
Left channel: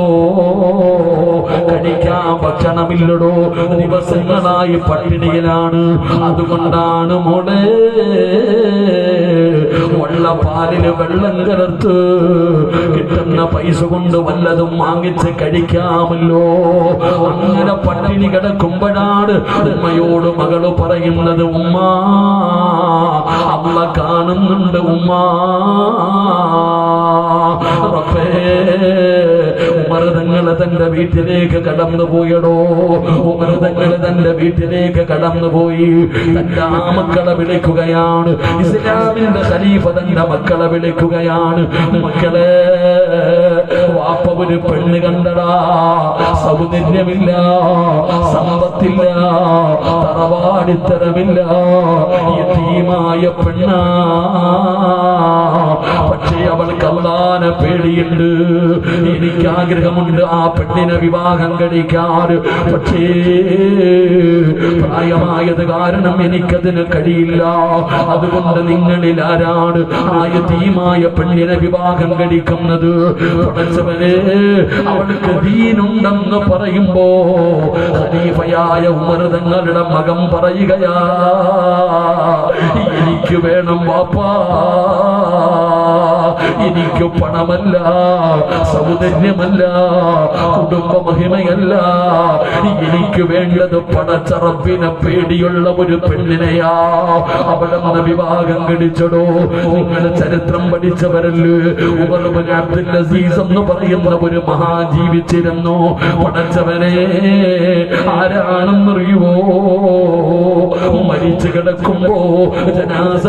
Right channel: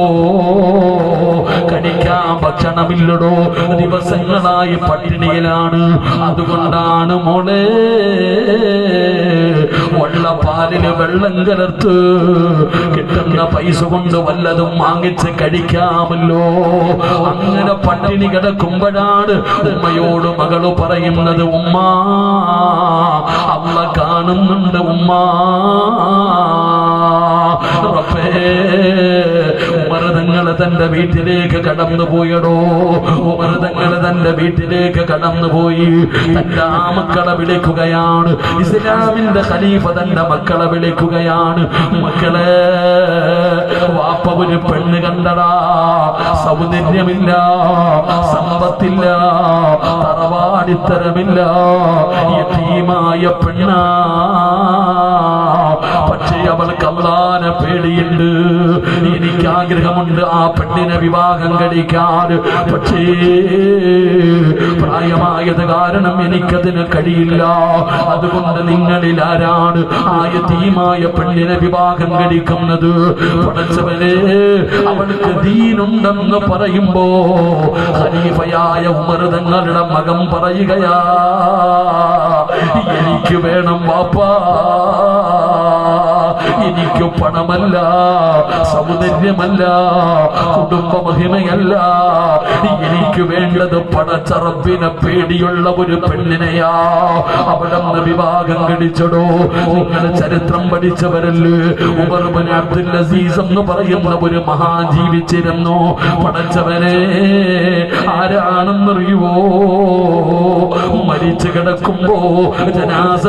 കഴിക്കാൻ ഭക്ഷണമില്ലടോ. ദിവസങ്ങളായി പട്ടിണിയിലാണ്. അതുകൊണ്ടാണ് മോളെ ഉള്ള പാലില് വെള്ളം കലർത്ത് കിട്ടുന്ന പൈസ കൊണ്ട് വല്ലതും വാങ്ങിച്ച് കഴിക്കാമല്ലോ. അങ്ങനെ പട്ടിണി കിടക്കുമ്പോഴാണ് ഉമ്മയോട് മകള് പറയുന്നത്, ഉമ്മ അല്ല കാണുന്നുണ്ട് ഉമ്മ. ഉമർ തങ്ങൾ തന്റെ വീട്ടിലേക്ക് കടന്നുപോയടോ. കടന്നുപോയി തന്റെ ആ മക്കളെ വിളിക്കുകയാണ്. ഇസ്ലാമിന്റെ ഖലീഫ തന്റെ മക്കളെ വിളിക്കുകയാണ്. മക്കളെ, വാപ്പ ഒരു പെണ്ണ് കണ്ടടാ. സൗന്ദര്യമില്ല, സമ്പത്തില്ല, തറവാടിത്തരമില്ല, യതീമായ പെണ്ണാ. പക്ഷേ അവൾക്ക് അല്ലാഹുവിനെ പേടിയുണ്ട്. എനിക്ക് ആഗ്രഹമുണ്ട് ആ പെണ്ണിനെ വിവാഹം കഴിക്കാൻ. പക്ഷേ പ്രായമായത് കാരണം എനിക്കതിന് കഴിയില്ല. അതുകൊണ്ട് നിങ്ങളിൽ ആരാണ് ആ യതീമായ പെണ്ണിനെ വിവാഹം കഴിക്കുന്നത്? പടച്ചവനെ, അവൾക്ക് ദീനുണ്ടെന്ന് പറയുമ്പോ ഖലീഫയായ ഉമർ തങ്ങളുടെ മകൻ പറയുകയാ, എനിക്ക് വേണം വാപ്പാ, എനിക്ക് എനിക്ക് പണമല്ല, സൗന്ദര്യമല്ല, കുടുംബ മഹിമയല്ല, എനിക്ക് വേണ്ടത് പടച്ച റബ്ബിനെ പേടിയുള്ള ഒരു പെണ്ണിനെയാ. അവിടെ നിന്ന് വിവാഹം കഴിച്ചടോ. നിങ്ങൾ ചരിത്രം പഠിച്ചവരല്ലേ? ഉമർ ഇബ്നു അബ്ദുൽ അസീസ് എന്ന് പറയുന്ന ഒരു മഹാ ജീവിച്ചിരുന്നു. പടച്ചവനെ ആരാണെന്നറിയുവോ? മരിച്ചു കിടക്കുമ്പോ ജനാസ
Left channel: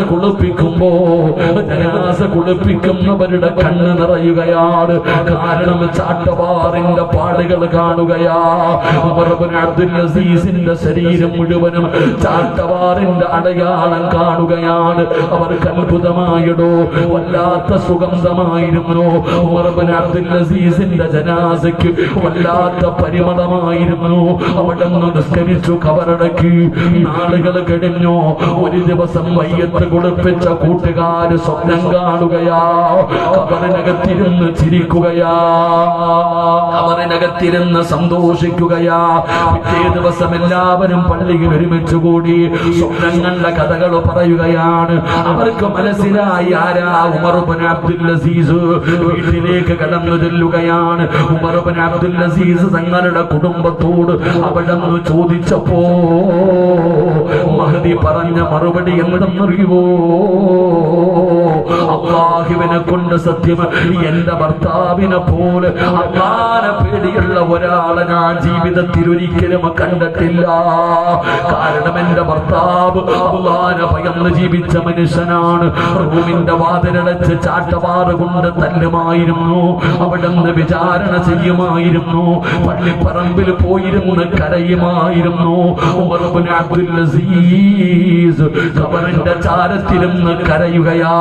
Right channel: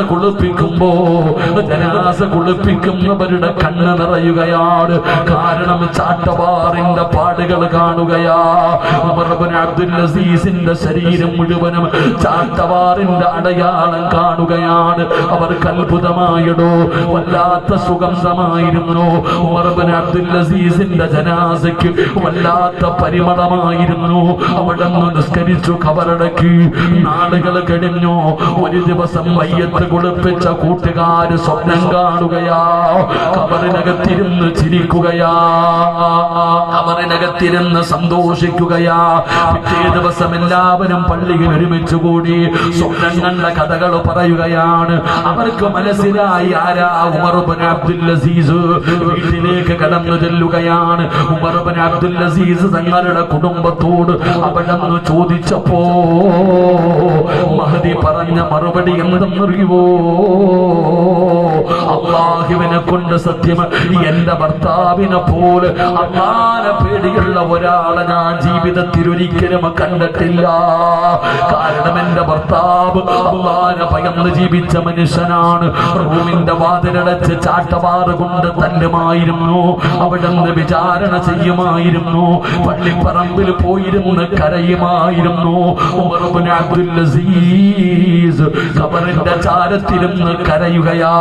കുളിപ്പിക്കുന്നവരുടെ കണ്ണ് നിറയുകയാണ്. കാരണം ചാട്ടവാറിന്റെ പാടുകൾ കാണുകയാ. ഉമർ ഇബ്നു അബ്ദുൽ അസീസിന്റെ ശരീരം മുഴുവനും ചാട്ടവാറിന്റെ അടയാളം കാണുകയാണ്. അവർക്ക് അത്ഭുതമായിടോ. വല്ലാത്ത സുഗന്ധമായിരുന്നു. ഉമർ ഇബ്നു അബ്ദുൽ അസീസിന്റെ ജനാസയ്ക്ക് വല്ലാത്ത പരിമളമായിരുന്നു. അവിടെ നിന്ന് നിസ്കരിച്ചു, ഖബറടക്കി. നാളുകൾ കഴിഞ്ഞു. ഒരു ദിവസം മയ്യത്ത് കുളിപ്പിച്ച കൂട്ടുകാര് സ്വപ്നം കാണുകയാ. ഖബറിനകത്തിരുന്ന് ചിരിക്കുകയാ, ഖബറിനകത്തിരുന്ന് സന്തോഷിക്കുകയാ. പിറ്റേ ദിവസം എല്ലാവരും പള്ളിയിൽ ഒരുമിച്ച് കൂടി സ്വപ്നം കണ്ട കഥകൾ പറയുകയാണ്. അവർക്ക് മനസ്സിലായി ആരാ ഉമർ ഇബ്നു അബ്ദുൽ അസീസ്. വീട്ടിലേക്ക് കടന്നു ചെല്ലുകയാണ്. ഉമർ ഇബ്നു അബ്ദുൽ അസീസ് തങ്ങളുടെ കുടുംബത്തോട് അവിടെ നിന്ന് ചോദിച്ചപ്പോ മഹദി പറഞ്ഞ മറുപടി എന്തെന്നറിയുവോ? അല്ലാഹുവിനെ കൊണ്ട് സത്യം, എന്റെ ഭർത്താവിനെ പോലെ അല്ലാഹുവിനെ പേടിയുള്ള ഒരാളെ ഞാൻ ജീവിതത്തിൽ ഒരിക്കലും കണ്ടിട്ടില്ല. കാരണം എന്റെ ഭർത്താവ് അല്ലാഹുവിനെ ഭയന്ന് ജീവിച്ച മനുഷ്യനാണ്. റൂമിന്റെ വാതിലടച്ച് ചാട്ടവാറ് കൊണ്ട് തല്ലുമായിരുന്നു. അവിടെ നിന്ന് വിചാരണ ചെയ്യുമായിരുന്നു. പള്ളിപ്പറമ്പിൽ പോയിരുന്ന് കരയുമായിരുന്നു. ഉമർ ഇബ്നു അബ്ദുൽ അസീസ് ഖബറിന്റെ ചാരത്തിരുന്ന് കരയുകയാ.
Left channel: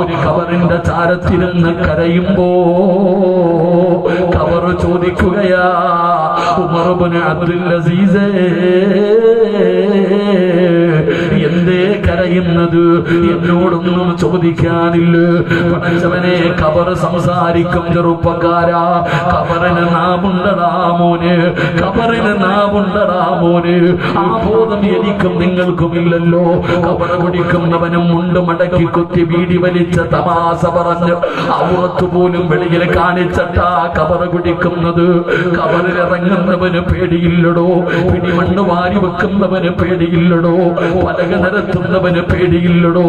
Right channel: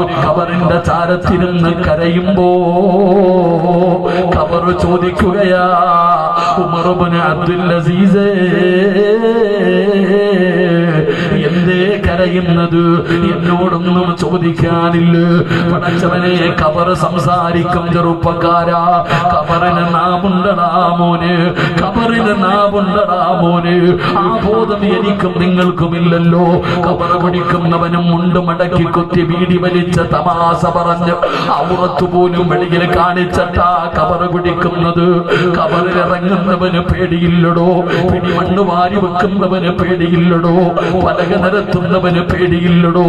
ഒരു ഖബറിന്റെ ചാരത്തിരുന്ന് കരയുമ്പോ ഖബർ ചോദിക്കുകയാ, ഉമർ ഇബ്നു അബ്ദുൽ അസീസ് എന്തേ കരയുന്നത്? എന്നോടൊന്നും ചോദിക്കാനില്ല. പടച്ചവനെ, ഖബർ സംസാരിക്കും. ചെറുപ്പക്കാരാ, ഖബറിന് നാമുണ്ടടാ മോന്, ഖബറിന് നാമുണ്ടടാ മോന്. ആ ബോധം എനിക്കും നിങ്ങൾക്കും ഇല്ലല്ലോ. ഖബർ പിടിക്കുന്നവനും മുണ്ട് മടക്കി കുത്തി വീടി വലിച്ച തമാശ പറഞ്ഞ് ഔറത്ത് പോലും വെളിയിൽ കാണിച്ചിട്ടാ ഖബർ പിടിക്കുന്നത്. ഖബറിൽ ഇറങ്ങുന്നവന് പേടിയില്ലടോ. പിടിമണ്ണ് വാരി വെക്കുന്നവന് പേടിയില്ലടോ. പലക നിരത്തുന്നവന് പേടിയില്ലടോ.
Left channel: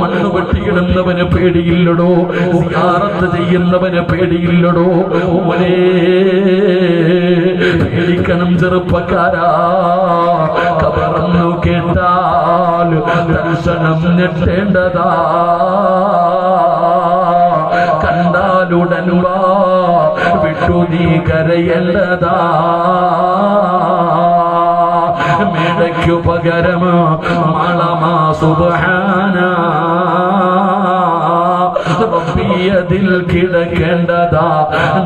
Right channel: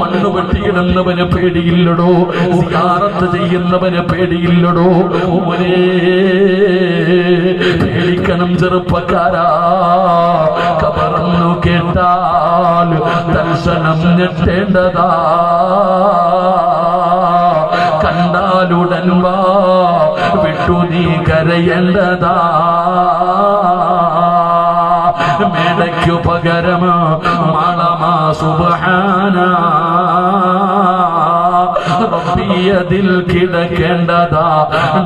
മണ്ണ് വെട്ടിയിടുന്നവന് പേടിയില്ലടോ. സിയാറത്ത് ചെയ്യുന്നവന് പേടിയില്ലടോ. മോനെ, പേടിക്കണം ചെറുപ്പക്കാരാ. ഖബറെന്നു കേട്ടാൽ ദർശനം ഞെട്ടേണ്ടതാ. കണ്ടാലുടൻ വാ വിട്ടു നീ കരയേണ്ടതാ. മേടയ്ക്കു പകരം മാളമാ സുബ്ഹാന റബ്ബിയതിൽ കിടക്കേണ്ടതാ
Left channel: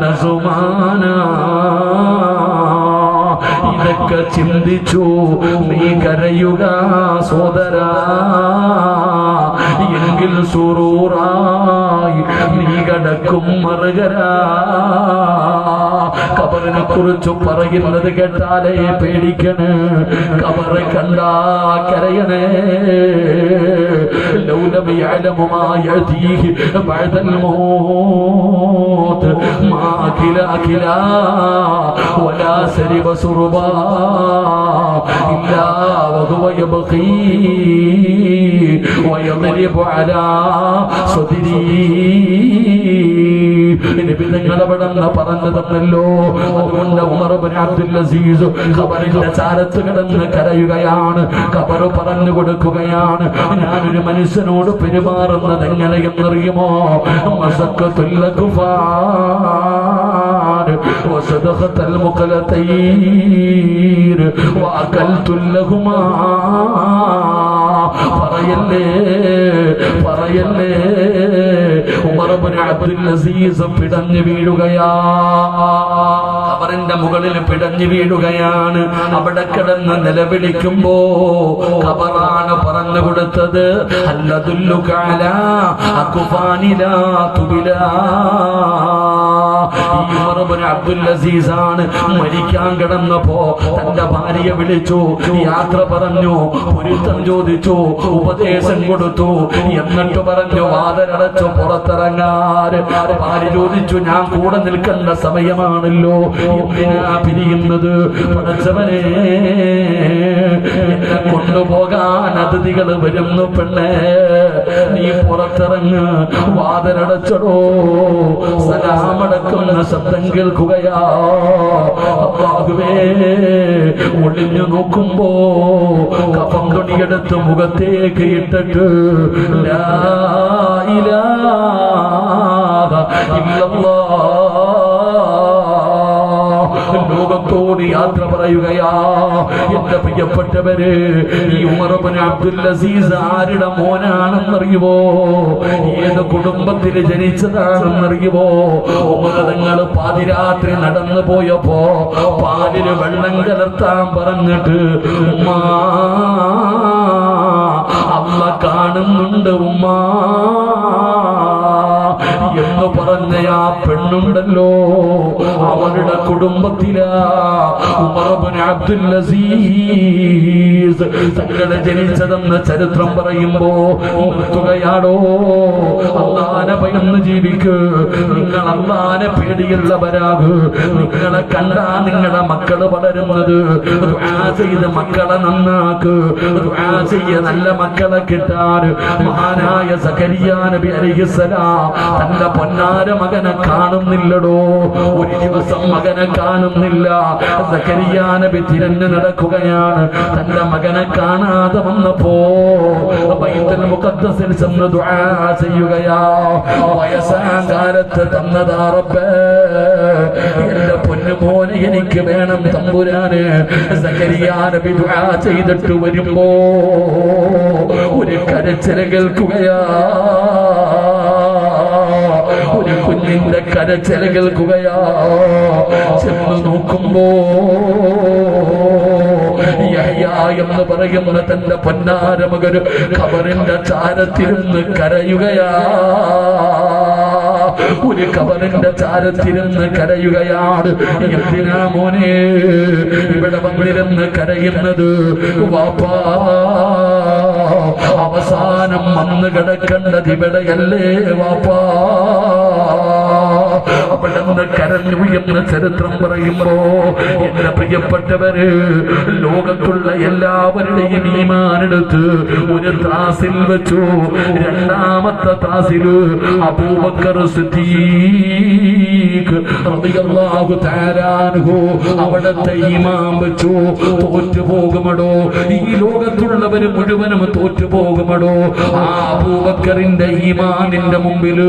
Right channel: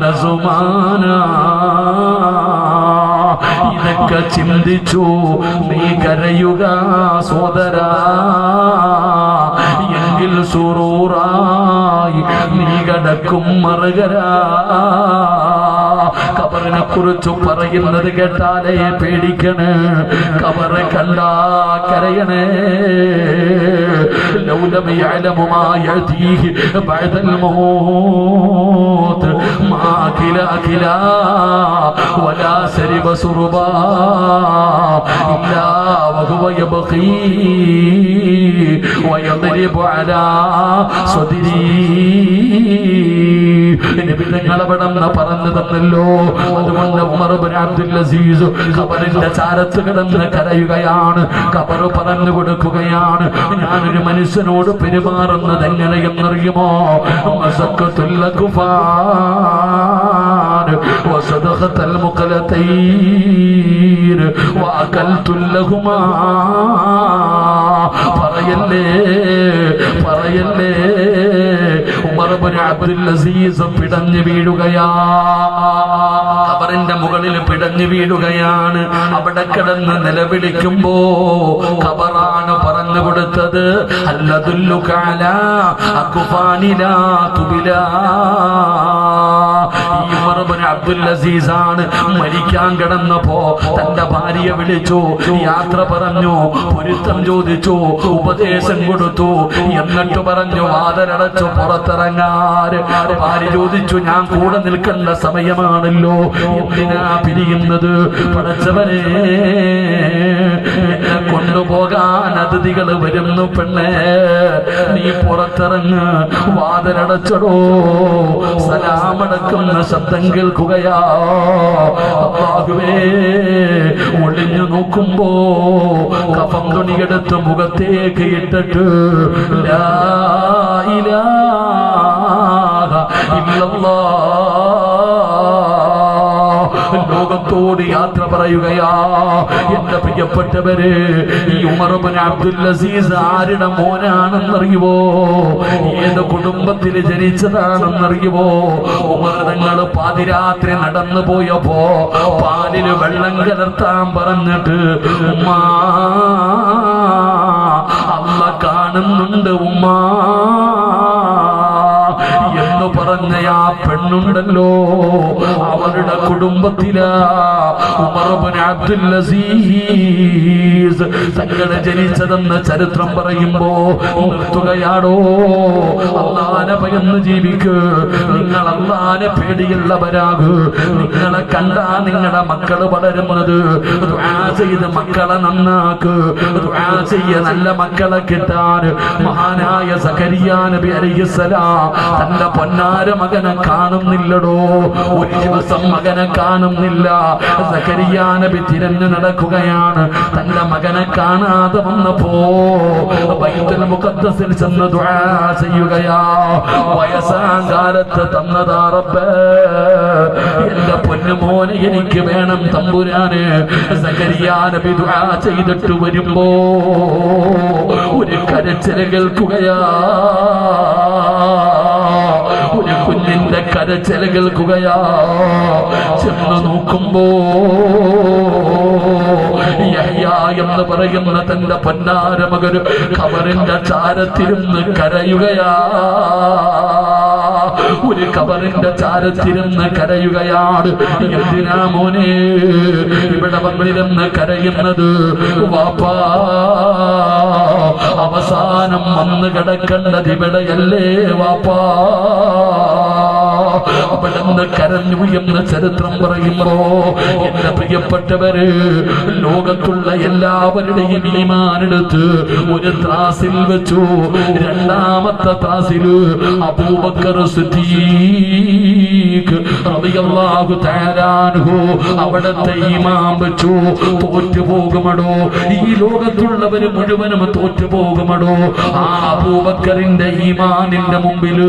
നസുമാന. ഇതൊക്കെ ചിന്തിച്ചു നീ കരയുക സോദരാ. എങ്കിൽ സുറൂറായി നീ കടക്കും മറുകരാ. ഖബറിനെ കുറിച്ച് പറയുന്നത് കേട്ടാലേ പേടിക്കണേ. ഖബറെ കണ്ടാ കരയണേ. ലൗ ലം യഅലമു മാ യഅതീഹി ബഅദൽ മൗത്ത് മാ അഖില വലാ ശരിബ സുർബാ ഇല്ലാ വഹുവ യബ്ഖീ വയദ്രിബു അലാ സദ്രീ. നിങ്ങളവിടെന്ന് പറഞ്ഞു തന്നല്ലോ. അതുകൊണ്ട് ഉമർ ഇബ്നു അബ്ദുൽ അസീസ് ഖബറിന്റെ ചാരത്ത് കിടന്ന് കരയുകയാണ്. ഖബർ പറഞ്ഞു കൊടുക്കുകയാണ്, ഞാനൊരു മനുഷ്യനോട് പെരുമാറുന്നത് എങ്ങനെയെന്നറിയുമോ? മസക്കത്തുൽ കുഫാർ വസദഖത്തുൽ മുഖലതൈൻ വഅകൽതുൽ ലഹുമാ. പറയല്ലേ പറയല്ലേ. ഉമർ ഇബ്നു അബ്ദുൽ അസീസ് പിടഞ്ഞു വീഴുകയാ. ഖബറിന്റെ മുകളിൽ പിടഞ്ഞു വീഴുകയാണ്. അവിടെ കിടന്ന് നിലവിളിക്കുമ്പോ ഖബറാണ് പറഞ്ഞു കൊടുത്തത്, അല്ലദുല്ലുക അലാ അഖ്ഫാനി ലാ തുബിലാ. ഈ ഉമർ ഇബ്നു അബ്ദുൽ അസീസ് ആണ് മരിക്കാൻ കിടന്നപ്പോ തന്റെ ഭാര്യയെ വിളിച്ചു, യാത്ര പറഞ്ഞു, പൊരുത്തം ചോദിച്ചു, ഉപദേശം കൊടുത്തു. എന്നിട്ട് പറഞ്ഞു, വാതിലടച്ചു പുറത്തിറങ്ങ. പുറത്തിറങ്ങാറ്. ഭാര്യ ചോദിച്ചു, ഞാൻ കൂടെ നിൽക്കേണ്ട സമയമാണല്ലോ, എന്തിനാ പിരിയുന്നത്? പടച്ചവനെ, കൊണ്ടുപോകാൻ അതിഥികൾ വരുന്നു പെണ്ണേ, നീ പുറത്തിറങ്ങ്, വാതിലടച്ചടോ. സലാമടക്കുന്ന ശബ്ദം കേൾക്കുകയാ. അല്ലാഹുവേ, ഒളിഞ്ഞു നോക്കുമ്പോ കഫം തുണിയെടുത്ത് മുഖത്തേക്ക് ഇട്ടിട്ട് ലാ ഇലാഹ ഇല്ലല്ലാഹ് ലോകത്തോട് യാത്ര പറയുകയാ. എന്റെ പ്രിയപ്പെട്ടവര്, ഈ ഉമർ ഇബ്നു അബ്ദുൽ അസീസ് ആരുടെ മോനാണെന്നറിയുമോ? ഏത് കുടുംബത്തിൽ ജനിച്ചതാണെന്നറിയുമോ? ഉമർ തങ്ങൾ പാതിരാത്രി നടന്നു പോയപ്പോ പാലില് വെള്ളം കലർത്താൻ പറഞ്ഞിട്ട്, ഉമ്മാ അല്ലാഹ് കാണുന്നുണ്ട് ഉമ്മാ എന്ന് പറഞ്ഞ ആ പെണ്ണുണ്ടല്ലോ, അവരുടെ കുടുംബത്തിലാ ഉമർ ഇബ്നു അബ്ദുൽ അസീസ് തങ്ങളെ ജനിച്ചതെന്ന് ചരിത്രം പറയുമ്പോ നിർത്തുകയാണോ? അല്ലാഹനെ ഭയന്ന് ജീവിക്ക്. നിങ്ങൾ അല്ലാഹനെ പേടിയുള്ളവരാകൂ. നിങ്ങളെ കണ്ടാ നിങ്ങളുടെ മക്കള് വളരുന്നത് ദുആ ചെയ്ത് മക്കളെ നന്നാക്ക്. ദുആ ചെയ്യ നല്ല മക്കളെ കിട്ടാൻ. മഹാനായ സക്കരിയ നബി അലൈഹിസ്സലാം തന്റെ പൊന്നാര മകനെ കാണുന്നില്ലടോ. ഒരു ദിവസം മകനെ കാണുന്നില്ല. സക്കരിയ നബി തിരഞ്ഞു നടക്കുകയാണ്. തന്റെ മകനെ കാണാതെ വന്നപ്പോ ബൈത്തുൽ മുഖദ്ദസിൽ ചെന്ന് ദുആ ചെയ്യുകയാ. വയസ്സാം കാലത്ത് തന്നതാ റബ്ബേ, എന്റെ പൊന്നുമോനെ എനിക്ക് വേണം തമ്പുരാന്. സക്കരിയ നബി ദുആ ചെയ്തിട്ട് വരുമ്പോ ഒരു കരച്ചിൽ കേൾക്കുകയാ. ഒരു കുഞ്ഞിന്റെ കരച്ചിൽ കേൾക്കുകയാ. ചെന്ന് നോക്കുമ്പോ യഹ്യ എന്ന് പറയുന്ന തന്റെ പൊന്നാര മകന് ഖബറിന്റെ ചാരത്തിരുന്ന് കരയുകയാ. ഒരു ഖബറിന്റെ ചാരത്തിരുന്ന് കരയുകയാണ്. എന്തിനാ മോനെ ഇവിടെ വന്നിരുന്ന് കരയുന്നത്? വാപ്പാ, അവസാനം വന്ന് കിടക്കേണ്ടത് ഇവിടെയല്ലേ വാപ്പാ? അവിടുന്ന് കരഞ്ഞു എന്ന് ചരിത്രം പറയുമ്പോ എന്റെ പ്രിയപ്പെട്ടവര്, ലോകത്തുള്ള എല്ലാവരുടെയും ഈമാനെടുത്ത് ഒരു ത്രാസിൽ വെച്ചു. രണ്ടാമത്തെ ത്രാസില് അബൂബക്കർ സിദ്ദീഖ് റളിയല്ലാഹു തആല അൻഹു അവിടുത്തെ ഈമാൻ വെച്ചു. തോറ്റുപോകുമടോ, ഈ ലോകത്തുള്ളവര് മുഴുവനും തോറ്റുപോകുമടോ. ആ അബൂബക്കറിന്റെ ഈമാനിന്റെ മുമ്പിൽ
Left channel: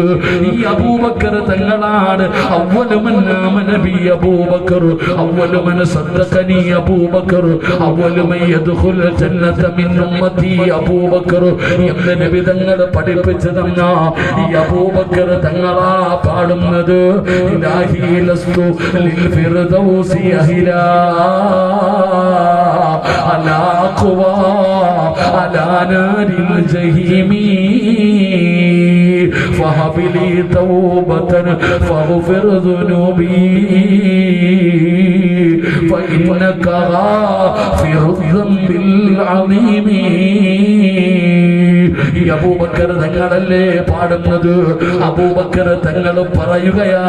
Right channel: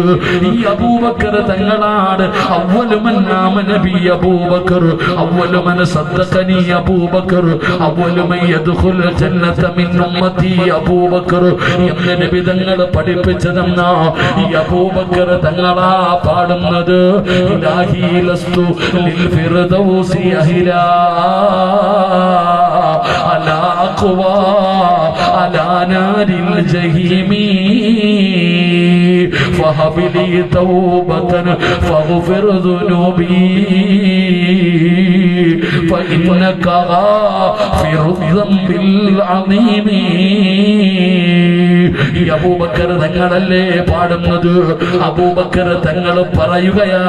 ഈ അബൂബക്കർ തങ്ങളാണ് അവ്വലു മൻ ആമന ബി അബൂബക്കർ, അവ്വലു മൻ സദ്ദഖനി അബൂബക്കർ, അവ്വലു മൻ യദ്ഖുൽ ജന്നത മിൻ ഉമ്മത്തി അബൂബക്കർ എന്ന് നബി തങ്ങൾ പഠിപ്പിച്ചു തന്ന ഈ അബൂബക്കർ തങ്ങളാ പാടുന്നത്. ഇലാഹി ലസ്തു ലിൽ ഫിർദൗസി അഹിലാ അലാ ഖുവാ അലാ നാരിൽ ജഹീമി فهب لي توبة فاغفر ذنوبي فإنك غافر الذنب العظيم. ഈ അബൂബക്കർ തങ്ങളല്ലേ പാടുന്നത്? അബൂബക്കർ തങ്ങൾ പറയുകയാ,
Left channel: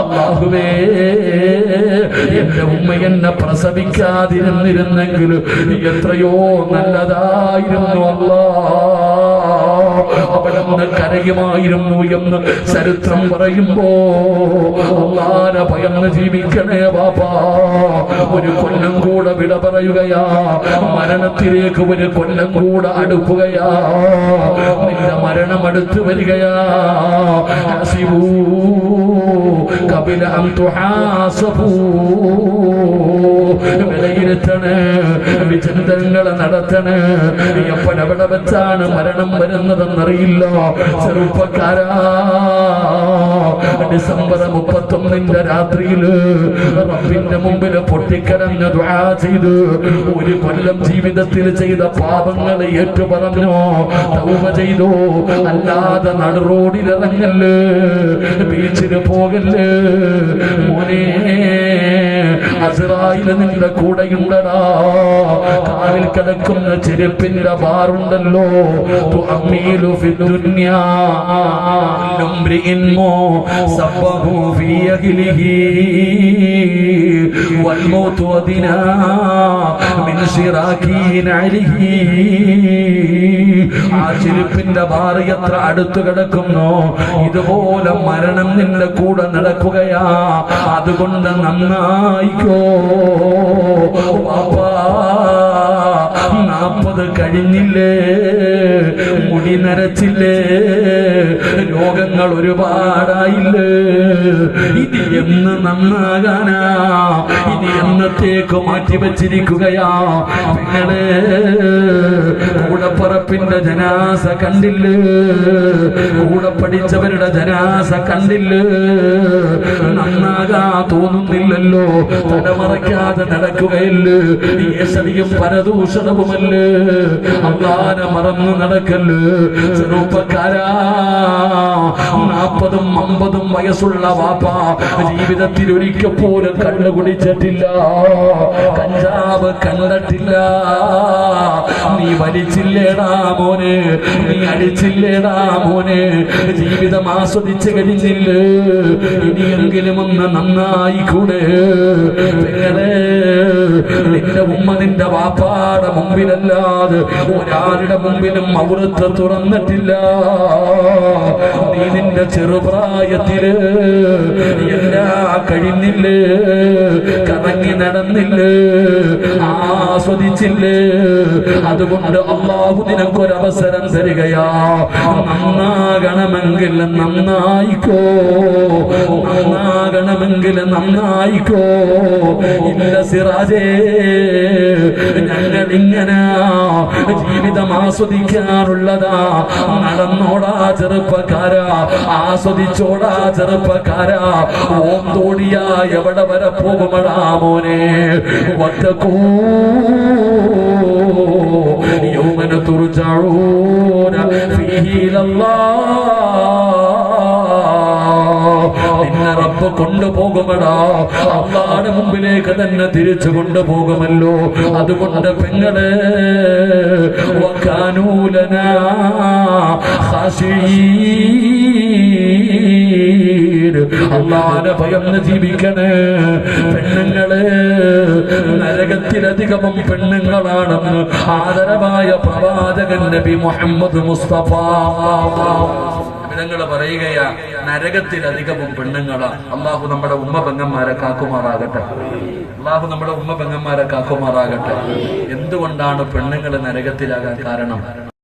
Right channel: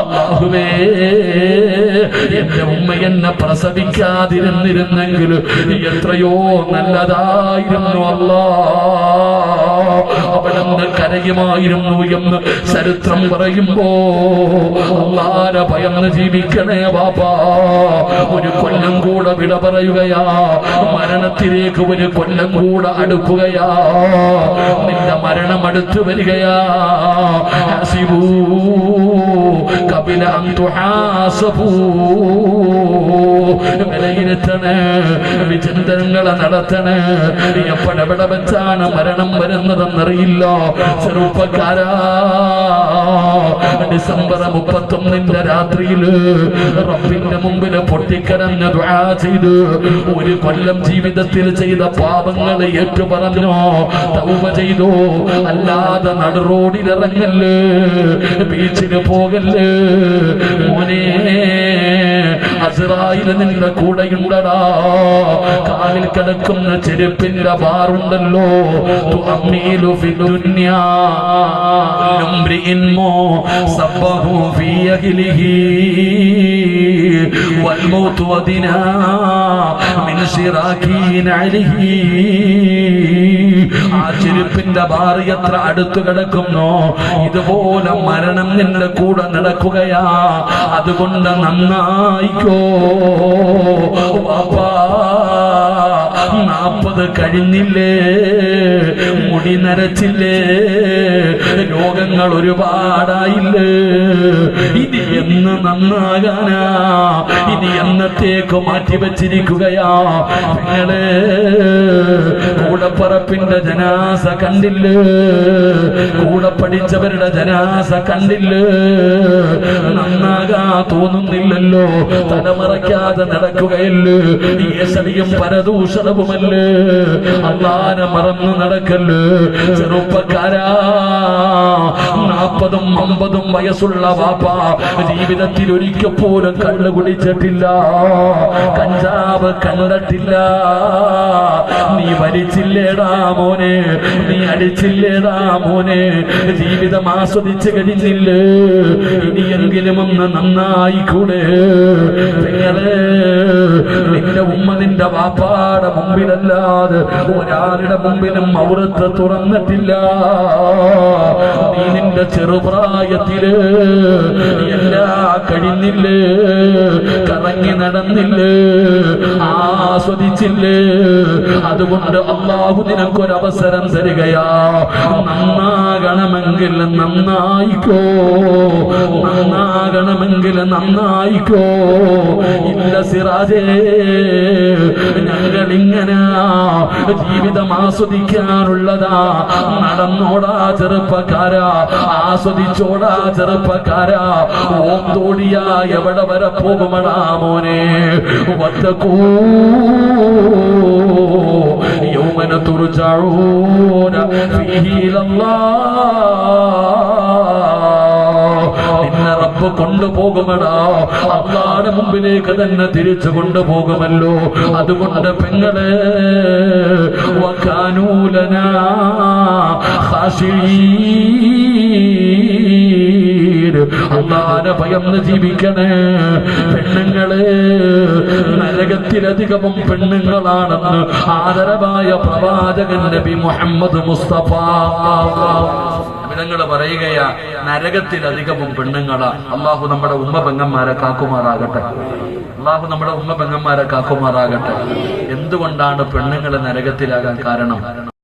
അല്ലാഹുവേ, എന്റെ ഉമ്മ എന്നെ പ്രസവിക്കാതിരുന്നിരുന്നെങ്കിൽ എത്രയോ നല്ലതായിരുന്നു അല്ലാ. അവിടുന്ന് കരയുമായിരുന്നു എന്ന് ചരിത്രം പറയുമ്പോ അല്ലാഹുവിനെ ഭയന്ന് ജീവിക്കണേ ബാപ്പാ. ഒരു കൊല്ലം കൂടെ വിട പറയുകയാ. മരണത്തിലേക്ക് ഒരു കൊല്ലം കൂടെ അടുക്കുകയാ. നിന്റെ മരണം അടുത്തു വരികയാ. ഹസിബൂ ഖബല അൻ തുഹാസബൂ. വിലയിരുത്തണേ, വിചിന്തനങ്ങളെ നടത്തണേ. എപ്പോഴെവിടെ വെച്ചാണ് മരണം വരുന്നതെന്നറിയില്ല. ചെറുപ്പക്കാരാ, ഡിസംബർ 31 രാത്രിയില് റബ്ബിന്റെ മുമ്പിൽ പൊട്ടിക്കരഞ്ഞ ദുആ ചെയ്ത് ഒരു കൊല്ലം ജീവിതത്തിൽ ചെയ്ത പാപങ്ങൾ ഏറ്റുപറഞ്ഞോ, തൗബ ചെയ്തോ. അല്ലാതെ നടു റോഡിലിറങ്ങല്ലേ, ബീച്ചിന് പോകല്ലേ മോനെ. അസ്റായിൽ നിന്റെ കൂടെയുണ്ടടാ. കാലിൽ കിടക്കുന്ന ചെരുപ്പിന്റെ ബാറുണ്ടല്ലോ തുഅമ്മീലു ഫിദ്ദുനിയാ ലുംറിഇൻമോ സബ്ബഹു ഫീ അഹ്ലിഹി വൽമൗതു വദിനാ മിൻ ശിറാകി നഅലിഹി ആ ചെരുപ്പിന്റെ ബാർ എത്ര അടുത്തു കിടക്കുന്നു ഇതുപോലെ മരണം നിന്റെ കൂടെ നടക്കുകയാ അതുകൊണ്ട് നന്നായിക്കോ വാപ്പാ 40 കഴിഞ്ഞില്ലേ മുടി നരച്ചില്ലേ രോഗങ്ങൾ ഒരുപാടായില്ലേ ഇനി എന്ന് നന്നാകാനാ ഇനി എന്നത്തേക്ക് മാറ്റിവെച്ചിരിക്കുകയാ നിങ്ങളെ കൂടപ്പറപ്പിന്റെ ജനാസ കണ്ടില്ലേ കൂടെ പഠിച്ചവരുടെ ജനാസ കണ്ടില്ലേ നന്നാകാ തോന്നുന്നില്ലല്ലോ തലമറയ്ക്കാതെ നടക്കുകയല്ലേ യേശടിയും പരദൂഷണവുമല്ലേ അള്ളാനെ മറന്നു നടക്കല്ലേ ചെറുപ്പക്കാരാ 40 50 വയസ്സുള്ള വാപ്പ ജീവിതത്തിൽ ഒരിക്കൽ പോലും കള്ളു കുടിച്ചിട്ടില്ല കഞ്ചാവ് കണ്ടിട്ടില്ല നീ വലിച്ചില്ലേടാ മോനെ നീ അടിച്ചില്ലേടാ മോനെ ജീവിതം ആസ്വദിച്ചു കഴിഞ്ഞില്ലേ ഇനിയെങ്കിലും ഒന്ന് നന്നായി കൂടെ നിന്റെ ഉമ്മ നിന്റെ വാപ്പാടെ മുമ്പിലല്ലാതെ ഒരാളുടെ മുമ്പിലും ഔറത്ത് തുറന്നിട്ടില്ല നീ നിന്റെ ചെറുപ്രായത്തില് എല്ലാ കഴിഞ്ഞില്ലേ കറങ്ങി നടന്നില്ലേ ആസ്വദിച്ചില്ലേ അതുകൊണ്ട് അല്ലാഹു നിനക്കൊരവസരം തരികയാ നന്നാകണമെങ്കിൽ നന്നായിക്കോ നന്നാകണമെങ്കിൽ നന്നായിക്കോ ഇല്ല സിറാജേ ഞങ്ങളിങ്ങനെ ജീവിതം ആസ്വദിക്കാനുള്ളതാ നടന്നോടാ ചെറുപ്പക്കാരാ ആസ്വദിച്ചോടാ ചെറുപ്പക്കാരാ ഓം തോടിയാ എവിടെ വരെ പോകുമടാ മോനെ വത്തക്കൂ യൗമന തുർജഊന ഫീഹി റബ്ബ് കൊണ്ടുപോകുമടാ അല്ലാഹുവിന്റെ മുമ്പിലേക്ക് തന്നെ തിരിച്ചു കൊണ്ടുപോകുമല്ലോ അതുകൊണ്ട് പെങ്ങളെ വകാനൂ ലനാ ഖാശീൻ അല്ലാഹുവിനെ ഭയന്ന് ജീവിക്കണേ പെണ്ണുങ്ങളെ നരകത്തിലധികവും പെണ്ണുങ്ങളാണെന്ന് ആദരവായ പ്രവാചകൻ നബി മുഹമ്മദ് മുസ്തഫ ങ്ങള് പറയുകയാ നരകത്തിലധികവും പെണ്ണുങ്ങളാ അള്ളാഹു നമ്മുടെ ഉമ്മ പെങ്ങന്മാരെ കാക്കുമാറാകട്ടെ അള്ളാഹു നമ്മുടെ ഉമ്മ പെങ്ങന്മാരെ കാക്കുമാറാകട്ടെ എന്തുകൊണ്ടാണ് പെണ്ണുങ്ങൾ നരകത്തിലാകാൻ കാരണം